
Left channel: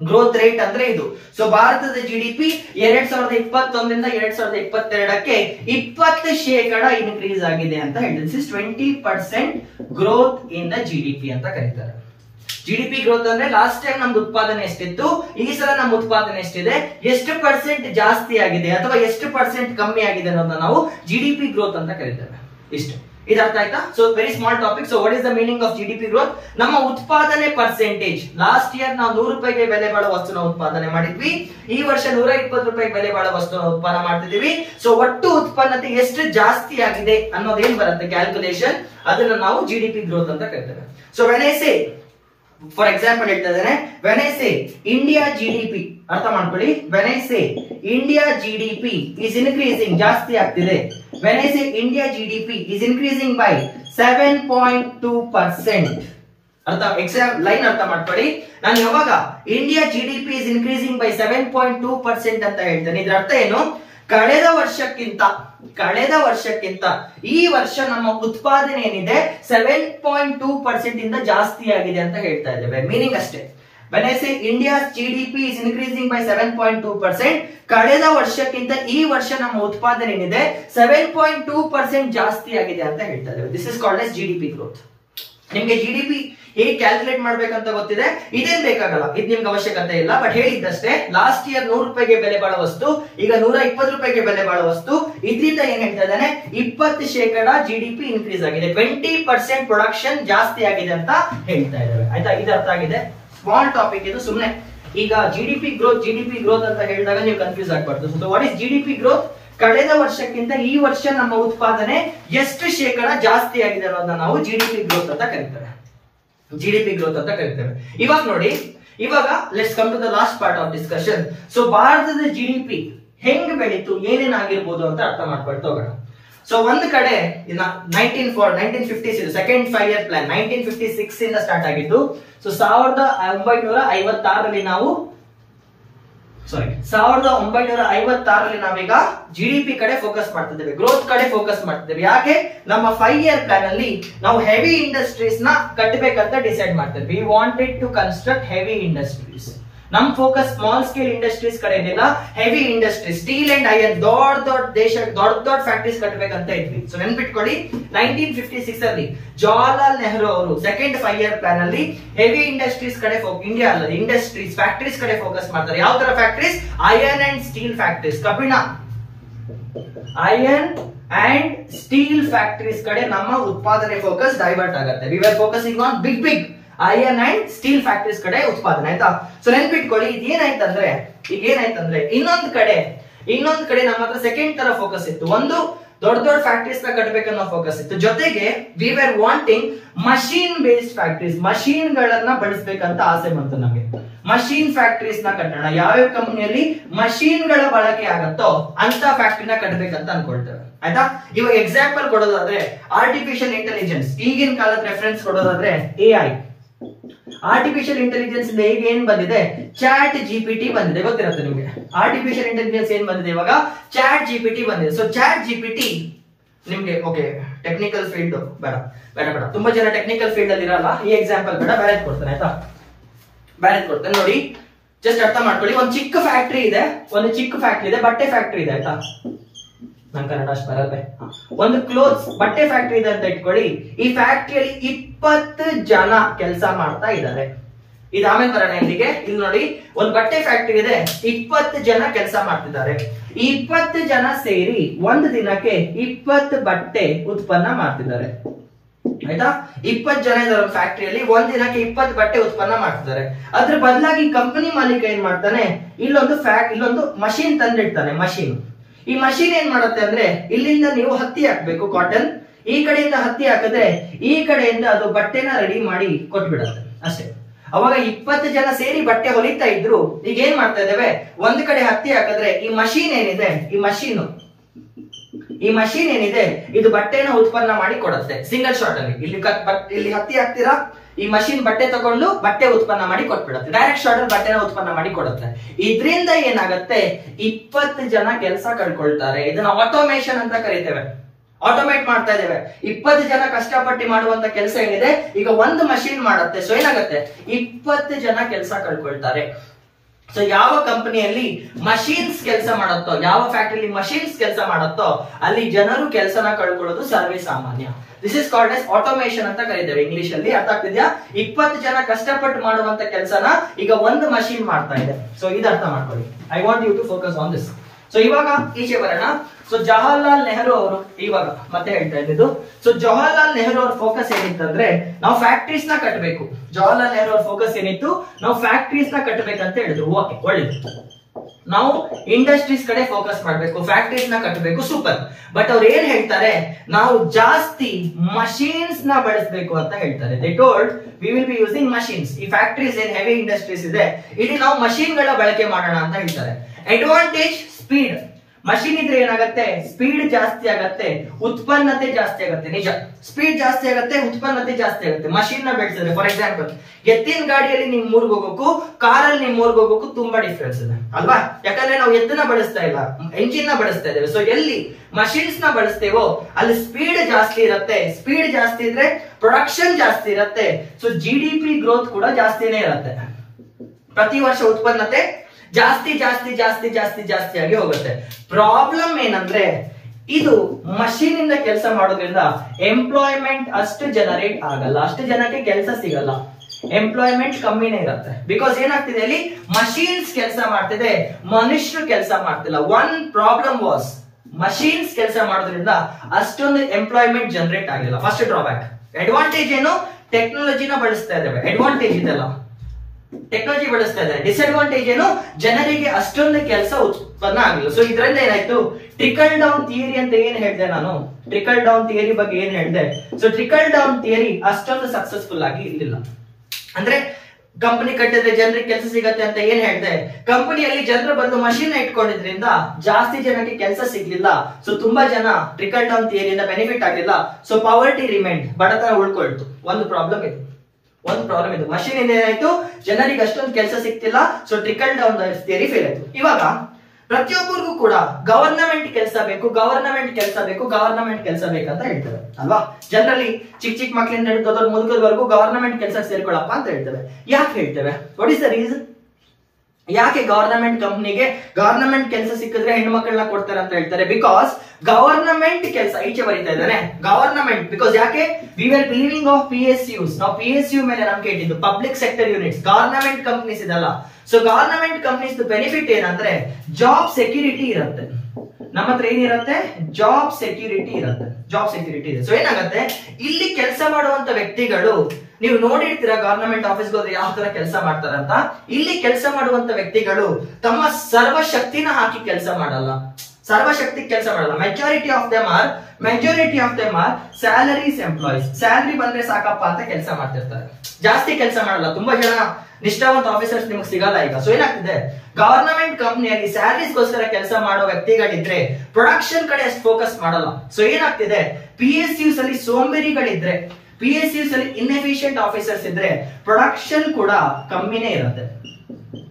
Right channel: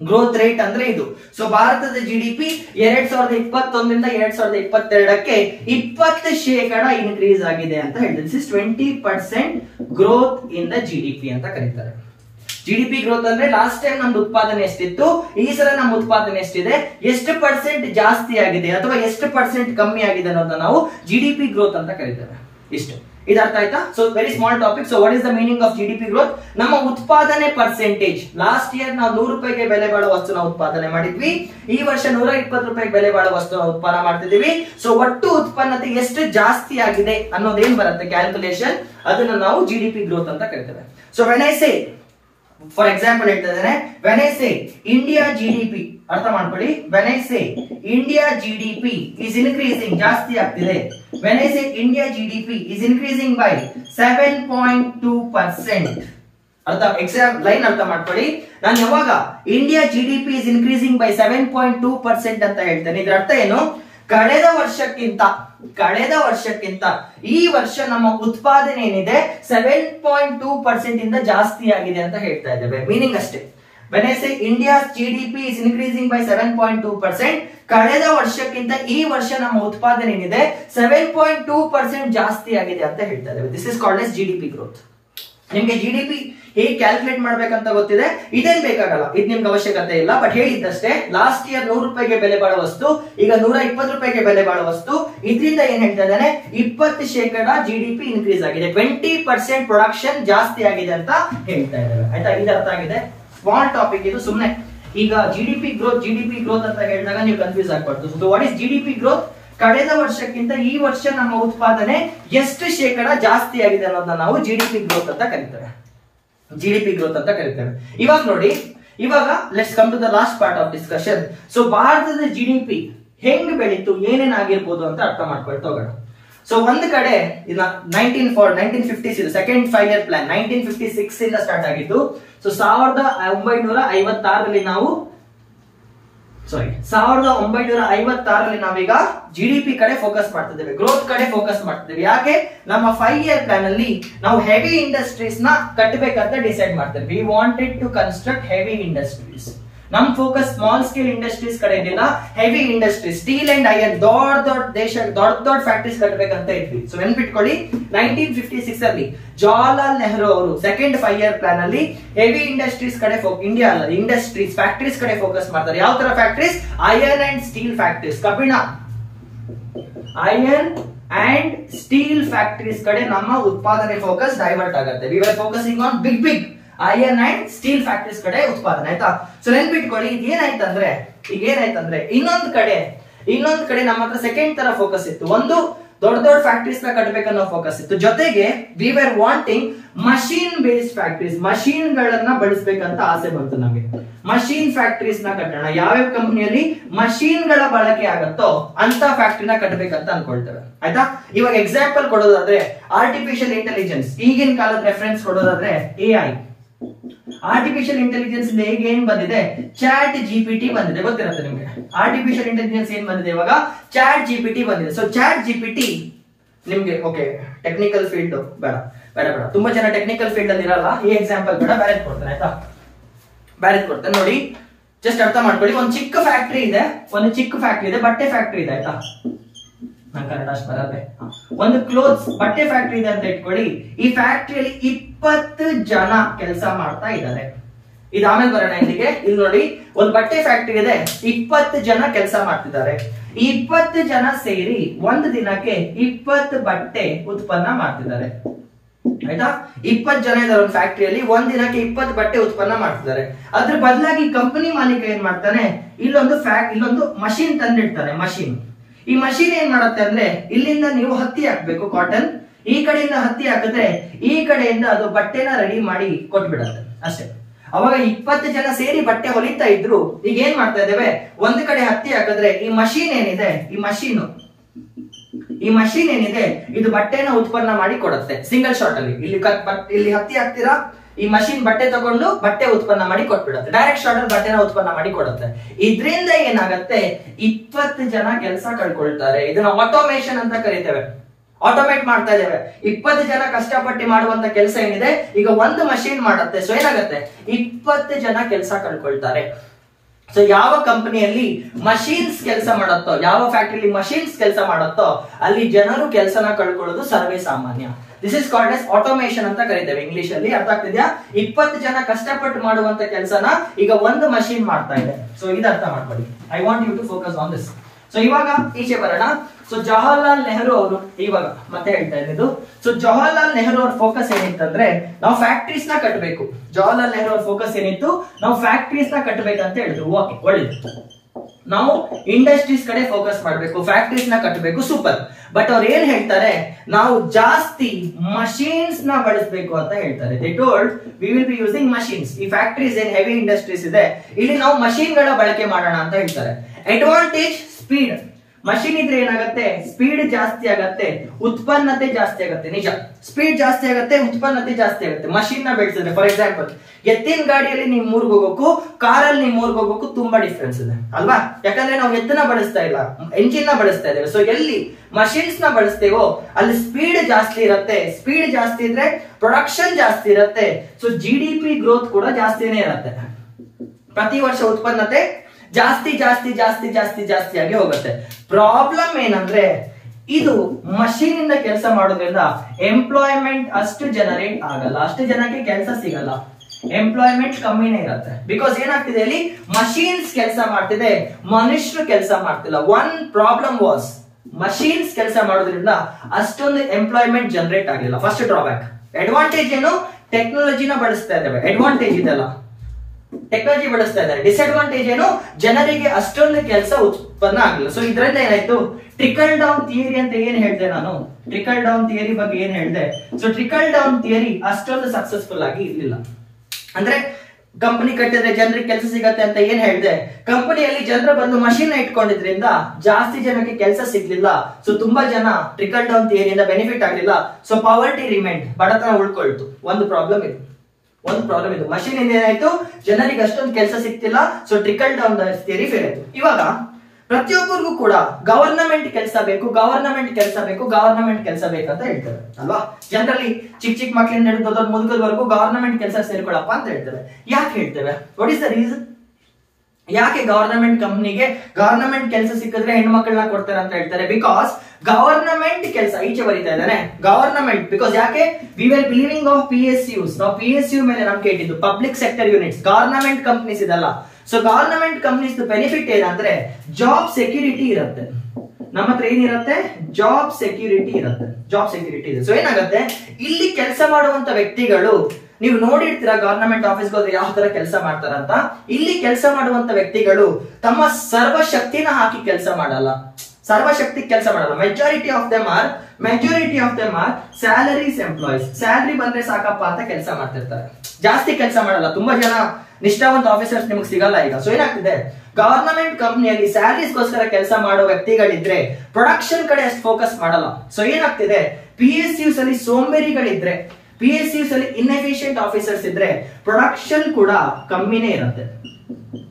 Growth rate ಅಂದ್ರೆ ಇದು. ಸೊ ಭಾರತದ GDP 2021ರಿಂದ 2022ಕ್ಕೆ 20% ಇನ್ಕ್ರೀಸ್ ಆಗಿದೆ ಅಂತ ಹೇಳಿದ್ರೆ this is 20% growth in the GDP ಅಂತ ಕರೀತಾರೆ. GDP ಗ್ರೋತ್ ಅಂದ್ರೆ ಲಾಸ್ಟ್ ಟೈಮ್ ನಮ್ದು ಉತ್ಪಾದನೆ ಎಷ್ಟಿತ್ತು, ಈ ಸಲ ನಮ್ಮ ಉತ್ಪಾದನೆ ಎಷ್ಟಿದೆ, ಎಷ್ಟು ಪರ್ಸೆಂಟ್ ಜಾಸ್ತಿ ಆಗಿದೆ ಅಥವಾ ಎಷ್ಟು ಪರ್ಸೆಂಟ್ ಕಮ್ಮಿ ಆಗಿದೆ ಅನ್ನೋದನ್ನ ನಾವು GDP ಗ್ರೋತ್ ಅಂತ ಕರೀತೇವೆ. ಇಷ್ಟು ಇದು ಅರ್ಥ ಆಯ್ತಾ? So very small topic. So what is the meaning of GDP growth? ನಮ್ಮ ಉತ್ಪಾದನೆ ಪರ್ಸೆಂಟೇಜ್. ಲಾಸ್ಟ್ ಇಯರ್ ನಾವು 100 ರೂಪಾಯಿಗೆ ಬೆಲೆ ಬಾಳುವ ವಸ್ತುನ ಉತ್ಪಾದನೆ ಮಾಡಿದ್ವಿ, ಈ ವರ್ಷ 120 ರೂಪಾಯಿ ಬೆಲೆ ಬಾಳುವ ವಸ್ತುನ ಉತ್ಪಾದನೆ ಮಾಡ್ತಿದೀವಿ. ಸೊ ಒಟ್ಟು ಉತ್ಪನ್ನತೆ ಎಷ್ಟು ಜಾಸ್ತಿ ಆಗಿದೆ ಅನ್ನೋದೇನ್ ಬರುತ್ತೆ ಕ್ಯಾಲ್ಕುಲೇಷನ್, ಅದನ್ನ ನಾವು GDP ಗ್ರೋತ್ ಅಂತ ಕರಿತೇವೆ. So when I say, for example ಹೇಳ್ತಾ ಇದ್ದೇನೆ, when I say India GDP, ಅರ್ಥ ಮಾಡ್ಕೊಳ್ಳಿ, when I say India GDP is increasing, ಜಾಸ್ತಿ ಆಗ್ತಿದೆ. When I say India GDP is increasing by 7.2%. ಅರ್ಥ, ಎಕ್ಸಾಮ್ ಲೈನ್ ಅರ್ಥ ಮಾಡ್ಕೊಳ್ಳಿ. ನಾನು ಯಾವಾಗ India GDP is increasing by 7.2% ಅಂತ ಹೇಳ್ತೇನೆ, ಇದ್ರ ಅರ್ಥ ಏನು, ಕಳೆದ ವರ್ಷಕ್ಕಿಂತ ಈ ವರ್ಷ ನಮ್ಮ ಉತ್ಪಾದನೆ ಏನಿದೆ 7.2% ಇಂದ ಜಾಸ್ತಿ ಆಗಿದೆ ಅಂತ ಹೇಳ್ತಾ ಇದ್ದೇವೆ. ಮೀನಿಂಗ್ ಅಷ್ಟೇ. When I say India's GDP is increasing by 7.2%, ಕಳೆದ ವರ್ಷಕ್ಕಿಂತ ಈ ವರ್ಷ ನಮ್ಮ ಉತ್ಪಾದನೆ ಏನಿದೆ 7.2% ಜಾಸ್ತಿ ಆಗಿದೆ ಅಂತ ಹೇಳ್ತಾ ಇದ್ದೇವೆ. This is called S GDP growth. ನಿಮ್ಗೆ GDP ಹೇಗೆ ಕ್ಯಾಲ್ಕುಲೇಟ್ ಮಾಡ್ಬೇಕಂತ ಗೊತ್ತಿದೆ, ಇದೇನ್ ಬೇಕಾಗಲ್ಲ, ಇದು ನಿಮ್ಗೆ ಅವಶ್ಯಕತೆ ಇಲ್ಲ. ಬಟ್ ಹೇಳಿದ್ದಷ್ಟೇ, ಲಾಸ್ಟ್ ಇಯರ್ 100 ರೂಪಾಯಿಗೆ ಬೆಲೆ ಬಾಳುವ ವಸ್ತು ಈಗ 120 ರೂಪಾಯಿಗೆ ಬೆಲೆ ಬಾಳುವ ವಸ್ತು. ಇದರಿಂದ ಏನ್ ಹೇಳ್ತಾ ಇದ್ದಾನೆ, 20% GDP ಇನ್ಕ್ರೀಸ್ ಆಗಿದೆ, 20% ಪ್ರೊಡಕ್ಷನ್ ಜಾಸ್ತಿ ಆಗಿದೆ ಅಂತ ಹೇಳ್ತಾ ಇದ್ದೇವೆ. ಆಯ್ತಾ? ಇದು ಅರ್ಥ ಆಗಿದೆ. ಸ್ಮಾಲ್ ಟಾಪಿಕ್ ಇದು, ಸುಮ್ನೆ ಈಗ GDP ಗ್ರೋತ್ ಅಂತ ಹೇಳಿದಾಗ ನೀವು ಕನ್ಫ್ಯೂಸ್ ಆಗ್ಬಾರ್ದು. So what is GDP growth? ಕಳೆದ ವರ್ಷಕ್ಕಿಂತ ಈ ವರ್ಷ ನಮ್ಮ ಉತ್ಪಾದನೆ ಎಷ್ಟು ಶೇಕಡ ಜಾಸ್ತಿ ಆಗಿದೆ ಅನ್ನೋದನ್ನ ನಾವು GDP ಗ್ರೋತ್ ಅಂತ ಕರಿತೇವೆ. ಇವಾಗ ನೋಡಿ, ಇವಾಗ let's come to the last part of discussion. So ಭಾರತದ GDP ಹೆಂಗ್ ಬೆಳೀತು, ಏನೇನಾಗಿರ್ಬೋದು ಅಂತ ಅರ್ಥ ಮಾಡ್ಕೊಳ್ತಾ ಹೋಗೋಣ. ಸೊ ಒಂದ್ ಕಡೆ 1950s ಇದು ಸೆಕೆಂಡ್ 5 year ಪ್ಲಾನ್ 1956 ಇಂದ ಸ್ಟಾರ್ಟ್ ಆಗಿತ್ತು. ಸೊ 1956ರಲ್ಲಿ ನಾವೀಗ GDP ಕಡೆ ಫೋಕಸ್ ಮಾಡ್ತಿದ್ದೇವೆ, ಗ್ರೋತ್ ಕಡೆ ಫೋಕಸ್ ಮಾಡ್ತಿದ್ದೇವೆ. ಯಾಕೆ? ನಮ್ಮ 5 year ಪ್ಲಾನ್ ಅಲ್ಲಿ ನಾವು ಹೆವಿ ಇಂಡಸ್ಟ್ರೀಸ್ ನ ಕಟ್ಟಬೇಕಂತ ಡಿಸೈಡ್ ಮಾಡ್ತೇವೆ. We wanted to construct heavy industries. ನಮ್ ಫೋಕಸ್ ಸ್ಮಾಲ್ ಸ್ಕೇಲ್ ಇಂಡಸ್ಟ್ರೀಸ್ ಕಡೆ ಏನಿಲ್ಲ, heavy industries, steel and iron, ದೊಡ್ಡ ಫ್ಯಾಕ್ಟರೀಸ್ ಕಟ್ಟಬೇಕಂತ ಇದ್ವಿ. ಸೊ ನೆನ್ಪಿಟ್ಕೊಳ್ಳಿ, 1956 ಅಲ್ಲಿ ಜವಾಹರ್ಲಾಲ್ ನೆಹರು ಅವರು ಸೆಕೆಂಡ್ 5 year ಪ್ಲಾನ್ ಅಲ್ಲಿ ಹೆವಿ ಇಂಡಸ್ಟ್ರೀಸ್ ಕಡೆ ಇಂಡಿಯಾ ಅಲ್ಲ ಇಂಡಸ್ಟ್ರೀಸ್ ಫ್ಯಾಕ್ಟರೀಸ್ ಕಡೆ ಫೋಕಸ್ ಮಾಡ್ತಾರೆ. ಯಾವ ತರ ಫ್ಯಾಕ್ಟರೀಸ್? ಐರನ್ ಅಂಡ್ ಸ್ಟೀಲ್ ಫ್ಯಾಕ್ಟರೀಸ್, ಕಬ್ಬಿಣ ಐರನ್ ಅಂಡ್ ಸ್ಟೀಲ್ ಫ್ಯಾಕ್ಟರೀಸ್ ಕಡೆ ನಮ್ಮ ಉತ್ಪಾದನೆ ಫೋಕಸ್ ಡೈವರ್ಟ್ ಆಗುತ್ತೆ. We are focusing on big iron and steel factories ಕಡೆ ಉತ್ಪಾದನೆ. ಆಯ್ತಾ? ಸೊ ನೆನ್ಪಿಟ್ಕೊಳ್ಳಿ, ಇದೇನಾಯ್ತಂದ್ರೆ ಇನ್ನೊಂದ್ ಕಡೆ ನಮ್ಮ ಹತ್ರ ಸೆಕೆಂಡ್ ತರ ಫೋಕಸ್ ಇತ್ತು. ಒಂದು ದೊಡ್ಡ ಫ್ಯಾಕ್ಟರೀಸ್ ನ ಕಟ್ಟಬೇಕನ್ನೋ ಫೋಕಸ್ ಇತ್ತು. ಜೊತೆಗೆ we were wanting machine based factories, machine ಗಳನ್ನ ಬಳಸಬೇಕಂತ ಆಸೆ ಬಂತು ನಮಗೆ. ಮಷೀನ್ ಫ್ಯಾಕ್ಟರೀಸ್ ನ ಕಟ್ಟೋಣ, ಯಾವ್ಯಾವ ಕಂಪನಿಯಲ್ಲಿ ಮಷೀನ್ ಗಳ ಬಳಕೆ ಆಗತ್ತೋ ಅಂತ ಫ್ಯಾಕ್ಟರಿನ ಕಟ್ಟಬೇಕಂತ ಅನ್ಕೊಳ್ತೇವೆ. ಆಯ್ತಾ? ಇವಾಗ ಎಕ್ಸಾಂಪಲ್ ಕೊಡೋದಾದ್ರೆ ಆರ್ಟಿಫಿಷಿಯಲ್ ಇಂಟೆಲಿಜೆನ್ಸ್, ಈಗಿನ ಕಾಲದ ರೆಫರೆನ್ಸ್ ಕೊಡೋದಾದ್ರೆ AI. ಆರ್ಟಿಫಿಷಿಯಲ್ ಇಂಟೆಲಿಜೆನ್ಸ್ ಈಗ ಏನ್ ಬಂದಿದೆ? ಚಾಟ್ GPT ಬಂದಿದೆ, ಗೊತ್ತಿರುತ್ತೆ ನಿಮ್ಗೆ. ಆರ್ಟಿಫಿಷಿಯಲ್ ಇಂಟೆಲಿಜೆನ್ಸ್ ಏನ್ ಬಂದಿದೆ ಇವಾಗ? ಚಾಟ್ GPT ಬಂದಿದೆ. ಸೊ ಚಾಟ್ GPT ನಿಮ್ಗೆ ಓಕೆ, ಟೆಕ್ನಿಕಲ್ ಫೀಲ್ಡ್ ಬೇಡ, ತುಂಬಾ ಜನ ಟೆಕ್ನಿಕಲ್ ಫೀಲ್ಡ್ ಅಲ್ಲಿ ಇರಲ್ಲ, ಈ ಎಕ್ಸಾಂಪಲ್ ಬೇಡ, ಬೇರೆ ಕೊಡ್ತಾನೆ. ಆಯ್ತಾ? ಬೇರೆ ಕೊಡ್ತಾನೆ ನೋಡಿ. ಜಸ್ಟ್ ಅರ್ಥ ಮಾಡ್ಕೊಳ್ಳಿ. ಒಂದು ಚಿಕ್ಕ ಫ್ಯಾಕ್ಟರಿ ಇದೆ, ಬಟ್ಟೆ ಫ್ಯಾಕ್ಟರಿ ಇದೆ ಆಯ್ತಾ, ನನ್ ಕನ್ನಡ ಅಷ್ಟು ಬರಲ್ಲ. ಒಂದು ಕ್ಲೋತ್ಸ್ ಬಟ್ಟೆ ಫ್ಯಾಕ್ಟರಿ ಇದೆ ಅಂತ ಇಟ್ಕೊಳ್ಳಿ. ಈ ಫ್ಯಾಕ್ಟರಿಯಲ್ಲಿ 20 ಜನ ಕೆಲಸ ಮಾಡ್ತಾ ಇದ್ದಾರೆ. ಇದು ಆಮೇಲೆ ಬರೋಣ ಇಲ್ಲಿಗೆ. ಇಲ್ಲಿ ನೋಡಿ, ಒಂದು ಬಟ್ಟೆ ಫ್ಯಾಕ್ಟರಿ ಇದೆ, 20 ಜನ ಕೆಲಸ ಮಾಡ್ತಿದ್ದಾರೆ. ಈ 20 ಜನ ಸೇರಿ ಒಂದು ದಿನಕ್ಕೆ 20 ಬಟ್ಟೆ ಉತ್ಪನ್ನ ಮಾಡ್ತಿದ್ದಾರೆ ಆಯ್ತಾ. 20 ಜನ ಇದ್ದಾರೆ ಒಂದು ಫ್ಯಾಕ್ಟರಿಯಲ್ಲಿ, ಒಂದ್ ದಿನಕ್ಕೆ 20 ಬಟ್ಟೆ ಉತ್ಪನ್ನ ಮಾಡ್ತಿದ್ದಾರೆ. ಅದ್ರ ಬದಲಾಗಿ ಕಂಪನಿ ಮಾಲೀಕ ಏನ್ ಮಾಡ್ತಾನೆ, ಇಲ್ಲೊಂದು ಮಷೀನ್ ತಂದಿಡ್ತಾನೆ. ಈ ಮಷೀನ್ ಏನ್ ಮಾಡುತ್ತೆ ಅಂದ್ರೆ, ಇಲ್ಲಿಂದ ನೀವು ಹತ್ತಿ ಹಾಕ್ಬೇಕು, ಕಾಟನ್, ಈ ಕಡೆಯಿಂದ ಹತ್ತಿ ಹಾಕಿದ್ರೆ ಈ ಕಡೆಯಿಂದ ಅದು ಬಟ್ಟೆನ ರೆಡಿ ಮಾಡಿ ಕೊಟ್ಬಿಡುತ್ತೆ ಅಷ್ಟೇ. ಅವಾಗ 20 ಜನ ಸೇರಿ ಬಟ್ಟೆ ಹೊಲಿತಾ ಇದ್ರು. ಈಗ ಏನ್ ಮಾಡ್ತಾ ಇದ್ದೇವೆ, ಒಂದ್ ಕಡೆ ಹತ್ತಿ ಹಾಕಿದ್ರೆ ಈ ಮಷೀನ್ ಏನಿದೆ, ಈ ಮಷೀನ್ ಏನಿದೆ ಇದು ಬಟ್ಟೆನ ಉತ್ಪನ್ನ ಮಾಡಿ ಕೊಡುತ್ತೆ ಸಿಂಗಲ್ ಶಾಟ್ ಅಲ್ಲಿ. ಇಲ್ಲಿ ಹತ್ತಿ ಹಾಕ್ತೀರಾ, ಈ ಮಷೀನ್ ಬಟ್ಟೆ ತಗೊಂಡು ಬಟ್ಟೆ ಉತ್ಪನ್ನ ಮಾಡಿ ಕೊಟ್ಬಿಡುತ್ತೆ. ಡೈರೆಕ್ಟ್ ಶಾಟ್ ಅಲ್ಲಿ ಬಟ್ಟೆನ ಉತ್ಪನ್ನ ಮಾಡಿ ಕೊಡುತ್ತೆ. ಇದರಿಂದ ಏನಾಗುತ್ತೆ, 20 ಜನ ಕೆಲಸ ಕಳ್ಕೊಳ್ತಾರೆ. ಇದನ್ನ ಆಟೋಮೇಶನ್ ಅಂತ ಕರೀತೇವೆ. ಆಟೋಮೇಟ್ ಮಾಡ್ತಾ ಇದ್ದೇವೆ. 20 ಜನ ಕಷ್ಟಪಟ್ಟು ಮಾಡುವಂತ ಕೆಲಸ ಏನಿದೆ ಈಗ ಒಂದು ಮಷೀನ್ ಮಾಡುತ್ತೆ. ಸೊ ಏನಾಗುತ್ತೆ, 20 ಜನ ಕೆಲಸ ಕಳ್ಕೊಳ್ತಾರೆ. ಸೊ ಯಾವ ಕಂಪನಿಯಲ್ಲಿ ಮಷೀನ್ಸ್ ಕೆಲಸ ಮಾಡುತ್ತೋ, ಯಾವ ಫ್ಯಾಕ್ಟರಿಲಿ ಮಷೀನ್ಸ್ ಕೆಲಸ ಮಾಡುತ್ತೋ ಅಲ್ಲಿ ಜನರು ಕೆಲಸನ ಕಳ್ಕೊಳ್ಳೋದು ಸರ್ವೇ ಸಾಮಾನ್ಯ. This is called S automation ಅಂತ ಕರೀತೇವೆ ಇಂಗ್ಲಿಷ್ ಅಲ್ಲಿ. ಅರ್ಥ ಆಗ್ತಿದ್ಯಾ? 20 ಜನ ಕಷ್ಟಪಟ್ಟು ಮಾಡುವಂತ ಕೆಲಸನ ಈಗ ಒಂದು ಮಷೀನ್ ಮಾಡ್ತಾ ಇದೆ. ಸೊ ಇದು ಅರ್ಥ ಮಾಡ್ಕೊಳ್ಳಿ. I want you to focus on this. So ಇವಾಗ ಈಚೆ ಬರೋಣ. ಸೊ ಜವಾಹರ್ಲಾಲ್ ನೆಹರು ಅವರು ಇವಾಗ ಮತ್ತೆ ಹೇಳ್ತಾ ಇದ್ದು, ಸೊ ಜವಾಹರ್ಲಾಲ್ ನೆಹರು ಅವ್ರ ಫೋಕಸ್ ಏನಿತ್ತಂದ್ರೆ ನಾವು ಫ್ಯಾಕ್ಟರೀಸ್ ನ ಕಟ್ಟಬೇಕು. ಜವಾಹರ್ಲಾಲ್ ನೆಹರು ಅವ್ರ ಫೋಕಸ್ ಏನಿತ್ತು, ನಾವು ಫ್ಯಾಕ್ಟರೀಸ್ ನ ಕಟ್ಟಬೇಕಂತ ಹೇಳಿದ್ರು. ಓಕೆ, ಒಳ್ಳೇದು. ನಾವು ಇಂಡಸ್ಟ್ರೀಸ್ ಕಡೆ ಫೋಕಸ್ ಮಾಡಬೇಕು, ಫ್ಯಾಕ್ಟರೀಸ್ ನ ಕಟ್ಟಬೇಕು, ಸೂಪರ್. ಬಟ್ ಅವ್ರು ಏನ್ ಹೇಳ್ತಾರೆ, ನಾವು ಜಾಸ್ತಿ ಮಷೀನ್ಸ್ ನ ಬಳಸಬೇಕು ಅಂತ ಹೇಳ್ತಾರೆ. They told we will be using machines. ಈ ಫ್ಯಾಕ್ಟರೀಸ್ ಏನ್ ಹೆವಿ ಇಂಡಸ್ಟ್ರೀಸ್ ಇದೆ, ಇಲ್ಲಿ ನಾವು ಮಷೀನ್ ಗಳ ಬಳಕೆ ಮಾಡೋಣ ಅಂತ ಹೇಳ್ತಾರೆ. Advantage speed. ಮಷೀನ್ ಇದ್ರೆ ಏನಾಗುತ್ತೆ, ಸ್ಪೀಡ್ ಜಾಸ್ತಿ ಆಗತ್ತೆ, ಉತ್ಪನ್ನತೆ ಜಾಸ್ತಿ ಆಗತ್ತೆ. ನಿಜ, ಸ್ಪೀಡ್ ಜಾಸ್ತಿ ಆಗತ್ತೆ, ಉತ್ಪನ್ನತೆ ಜಾಸ್ತಿ ಆಗುತ್ತೆ ಮಷೀನ್ ನ ಬೆಳೆಸಿದ್ರೆ. ಫಾರ್ ಎಕ್ಸಾಂಪಲ್, ಎತ್ತಿನ ಗಾಡಿಯಲ್ಲಿ ನೀವು 3 ಹೋಗೋಕು, ಕಾರಲ್ಲಿ ನೀವು 3 ಹೋಗೋಕು ತುಂಬಾ ಡಿಫ್ರೆನ್ಸ್ ಇದೆ ಅಲ್ವಾ? ಯಾಕಂದ್ರೆ ನಾವು ಎತ್ತನ್ನ ಬಳಸ್ತಾ ಇಲ್ಲ, ಎಂಜಿನ್ ನ ಬಳಸ್ತಾ ಇದ್ದೇವೆ. ಸೊ ಎಲ್ಲಿ ಮಷೀನ್ಸ್ ನ ಬಳಸ್ತೇವೋ ಅಲ್ಲಿ ಸ್ಪೀಡ್ ಜಾಸ್ತಿ ಇರುತ್ತೆ. ಸ್ಪೀಡ್ ಜಾಸ್ತಿ ಇದ್ರೆ ಪ್ರೊಡಕ್ಷನ್ ಜಾಸ್ತಿ ಇರುತ್ತೆ. ಸೊ GDP ಗ್ರೋತ್ ಕೂಡ ಜಾಸ್ತಿನೇ ಇರುತ್ತೆ. ಪ್ರತಿ ವರ್ಷ ಉತ್ಪನ್ನತೆ ಜಾಸ್ತಿ ಜಾಸ್ತಿ ಜಾಸ್ತಿ ಜಾಸ್ತಿ ಜಾಸ್ತಿ ಆಗಿ ಹೋಗುತ್ತೆ. ಪ್ರಾಬ್ಲಮ್ ಏನಂದ್ರೆ, ಇದು ಮಷೀನ್ ಇಂದ ಕೆಲಸ ಮಾಡೋದ್ರಿಂದ ಎಂಪ್ಲಾಯ್ಮೆಂಟ್ ಅಷ್ಟು ಜನರೇಟ್ ಆಗಲ್ಲ, ಅಷ್ಟು ಜನಕ್ಕೆ ಕೆಲಸ ಸಿಗಲ್ಲ, ಎಂಪ್ಲಾಯ್ಮೆಂಟ್ ಕಮ್ಮಿನೇ ಇರುತ್ತೆ. ಬಿಕಾಸ್ ಏನಾಗ್ತಿದೆ, ಇಲ್ಲಿ ಮಷೀನ್ಸ್ ಕೆಲಸ ಮಾಡ್ತಿದೆ, ಮನುಷ್ಯರು ಕೆಲಸ ಮಾಡ್ತಿಲ್ಲ. ಒನ್ ಪ್ರಾಬ್ಲಮ್ ವಾಸ್ ಮಷೀನ್ಸ್ ಕೆಲಸ ಮಾಡೋದ್ರಿಂದ ಅಷ್ಟೊಂದು ಎಂಪ್ಲಾಯ್ಮೆಂಟ್ ಜನರೇಟ್ ಆಗಲಿಲ್ಲ. First drawback. ಅಡ್ವಾಂಟೇಜ್ ಏನು, ಟೆಕ್ನಾಲಜಿನ ಬಳಸ್ತಾ ಇದ್ದೇವೆ, ಅಡ್ವಾಂಟೇಜ್ ಇದೆಲ್ಲ, ಟೆಕ್ನಾಲಜಿ ಬಳಸ್ತಾ ಇದ್ದಾರೆ. ಡಿಸ್ಅಡ್ವಾಂಟೇಜ್ ಏನು, ಜನರಿಗೆ ಅಷ್ಟೊಂದು ಕೆಲಸ ಉತ್ಪನ್ನ ಆಗಲಿಲ್ಲ. ಸೊ ಇದರಿಂದ ಏನಾಯ್ತು, ಟ್ರಿಕಲ್ ಡೌನ್ ಥಿಯರಿ ಅಂತ ಏನ್ ಹೇಳಿದೆ ನಾನು, ಟ್ರಿಕಲ್ ಡೌನ್ ಥಿಯರಿ ಬಗ್ಗೆ ಏನ್ ಹೇಳಿದೆ. ಸೊ ಟ್ರಿಕಲ್ ಡೌನ್ ಥಿಯರಿ ಅಷ್ಟೊಂದು ಸಕ್ಸಸ್ಫುಲ್ ಆಗಿ ಇರ್ಲಿಲ್ಲ. ಅಂದ್ರೆ ಕಂಪನಿ ಕಟ್ಟಿದ್ರೆ ಜನರಿಗೆ ಕೆಲಸ ಸಿಗತ್ತೆ ಅಂತ ಏನ್ ಹೇಳಿದೆ, ಕಂಪನಿಯಲ್ಲಿ ಜನರು ಬಂದು ಮಷೀನ್ ಇಟ್ಕೊಂಡಿದ್ರಿಂದ ಜಾಸ್ತಿ ಜನಕ್ಕೆ ಕೆಲಸ ಸಿಗ್ಲಿಲ್ಲ. ಸೊ ತುಂಬಾ ಜನ ಟ್ರಿಕಲ್ ಡೌನ್ ಥಿಯರಿಯಿಂದ ಬೆನಿಫಿಟ್ ಆಗಲಿಲ್ಲ. ಸೊ ಪಾವರ್ಟಿ ರಿಮೈನ್ಡ್, ಬಡತನ ಉಳ್ಕೊಳ್ತು. ಒಂದು ಪ್ರಾಬ್ಲಮ್ ಇದು. ಮಷೀನ್ ಇಂದ ಏನಾಯ್ತು, ಜನರಿಗೆ ಅಷ್ಟೊಂದು ಕೆಲಸ ಸಿಗ್ತಿಲ್ಲ. So trickle down theory fail ಆಯ್ತು. ಇವಾಗ ಪ್ರತಿಯೊಬ್ಬರಿಗೂ ಕೂಡ ಗವರ್ನಮೆಂಟ್ ಕೆಲಸ ಬೇಕು, ಗವರ್ನಮೆಂಟ್ ಕೆಲಸ ಬೇಕು, ಗವರ್ನಮೆಂಟ್ ಕೆಲಸ ಬೇಕಂತ ಹೇಳ್ತಾರೆ ಅಲ್ವಾ? ಜನರಲಿ ಚಿಕ್ಕ ಮಕ್ಕಳಿಂದ ಹಿಡಿದು ದೊಡ್ಡ ಮುದುಕರವರೆಗೂ ಗವರ್ನಮೆಂಟ್ ಕೆಲಸ ಸೇರ್ಕೊಳ್ಳಪ್ಪ ಅಂತ ಹೇಳ್ತೇವೆ. ಯಾಕೆ ಹೇಳ್ತೇವೆ, ವಾಟ್ ಇಸ್ ದ ರೀಸನ್? ಯಾಕೆ ಗವರ್ನಮೆಂಟ್ ಕಂಪ್ನಿಗೆ ಗವರ್ನಮೆಂಟ್ ಕೆಲಸ ಸಿಕ್ಕಿದ್ರೆ ಹೆಣ್ಮಕ್ಳನ್ನ ಕೊಡ್ತಾರೆ ಅಂತ ಹೇಳ್ತಾರೆ? ಬಿಕಾಸ್ ಗವರ್ನಮೆಂಟ್ ಕೆಲಸ, ಈಚೆ ಬರೀತಾ ಇದ್ದಾರೆ ಗವರ್ನಮೆಂಟ್. ಬಿಕಾಸ್ ಯಾಕೆ, we are believing of PSUs. ನಾವು PSU ಮೇಲೆ ನಂಬಿಕೆ ಇಟ್ಟಿದ್ದು, public sector units, government companies ಇದಲ್ಲ. ಸೊ ಗವರ್ನಮೆಂಟ್ ಕಂಪ್ನೀಸ್ ಬೆನಿಫಿಟ್ ಏನಂದ್ರೆ ಜಾಬ್ ಸೆಕ್ಯೂರಿಟಿ ಇರುತ್ತೆ. ನಮ್ಮ ಹತ್ರ ಏನಿರುತ್ತೆ, ಜಾಬ್ ಸೆಕ್ಯೂರಿಟಿ ಇರುತ್ತೆ. ಜಾಬ್ ಸೆಕ್ಯೂರಿಟಿ ಇದೆ. ಸೊ ಏನಾಗುತ್ತೆ, ಇಲ್ಲಿ ಕೆಲಸ ಮಾಡುವಂತ ವ್ಯಕ್ತಿಗಳು, ನೀವು ನೋಡಿರ್ತೀರಾ ಗವರ್ನಮೆಂಟ್ ಆಫೀಸ್ಗೆ ಹೋದ್ರೆ ಯಾವ ತರ ಕೆಲಸ ಮಾಡ್ತಾರಂತ. ಇಲ್ಲಿ ಕೆಲಸ ಮಾಡುವಂತ ವ್ಯಕ್ತಿಗಳು ತಮ್ಮ ಸರ್ವಶಕ್ತಿನ ಹಾಕಿ ಕೆಲಸ ಮಾಡಲ್ಲ, ಸರ್ವಶಕ್ತಿ ಕೆಲಸ ಮಾಡಲ್ಲ. Majority of them are salaries employees. Salary ಬಂದ್ರೆ ಸಾಕಪ್ಪ ಅಂತ ಕೆಲಸ ಮಾಡ್ತಿರ್ತಾರೆ, ಜಾಸ್ತಿ ಕೆಲಸ ಮಾಡಲ್ಲ. ತುಂಬಾ ಜನ ನಿಷ್ಠಾವಂತ ಆಫೀಸರ್ಸ್ ನಿಮ್ಗೆ ಸಿಗಲ್ಲ ಈಗ. ಸೊ ಏನಾಗ್ತಿದೆ, ಗವರ್ನಮೆಂಟ್ ಕಂಪ್ನಿಯಲ್ಲಿ ಸ್ಯಾಲರೀಸ್ಗೋಸ್ಕರ ಕೆಲಸ ಮಾಡೋ ವ್ಯಕ್ತಿಗಳಿದ್ರೆ ಪ್ರೊಡಕ್ಷನ್ ಕಡೆ ಅಷ್ಟು ಫೋಕಸ್ ಮಾಡಲ್ಲ. ಸೊ ಏನಾಗ್ತಿದೆ, PSUs ಅಲ್ಲಿ ಸೋಂಬೇರಿಗಳಿದ್ರೆ, PSUs ಅಲ್ಲಿ ಇನ್ಎಫಿಷಿಯಂಟ್ ಆಫೀಸರ್ಸ್ ಇದ್ರೆ ಪ್ರೊಡಕ್ಷನ್ ಕೂಡ ಕಮ್ಮಿನೇ ಇರುತ್ತೆ.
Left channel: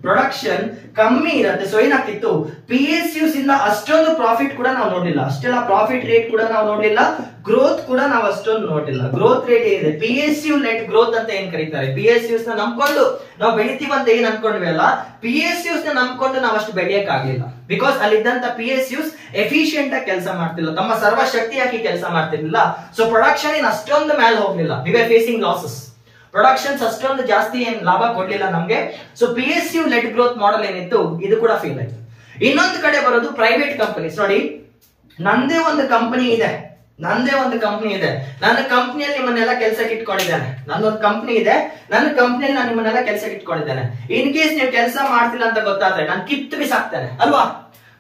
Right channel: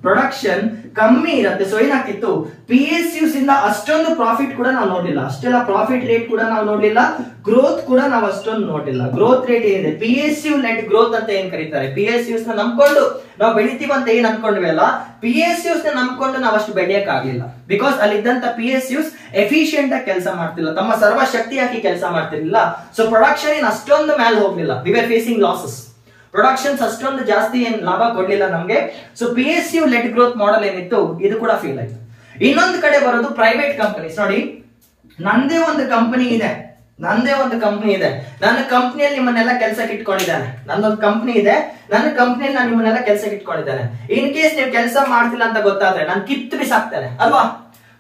ಪ್ರೊಡಕ್ಷನ್ ಕಮ್ಮಿ ಇರುತ್ತೆ. ಸೊ ಏನಾಗ್ತಿತ್ತು, PSUs ಇಂದ ಅಷ್ಟೊಂದು ಪ್ರಾಫಿಟ್ ಕೂಡ ನಾವು ನೋಡ್ಲಿಲ್ಲ, ಅಷ್ಟೆಲ್ಲ ಪ್ರಾಫಿಟ್ ರೇಟ್ ಕೂಡ ನಾವು ನೋಡ್ಲಿಲ್ಲ, ಗ್ರೋತ್ ಕೂಡ ನಾವು ಅಷ್ಟೊಂದು ನೋಡ್ಲಿಲ್ಲ. ಗ್ರೋತ್ ರೇಟ್ ಏನಿದೆ, PSU ಲೆಟ್ ಗ್ರೋತ್ ಅಂತ ಏನ್ ಕರೀತಾರೆ, PSUs ನ ನಂಬ್ಕೊಂಡು ನಾವು ಬೆಳಿತೀವಂತ ಏನ್ ಅನ್ಕೊಂಡ್ವಿ ಅಲ್ಲ, PSUs ನ ನಂಬ್ಕೊಂಡು ನಾವು ಅಷ್ಟು ಬೆಳೆಯಕ್ ಆಗ್ಲಿಲ್ಲ. ಬಿಕಾಸ್ ಅಲ್ಲಿದ್ದಂತ PSUs ಎಫಿಷಿಯಂಟ್ ಆಗಿ ಕೆಲಸ ಮಾಡ್ತಿಲ್ಲ, ತಮ್ಮ ಸರ್ವ ಶಕ್ತಿ ಹಾಕಿ ಕೆಲಸ ಮಾಡ್ತಿರ್ಲಿಲ್ಲ. ಸೊ ಪ್ರೊಡಕ್ಷನ್ ಏನ್ ಅಷ್ಟೊಂದು ಮೇಲೆ ಹೋಗ್ಲಿಲ್ಲ, we are facing losses. Productions ಅಷ್ಟೊಂದು ಜಾಸ್ತಿ ಏನ್ ಲಾಭ ಕೊಡ್ಲಿಲ್ಲ ನಮ್ಗೆ. So PSU let growth model ಏನಿತ್ತು ಇದು ಕೂಡ ಫೇಲ್ ಆಯ್ತು. ಇನ್ನೊಂದು ಕಡೆ ಬರೋದು ಪ್ರೈವೇಟ್ ಕಂಪನೀಸ್. ನೋಡಿ, ನಂದೇ ಒಂದು ಕಂಪನಿ ಇದೆ, ನನ್ನ ಕಂಪನಿಯಲ್ಲಿ ನಿಮ್ಮನ್ನೆಲ್ಲ ಕೆಲಸಕ್ಕೆ ಇಟ್ಕೊಂಡಿದ್ದಾನೆ, ನಂದೊಂದು ಕಂಪನಿ ಇದೆ, ನನ್ನ ಕಂಪನಿಯಲ್ಲಿ ನಾನು ನಿಮ್ಮನ್ನೆಲ್ಲ ಕೆಲಸಕ್ಕೆ ಇಟ್ಕೊಂಡಿದ್ದಾನೆ. ಇನ್ ಕೇಸ್ ನೀವು ಕೆಲಸ ಮಾಡ್ತಿಲ್ಲ ಅಂತ ಗೊತ್ತಾದ್ರೆ ನಾನು ಕಿತ್ತು ಬಿಸಾಕ್ತೇನೆ ಅಲ್ವಾ.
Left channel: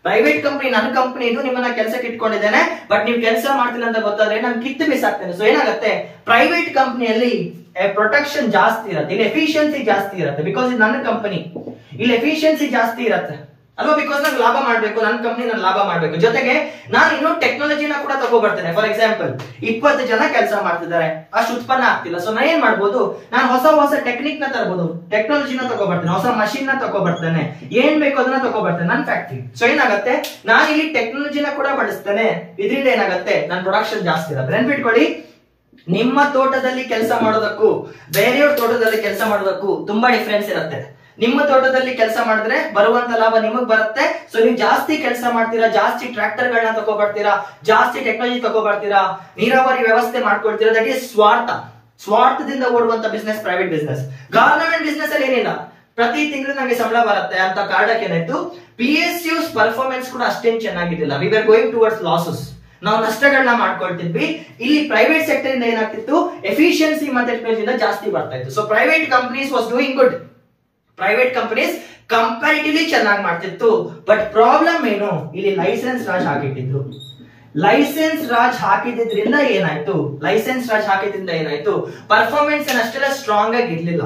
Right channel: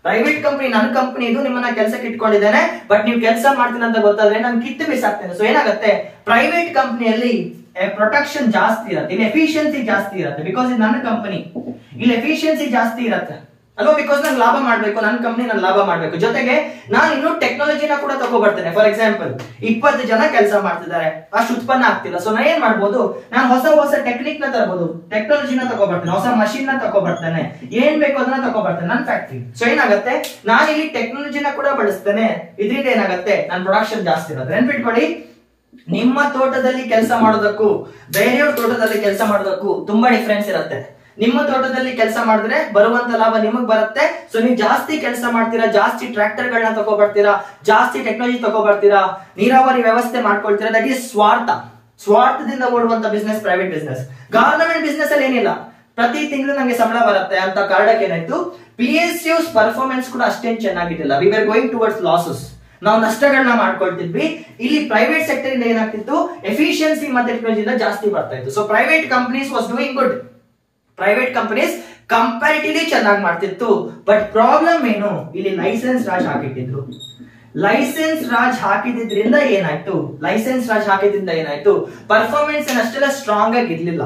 ಪ್ರೈವೇಟ್ ಕಂಪನಿ, ನನ್ನ ಕಂಪನಿ ಇದು, ನಿಮ್ಮನ್ನ ಕೆಲಸಕ್ಕೆ ಇಟ್ಕೊಂಡಿದ್ದೇನೆ, ಬಟ್ ನೀವು ಕೆಲಸ ಮಾಡ್ತಿಲ್ಲ ಅಂತ ಗೊತ್ತಾದ್ರೆ ನಾನು ಕಿತ್ತು ಬಿಸಾಕ್ತೇನೆ. ಸೊ ಏನಾಗುತ್ತೆ, ಪ್ರೈವೇಟ್ ಕಂಪನಿಯಲ್ಲಿ ಪ್ರೊಟೆಕ್ಷನ್ ಜಾಸ್ತಿ ಇರುತ್ತೆ, ಇಲ್ಲಿ ಎಫಿಷಿಯನ್ಸಿ ಜಾಸ್ತಿ ಇರುತ್ತೆ. ಬಿಕಾಸ್ ಇದು ನನ್ನ ಕಂಪನಿ, ಇಲ್ಲಿ ಎಫಿಷಿಯನ್ಸಿ ಜಾಸ್ತಿ ಇರುತ್ತೆ ಅಲ್ವಾ. ಬಿಕಾಸ್ ನಾನು ಲಾಭ ಮಾಡ್ಬೇಕು, ನನ್ನ ಕಂಪನಿ ನಾನು ಲಾಭ ಮಾಡ್ಬೇಕು, ಜೊತೆಗೆ ನಾನು ಇನ್ನೂ ಟೆಕ್ನಾಲಜಿನ ಕೂಡ ತಗೋಬರ್ತೇನೆ. ಫಾರ್ ಎಕ್ಸಾಂಪಲ್ 20 ಜನ ಕೆಲಸ ಮಾಡ್ತಿದ್ದಾರೆ, ಅಷ್ಟು ಉತ್ಪನ್ನ ಆಗ್ತಿಲ್ಲ. ಸೊ ನಾನು ಏನ್ ಮಾಡ್ಬೋದು, ನಾನು ಹೊಸ ಟೆಕ್ನಿಕ್ ನ ತರಬಹುದು, ಟೆಕ್ನಾಲಜಿನ ತಗೋಬರ್ತೇನೆ, ಹೊಸ ಮಷೀನ್ ನ ತಗೋಬರ್ತೇನೆ, ಏನ್ ಬೇಕು ಅದನ್ನ ತಗೋಬರ್ತೇನೆ ನನ್ನ ಫ್ಯಾಕ್ಟ್ರಿ. ಸೊ ಏನಾಗುತ್ತೆ, ನಾನು ಇಲ್ಲಿ ಟೆಕ್ನಾಲಜಿನ ಕೂಡ ಬಳಸ್ತೇನೆ, ಇದರಿಂದ ಏನಾಗುತ್ತೆ, ನನ್ನ ಪ್ರೊಡಕ್ಷನ್ ಜಾಸ್ತಿ ಇರುತ್ತೆ. ನೆನ್ಪಿಟ್ಕೊಳ್ಳಿ, ನಿಮ್ಮ ತೋಟದಲ್ಲಿ ಕೆಲಸ ಮಾಡೋದಕ್ಕೂ ಬೇರೆಯವ್ರ ತೋಟದಲ್ಲಿ ಕೆಲಸ ಮಾಡೋದಕ್ಕೂ ತುಂಬಾ ಡಿಫ್ರೆನ್ಸ್ ಇರುತ್ತೆ. ನಿಮ್ಮ ತೋಟದಲ್ಲಿ ಕೆಲಸ ಮಾಡಿದ್ರೆ ಬರುವಂತ ಲಾಭ ನಿಮಗ್ ಬರುತ್ತೆ. ಸೊ ನೀವು ಜಾಸ್ತಿ ಕೆಲಸ ಮಾಡ್ತೀರಾ, ಜಾಸ್ತಿ ಟ್ರ್ಯಾಕ್ಟರ್ ಗಳನ್ನ ತಗೋಬರ್ತೀರಾ, ಜಾಸ್ತಿ ಟೆಕ್ನಾಲಜಿ ತಗೋಬರ್ತೀರಾ, ನೀರಾವರಿ ವ್ಯವಸ್ಥೆ ಮಾಡ್ಕೊಳ್ತೀರಾ. ದಟ್ ಈಸ್ ಸ್ವಾರ್ಥದಿಂದ ಓಡುವಂತ business private business. Government business ಅಲ್ಲಿ ಏನಿಲ್ಲ, ಪ್ರತಿ ತಿಂಗಳು ನಂಗೆ ಸಂಬಳ ಬರುತ್ತೆ ಅಂತ ಕಾರಣಕ್ಕೆ ಏನಾಯ್ತು, PSUs ಪರ್ಫಾರ್ಮೆನ್ಸ್ ಕೂಡ ಅಷ್ಟೇನ್ ಚೆನ್ನಾಗಿದ್ದಿಲ್ಲ. We are going towards losses, ನಾವು ನಷ್ಟಗಳನ್ನ ಮಾಡ್ಕೊಳ್ತಿದ್ವಿ. ಇಲ್ಲಿ ಪ್ರೈವೇಟ್ ಸೆಕ್ಟರ್ ಇಂದ ಏನಾಗ್ತಿತ್ತು, ಎಫಿಷಿಯನ್ಸಿ ಮತ್ತೆ ಟೆಕ್ನಾಲಜಿಯಿಂದ ಜಾಸ್ತಿ ಬರ್ತಾ ಇತ್ತು. So private companies was doing good, private companies comparatively ಚೆನ್ನಾಗಿ ಮಾಡ್ತಿತ್ತು. ಬಟ್ ಪ್ರಾಬ್ಲಮ್ ಏನು, ಇಲ್ಲಿ ಲೈಸೆನ್ಸ್ ರಾಜ್ ಹಾಕಿಟ್ಟಿದ್ರು. ಲೈಸೆನ್ಸ್ ರಾಜ್ ಹಾಕಿದ್ರಿಂದ ಏನಾಯ್ತು, ಪರ್ಫಾರ್ಮೆನ್ಸ್ ಅಷ್ಟೆಲ್ಲ ಸ್ಟ್ರಾಂಗ್ ಆಗಿ ಇರ್ಲಿಲ್ಲ.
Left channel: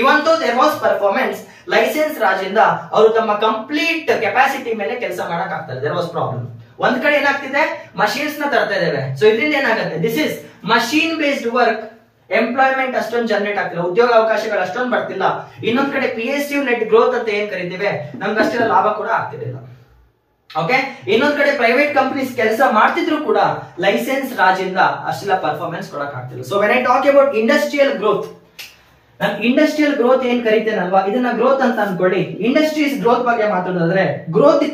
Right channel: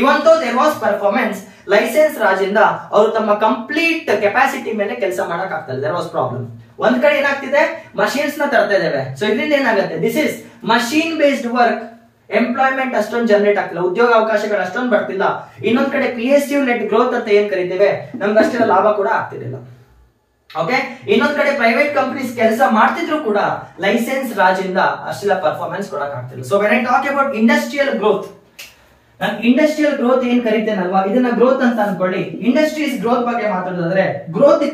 Even though there was performance, licence Raj ಇಂದ ಅವರು ತಮ್ಮ ಕಂಪ್ಲೀಟ್ ಕೆಪಾಸಿಟಿ ಮೇಲೆ ಕೆಲಸ ಮಾಡಕ್ ಆಗ್ತದೆ. There was problem. ಒಂದ್ ಕಡೆ ಏನಾಗ್ತಿದೆ, ಮಷೀನ್ಸ್ ನ ತರ್ತಾ ಇದ್ದೇವೆ. ಸೊ ಇದರಿಂದ ಏನಾಗುತ್ತೆ, this is machine based work, employment ಅಷ್ಟೊಂದು ಜನರೇಟ್ ಆಗ್ತಿಲ್ಲ, ಉದ್ಯೋಗ ಅವಕಾಶಗಳು ಅಷ್ಟೊಂದು ಬರ್ತಿಲ್ಲ. ಇನ್ನೊಂದ್ ಕಡೆ PSU ಲೆಟ್ ಗ್ರೋತ್ ಅಂತ ಏನ್ ಕರಿತೇವೆ, ನಮ್ಗೆ ಅಷ್ಟೆಲ್ಲ ಲಾಭ ಕೂಡ ಆಗ್ತಿರ್ಲಿಲ್ಲ. ಓಕೆ, ಇನ್ನೊಂದ್ ಕಡೆ ಪ್ರೈವೇಟ್ ಕಂಪನೀಸ್ ಕೆಲಸ ಮಾಡ್ತಿದ್ರು ಕೂಡ ಲೈಸೆನ್ಸ್ ರಾಜ್ ಇಂದ ಅಷ್ಟೆಲ್ಲ ಪರ್ಫಾರ್ಮೆನ್ಸ್ ಕೊಡಕ್ ಆಗ್ತಿಲ್ಲ. So when I talk about industrial growth, ನಾನು ಇಂಡಸ್ಟ್ರಿಯಲ್ ಗ್ರೋತ್ ಏನ್ ಕರಿತೇನಲ್ವಾ, ಇದನ್ನ ಗ್ರೋತ್ ಅಂತ ಅನ್ಕೊಳ್ಳಿ. ಇಂಡಸ್ಟ್ರೀಸ್ ಗ್ರೋತ್ ಬಗ್ಗೆ ಮಾತಾಡೋದಾದ್ರೆ ಗ್ರೋತ್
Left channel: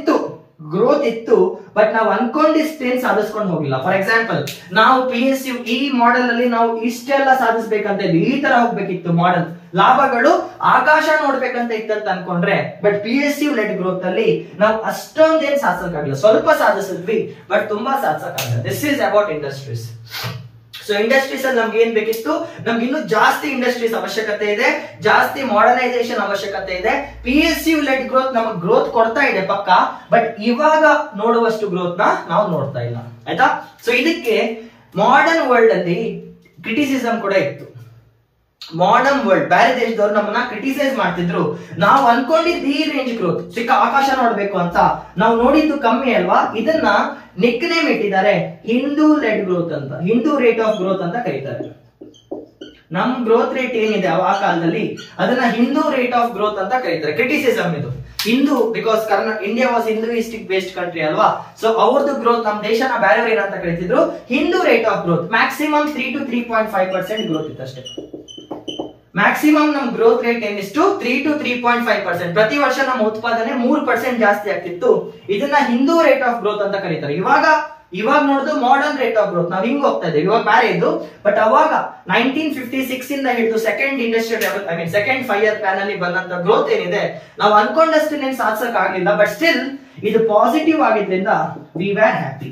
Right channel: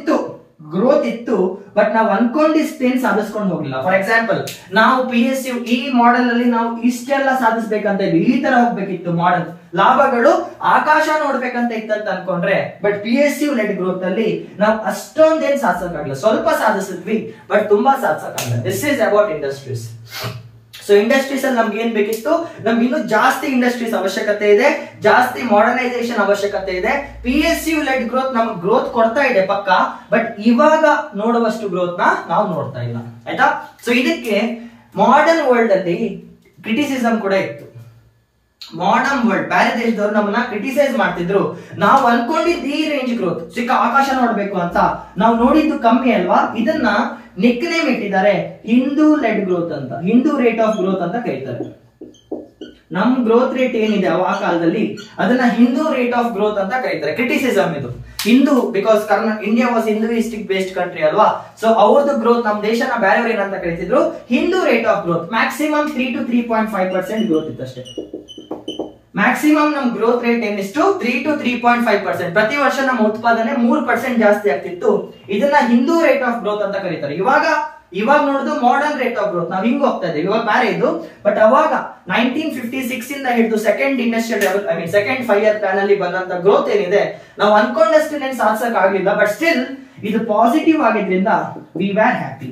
ಇತ್ತು, ಬಟ್ ನಾವು ಅನ್ಕೊಂಡಿಷ್ಟೇನ್ ಸಾಧಿಸ್ಕೊಂಡು ಹೋಗಿಲ್ಲ. ಫಾರ್ ಎಕ್ಸಾಂಪಲ್, ನಾವು PSU ಈ ಮಾಡೆಲ್ ಅಲ್ಲಿ ನಾವು ಇಷ್ಟೆಲ್ಲ ಸಾಧಿಸ್ಬೇಕಂತ ಇದ್ವಿ, ಈ ತರ ಹೋಗ್ಬೇಕಿತ್ತು ಮಾಡೆಲ್, ಲಾಭಗಳು ಆಕಾಶ ನೋಡ್ಬೇಕಂತ ಇತ್ತಂತ ಅನ್ಕೊಂಡ್ರೆ, ಬಟ್ PSU ಲೆಟ್ ಗ್ರೋತ್ ಅಲ್ಲಿ ನಾವು ಅಷ್ಟೊಂದೇನ್ ಸಾಧಿಸಕ್ಕಾಗಲ್ಲ. ಸ್ವಲ್ಪ ಸಾಧಿಸಿದ್ವಿ, ಬಟ್ ತುಂಬಾ ಸಾಧಿಸಕ್ಕಾಗಲ್ಲ. This is about industries. So industries ಅಲ್ಲಿ ನಮ್ಗೆ ಏನ್ ಬೇಕಿತ್ತು, ನಮ್ಗೆ ಇನ್ನೂ ಜಾಸ್ತಿ ಇಂಡಸ್ಟ್ರೀಸ್ ಅವಶ್ಯಕತೆ ಇದೆ, ಜಾಸ್ತಿ ಮಾಡರ್ನೈಸೇಷನ್ ಅವಶ್ಯಕತೆ ಇದೆ. PSU ಲೆಟ್ ಗ್ರೋತ್ ನಮ್ಗೆ ಗ್ರೋತ್ ಕೊಡ್ತಾ ಇದೆ ಪಕ್ಕ, ಬಟ್ ಇವಾಗ ನೋಡುವಷ್ಟು ಗ್ರೋತ್ ನಾವು ನೋಡ್ತಾ ಇಲ್ಲ. ಆಯ್ತಾ. ಸೊ ಇದಕ್ಕೆ ಮಾಡರ್ನ್ ವರ್ಲ್ಡ್ ಅಲ್ಲಿ ಕ್ರಿಟಿಸಿಸಮ್ ಕೂಡ ಇತ್ತು. ಮಾಡರ್ನ್ ವರ್ಲ್ಡ್, ಬೇರೆ ದೇಶದವರು ನಮ್ಮನ್ನ ಕ್ರಿಟಿಸೈಸ್ ಮಾಡ್ತಿದ್ರು. ನಾವು ಅನ್ಕೊಂಡಿದ್ದು ಈ ರೇಂಜ್ ಗ್ರೋತ್, ಸಿಕ್ಕ ಆಕಾಶ ನೋಡ್ಬೇಕು ಅಂತ, ನಾವು ನೋಡಿದ್ದು ಕಮ್ಮಿ ಅಲ್ವಾ. ಇದನ್ನ ನಿಕ್ ನೇಮ್ ಇಟ್ಟಿದ್ದಾರೆ, ಹಿಂದೂ ಲೆಡ್ ಗ್ರೋತ್ ಅಂತ, ಹಿಂದೂ ರೇಟ್ ಆಫ್ ಗ್ರೋತ್ ಅಂತ ಕರೀತಾರೆ. ನಮ್ ಗ್ರೋತ್ ರೇಟ್ ಏನಿದೆ ಆ ಕಾಲದಲ್ಲಿ ಅದನ್ನ ಹಿಂದೂ ರೇಟ್ ಆಫ್ ಗ್ರೋತ್ ಅಂತ ಕರೀತಾರೆ. ಕ್ರಿಟಿಸಿಸಮ್ ಇದು. Hindu, because India was Hinduistic based country ಅಲ್ವಾ. ಸೊ ಅವ್ರದ್ದು ಗ್ರೋತ್, ನಮ್ ದೇಶನ ಬೇರೆಯವ್ರು ಏನಂತ ಕರೀತಿದ್ರು, Hindu rate of growth. Maximum 3 to 3.5% growth ಇತ್ತು ಅಷ್ಟೇ. ಮ್ಯಾಕ್ಸಿಮಮ್ ನಮ್ ಗ್ರೋತ್ ರೇಟ್ ಏನಿಷ್ಟು 3 to 3.5%. ಪ್ರತಿ ವರ್ಷ ನಮ್ಮ ಉತ್ಪಾದನೆ 3% ಜಾಸ್ತಿ ಆಗ್ತಿತ್ತು. ಇದನ್ನ ಹಿಂದೂ ರೇಟ್ ಆಫ್ ಗ್ರೋತ್ ಅಂತ ಕರೀತಾರೆ. ಇವಾಗ ನೋಡಿದ್ರು ಮಾಡರ್ನ್ ರೇಟ್ ಆಫ್ ಗ್ರೋತ್, ನಾವ್ ಹಿಂಗ್ ಹೋಗ್ತಾ ಇದ್ದೇವೆ, ಇವಾಗ ಬೇರೆ ಇದು. ಬಟ್ ಅವಾಗ 1956 ಇಂದ ಹಿಡಿದು second industrial second 5 year plan ಅಲ್ಲಿ ಬಂದಂತ ಗ್ರೋತ್ ಏನಿದೆ, ನಾವು ಅನ್ಕೊಂಡಷ್ಟು ನೆನ್ ಸಾಧಿಸಕ್ ಆಗ್ಲಿಲ್ಲ. ಬಟ್ ಸ್ಟಿಲ್ ಇದು ಪಾಸಿಟಿವ್ ಆಗಿದ್ರಿಂದ ವಿ ವರ್ ಹ್ಯಾಪಿ.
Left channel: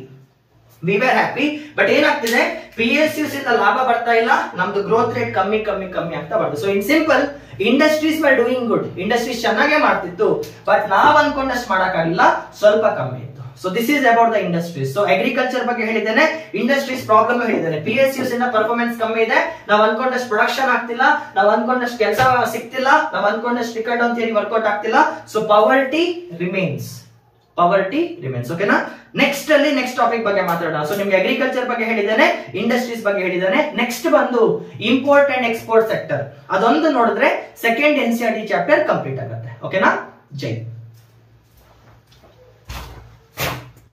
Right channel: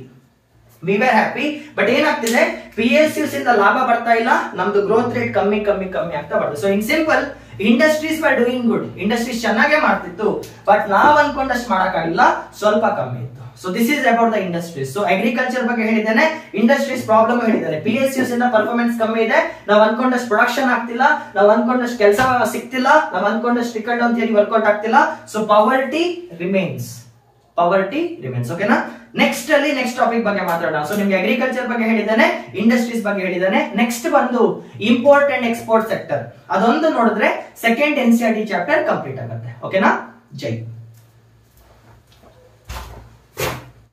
ಬಟ್ ಏನಾಗ್ತಿದೆ, PSUs ಇಂದ ಲಾಭ ಬರ್ತಾ ಇಲ್ಲ, ನಮ್ದು ಗ್ರೋತ್ ರೇಟ್ ಕಮ್ಮಿ ಆಗ್ತಾ ಬರ್ತದೆ. So in simple, industries var doing good, industries ಚೆನ್ನಾಗೇ ಮಾಡ್ತಿತ್ತು, ಬಟ್ ನಾವ್ ಅನ್ಕೊಂಡಷ್ಟು ಮಾಡಕ್ ಆಗಿಲ್ಲ, ಸ್ವಲ್ಪ ಕಮ್ಮಿ ಇತ್ತು. So this is about the industries. So agriculture ಬಗ್ಗೆ ಹೇಳಿದ್ದೇನೆ, ಇಂಡಸ್ಟ್ರೀಸ್ ಪ್ರಾಬ್ಲಮ್ ಹೇಳಿದ್ದೇನೆ. PSUs ಇಂದ ಪರ್ಫಾರ್ಮೆನ್ಸ್ ಕಮ್ಮಿ ಇದೆ, ನಾವು ಅನ್ಕೊಂಡಷ್ಟು ಪ್ರೊಡಕ್ಷನ್ ಆಗ್ತಿಲ್ಲ, ನಾವು ಅನ್ಕೊಂಡಷ್ಟು ಕೆಲಸ ಸಿಗ್ತಿಲ್ಲ, ನಾವು ಅನ್ಕೊಂಡಷ್ಟು ಟಿಕೆಟ್ ಅಂತ ಹೇಳಿ ವರ್ಕೌಟ್ ಆಗ್ತಿಲ್ಲ. So poverty remains. ಓಕೆನಾ. ನೆಕ್ಸ್ಟ್ ಟಾಪಿಕ್ ಬಗ್ಗೆ ಮಾತಾಡೋಣ. ಸೊ ನಿಮ್ಗೆ ಅಗ್ರಿಕಲ್ಚರ್ ಬಗ್ಗೆ ಹೇಳಿದ್ದಾನೆ, ಇಂಡಸ್ಟ್ರೀಸ್ ಬಗ್ಗೆ ಹೇಳಿದ್ದಾನೆ. ನೆಕ್ಸ್ಟ್ ಬಂದು ಇಂಪೋರ್ಟ್ ಅಂಡ್ ಎಕ್ಸ್ಪೋರ್ಟ್ ಸೆಕ್ಟರ್. ಅದೊಂದು ನೋಡಿದ್ರೆ ಸೆಕೆಂಡ್ NCERT ಚಾಪ್ಟರ್ ಕಂಪ್ಲೀಟ್ ಆಗುತ್ತೆ. ಓಕೆನಾ? ಜೈ.